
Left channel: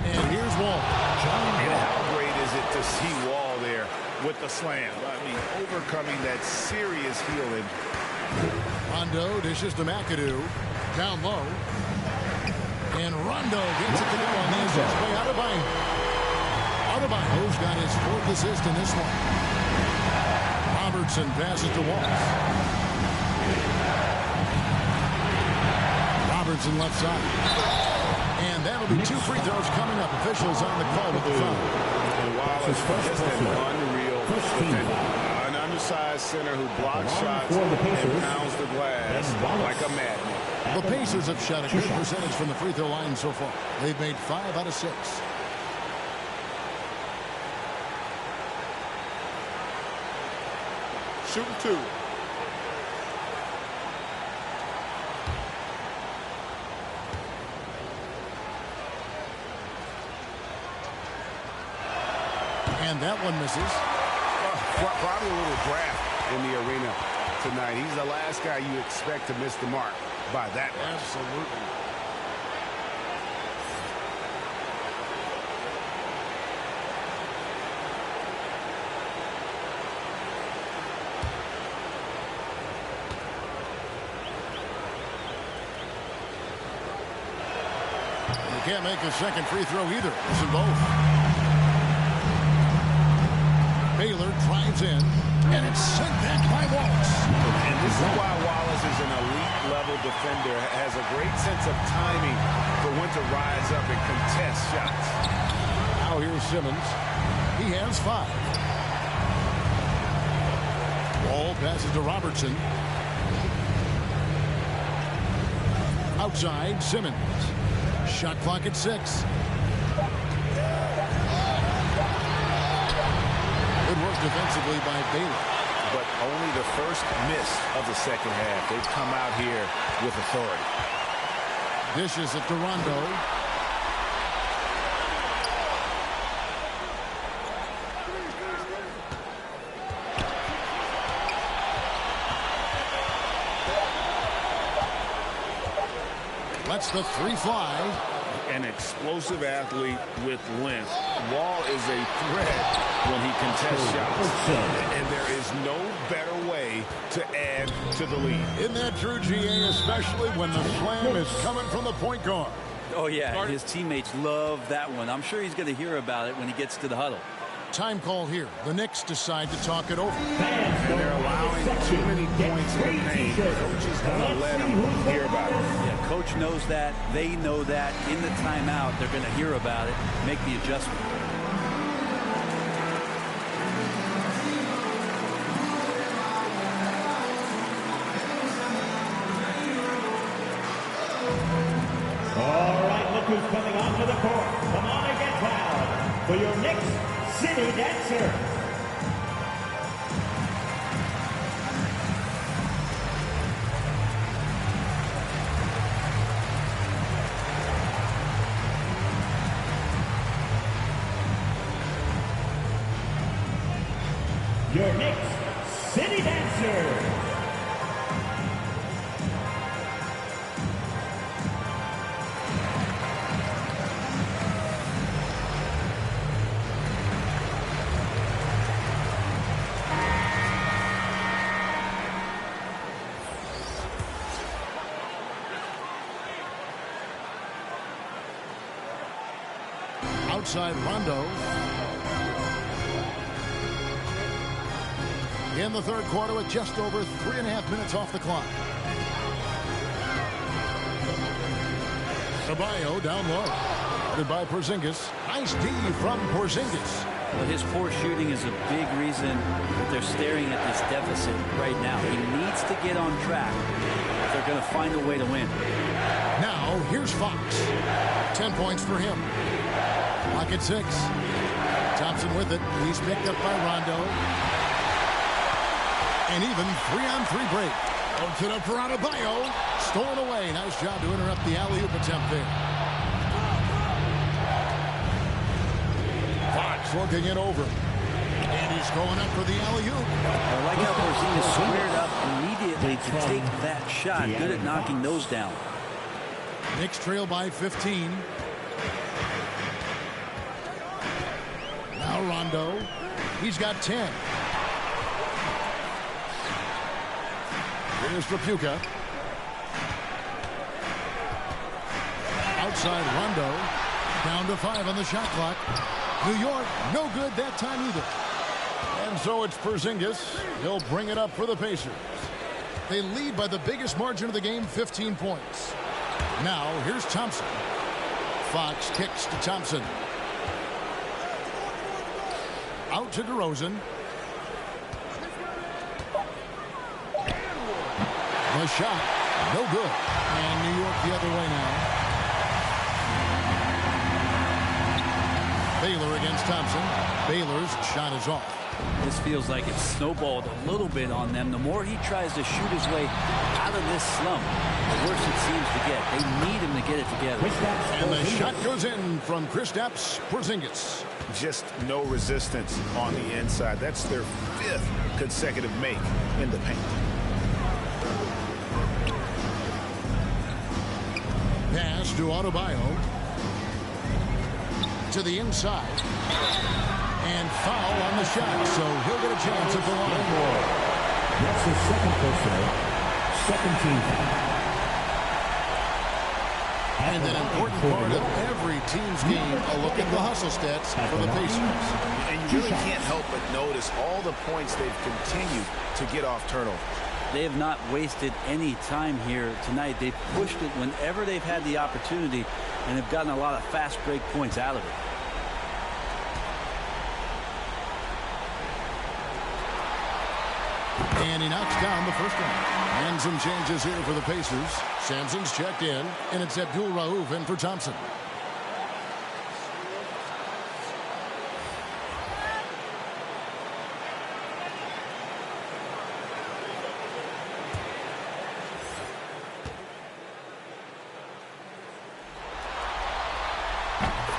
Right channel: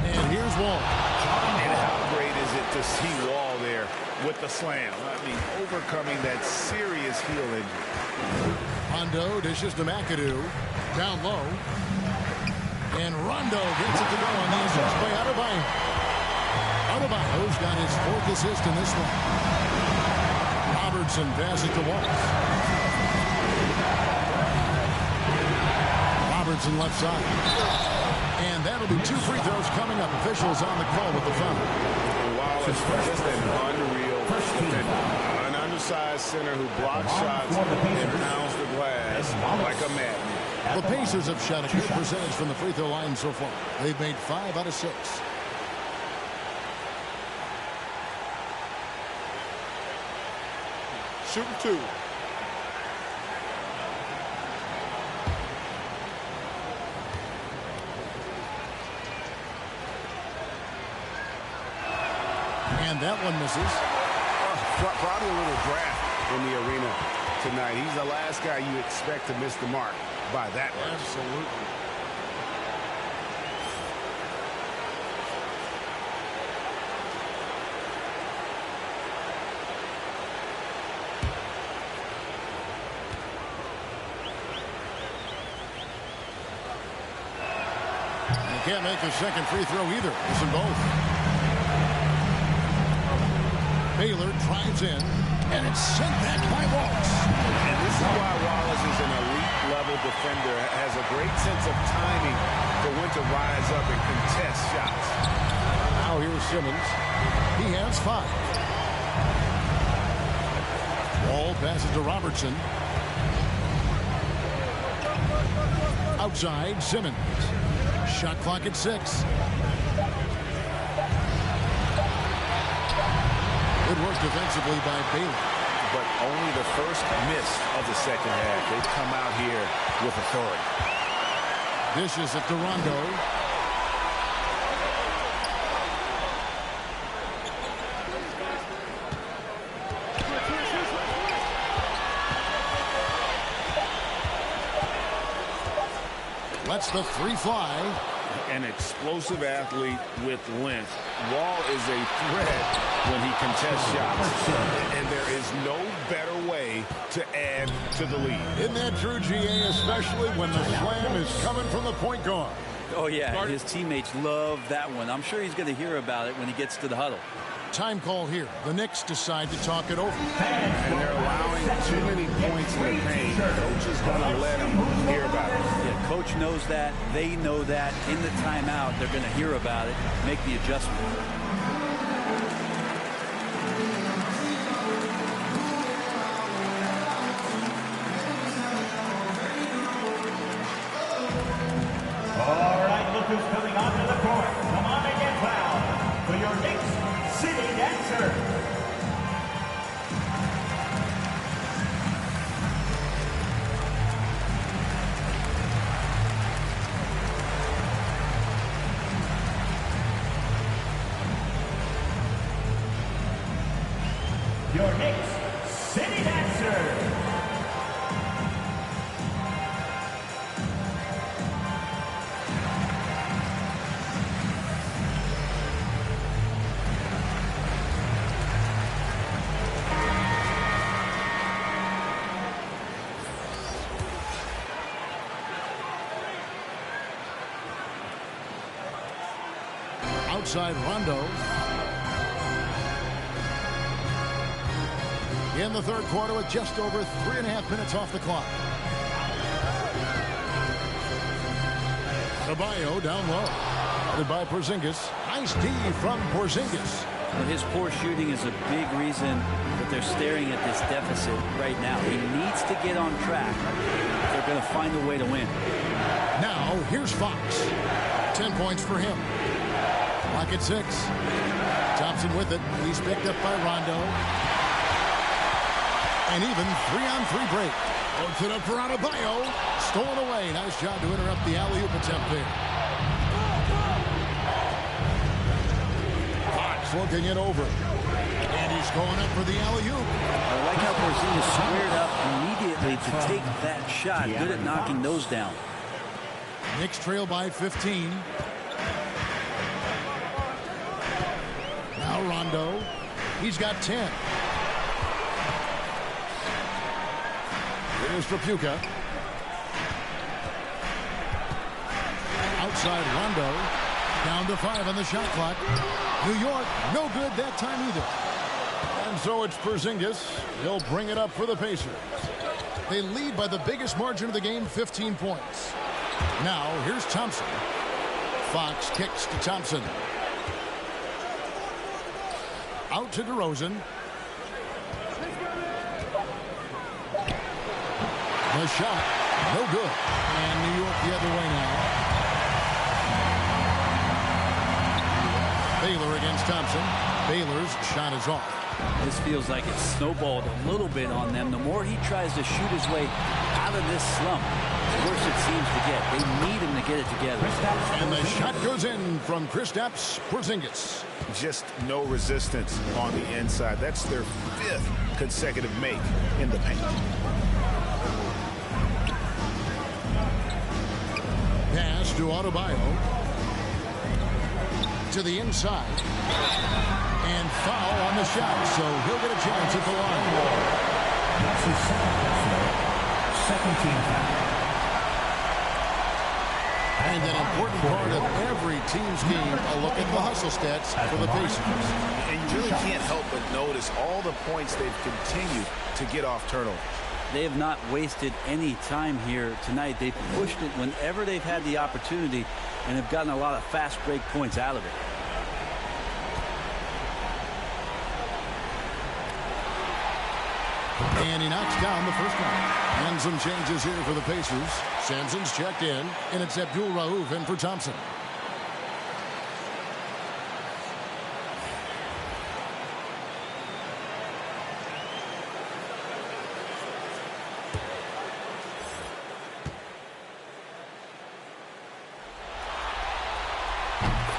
And here's Wall. And how great is it to see Wall there with the slam? I mean, overcoming that serious heel injury. Rondo dishes to McAdoo. Down low. And Rondo gets it to go on the assist by Adebayo. Adebayo's got his 4th assist in this one. Robertson passes to Walls. Robertson left side. And that'll be 2 free throws coming up. Officials on the call with the foul. And Wallace, just an unreal defender. An undersized center who blocks shots and pounds the glass like a madman. The Pacers have shot a good percentage from the free throw line so far. They've made 5 out of 6. Shooting 2. And that one misses. Probably a little draft in the arena tonight. He's the last guy you expect to miss the mark by that much. Absolutely. You can't make a second free throw either. Listen both. Baylor drives in, and it's sent back by Wallace. And this is why Wallace is an elite-level defender, has a great sense of timing for when to rise up and contest shots. Now here's Simmons. He has 5. Wall passes to Robertson. Outside, Simmons. Shot clock at 6. Good work defensively by Baylor. But only the first miss of the second half. They've come out here with authority. Dishes it to Rondo. Lets the 3 fly. An explosive athlete with length. Wall is a threat when he contests shots. And there is no better way to add to the lead. Isn't that true, GA, especially when the slam is coming from the point guard? Oh, yeah, his teammates love that one. I'm sure he's going to hear about it when he gets to the huddle. Time call here. The Knicks decide to talk it over. And they're allowing too many points in the paint. The coach is going to let them hear about it. Yeah, coach knows that. They know that. In the timeout, they're going to hear about it, make the adjustment. All right, look who's coming onto the court. Come on and get fouled for your Knicks City Dancer. Your Knicks City Dancer. Outside Rondo. In the third quarter with just over 3.5 minutes off the clock. Adebayo down low. Guarded by Porzingis. Nice D from Porzingis. Well, his poor shooting is a big reason that they're staring at this deficit right now. He needs to get on track if they're going to find a way to win. Now, here's Fox. 10 points for him. Clock at 6. Thompson with it. He's picked up by Rondo. And even 3-on-3 break. Puts it up for Adebayo. Stolen away. Nice job to interrupt the alley-oop attempt there. Fox looking it over. And he's going up for the alley-oop. I like how Porzingis squared up immediately to take that shot. Good at knocking those down. Knicks trail by 15. Now Rondo. He's got 10. Here's Trapuka. Outside Rondo. Down to 5 on the shot clock. New York, no good that time either. And so it's Porzingis. He'll bring it up for the Pacers. They lead by the biggest margin of the game, 15 points. Now, here's Thompson. Fox kicks to Thompson. Out to DeRozan. The shot, no good. And New York the other way now. Baylor against Thompson. Baylor's shot is off. This feels like it's snowballed a little bit on them. The more he tries to shoot his way out of this slump, the worse it seems to get. They need him to get it together. And the shot goes in from Kristaps Porzingis. Just no resistance on the inside. That's their 5th consecutive make in the paint. Pass to Adebayo. To the inside. And foul on the shot, so he'll get a chance at the line. That's his second personal, second team foul. And an important part of every team's game, a look at the hustle stats for the Pacers. And you really can't help but notice all the points they've continued to get off turnovers. They have not wasted any time here tonight. They've pushed it whenever they've had the opportunity and have gotten a lot of fast break points out of it. And he knocks down the first one. And some changes here for the Pacers. Sampson's checked in, and it's Abdul Rauf in for Thompson.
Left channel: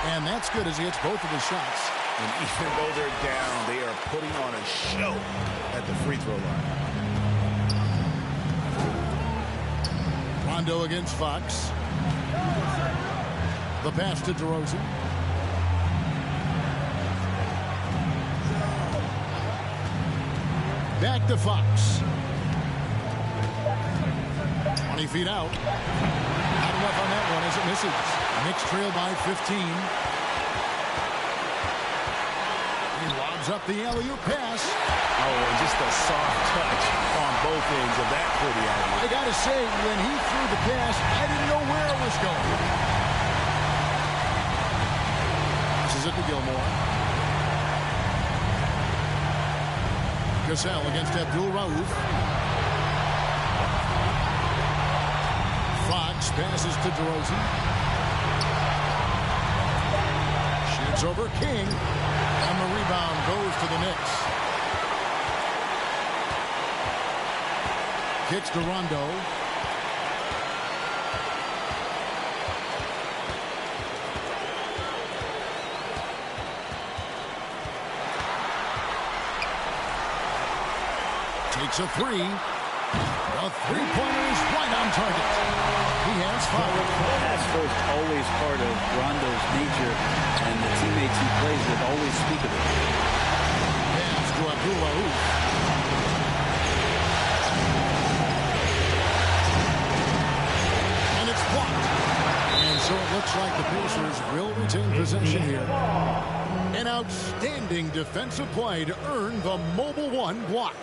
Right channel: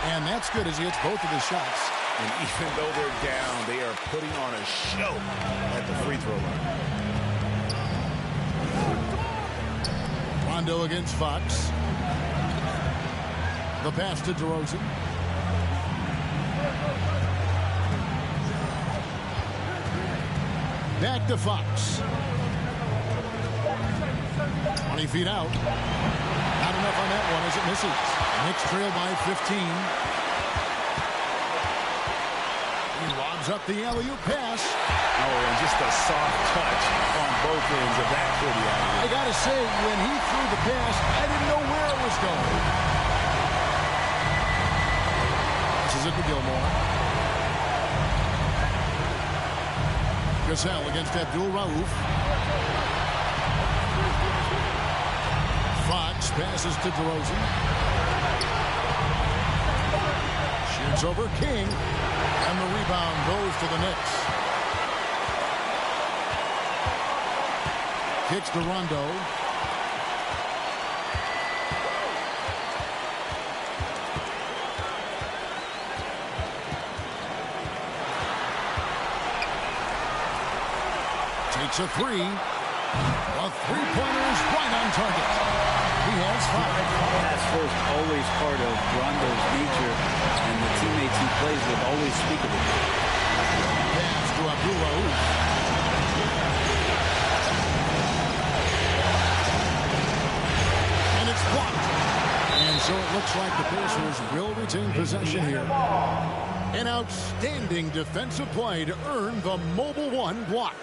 And that's good as he hits both of his shots. And even though they're down, they are putting on a show at the free throw line. Rondo against Fox. The pass to DeRozan. Back to Fox. 20 feet out. Not enough on that one as it misses. Knicks trail by 15. He lobs up the alley-oop pass. Oh, and just a soft touch on both ends of that pretty alley-oop. I got to say, when he threw the pass, I didn't know where it was going. Passes it to Gilmore. Gasol against Abdul Rauf. Fox passes to DeRozan. Shoots over King. And the rebound goes to the Knicks. Kicks to Rondo. Takes a three. The three-pointer is right on target. He has 5. Pass first, always part of Rondo's nature, and the teammates he plays with always speak of it. Pass to Abdul Rauf. And it's blocked. And So it looks like the Pacers will retain possession here. An outstanding defensive play to earn the Mobile One block.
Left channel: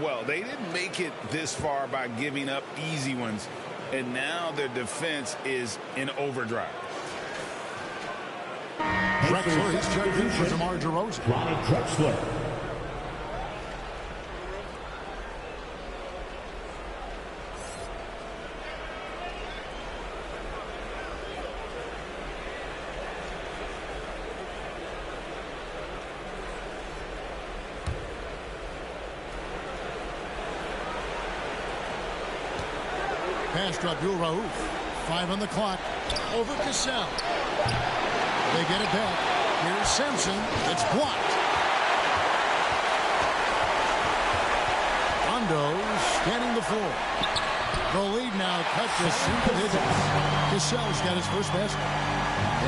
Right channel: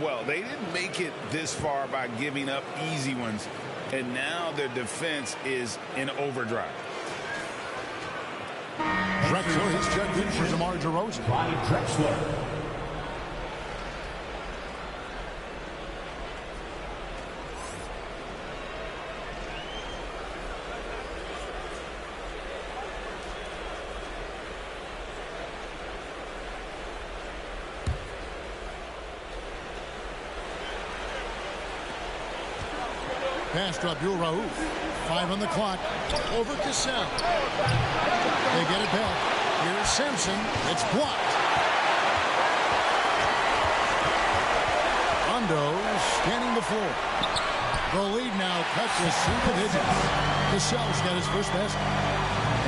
Well, they didn't make it this far by giving up easy ones, and now their defense is in overdrive. Drexler, he's checked in for DeMar DeRozan. Ronnie Drexler. Pass to Abdul Rauf. 5 on the clock. Over Cassell. They get it back. Here's Simpson. It's blocked. Rondo scanning the floor. The lead now cut to single digits. Cassell's got his first basket.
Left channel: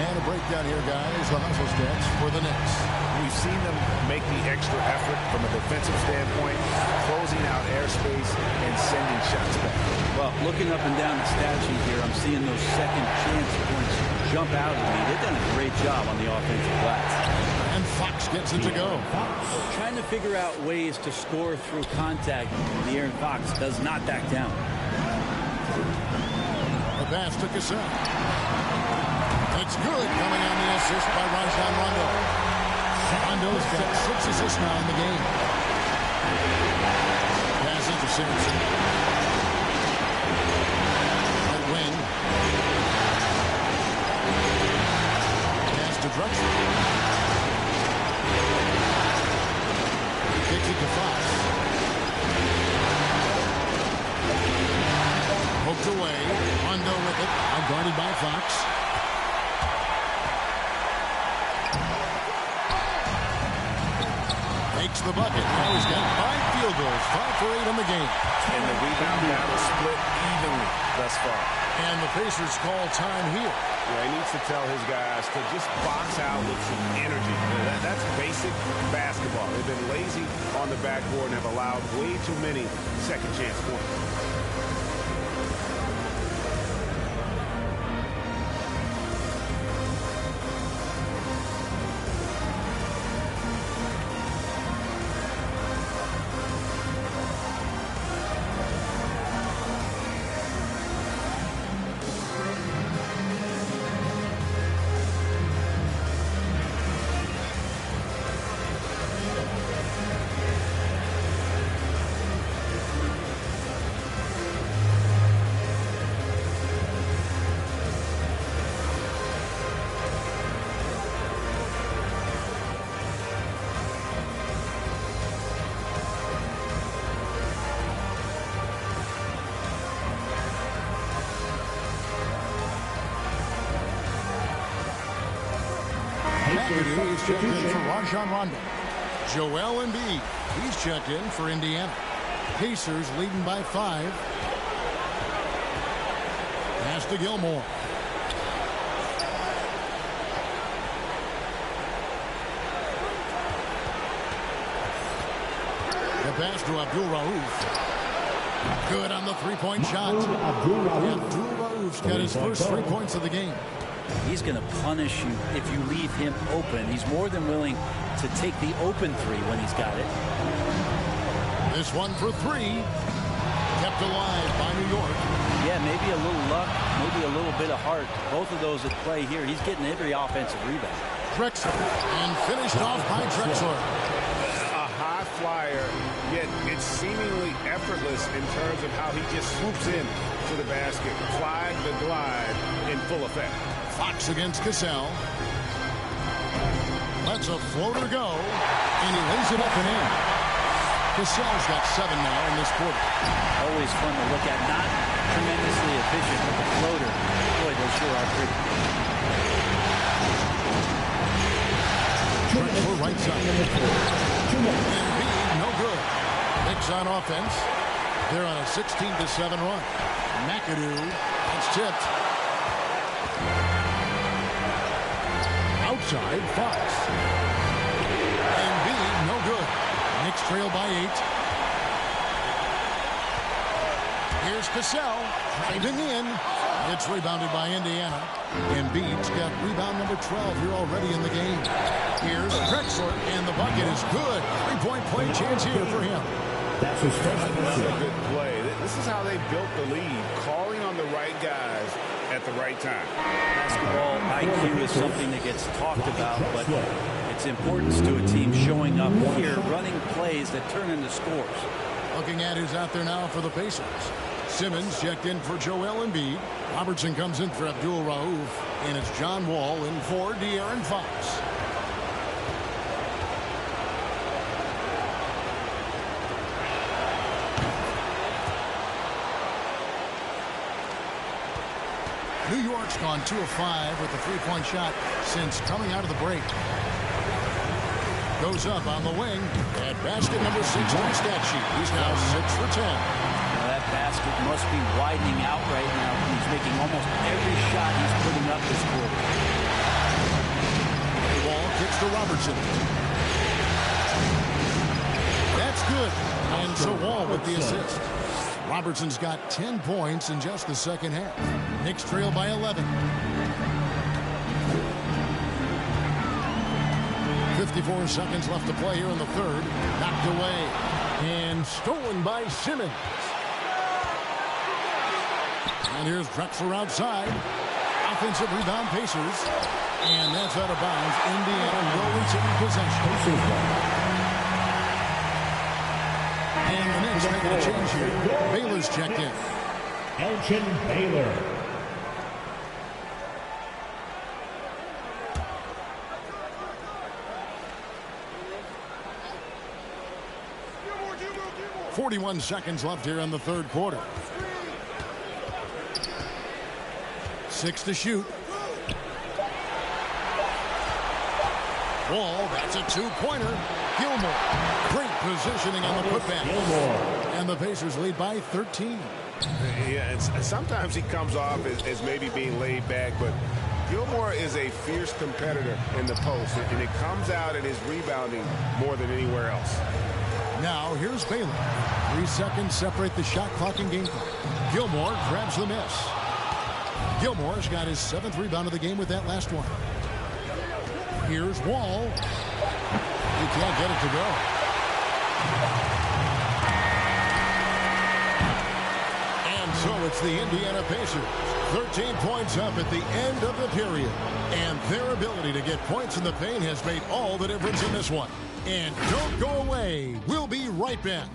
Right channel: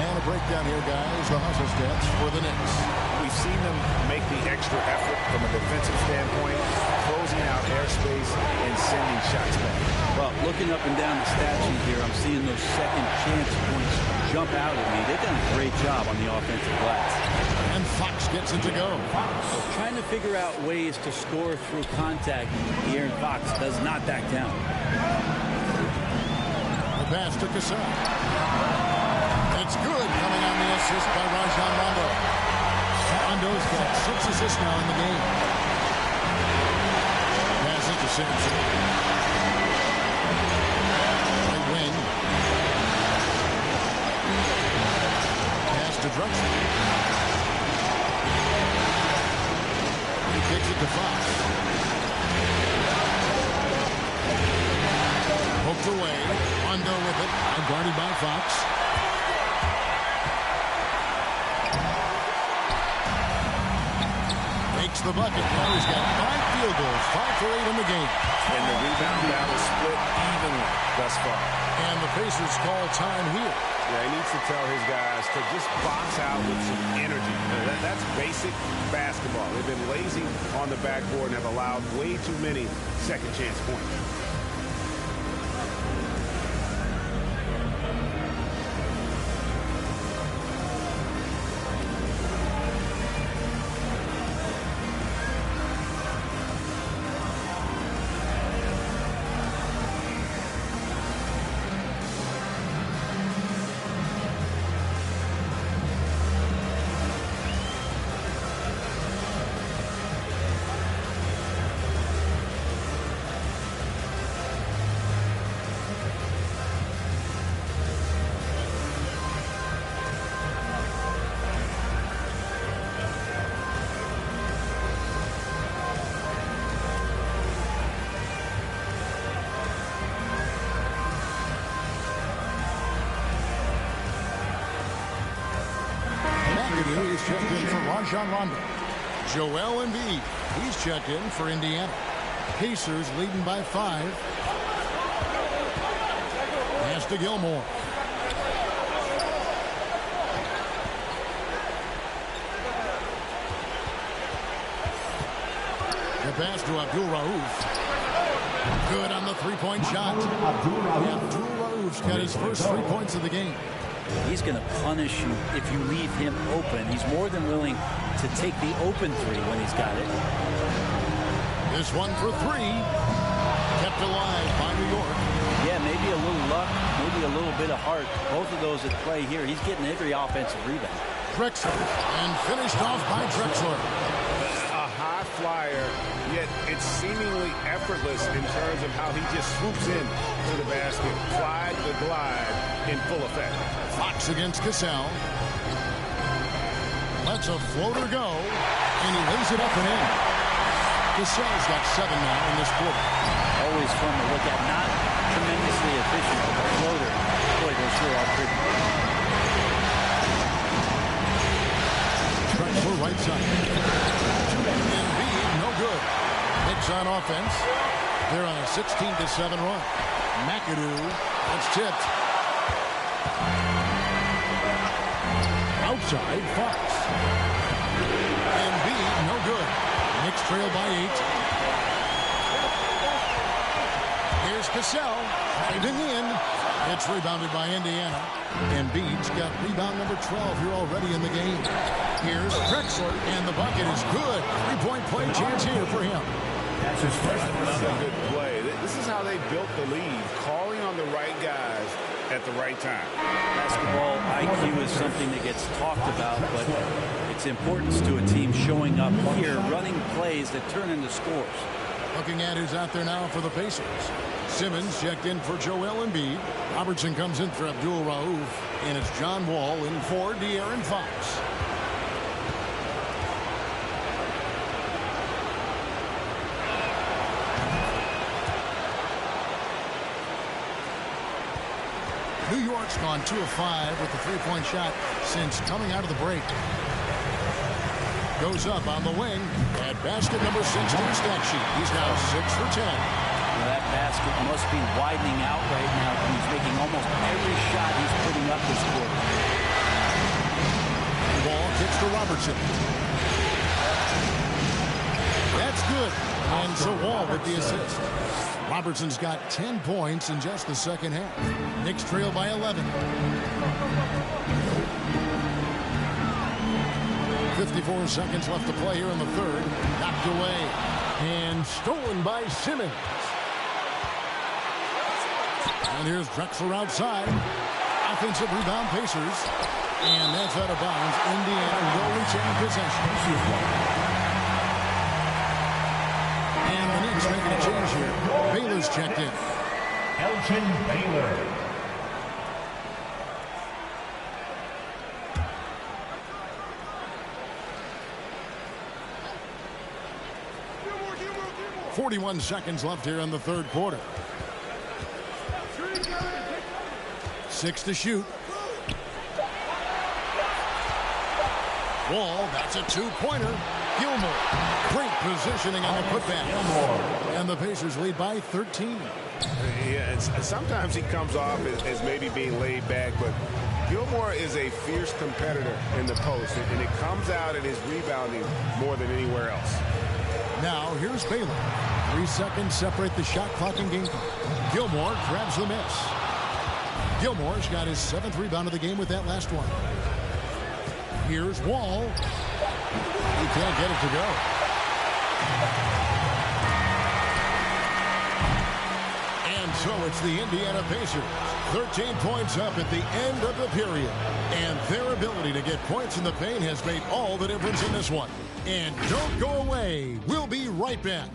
And a breakdown here, guys. The hustle stats for the Knicks. We've seen them make the extra effort from a defensive standpoint, closing out airspace and sending shots back. Well, looking up and down the stat sheet here, I'm seeing those second chance points jump out at me. They've done a great job on the offensive glass. And Fox gets it to go. Trying to figure out ways to score through contact. De'Aaron Fox does not back down. The pass to Cassell. It's good, coming on the assist by Rajon Rondo. Rondo's got 6 assists now in the game. Pass it to Simpson. Right wing. Pass to Drexler. He kicks it to Fox. Poked away. Rondo with it. Now guarded by Fox. Makes the bucket. Now he's got 5 field goals, 5 for 8 in the game. And the rebound battle split evenly thus far. And the Pacers call time here. Yeah, he needs to tell his guys to just box out with some energy. That's basic basketball. They've been lazy on the backboard and have allowed way too many second chance points. McAdoo is checked in for Rajon Rondo. Joel Embiid, he's checked in for Indiana. Pacers leading by 5. Pass to Gilmore. The pass to Abdul Rauf. Good on the three-point shot. Abdul Rauf's got his first 3 points of the game. He's going to punish you if you leave him open. He's more than willing to take the open 3 when he's got it. This one for 3. Kept alive by New York. Yeah, maybe a little luck, maybe a little bit of heart. Both of those at play here. He's getting every offensive rebound. Drexler, and finished off by Drexler. A high flyer, yet it's seemingly effortless in terms of how he just swoops in to the basket. Clyde the glide in full effect. Fox against Cassell. Lets a floater go, and he lays it up and in. Cassell's got 7 now in this quarter. Always fun to look at. Not tremendously efficient, but the floater, boy, those sure are pretty. Drexler right side. Embiid, no good. Knicks on offense. They're on a 16-7 run. McAdoo, that's tipped. Outside, Fox. Embiid, no good. Knicks trail by 8. Here's Cassell, driving in. It's rebounded by Indiana. Embiid's got rebound number 12 here already in the game. Here's Drexler, and the bucket is good. Three-point play chance here for him. That's his first. Another good play. This is how they built the lead, calling on the right guys at the right time. Basketball IQ is something that gets talked about, but its importance to a team showing up here, running plays that turn into scores. Looking at who's out there now for the Pacers. Simmons checked in for Joel Embiid. Robertson comes in for Abdul Rauf. And it's John Wall in for De'Aaron Fox. New York's gone 2 of 5 with the three-point shot since coming out of the break. Goes up on the wing at basket number 6 to his stat sheet. He's now 6 for 10. Well, that basket must be widening out right now. He's making almost every shot he's putting up this quarter. The ball kicks to Robertson. That's good. And so Wall with the assist. Robertson's got 10 points in just the second half. Knicks trail by 11. 54 seconds left to play here in the third. Knocked away and stolen by Simmons. And here's Drexler outside. Offensive rebound Pacers. And that's out of bounds. Indiana will retain possession. And the Knicks making a change here. Baylor's checked in. Elgin Baylor. .41 seconds left here in the third quarter. 6 to shoot. Wall, that's a two-pointer. Gilmore, great positioning on the putback. And the Pacers lead by 13. Yeah, and sometimes he comes off as maybe being laid back, but Gilmore is a fierce competitor in the post, and it comes out in his rebounding more than anywhere else. Now here's Baylor. 3 seconds separate the shot clock and game clock. Gilmore grabs the miss. Gilmore's got his 7th rebound of the game with that last one. Here's Wall. He can't get it to go. And so it's the Indiana Pacers. 13 points up at the end of the period. And their ability to get points in the paint has made all the difference in this one. And don't go away. We'll be right back.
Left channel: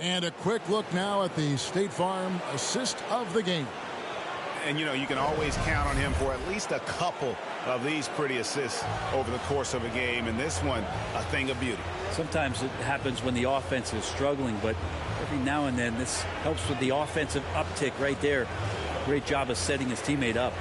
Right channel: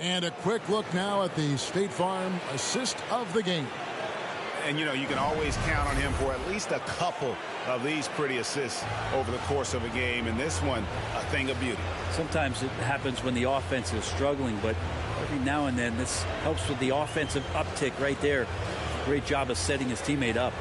And a quick look now at the State Farm assist of the game. And, you know, you can always count on him for at least a couple of these pretty assists over the course of a game. And this one, a thing of beauty. Sometimes it happens when the offense is struggling, but every now and then this helps with the offensive uptick right there. Great job of setting his teammate up.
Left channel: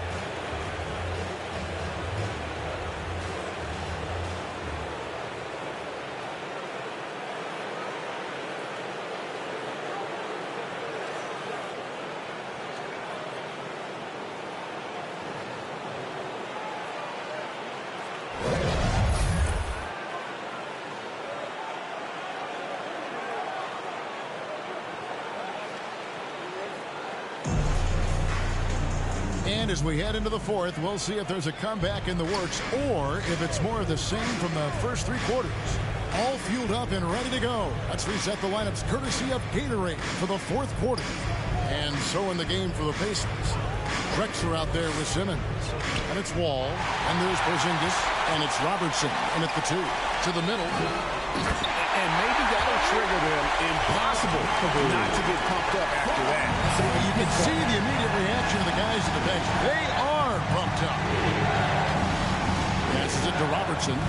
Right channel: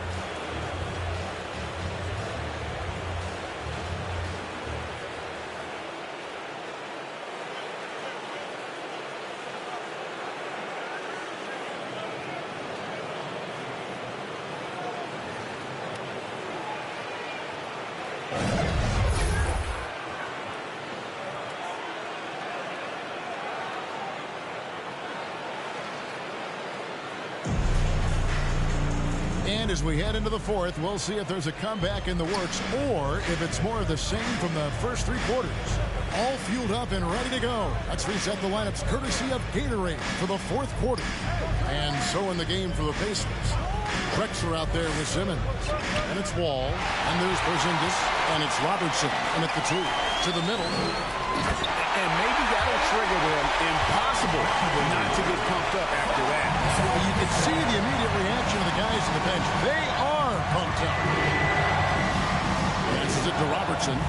And as we head into the fourth, we'll see if there's a comeback in the works or if it's more of the same from the first 3 quarters. All fueled up and ready to go. Let's reset the lineups courtesy of Gatorade for the fourth quarter. And so in the game for the Pacers. Drexler out there with Simmons. And it's Wall. And there's Porzingis. And it's Robertson. And at the 2. To the middle. And maybe that'll trigger them. Impossible not to get pumped up after that. You can see the immediate reaction of the guys on the bench. They are pumped up. Passes it to Robertson.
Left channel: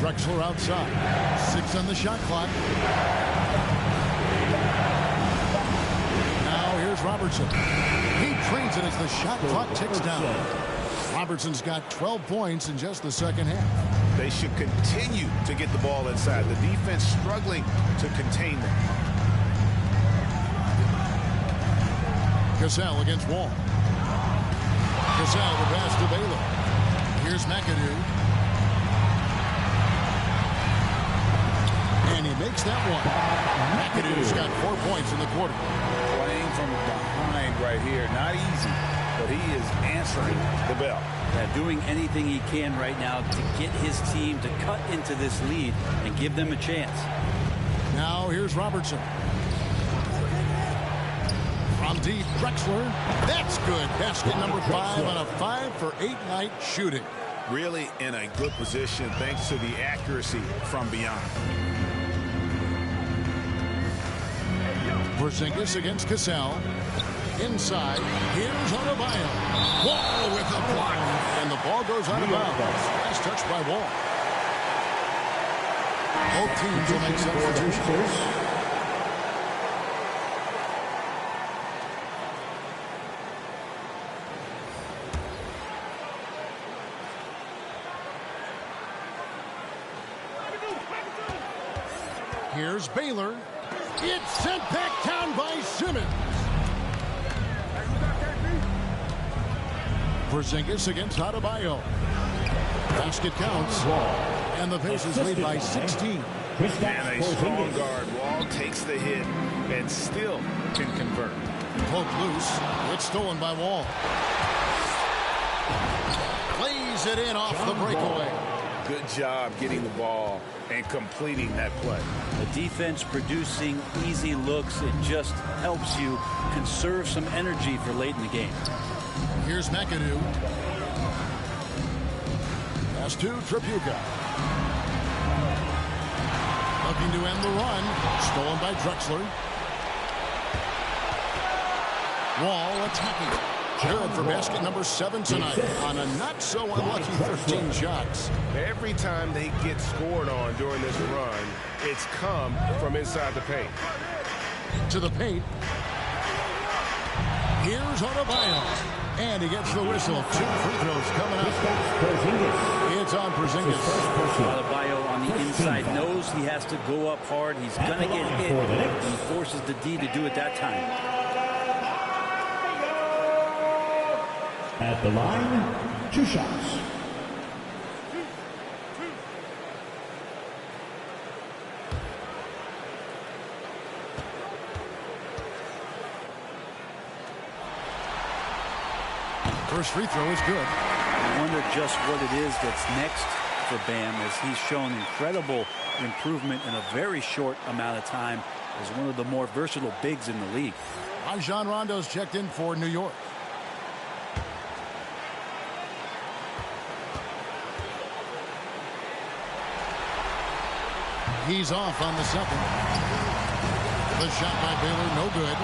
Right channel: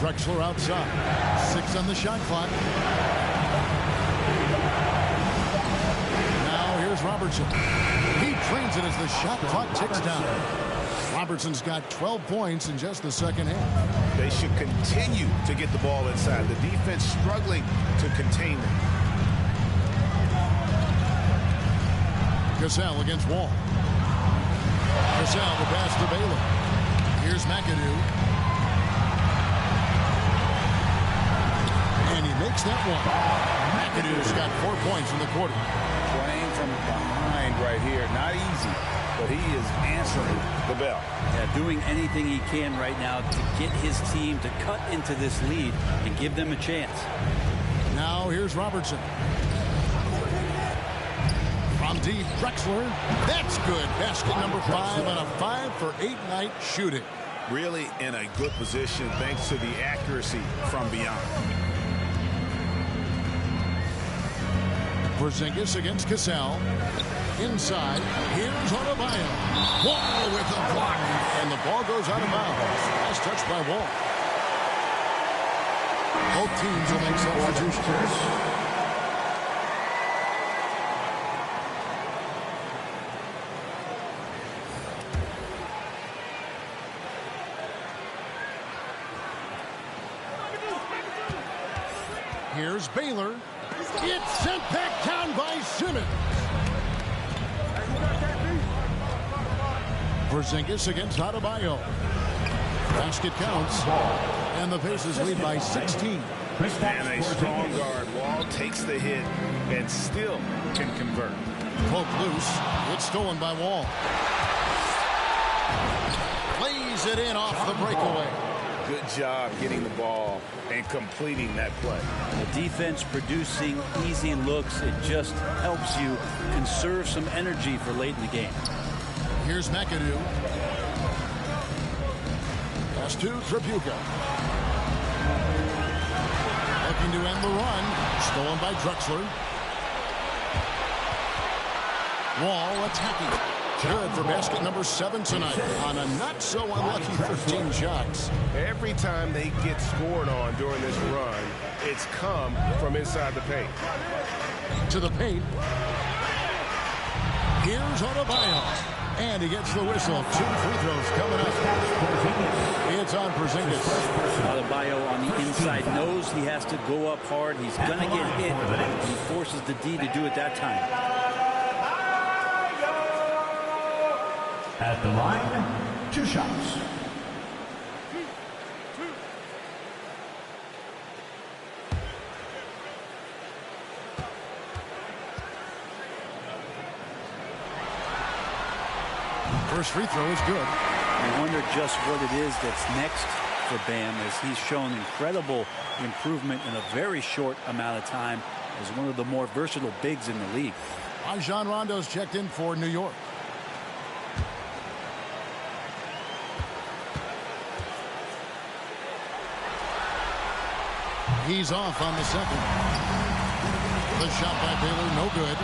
Drexler outside. 6 on the shot clock. Robertson. He trains it as the shot clock ticks down. Robertson's got 12 points in just the second half. They should continue to get the ball inside. The defense struggling to contain them. Cassell against Wall. Cassell the pass to Baylor. Here's McAdoo. And he makes that one. McAdoo's got 4 points in the quarter. Playing from behind right here. Not easy, but he is answering the bell. Yeah, doing anything he can right now to get his team to cut into this lead and give them a chance. Now here's Robertson. From deep, Drexler. That's good. Basket number 5 on a 5-for-8 night shooting. Really in a good position thanks to the accuracy from beyond. Porzingis against Cassell. Inside, here's Adebayo. Wall with the block. And the ball goes out of bounds. Last touch by Wall. Both teams will make substitutions. Here's Baylor. It's sent back down by Simmons. Porzingis against Adebayo. Basket counts. And the Pacers lead by 16. And a strong guard. Wall takes the hit and still can convert. Poke loose. It's stolen by Wall. Plays it in off the breakaway. Good job getting the ball and completing that play. The defense producing easy looks. It just helps you conserve some energy for late in the game. Here's McAdoo. Pass to Tripucka. Looking to end the run. Stolen by Drexler. Wall attacking. Good for basket number 7 tonight on a not-so-unlucky 13 shots. Every time they get scored on during this run, it's come from inside the paint. To the paint. Here's Adebayo. And he gets the whistle. 2 free throws coming up. It's on Porzingis. Adebayo on the inside knows he has to go up hard. He's going to get hit. He forces the D to do it that time. At the line, 2 shots. First free throw is good. I wonder just what it is that's next for Bam, as he's shown incredible improvement in a very short amount of time as one of the more versatile bigs in the league. Rajon Rondo's checked in for New York. He's off on the second. The shot by Baylor, no good.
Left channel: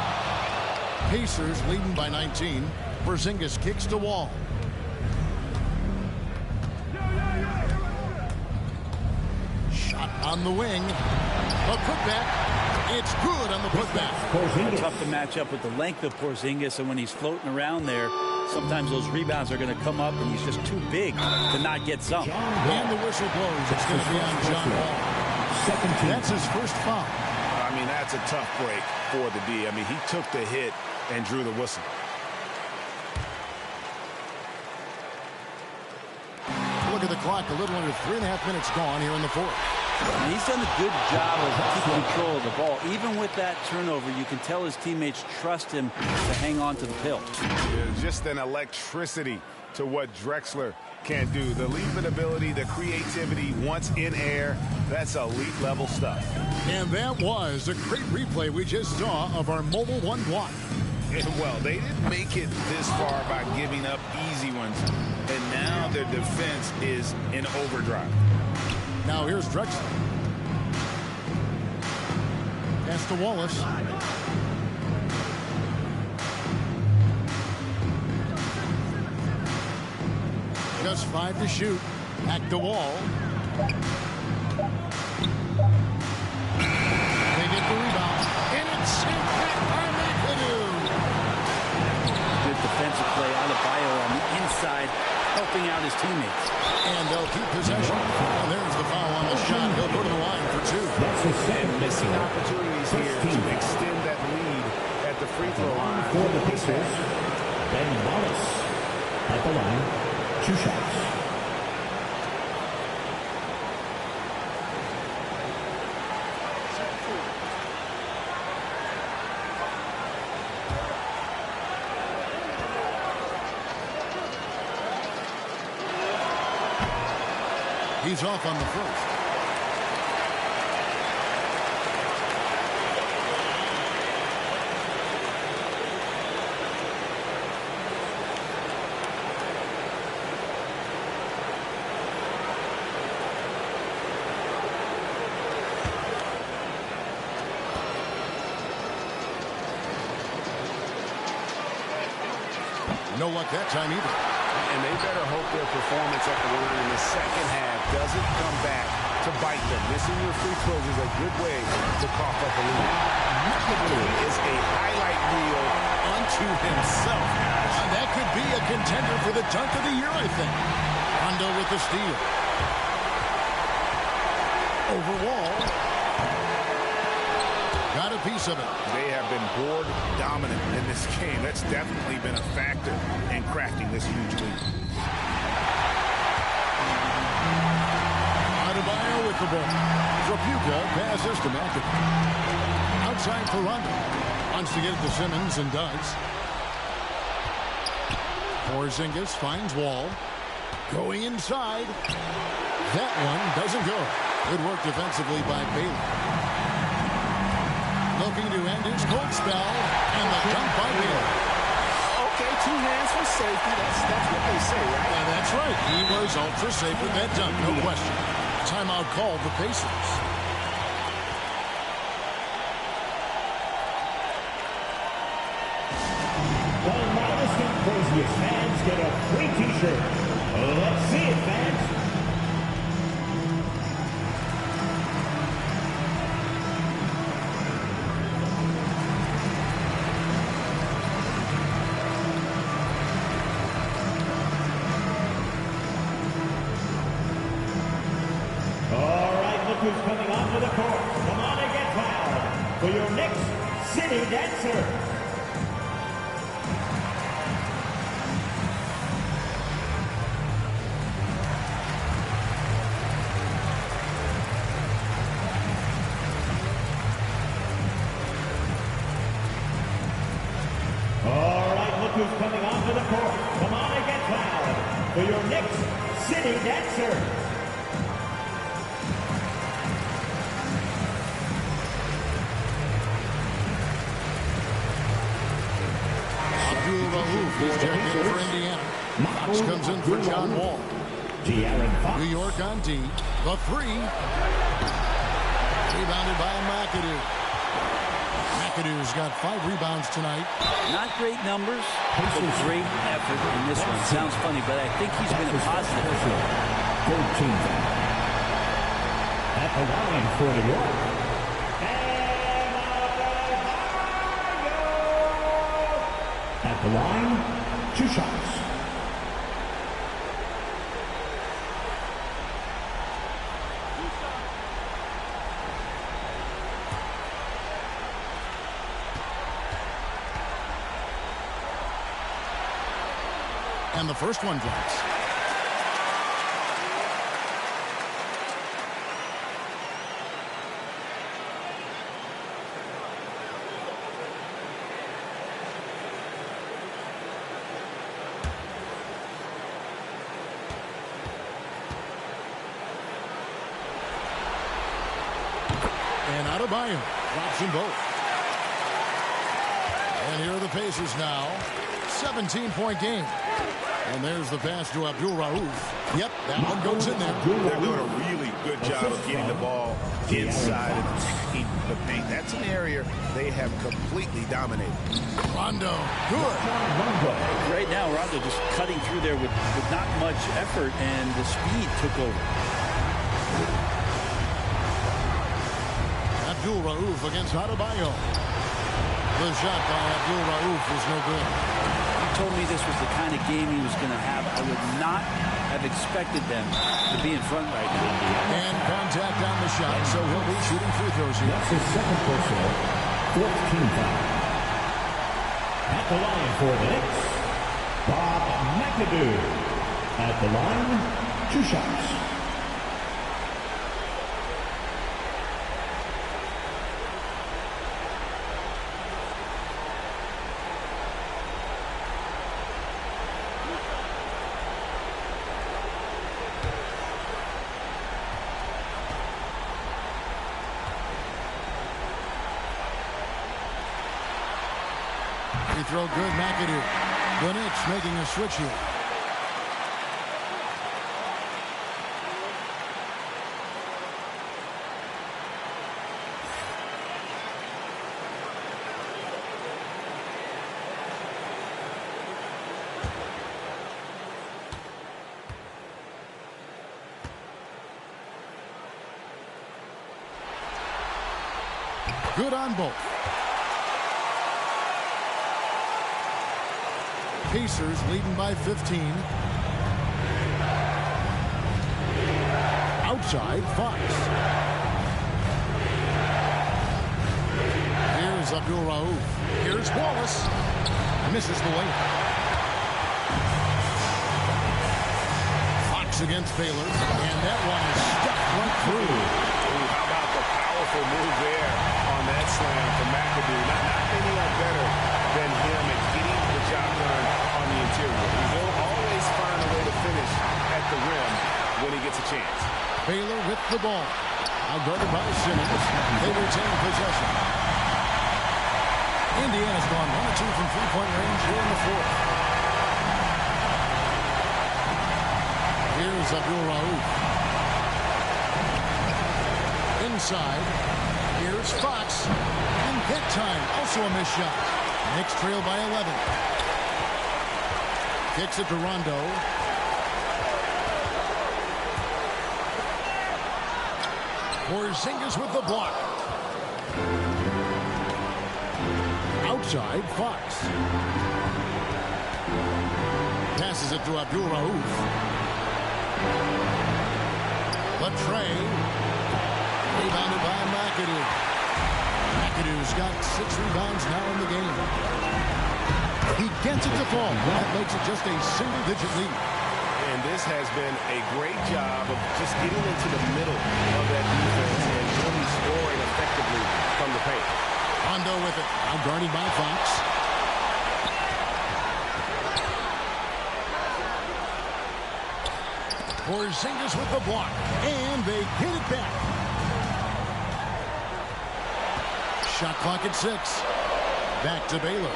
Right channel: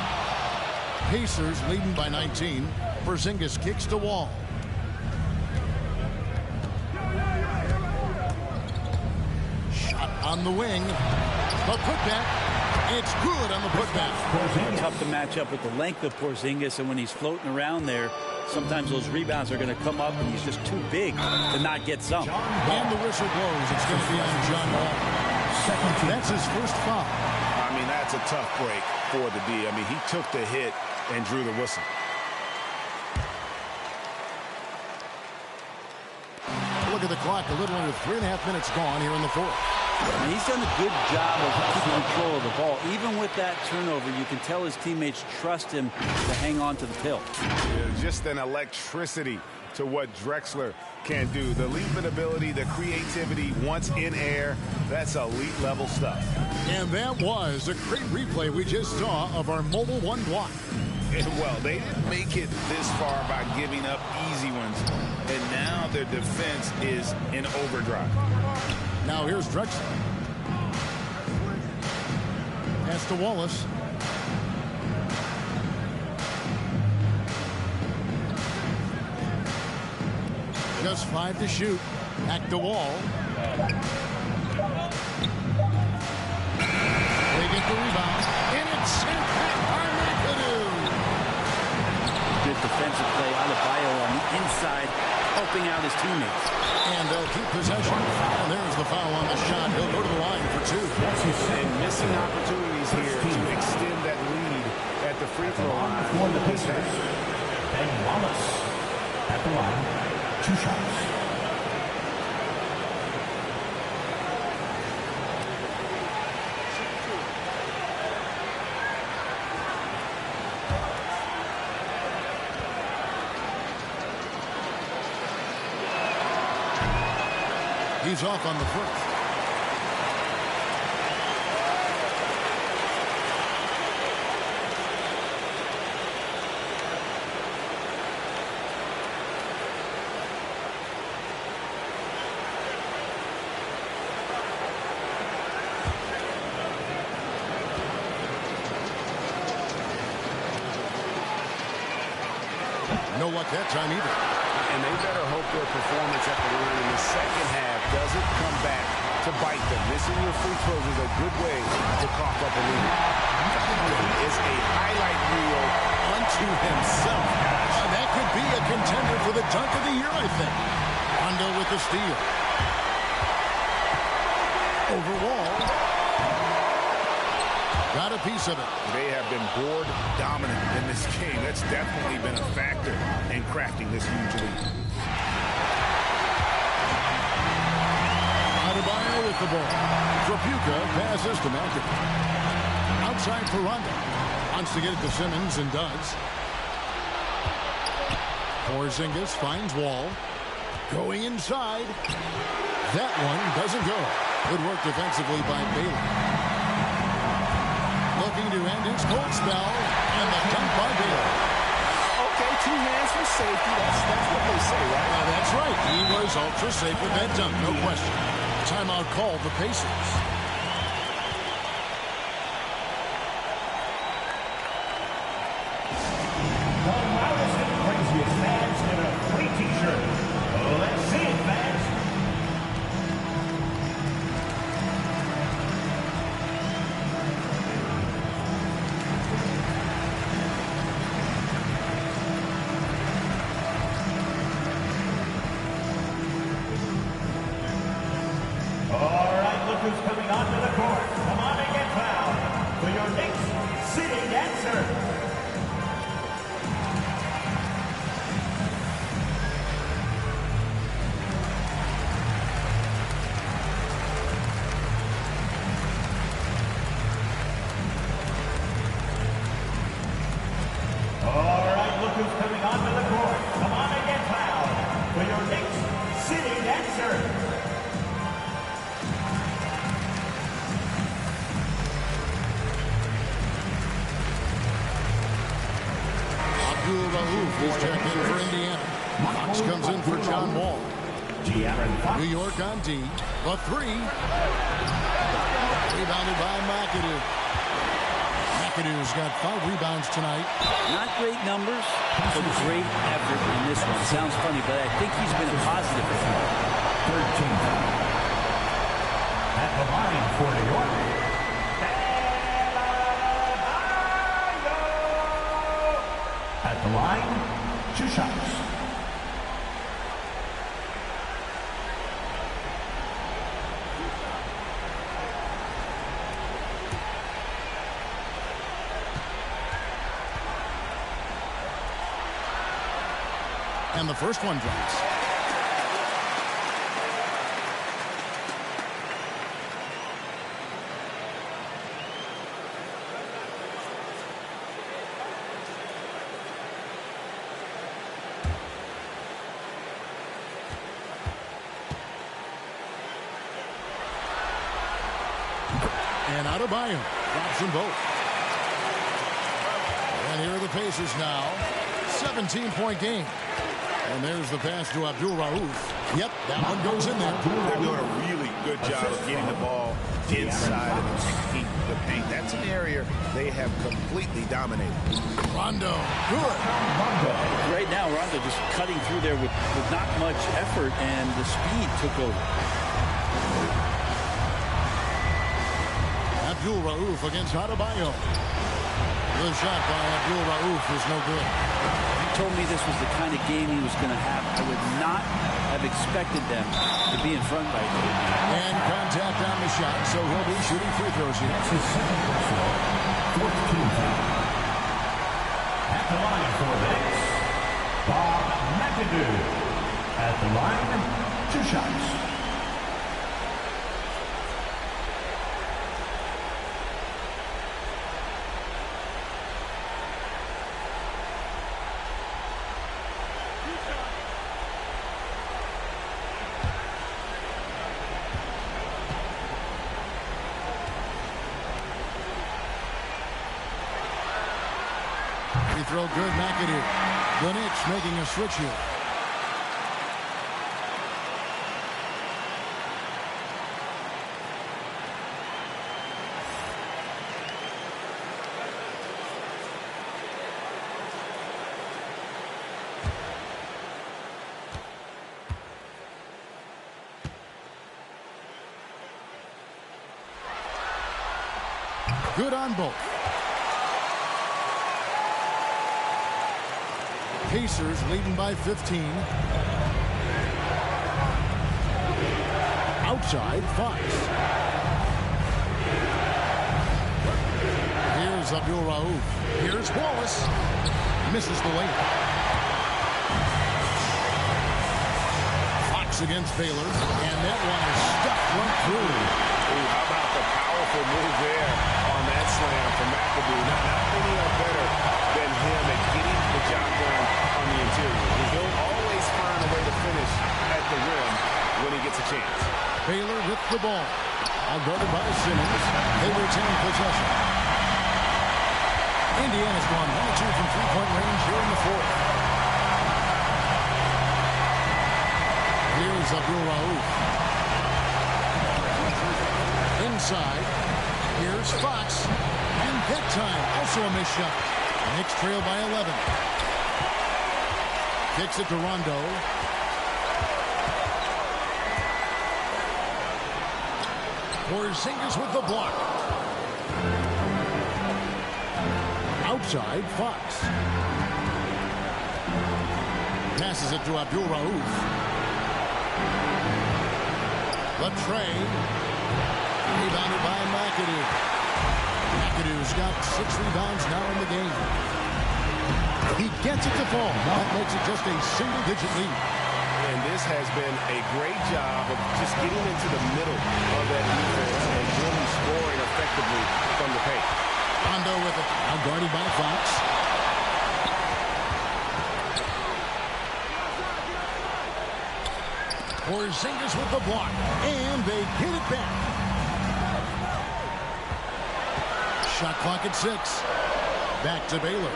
Pacers leading by 19. Porzingis kicks to Wall. Shot on the wing. The putback. It's good on the putback. Tough to match up with the length of Porzingis, and when he's floating around there, sometimes those rebounds are going to come up, and he's just too big to not get some. And the whistle blows. It's going to be on John Wall. That's his first foul. I mean, that's a tough break for the D. I mean, he took the hit and drew the whistle. Look at the clock. A little under 3.5 minutes gone here in the fourth. And he's done a good job of keeping control of the ball. Even with that turnover, you can tell his teammates trust him to hang on to the pill. Yeah, just an electricity to what Drexler can do. The leaping ability, the creativity once in air, that's elite level stuff. And that was a great replay we just saw of our Mobile One block. Well, they didn't make it this far by giving up easy ones. And now their defense is in overdrive. Now here's Drexler. Pass to Wallace. Just 5 to shoot. Back to Wall. They get the rebound. And it's sent back by McAdoo. Great defensive play. Adebayo on the inside, helping out his teammates. And they'll keep possession. And there's the foul on the shot. He'll go to the line for 2. And missing opportunities here to extend that lead at the free throw line. For the Pacers, Ben Wallace at the line, 2 shots. He's off on the first. No luck that time either. And they better hope their performance at the line in the second half doesn't come back to bite them. Missing your free throws is a good way to cough up a lead. He is a highlight reel unto himself, guys. That could be a contender for the dunk of the year, I think. Rondo with the steal. Over Wall. Got a piece of it. They have been board dominant in this game. That's definitely been a factor in crafting this huge lead. Adebayo with the ball. Trapuka passes to McAdoo. Outside for Rondo. Wants to get it to Simmons and does. Porzingis finds Wall. Going inside. That one doesn't go. Good work defensively by Baylor. Looking to end his cold spell, and the dunk by Baylor. Okay, 2 hands for safety. That's what they say, right? That's right. He was ultra safe with that dunk, no question. Timeout called the Pacers. The loudest and craziest fans get a free T-shirt. Let's see it, fans. Who's coming onto the court. Come on and get loud for your next city dancer. All right, look who's coming onto the court. Come on and get loud for your next city dancer. Abdul-Rauf is checked in for Indiana. Fox comes in for John Wall. New York on D. The 3. Rebounded by McAdoo. McAdoo's got 5 rebounds tonight. Not great numbers, but great effort in this one. Sounds funny, but I think he's been a positive. 13 at the line for New York. At the line, 2 shots. And the first one drops. And Adebayo drops them both. And here are the Pacers now. 17-point game. And there's the pass to Abdul-Rauf. Yep, that one goes in there. They're doing a really good job of getting the ball inside and attacking the paint. That's an area they have completely dominated. Rondo, good. Right now, Rondo just cutting through there with not much effort, and the speed took over. Abdul-Rauf against Adebayo. The shot by Abdul-Rauf is no good. He told me this was the kind of game he was going to have, I would not have expected them to be in front right now. And contact on the shot, so he'll be shooting free throws here. That's his second personal, fourth team foul. At the line for the Knicks, Bob McAdoo. At the line, 2 shots. Free throw good, McAdoo. The Knicks making a switch here. Good on both. Pacers leading by 15. Outside, Fox. Here's Abdul Rauf. Here's Wallace. Misses the layup. Fox against Baylor. And that one is stuffed right through. Ooh, how about the powerful move there on that slam from McAdoo? Not many are better than him at getting the job done on the interior. He'll always find a way to finish at the rim when he gets a chance. Baylor with the ball. Outguarded by Simmons. They retain possession. Indiana's gone 1 of 2 from three-point range here in the fourth. Here's Abdul Rauf. Inside. Here's Fox. And that time, also a missed shot. Knicks trail by 11. Kicks it to Rondo. Porzingis with the block. Outside, Fox. Passes it to Abdul Rauf. Latrey. Rebounded by McAdoo. McAdoo's got 6 rebounds now in the game. He gets it to fall. That makes it just a single-digit lead. And this has been a great job of just getting into the middle of that defense and really scoring effectively from the paint. Rondo with it. Now guarded by Fox. Porzingis with the block. And they get it back. Shot clock at 6. Back to Baylor.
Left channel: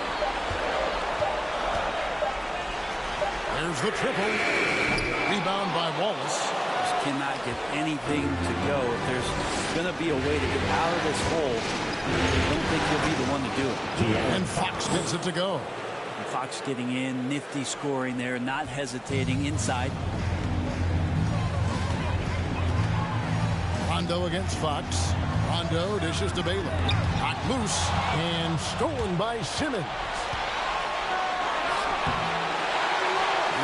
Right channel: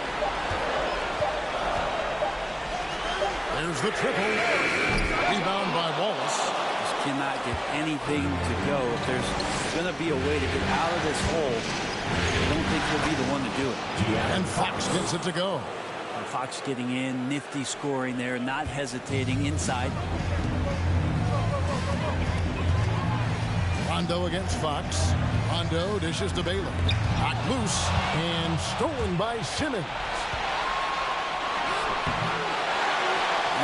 There's the triple. Rebound by Wallace. Just cannot get anything to go. If there's going to be a way to get out of this hole, I don't think he'll be the one to do it. And Fox gets it to go. And Fox getting in, nifty scoring there, not hesitating inside. Rondo against Fox. Rondo dishes to Baylor. Knocked loose and stolen by Simmons.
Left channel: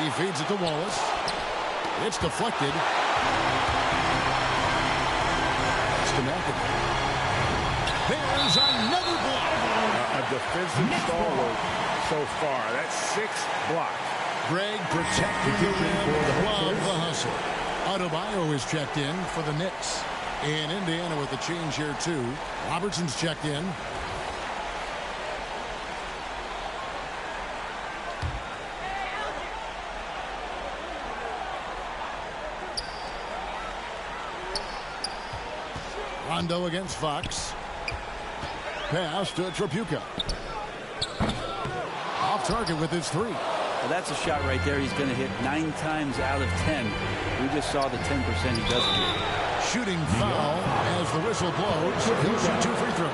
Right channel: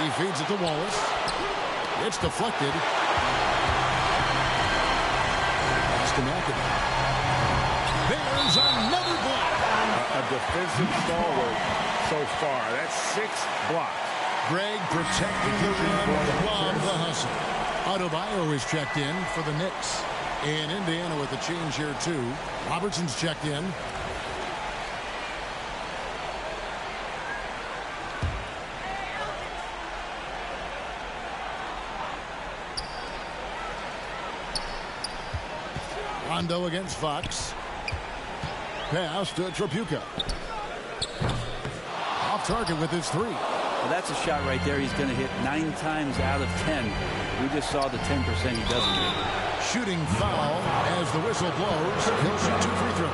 He feeds it to Wallace. It's deflected. It's to McAdoo. There's another block. A defensive stalwart so far. That's 6 blocks. Greg protecting the rim. Love the hustle. Adebayo is checked in for the Knicks. And Indiana with a change here, too. Robertson's checked in. Rondo against Fox. Pass to Tripucka. Off target with his 3. Well, that's a shot right there. He's going to hit 9 times out of 10. We just saw the 10% he doesn't hit. Shooting foul as the whistle blows. He'll shoot 2 free throws.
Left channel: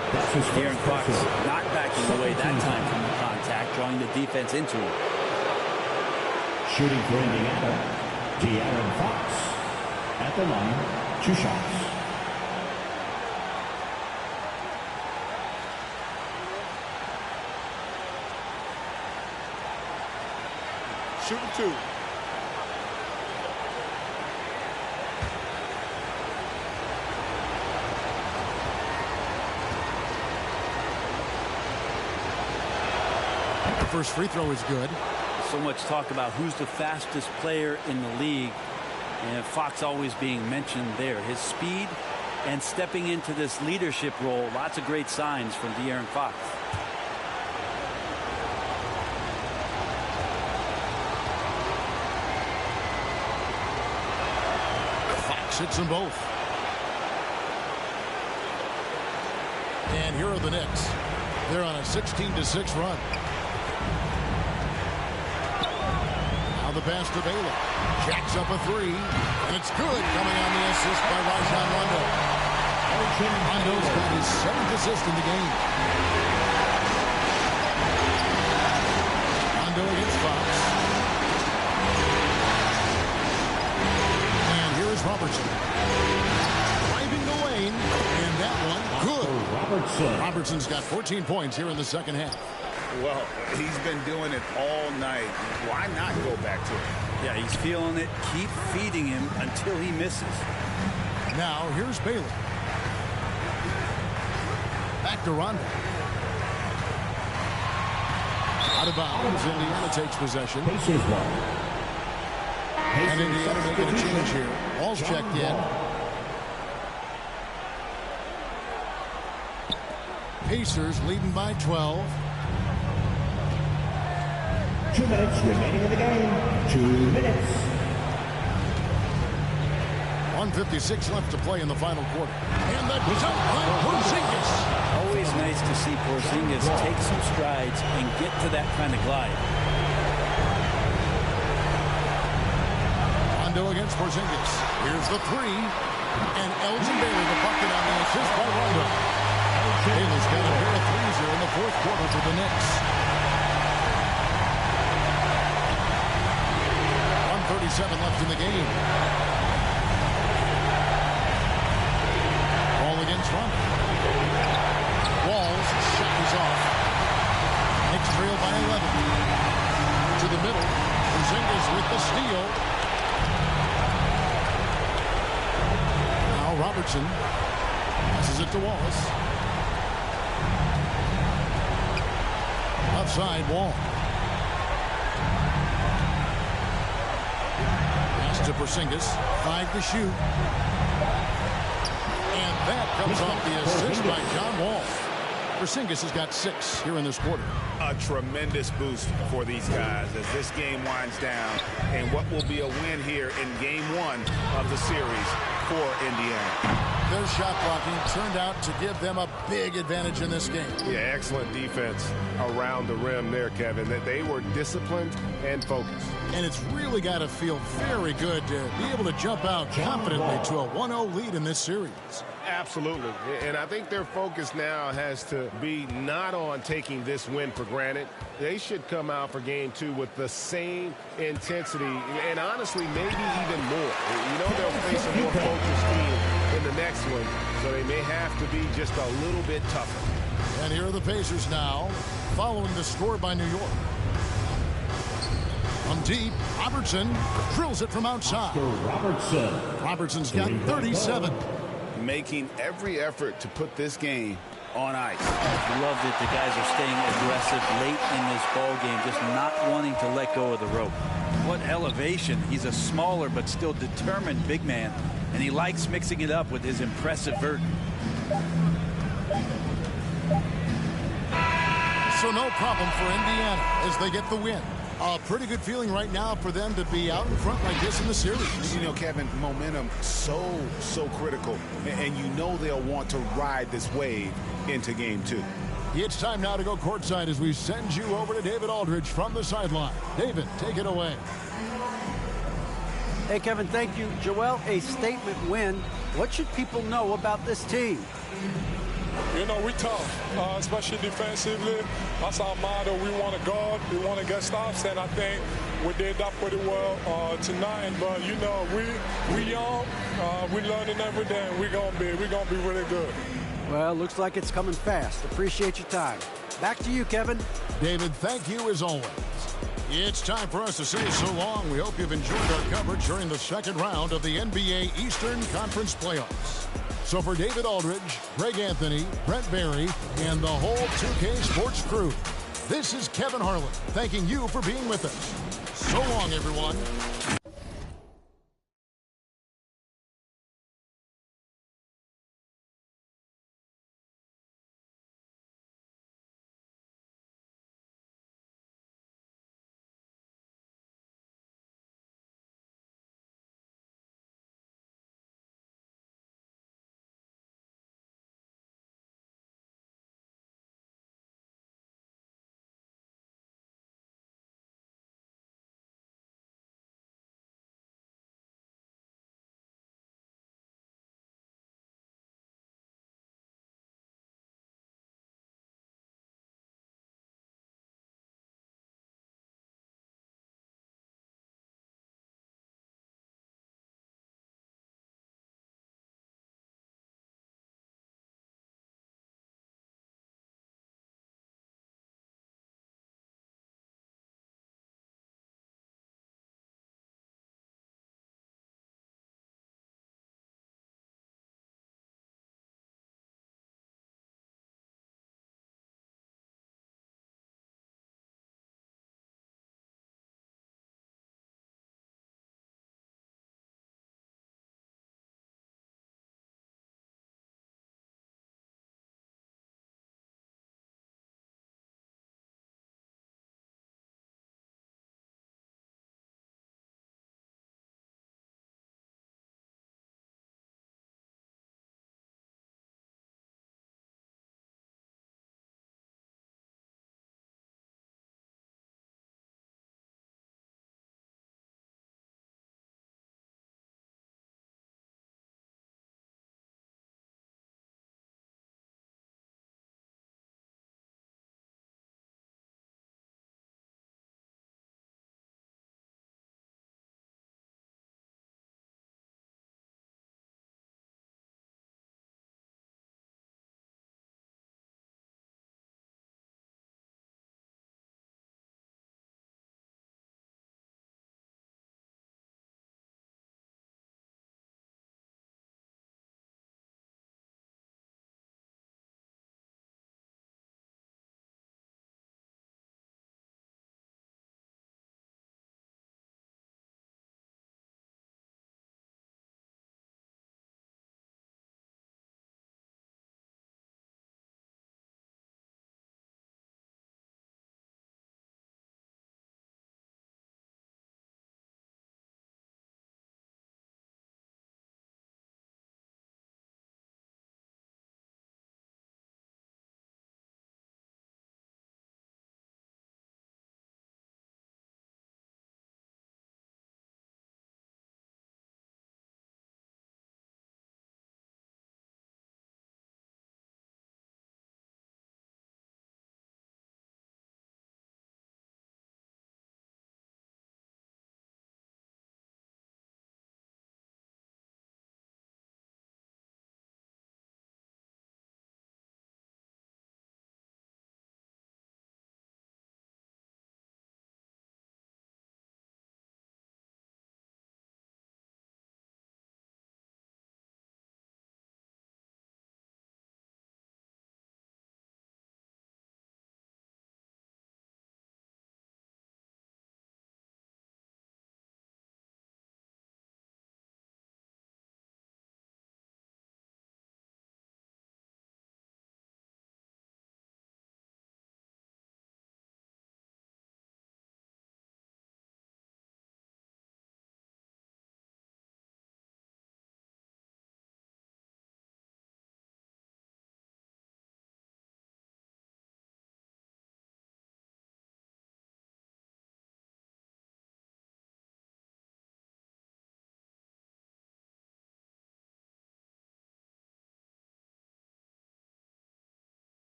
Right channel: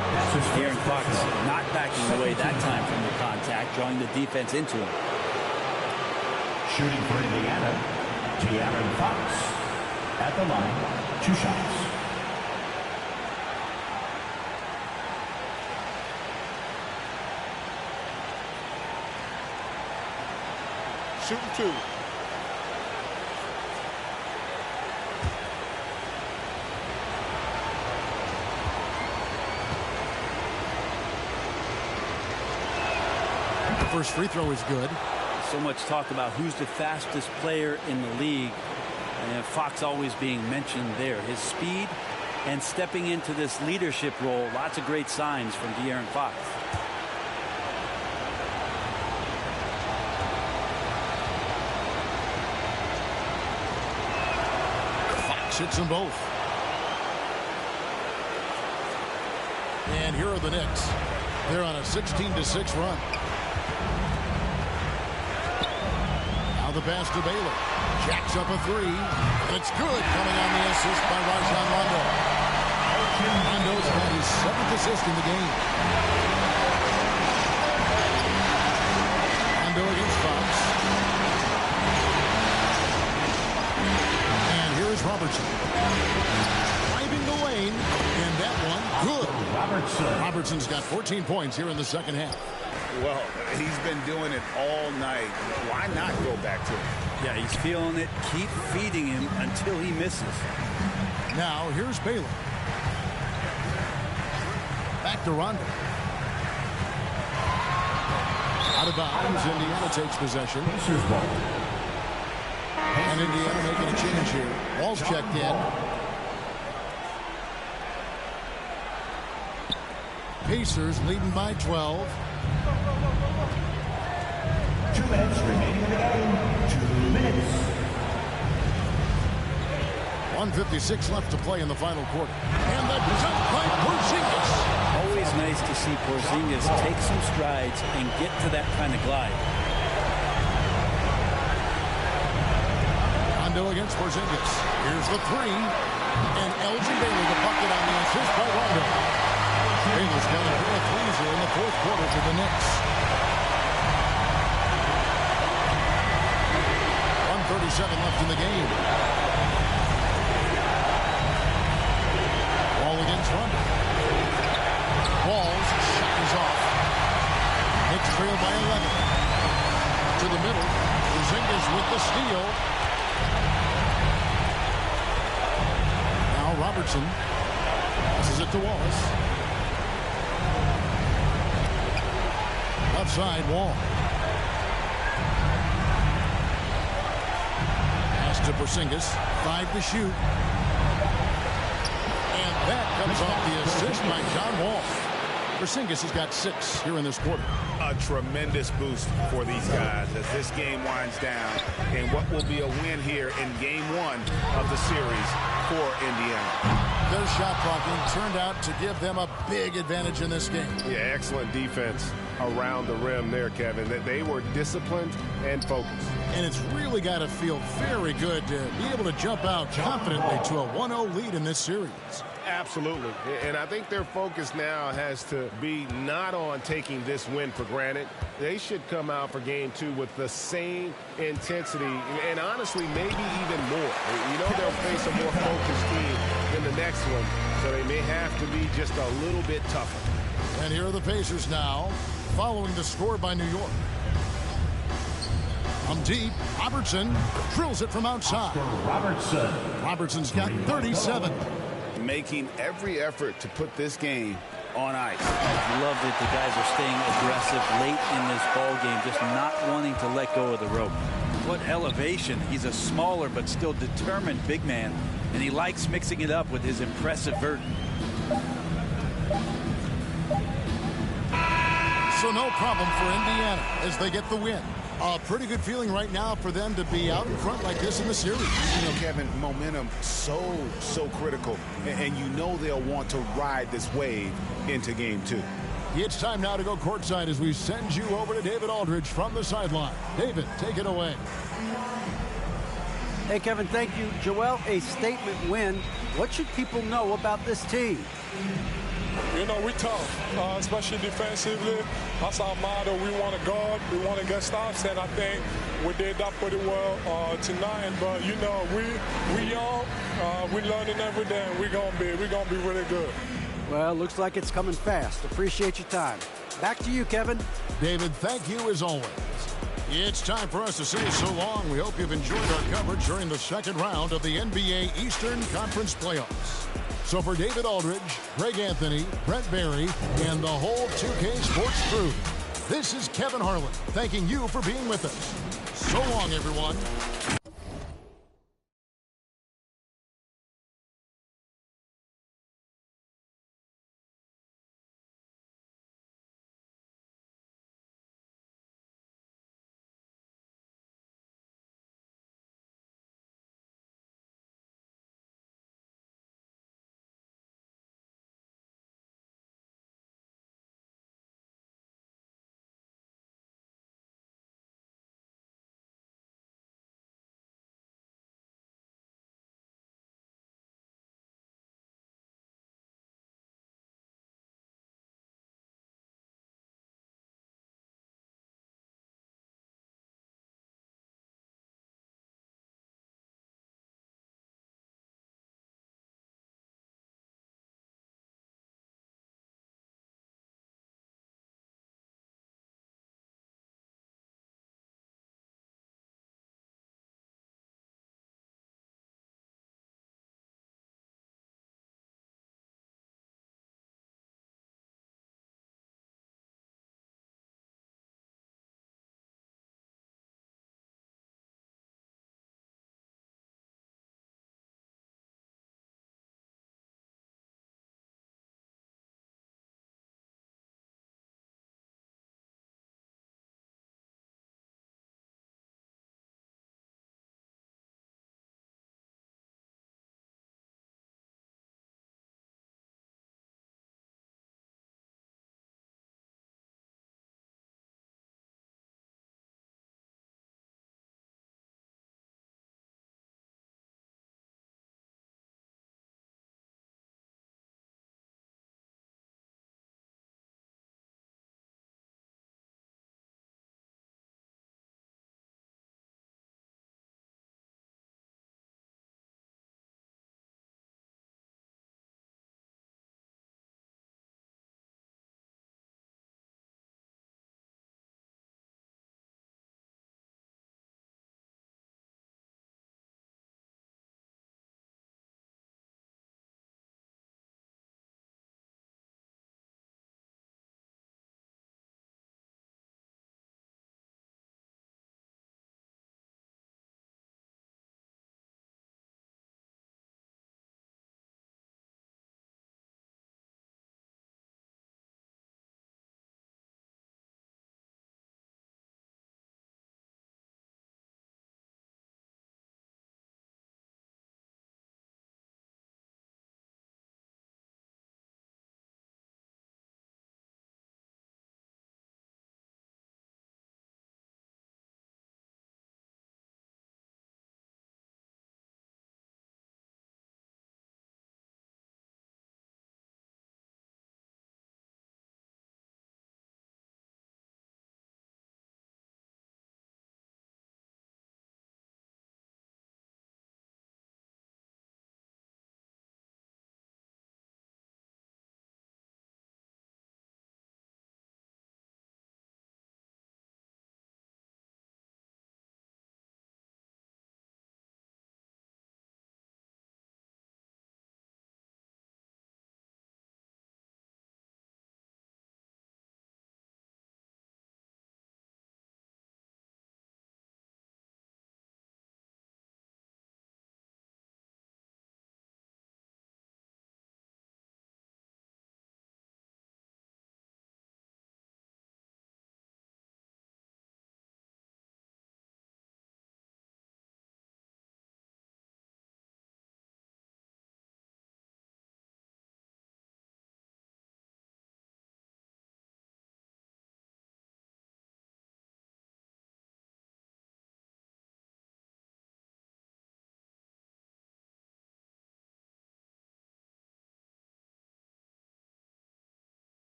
De'Aaron Fox not backing away that time from the contact, drawing the defense into him. Shooting for Indiana, De'Aaron Fox. At the line, 2 shots. shooting 2. The first free throw is good. So much talk about who's the fastest player in the league, and Fox always being mentioned there. His speed and stepping into this leadership role, lots of great signs from De'Aaron Fox. Fox hits them both. And here are the Knicks. They're on a 16-6 run. Now the pass to Baylor. Jacks up a 3. And it's good, coming on the assist by Rajon Rondo. Rondo's got his 7th assist in the game. Rondo against Fox. And here is Robertson. Driving the lane. And that one, good. Robertson's got 14 points here in the second half. Well, he's been doing it all night. Why not go back to it? Yeah, he's feeling it. Keep feeding him until he misses. Now, here's Baylor. Back to Rondo. Out of bounds, Indiana takes possession. And Indiana making a change here. Wall's checked in. Pacers leading by 12. 2 minutes remaining in the game. 2 minutes. 1:56 left to play in the final quarter. And the jump by Porzingis. Always nice to see Porzingis take some strides and get to that kind of glide. Rondo against Porzingis. Here's the 3. And Elgin Baylor the bucket on the assist by Rondo. Baylor's got a pair of threes here in the fourth quarter for the Knicks. 1:37 left in the game. Wall against Rondo. Wall's shot is off. Knicks trail by 11. To the middle. Porzingis with the steal. Now Robertson passes it to Wallace. Left side, Wall. Pass to Porzingis. 5 to shoot. And that comes off the assist by John Wall. Porzingis has got 6 here in this quarter. A tremendous boost for these guys as this game winds down. And what will be a win here in game 1 of the series for Indiana. Their shot blocking turned out to give them a big advantage in this game. Yeah, excellent defense around the rim there, Kevin. That they were disciplined and focused. And it's really got to feel very good to be able to jump out confidently to a 1-0 lead in this series. Absolutely. And I think their focus now has to be not on taking this win for granted. They should come out for game 2 with the same intensity and honestly maybe even more. You know they'll face a more focused team in the next one, so they may have to be just a little bit tougher. And here are the Pacers now, following the score by New York. From deep, Robertson drills it from outside. Robertson's got 37. Making every effort to put this game on ice. Love that the guys are staying aggressive late in this ball game, just not wanting to let go of the rope. What elevation. He's a smaller but still determined big man, and he likes mixing it up with his impressive vert. So no problem for Indiana as they get the win. A pretty good feeling right now for them to be out in front like this in the series. You know, Kevin, momentum so critical. And you know they'll want to ride this wave into game 2. It's time now to go courtside as we send you over to David Aldridge from the sideline. David, take it away. Hey, Kevin, thank you. Joel, a statement win. What should people know about this team? You know, we tough, especially defensively. That's our motto. We want to guard. We want to get stops, and I think we did that pretty well tonight. But you know, we young, we learning every day, and we're gonna be really good. Well, looks like it's coming fast. Appreciate your time. Back to you, Kevin. David, thank you as always. It's time for us to say so long. We hope you've enjoyed our coverage during the second round of the NBA Eastern Conference Playoffs. So for David Aldridge, Greg Anthony, Brent Barry, and the whole 2K Sports crew, this is Kevin Harlan thanking you for being with us. So long, everyone.